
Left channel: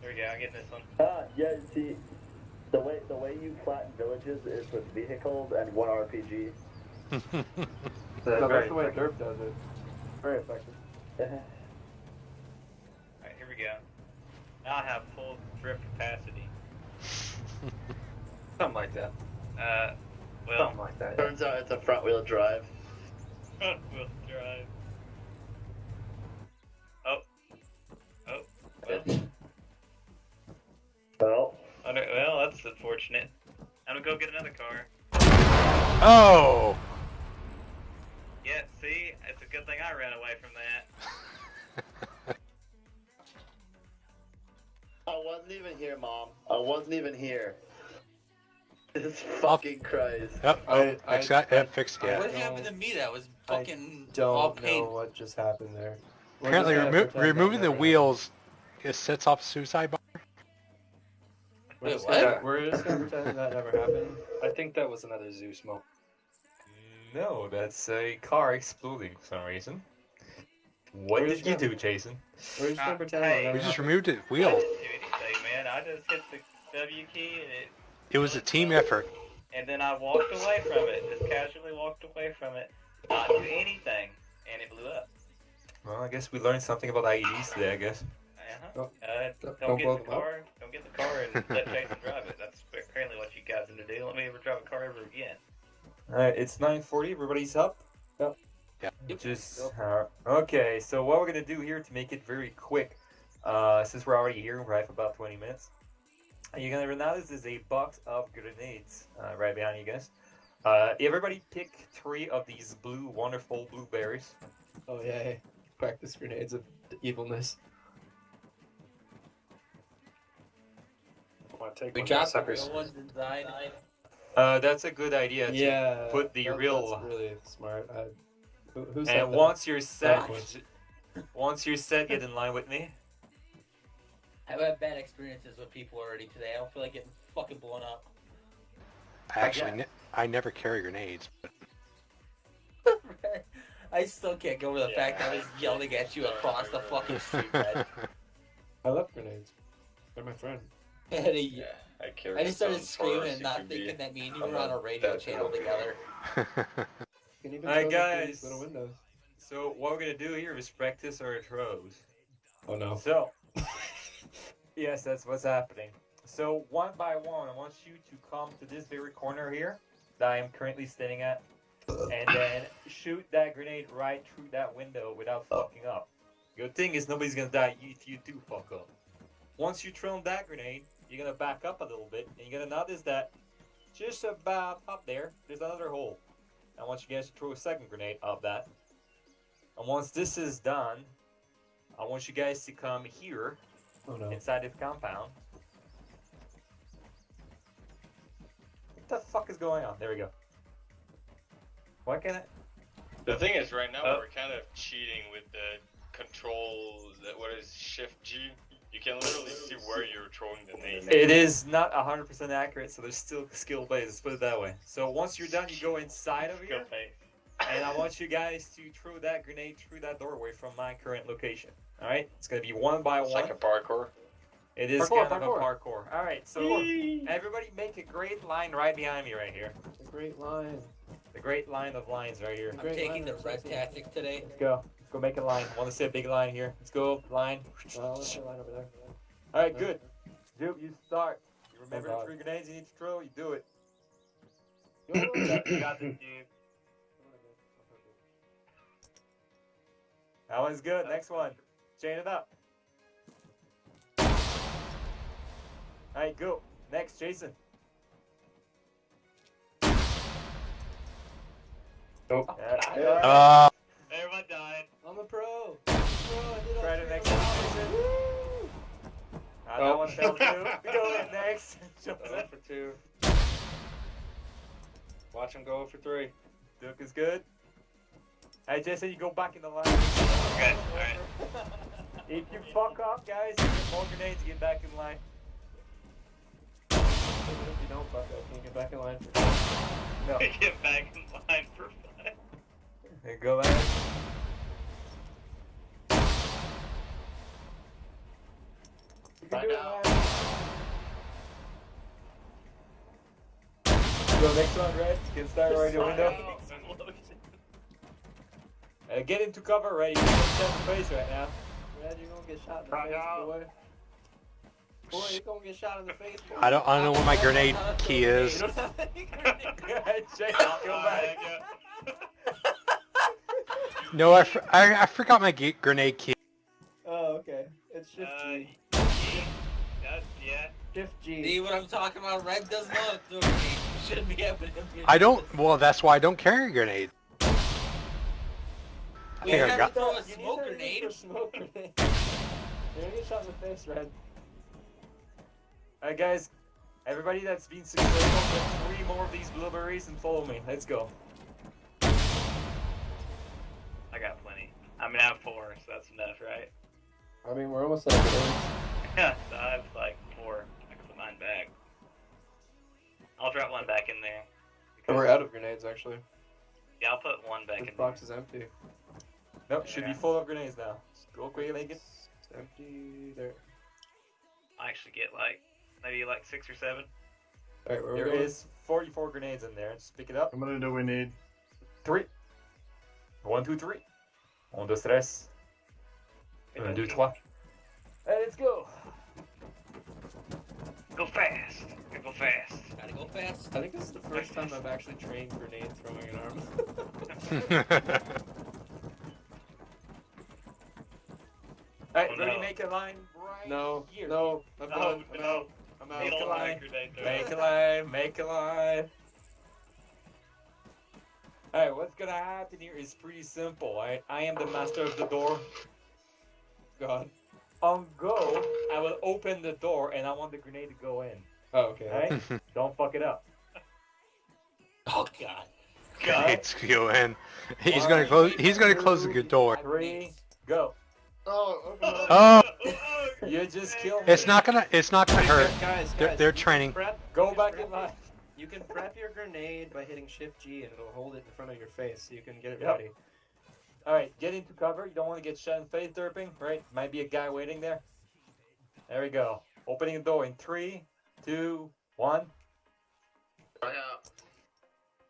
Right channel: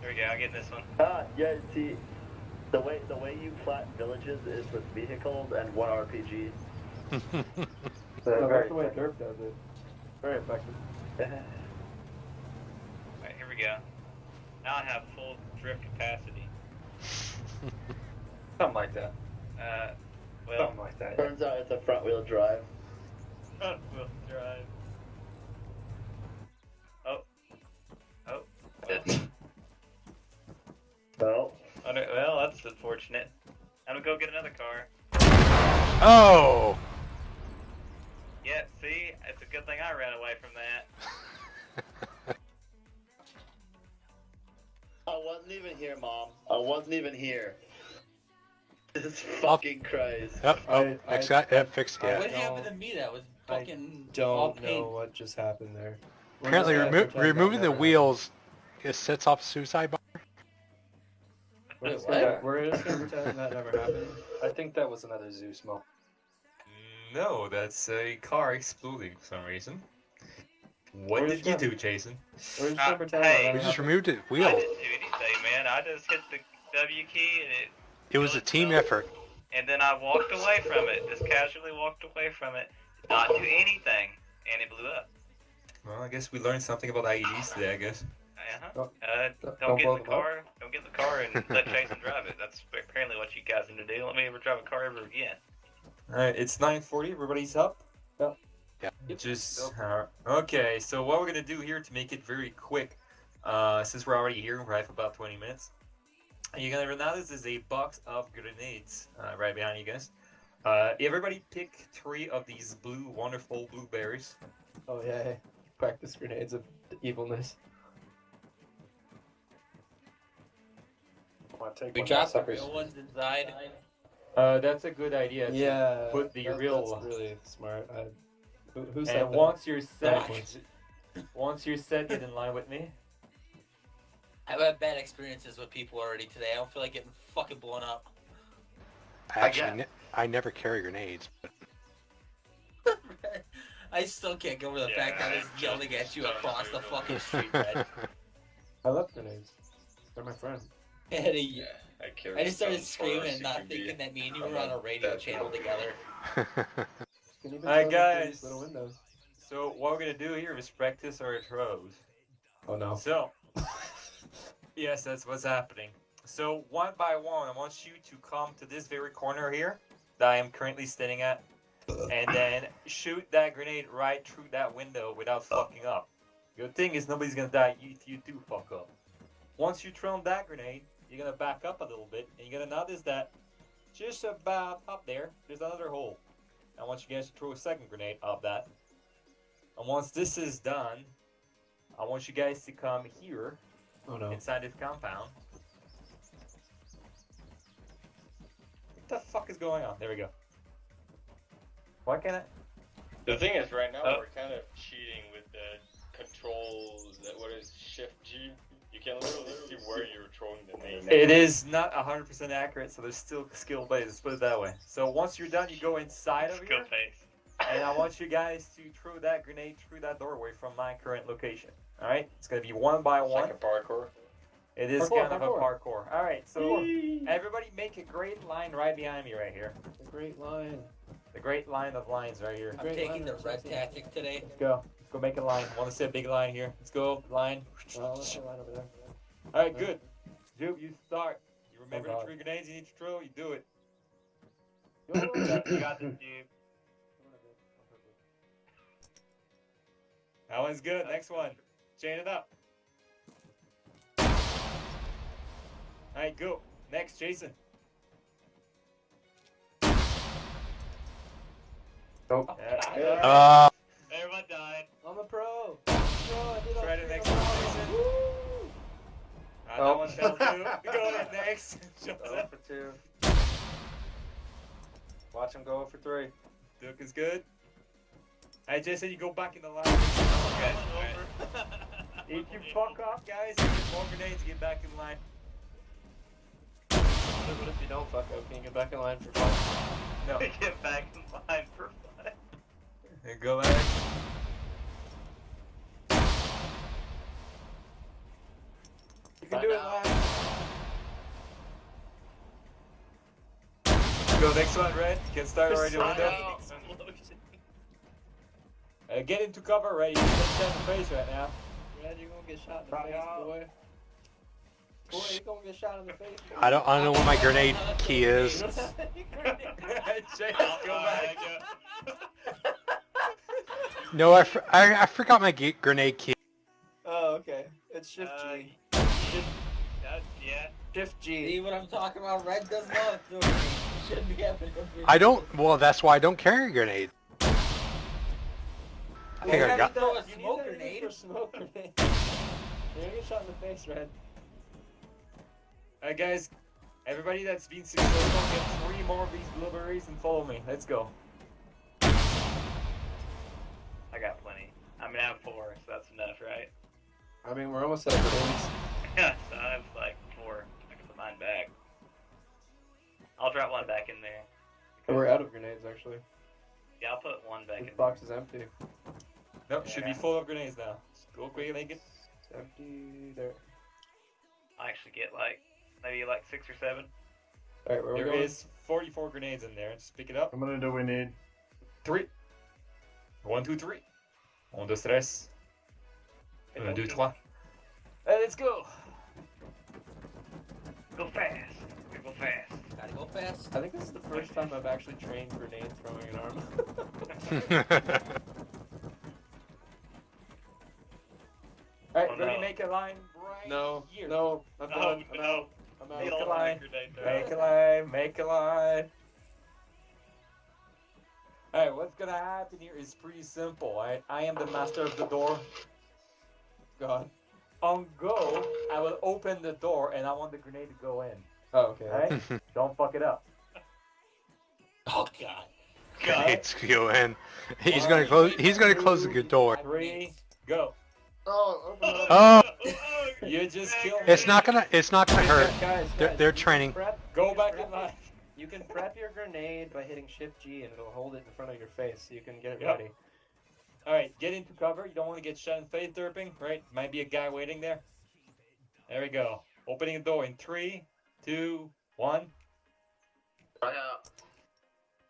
Here we go. I'm getting this one. Yeah. See, the way you flatten villages is with vehicles and one RPG. No, that's the way Derp does it. Very effective. Alright, here we go. Now I have full drift capacity. Something like that. Well, Something like that. Turns out it's a front wheel drive. front wheel drive. Oh. Well. Well, Well, that's unfortunate. I'm gonna go get another car. Oh! Yeah, see? It's a good thing I ran away from that. I wasn't even here, Mom. I wasn't even here. Jesus fucking Christ. Yep. Fix that. Yep. Fix. Yeah. What happened to me? That was fucking Don't all know pain. what just happened there. We're Apparently, just gonna pretend removing that the never wheels it sets off a suicide bomb. We're just Wait, gonna, what? we're just gonna pretend that never happened. I think that was another Zeus smoke. No, that's a car exploding for some reason. What We're did just you gonna- do, Jason? We're just gonna pretend hey, that never We just happened. removed the wheel. Do anything, man. I just hit the W key and It was a team effort. then I walked away from it. Just casually walked away from it. Not do anything. And it blew up. Well, I guess we learned something about IEDs today, I guess. Uh-huh. Don't Don't get blow in the them up. car. Don't get in the car and let Jason drive it. That's apparently what you guys need to do. Let me ever drive a car ever again. Alright, it's 9:40. Everybody's up? Yep. Yeah. Just okay. So what we're gonna do here to make it very quick, since we're already here, we're at about 20 minutes. You're gonna notice there's a box of grenades right behind you guys. Everybody pick 3 of these wonderful blueberries. Oh yeah, practice grenades of evilness. We dropped the real ones inside. That's a good idea. To Yeah, put the that's real. really smart. Who said And that? once you're set, Backwards. get in line with me. I've had bad experiences with people already today. I don't feel like getting fucking blown up. Actually, I never carry grenades. I still can't get over the fact that I was yelling at you across the fucking street. Bud. I love grenades. They're my friend. I just started screaming and not thinking that me and you were on a radio channel together. You can even Alright, throw them through guys. these little windows. So what we're gonna do here is practice our throws. Oh no. So, yes, that's what's happening. So one by one, I want you to come to this very corner here that I am currently standing at, and then shoot that grenade right through that window without fucking up. Good thing is nobody's gonna die if you do fuck up. Once you throw that grenade, you're gonna back up a little bit, and you're gonna notice that just about up there's another hole. I want you guys to throw a second grenade up that. And once this is done, I want you guys to come here inside this compound. What the fuck is going on? There we go. Why can't I? The thing is, right now we're kind of cheating with the control. What is Shift G? You can literally see where you're throwing the nade. It is not 100% accurate, so there's still skill based. Let's put it that way. So once you're done, you go inside of here, and I want you guys to throw that grenade through that doorway from my current location. All right, it's gonna be one by one. Like a parkour. It is Parkour, kind of a parkour. All right, so everybody make a great line right behind me, right here. A great line. The great line of lines right here. I'm taking the red tactic today. Let's go. Let's go make a line. I want to see a big line here. Let's go. Line. Let's line over there. All right, good. Dude, you start. You remember Oh, the God. 3 grenades you need to throw? You do it. You got this, dude. That one's good. Next one. Chain it up. All right, go. Next, Jason. Nope. Everyone died. I'm a pro. Try the next one. That one fell through. Go next. Go for 2. Watch him go for 3. Duke is good. Hey, Jason, you go back in the line. Okay, alright. If you fuck up, guys, you get more grenades, get back in line. What if you don't fuck up? Can you get back in line for 5? No. Get back in line for 5. And go back. You can do it, lad. Go next one, Red. You can start already with them. Get into cover, Red. You can get shot in the face right now. Red, you're gonna get shot in the face, boy. Boy, you're gonna get shot in the face. Boy. I don't know where my grenade key is. Jason, go back. No, I forgot my grenade key. Oh, okay. It's Shift G. Yeah. Shift G. See what I'm talking about? Red does not do it. Shouldn't be happening. I don't. Well, that's why I don't carry a grenade. I think I got. Throw a smoke grenade. Smoke grenade. You're gonna get shot in the face, Red. Alright, guys. Everybody that's been successful, get 3 more of these blueberries and follow me. Let's go. I got plenty. I mean, I have 4, so that's enough, right? I mean, we're almost at grenades. Yeah, so I have like 4. I can put mine back. I'll drop one back in there. Oh, we're out of grenades, actually. Yeah, I'll put one back This in box is empty. Nope, should be full of grenades now. Just go quick, make it. It's empty. There. I'll actually get like, maybe like 6 or 7. Alright, where There we going? is 44 grenades in there. Just pick it up. How many do we need? 3. 1, 2, 3. 1, 2, 3. 1, 2, 3. Let's go. Go fast. Go fast. Gotta go fast. I think this is the first time I've actually trained grenade throwing an Arma. Alright, Oh, ready no. to make a line right No, here. no, I'm done. Oh, I'm no. out. I'm out. Make a Don't line. grenade throw. Make a line. Make a line. Alright, what's gonna happen here is pretty simple, alright? I am the master of the door. God. On go, I will open the door and I want the grenade to go in. Oh, okay. Alright? Don't fuck it up. Oh god. Grenades go in. He's gonna close. He's gonna close the door. 3, go. Oh, open it up. Oh, You just killed me. it's not gonna hurt. Guys, They're training. Go back in line. You can prep your grenade by hitting Shift G and it'll hold it in front of your face so you can get it Yep. ready. Alright, get into cover. You don't want to get shot in the face derping, right? Might be a guy waiting there. There we go. Opening the door in 3, 2, 1.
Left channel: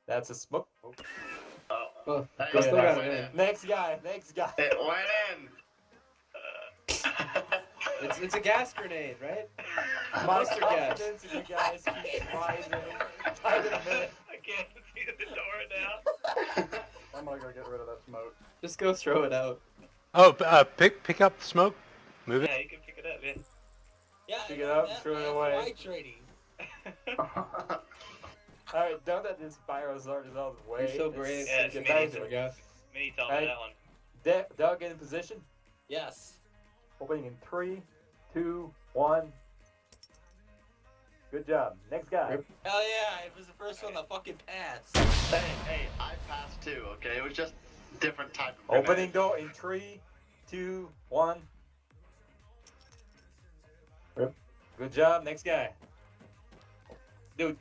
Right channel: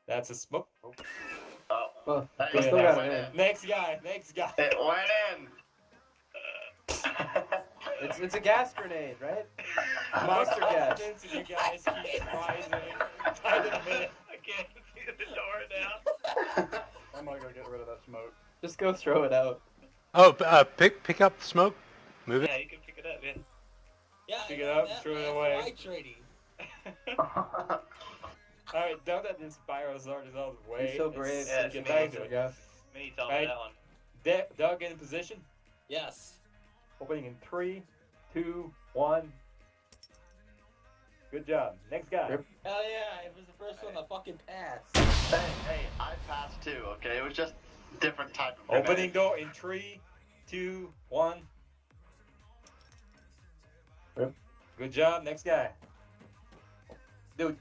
That's a smoke. Oh. Oh, Hey, Go I still ahead. got it in. Next guy, next guy. It went in. It's a gas grenade, right? My Mustard gas. confidence in you guys keeps rising. I did a minute. I can't see the door now. I'm gonna go get rid of that smoke. Just go throw it out. Oh, pick up the smoke. Move it. Yeah, you can pick it up, yeah. Yeah, Pick it up, that, throw it that's away. my trading. Alright, now that this Spyro is out of the way, You're so brave. Yeah, let's it's get me, back to it, guys. Me told Right. me that one. Doug in position. Yes. Opening in 3, 2, 1. Good job. Next guy. Hell yeah, it was the first one to fucking pass. Hey, I passed too, okay? It was just different type of Opening grenade. door in 3, 2, 1. Rip. Good job. Next guy. Dude,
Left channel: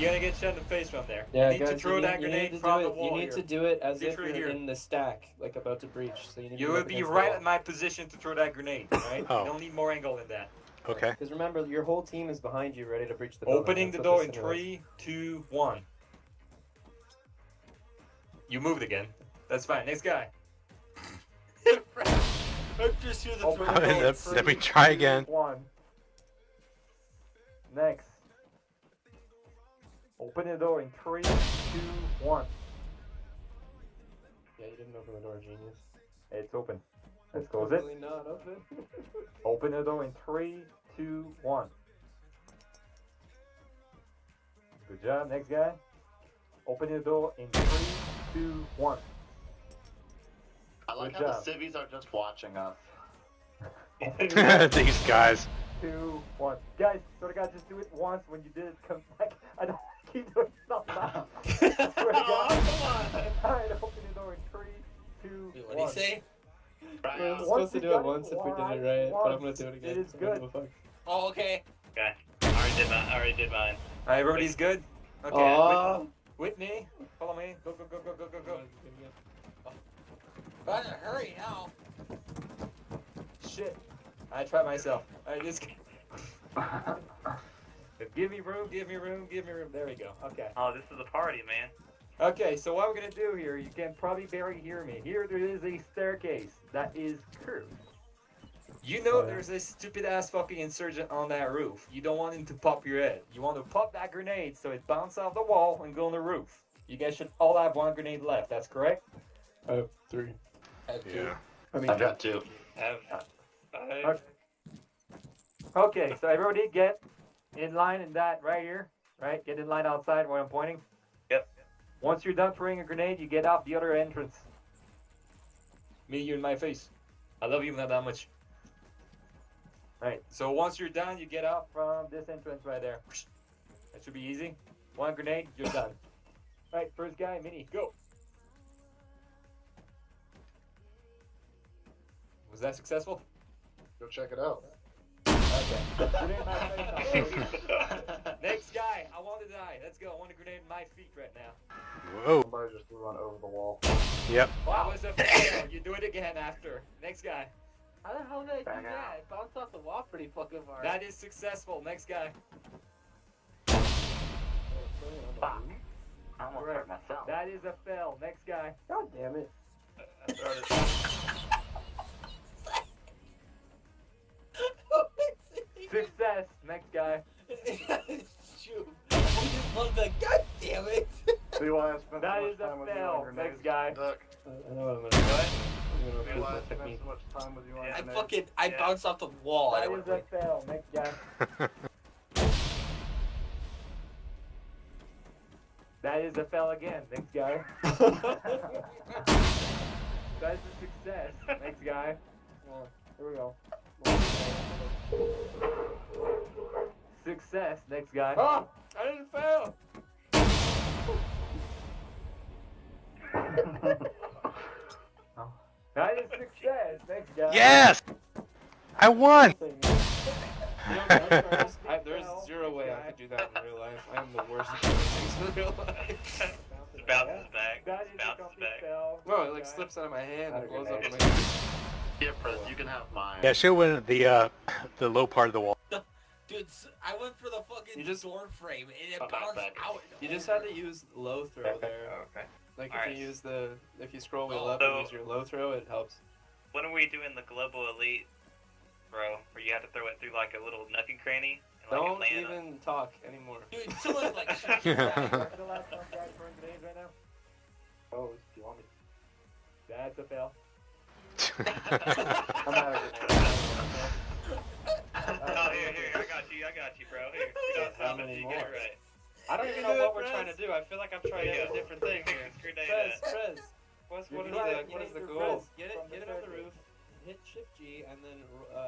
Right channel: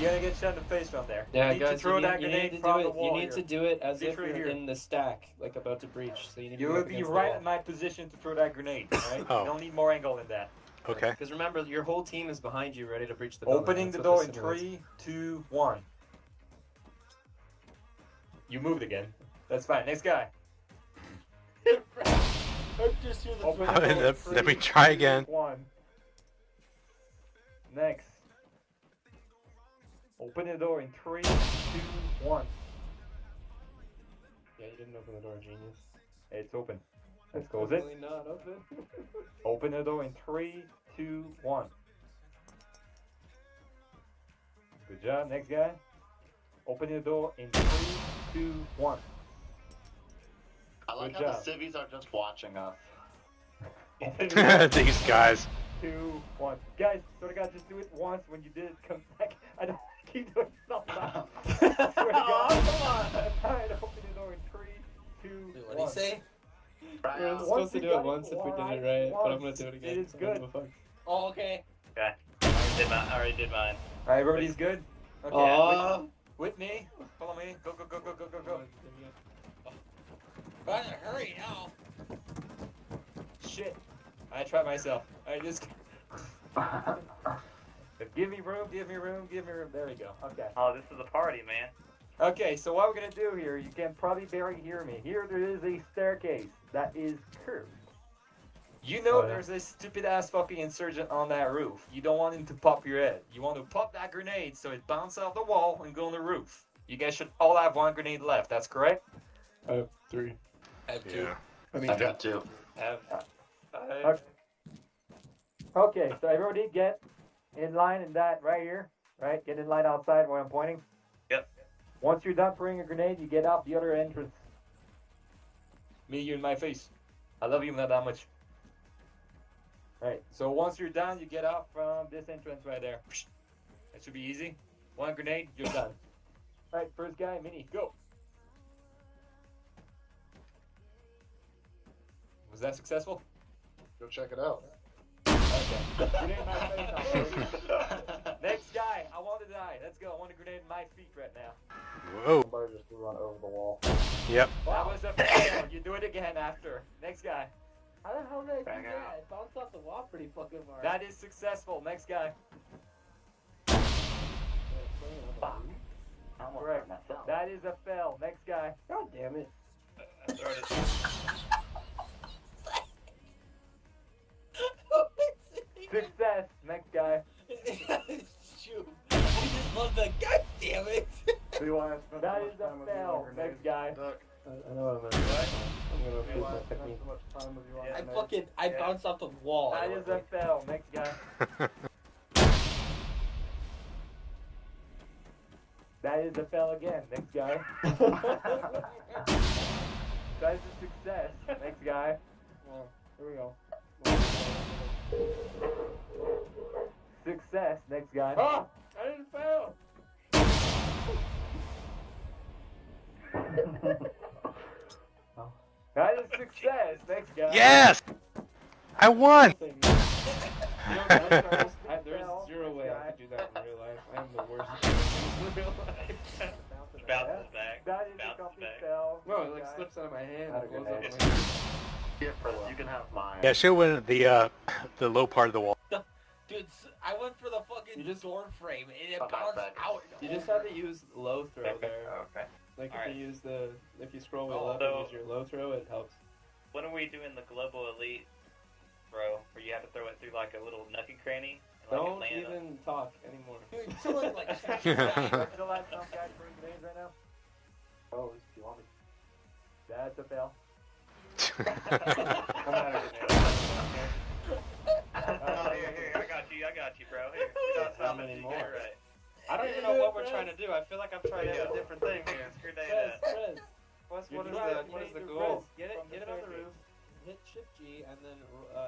you're gonna get shot in the face from there. Yeah, you need to guys, throw that you grenade need to from do the it. You wall need here. to do it as Get if through you're here. in the stack, like about to breach. So you need You to will be right at my position to throw that grenade, right? Oh. You don't need more angle than that. Okay. Because remember, your whole team is behind you, ready to breach the Opening the building. door That's in what this simulates. 3, 2, 1. You moved again. That's fine. Next guy. Just through the Open door. the door in Let me 3, try 2, again. 1. Next. Open the door in 3, 2, 1. Yeah, you didn't open the door, genius. Hey, it's open. Let's close it. Really not open. Open the door in 3, 2, 1. Good job. Next guy. Open the door in 3, 2, 1. I like Good how job. the civvies are just watching us. These guys. 2, 1. Guys, sort of God, just do it once. When you did it, come back. I don't keep doing stuff now. Swear to God. Alright, open the door in 3, 2, Wait, 1. what did he say? We're supposed to do it once if we did it right, but I'm gonna do it again. It is so I don't good. give a fuck. Oh, okay. Okay. I already did mine. Alright, everybody's good? Okay. Aw. Whitney, follow me. Go, go, go, go, go, go, go. But in a hurry now. Shit. I tried myself. Alright, just. Give me room, give me room, give me room. There we go. Okay. Oh, this is a party, man. Okay, so what we're gonna do here, you can probably barely hear me. Here there is a staircase that is curved. You know there's a stupid ass fucking insurgent on that roof. You don't want him to pop your head. You want to pop that grenade so it bounces off the wall and go on the roof. You guys should all have 1 grenade left, that's correct? I have 3. I have 2. Yeah. I got 2. Have 5. Okay, so everybody get in line in that right here, right? Get in line outside where I'm pointing. Yep. Once you're done throwing a grenade, you get out the other entrance. Me, you in my face. I love you not that much. Right, so once you're done, you get out from this entrance right there. That should be easy. 1 grenade, you're done. Alright, first guy, Mini, go. Was that successful? Go check it out. Okay. Grenade in my face now, please. Next guy, I want to die. Let's go. I want a grenade in my feet right now. Whoa. Somebody just run over the wall. Yep. That was a fail. You do it again after. Next guy. How the hell did I do that? I bounced off the wall pretty fucking hard. That is successful. Next guy. I almost hurt myself. That is a fail. Next guy. God damn it. I started. Success. Next guy. Shoot. I just love that. God damn it. See why I spent That so much is a time with you fail. on grenades? Next guy. Duck. I know what I'm gonna do. I'm gonna See repeat why I my spent technique. so much time with you on grenades? I bounced off the wall. That is a fail. Next guy. That is a fail again. Next guy. That is a success. Next guy. Here we go. Success. Next guy. Ah! I didn't fail! That is success. Next guy. Yes! I won! There's 0 way I could do that in real life. I am the worst at in real life. Bounces back. That is a Bounces complete back. fail. No, it like Next guy. slips out of my hand Had and a blows up. grenade. My hand. Here, Chris, you can have mine. Yeah, should win the low part of the wall. Dude, I went for the fucking You just- door frame and it Oh, bounced back. out. You just had to use low throw there. Oh, okay. Like if Alright. you use if you scroll wheel Oh, up so- and use your low throw, it helps. When are we doing the Global Elite, bro? Where you have to throw it through like a little nookie cranny? And, like, Don't it land on- even talk anymore. Dude, someone like shoot Still have some guy throwing grenades right now? Oh, if you want me. That's a fail. I'm out of grenades. Oh, here, I got you, bro. Here, we got How promise many you more? get it right. I don't even know what we're trying to do. I feel like I'm trying to Yeah. do a different thing here. Grenade Press. What is the goal? Get it on the roof. Hit Shift G and then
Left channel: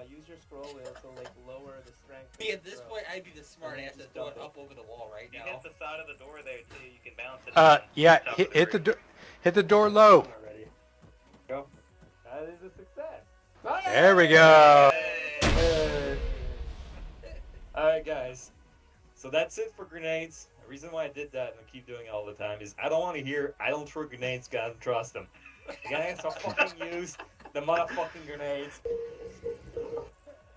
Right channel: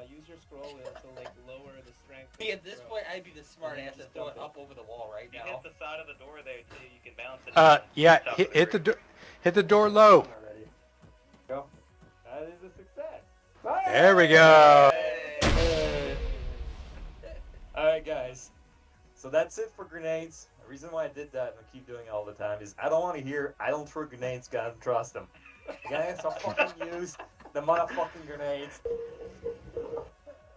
use your scroll wheel to like lower the strength. of Yeah, the at this throw. point, I'd be the smart And then ass to just throw dump it it. up over the wall right If you now. hit the side of the door there too, you can bounce it. Yeah, Top hit, of hit the door low. Already. That is a success. There we go. Alright, guys. So that's it for grenades. The reason why I did that and I keep doing it all the time is I don't want to hear I don't throw grenades, guys, I don't trust them. You guys have to fucking use the motherfucking grenades.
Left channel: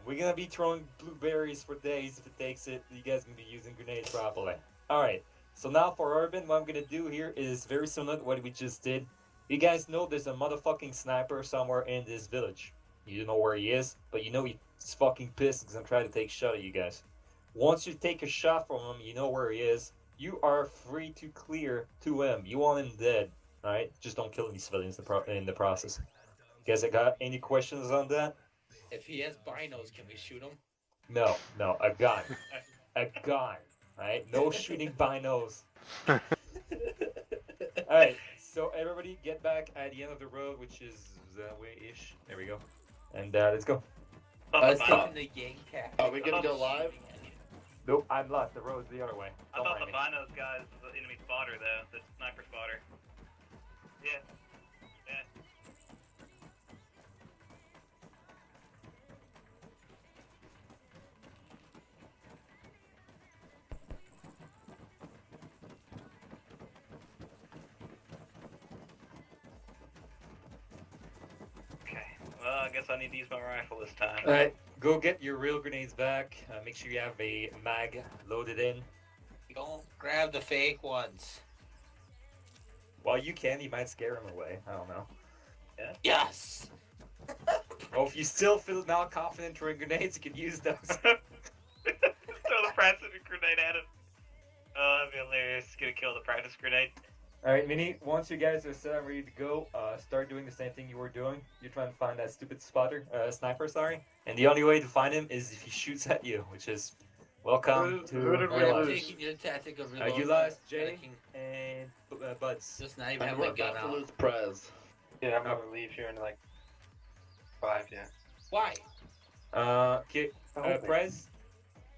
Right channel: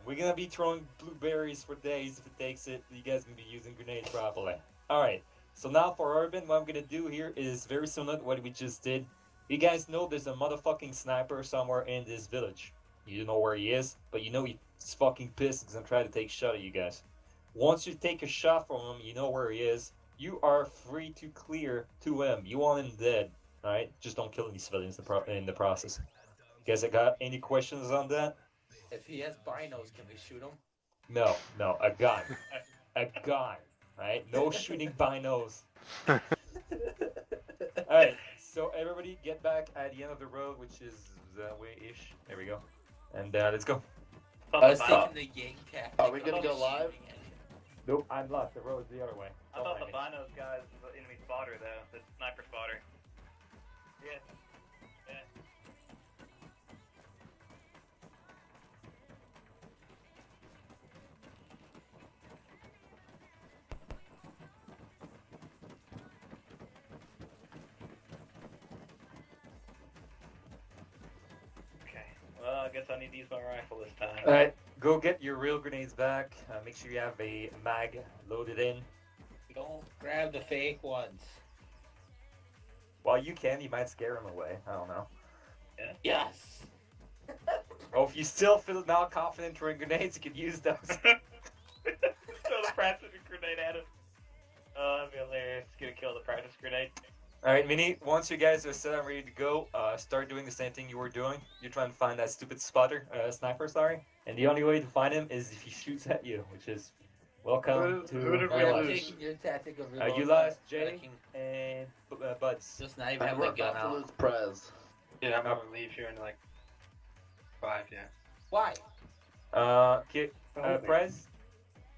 We're gonna be throwing blueberries for days if it takes it. You guys gonna be using grenades properly. Alright, so now for Urban, what I'm gonna do here is very similar to what we just did. You guys know there's a motherfucking sniper somewhere in this village. You don't know where he is, but you know he's fucking pissed because I'm trying to take a shot at you guys. Once you take a shot from him, you know where he is. You are free to clear to him. You want him dead, alright? Just don't kill any civilians in the process. You guys got any questions on that? If he has binos, can we shoot him? No, a gun. A gun, right? No shooting binos. Alright, So everybody get back at the end of the road, which is that way-ish. There we go. And let's go. I was taking the gang tactic. Are we gonna go live? Nope, I'm not. The road's the other way. I Don't thought mind the me. binos guy's the enemy spotter though, the sniper spotter. Yeah. Yeah. Okay. Well, I guess I need to use my rifle this time. Alright, go get your real grenades back. Make sure you have a mag loaded in. Don't grab the fake ones. While you can, you might scare them away. I don't know. Yeah. Yes. Oh, if you still feel not confident throwing grenades, you can use those. Throw the practice grenade at him. Oh, that'd be hilarious. It's gonna kill the practice grenade. Alright, Mini, once you guys are set and ready to go, start doing the same thing you were doing. You're trying to find that stupid sniper, sorry. And the only way to find him is if he shoots at you, which is welcome to real I'm life. taking your tactic of You reload. lost Jay and Buds. Just not even And have we're my gun about to out. lose Prez. Yeah, I'm gonna leave here in like 5, yeah. Why? Okay,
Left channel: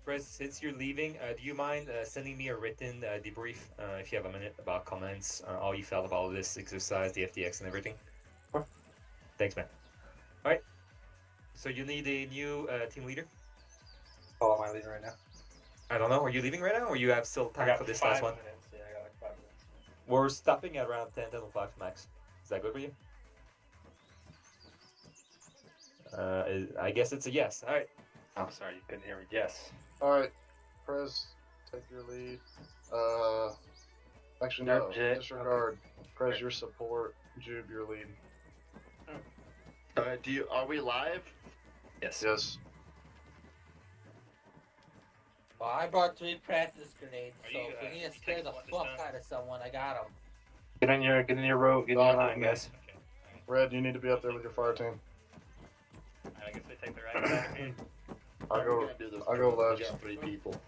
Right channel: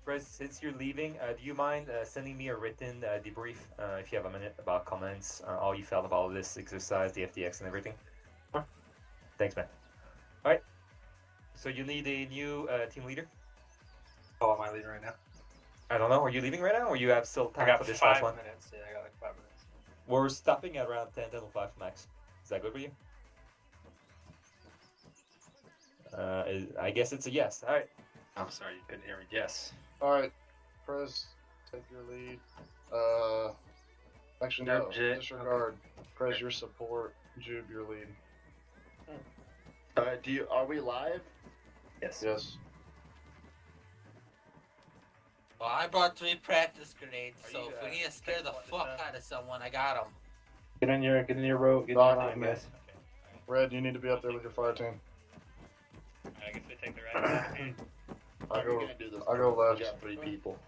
Prez, since you're leaving, do you mind sending me a written debrief, if you have a minute, about comments, how you felt about this exercise, the FTX and everything? Thanks, man. Alright, so you need a new team leader? Oh, am I leaving right now? I don't know, are you leaving right now, or you have still I time got for this 5 last one? minutes. Yeah, I got like 5 minutes. We're stopping at around 10:05 max. Is that good for you? I guess it's a yes. Alright. I'm sorry, you couldn't hear me. Yes. Alright, Prez, take your lead. Actually, no, Legit. disregard. Prez, your support. Jube, your lead. Alright, are we live? Yes. Yes. Well, I brought 3 practice grenades, Are so you, if we need to scare the taking fuck one out of someone, I got them. Get in your road. Get in your line, guys. Okay. Red, you need to be up there with your fire team. Alright, I guess they take the right back. I'll go left. We got 3 people.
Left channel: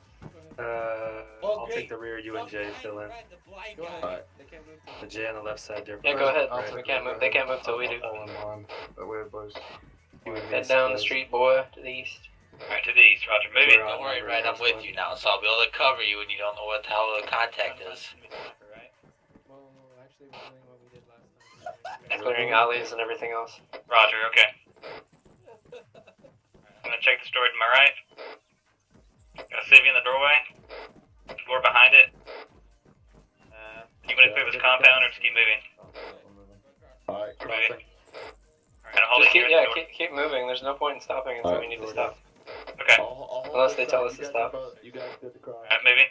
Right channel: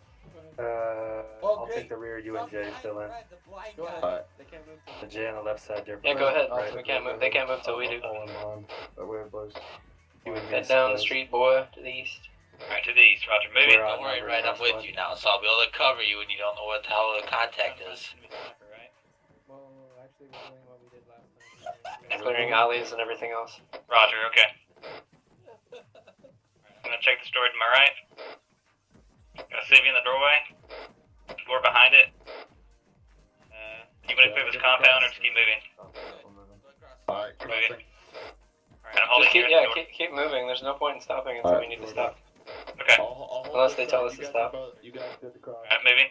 I'll take the rear. You and Jay fill in. The blind guy. Alright. The Jay on the left side there. Yeah, go ahead. I'll take We can't the move. They can't move till we do. all in line. That way, boys. Head down the street, boy, to the east. Alright, to the east, Roger. Moving. Don't worry, Red, I'm with you now, so I'll be able to cover you when you don't know what the hell the contact is. Well, actually, we're doing what we did last time. Clearing alleys and everything else. Roger, okay. I'm gonna check the door to my right. Got a civvy in the doorway. Door behind it. You wanna clear this compound or just keep moving? Alright, Moving. Alright, I'm holding Just keep, here at yeah, the door. keep moving. There's no point in stopping until we need to stop. Okay. I'll hold Unless this they tell up. us You to guys stop. You guys get the cross. Alright, moving.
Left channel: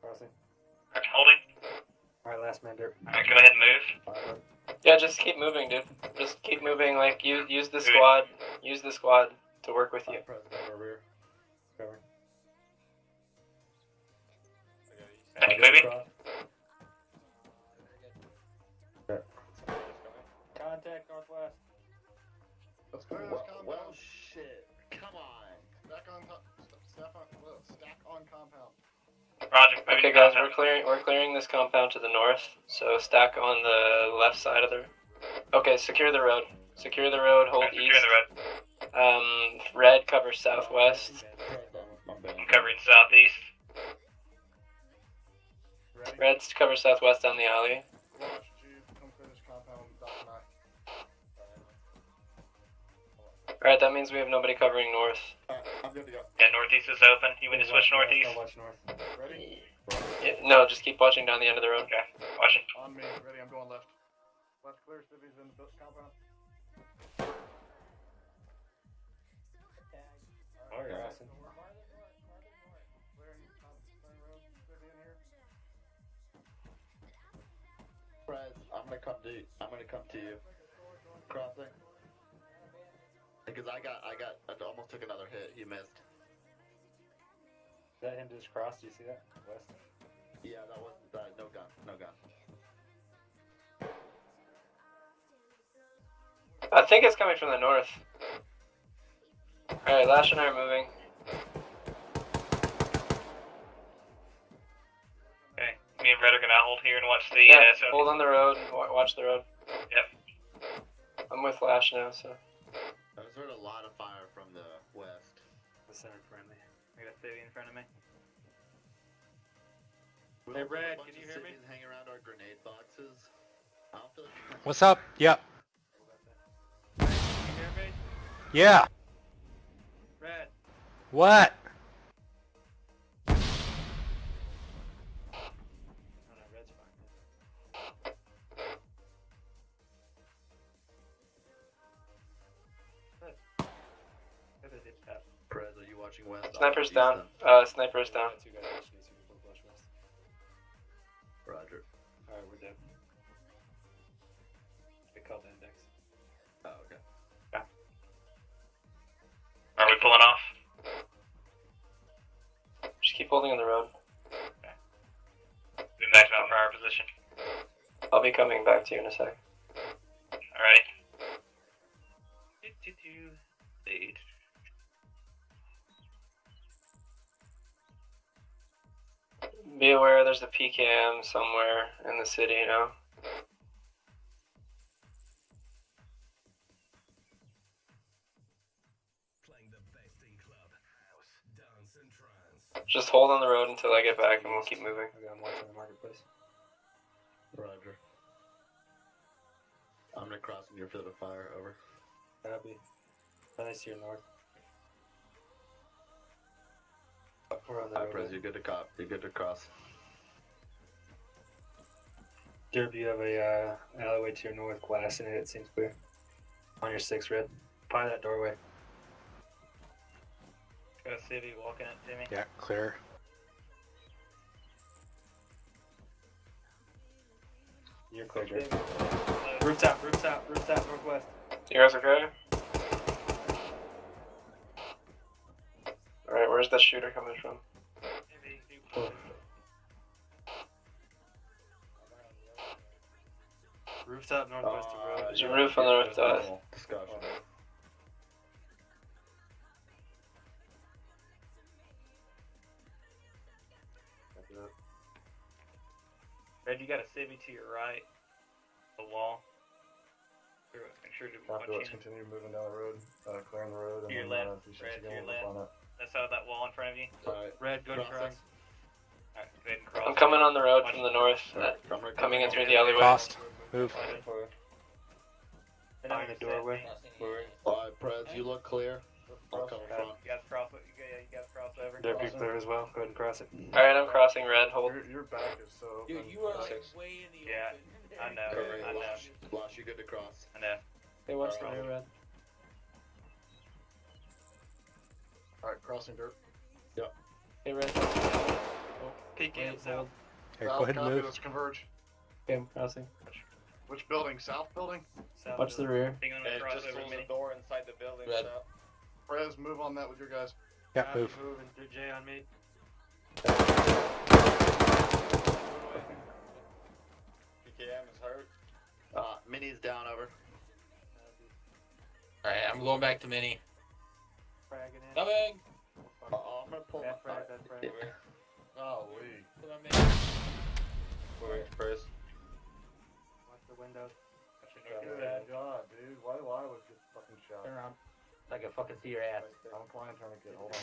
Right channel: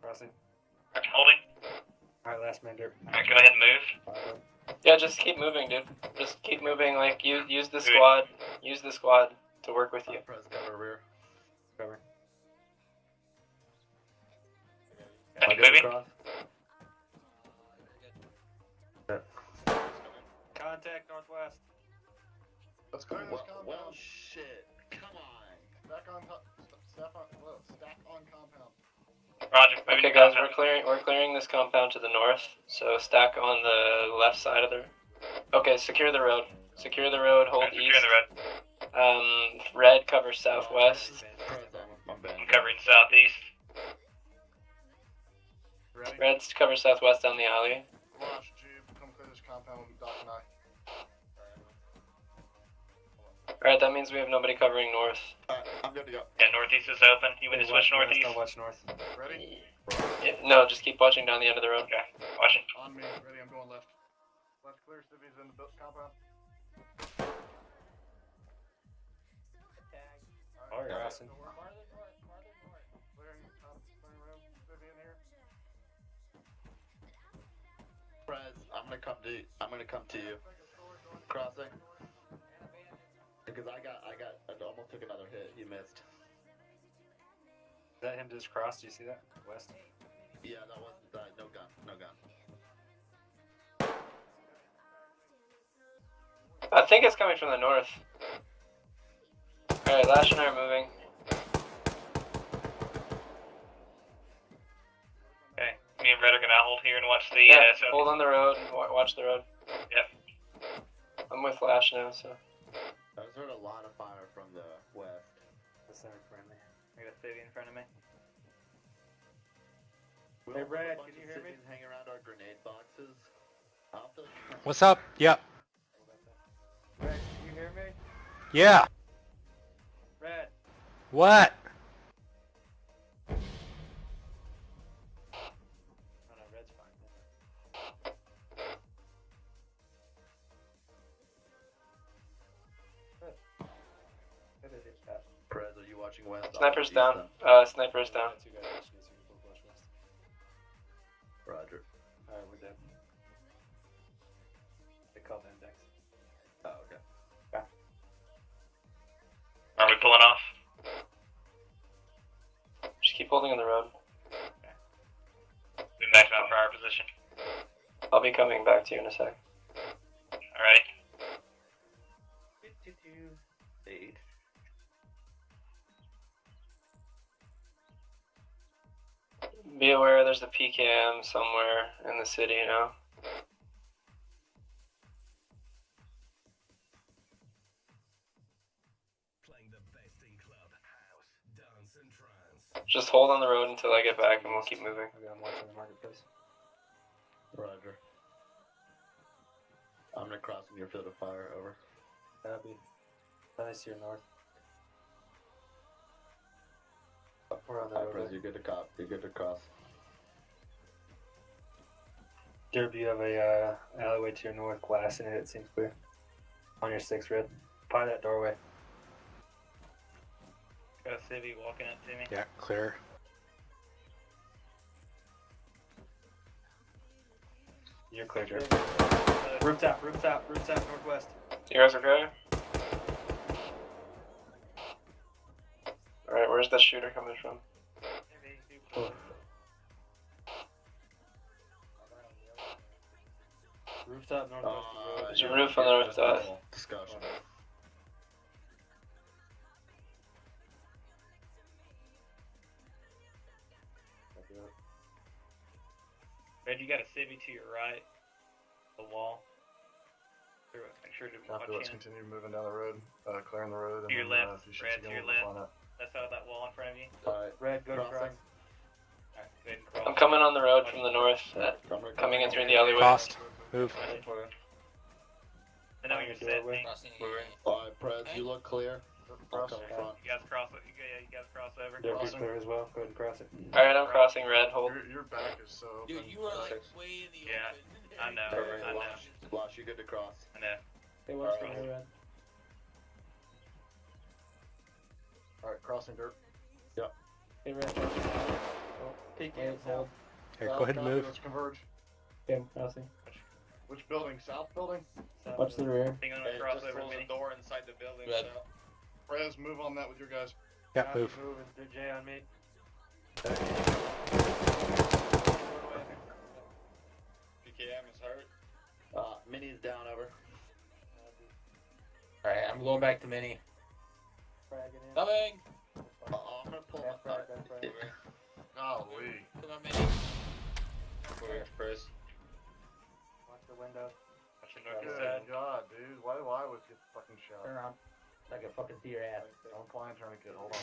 Crossing. Alright, holding. Alright, last man dirt. Alright, go ahead and move. Yeah, just keep moving, dude. Just keep moving. Like use the squad. Use the squad to work with you. Prez, cover rear. Cover. Alright, moving. Contact northwest. Let's clear this compound. Well, shit. Come on. Stack on compound. Roger, moving Okay, to guys, compound. we're clearing this compound to the north. So stack on the left side of the. Okay, secure the road. Secure the road. Hold Alright, east. securing the road. Red covers southwest. I'm covering southeast. Red's cover southwest down the alley. Watch, Jube, come clear this compound with Doc and I. Alright, that means we have nobody covering north. I'm good to go. Yeah, northeast is open. You want to switch northeast? Watch north. Ready? Yeah, no, just keep watching down the end of the road. Okay, watching. On me. Ready, I'm going left. Left clear, civvies in the compound. Oh, yeah. Crossing. Prez, I'm gonna come to you. Crossing. Because I almost took another hit. He missed. Is that him just crossed? Do you see that? West. Yeah, that wasn't that. No gun. No gun. I think it's coming from the north. Alright, Lash and I are moving. Okay, me and Red are gonna here and watch the. Yeah, So hold on the road and watch the road. Yep. I'm with Lash now, so. I just heard a lot of fire from the west. The center in front of me. I got Civvy in front of me. We Hey, also have Brad, a bunch can you of hear me? civvies hanging around our grenade boxes. I don't feel like What's up? Yep. Can you hear me? Yeah. Red. What? Oh no, red's fine. Good idea, Pat. Perez, are you watching west? Sniper's down. Sniper's down. Two guys watching you, so we both watch west. Roger. Alright, we're dead. They called index. Oh, okay. Are we pulling off? Just keep holding on the road. We max out for our position. I'll be coming back to you in a sec. Alrighty. Lead. Be aware there's a PKM somewhere in the city now. Just hold on the road until I get back and we'll keep moving. Okay, I'm watching the marketplace. Roger. I'm gonna cross in your field of fire, over. Copy. Nice to your north. We're on the road. Perez, you're good to cop. You're good to cross. Derb, you have a alleyway to your north, glass in it, it seems clear. On your 6 red. By that doorway. Got Civvy walking up to me. Yeah, clear. You're clear, Derb. Rooftop, northwest. You guys okay? Alright, where's that shooter coming from? Rooftop, northwest of road. There's a roof on the north side. Discussion. Red, you got a Civvy to your right. The wall. Make sure to watch Let's him. continue moving down the road, clearing the road. To your and left, if you shoot Red, to again, your we'll left. find out. That's out of that wall in front of you. Alright. Red, go to Crossing. cross. Alright, go ahead and cross. I'm coming on the road from the north, coming in through the alleyway. Crossed. Move. And then we Behind the can set doorway. things. Alright, Perez, you look clear. I'll come in front. You guys cross it. You guys cross over. Derb, you clear as well. Go ahead and cross it. Alright, I'm crossing red, hold. Your back is so open. Dude, you were like way in the Yeah, open. I know. Covering I know. Losh, you good to cross. I know. Hey, watch the rear red. Alright, crossing dirt. Hey, red. Peek Hey, in south. Here, go ahead and Copy, move. Let's converge. Okay, I'm crossing. Which building? South building? Watch the rear. Hang on, And cross just over close me. the door inside the building. Red. so- Perez, move on that with your guys. Yeah, move. Jay on me. PKM is hurt. Mini's down, over. Alright, I'm going back to Mini. Fragging in. Coming! I'm gonna pull Back, up. back, back, back. Golly. Come on, Mini. Perez. Watch the window. Watch your north Good side. God, dude. Why do I always get fucking shot? Turn around. I can fucking see your ass. I'm flying trying to get hold on.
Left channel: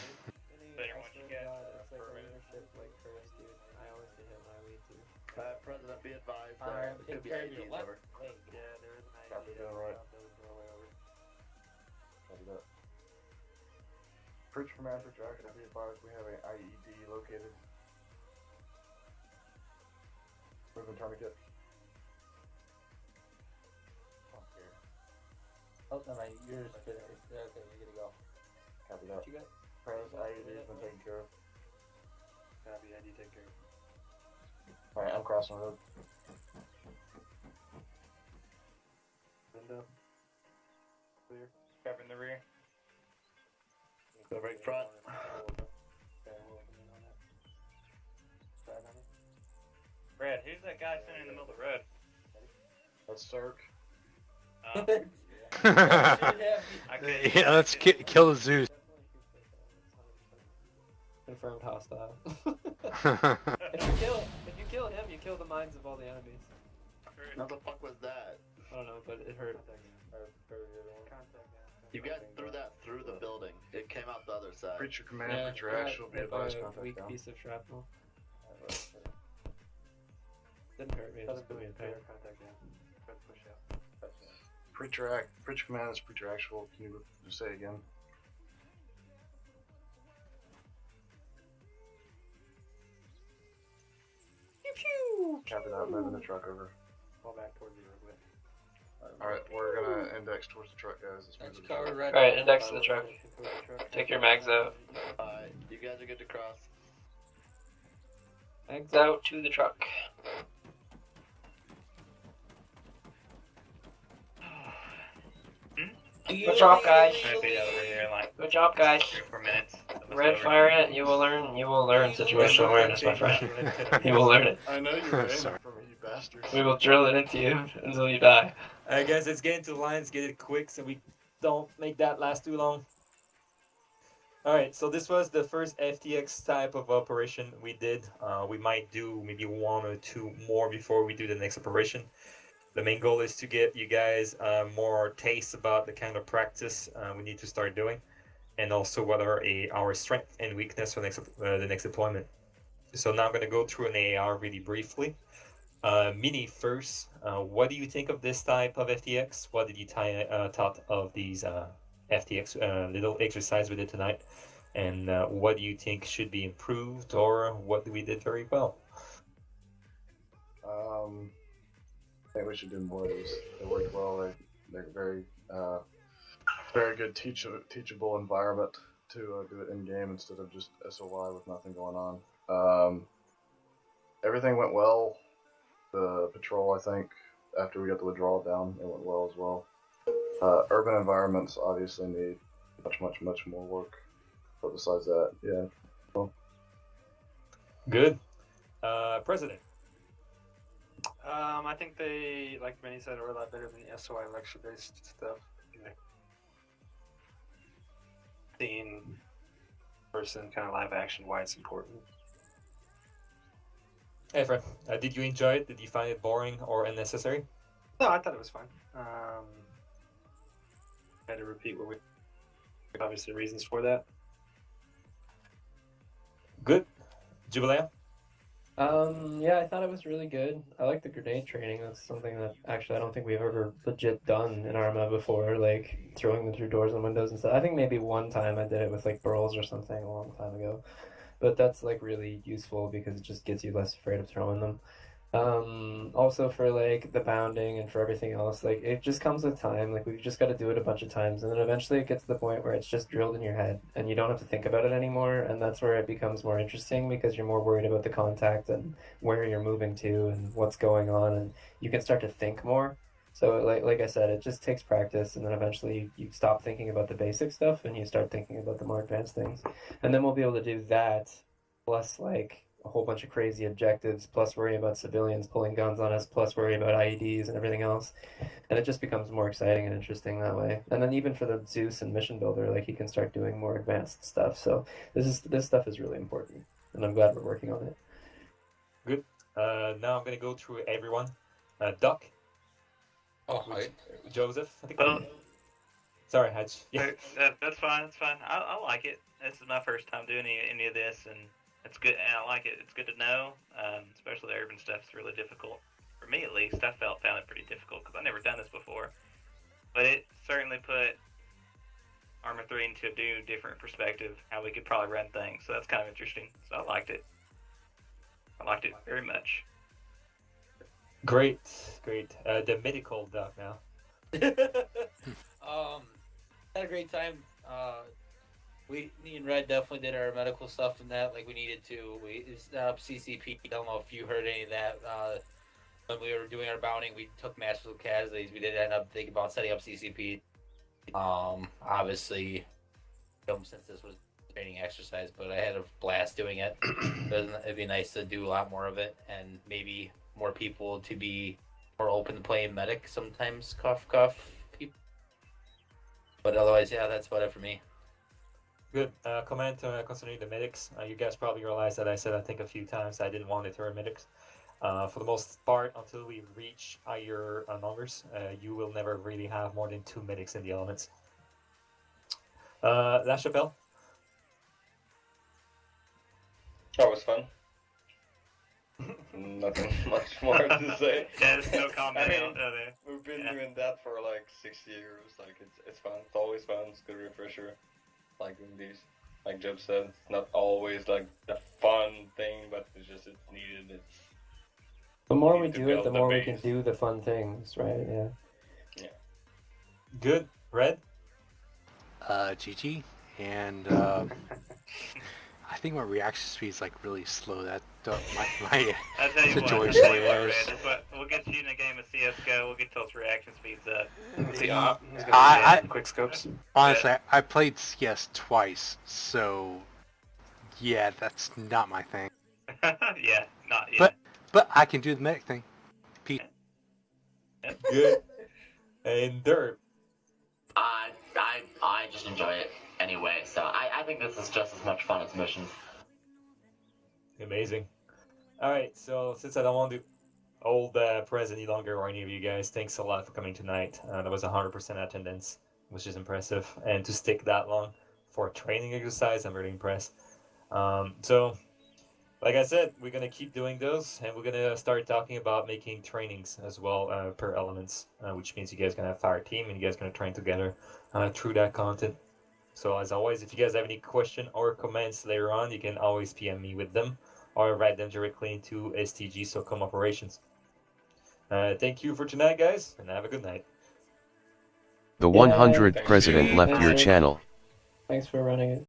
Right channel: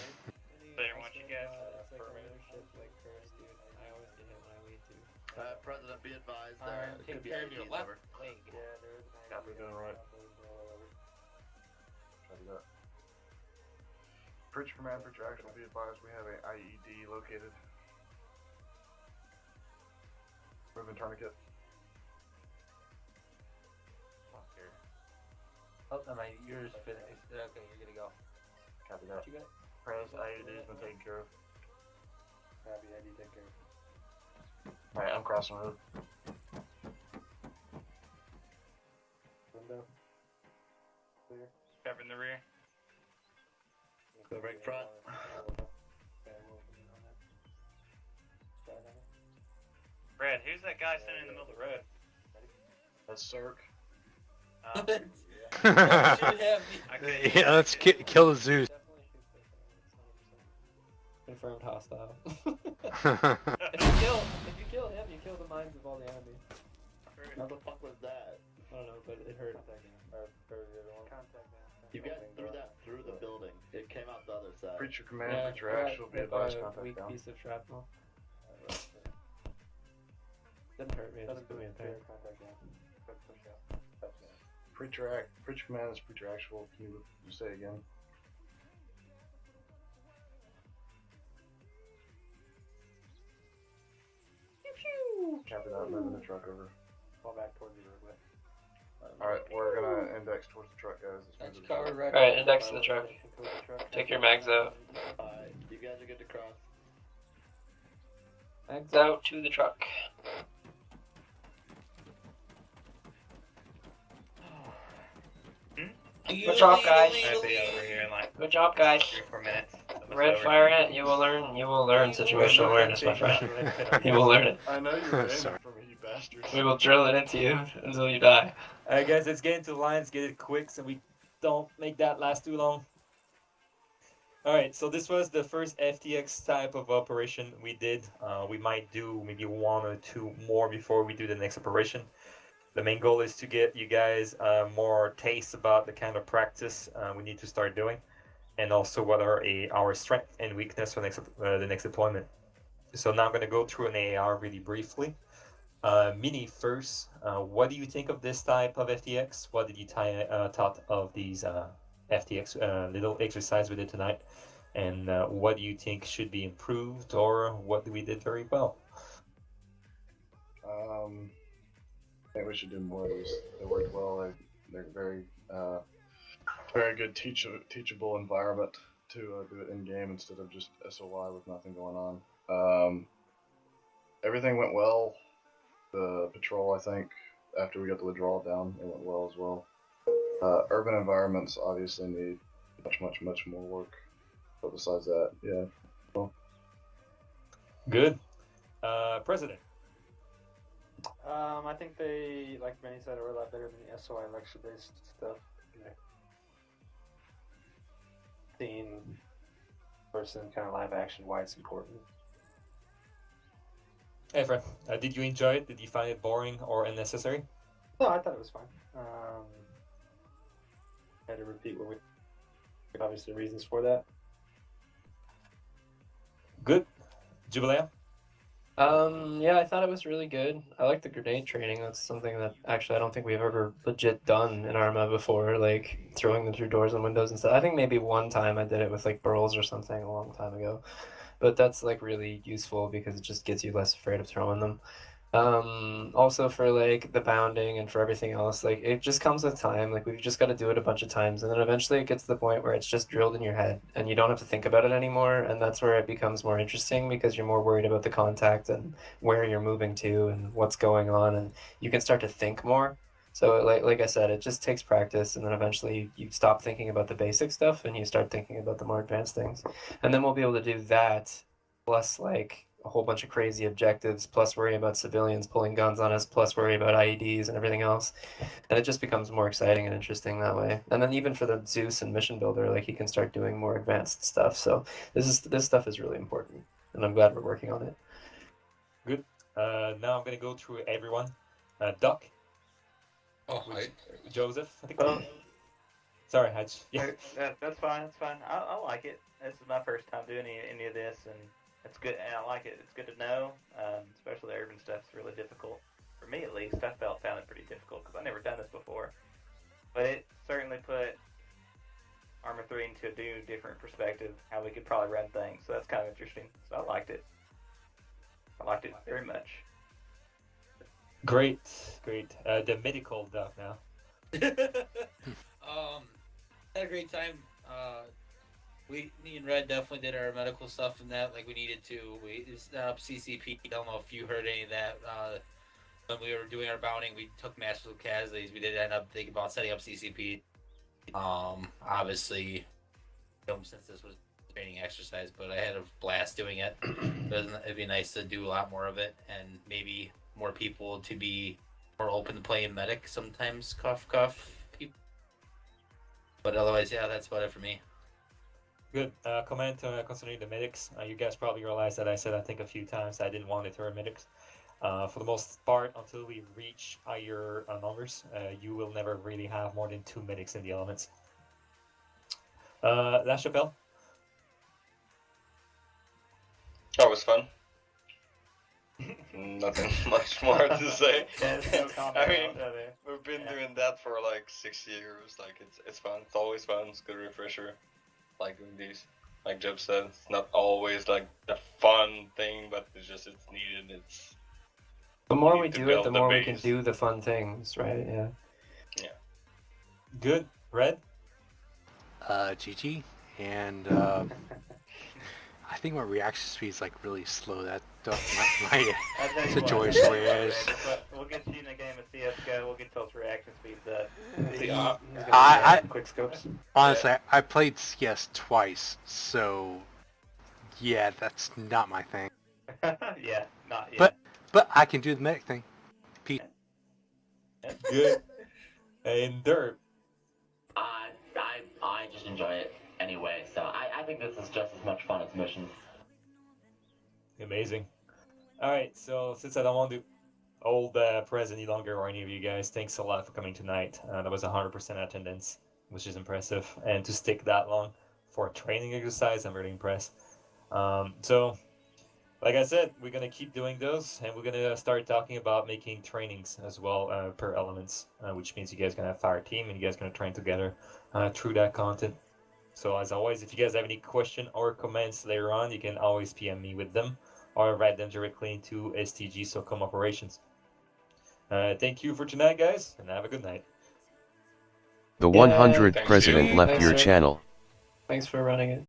There, once you get. It's like on your ship, like Perez, dude. I always get hit when I lead too. President, be advised. Alright, it Take could be care of your IEDs, left over. leg. Yeah, there is an Copy, ID. going right. Over. Copy that. Preacher command, preacher action, be advised we have a IED located. Moving tourniquet. Oh, no, yours is finished. Okay, you're gonna go. Copy that. What you got? Prez, IED's been taken care of. Copy, ID, take care. Alright, I'm crossing the road. Window. Clear. Covering the rear. Go right front. Red, who's that guy standing in the middle of the road? That's Cirque. Yeah, let's kill the Zeus. Confirmed hostile. If you kill him, you kill them minds of all the enemies. How the fuck was that? I don't know, but it hurt. You guys threw that through the building. It came out the other side. Preacher command, Yeah, preacher yeah, actual, be hit by advised, a contact weak down. piece of shrapnel. Didn't hurt me. Just put me in pain. Preacher command is preacher actual. Can you just say it again? Copy that. Moving the truck over. Fall back towards you. Alright, we're gonna index towards the truck, guys. Let's move the truck. Alright, index to the truck. Take your mags out. Alright, you guys are good to cross. Mags out to the truck. Good job, guys. Good job, guys. Red fire it. You will learn. You will learn situational awareness, my friend. You will learn it. I know you were aiming for me, you bastard. We will drill it into you until you die. Alright guys, let's get into the lines, get it quick so we don't make that last too long. Alright, so this was the first FTX type of operation we did. We might do maybe 1 or 2 more before we do the next operation. The main goal is to get you guys more taste about the kind of practice we need to start doing, and also what are our strength and weakness for the next deployment. So now I'm going to go through an AR really briefly. Mini first, what do you think of this type of FTX? What did you thought of these FTX little exercise we did tonight? And what do you think should be improved, or what we did very well? I think we should do more of these. They worked well. They're very, very good teachable environment to do it in game instead of just SOI with nothing going on. Everything went well. The patrol, I think, after we got the withdrawal down, it went well as well. Urban environments obviously need much more work. But besides that, yeah. Well. Good. President. I think they, like Benny said, are a lot better than the SOI lecture-based stuff. Yeah. Seeing person kind of live action, why it's important. Hey Fred, did you enjoy it? Did you find it boring or unnecessary? No, I thought it was fine. I had to repeat what we obviously reasons for that. Good. Jubilee? Yeah, I thought it was really good. I like the grenade training. That's something that actually I don't think we've ever legit done in Arma before, like throwing them through doors and windows and stuff. I think maybe one time I did it with like burls or something a long time ago. But that's like really useful because it just gets you less afraid of throwing them. Also for like the bounding and for everything else, like it just comes with time. Like we've just got to do it a bunch of times, and then eventually it gets to the point where it's just drilled in your head and you don't have to think about it anymore, and that's where it becomes more interesting because you're more worried about the contact and where you're moving to and what's going on, and you can start to think more. So like I said, it just takes practice, and then eventually you stop thinking about the basic stuff and you start thinking about the more advanced things. And then we'll be able to do that plus like a whole bunch of crazy objectives, plus worry about civilians pulling guns on us, plus worry about IEDs and everything else. And it just becomes more exciting and interesting that way. And then even for the Zeus and Mission Builder, like you can start doing more advanced stuff. So this stuff is really important, and I'm glad we're working on it. Good. Now I'm gonna go through everyone. Duck. Oh, hi. Joseph. I think. Sorry, Hatch. Yeah. That's fine. That's fine. I like it. This is my first time doing any of this, and it's good. And I like it. It's good to know. Especially the urban stuff is really difficult for me, at least. I found it pretty difficult because I've never done this before. But it certainly put Arma 3 into a new, different perspective. How we could probably run things. So that's kind of interesting. So I liked it. I liked it very much. Great. The medical Duck now. Had a great time. Me and Red definitely did our medical stuff in that, like we needed to. We set up CCP. I don't know if you heard any of that. When we were doing our bounding, we took massive casualties. We did end up thinking about setting up CCP. Obviously, since this was a training exercise, but I had a blast doing it. It'd be nice to do a lot more of it, and maybe more people to be more open to playing medic sometimes. Cough, cough. But otherwise, yeah, that's about it for me. Good. Comment concerning the medics. You guys probably realized that I said I think a few times I didn't want to throw medics. For the most part, until we reach higher numbers, you will never really have more than 2 medics in the elements. La Chapelle? That was fun. Nothing much more to say. Yeah, there's no comment I mean, out there. we've been doing that for like 6 years. Like it's fun. It's always fun. It's a good refresher. Like doing these. Like Jeb said, it's not always like the fun thing, but it's needed. It's The more we need to do it, build the the more we can base. do the fun things, right? Yeah. Good. Red? GG, and I think my reaction speed is like really slow. That my situation where We'll get you in a game of CS:GO. We'll get those reaction speeds up. I quick scopes. honestly I played CS twice, so yeah, that's not my thing. Yeah, not yet. But I can do the medic thing. Peace. Good. And Derp? I just enjoy it anyway, so I think this is just as much fun as missions. Amazing. Alright, so since I don't want to hold the press any longer or any of you guys, thanks a lot for coming tonight. That was 100% attendance, which is impressive. And to stick that long for a training exercise, I'm really impressed. So, like I said, we're going to keep doing those, and we're going to start talking about making trainings as well per elements, which means you guys are going to have fire team, and you guys are going to train together through that content. So as always, if you guys have any question or comments later on, you can always PM me with them or write them directly into STG SOCOM Operations. Thank you for tonight, guys, and have a good night. The 100th president left your channel. Thanks for running it.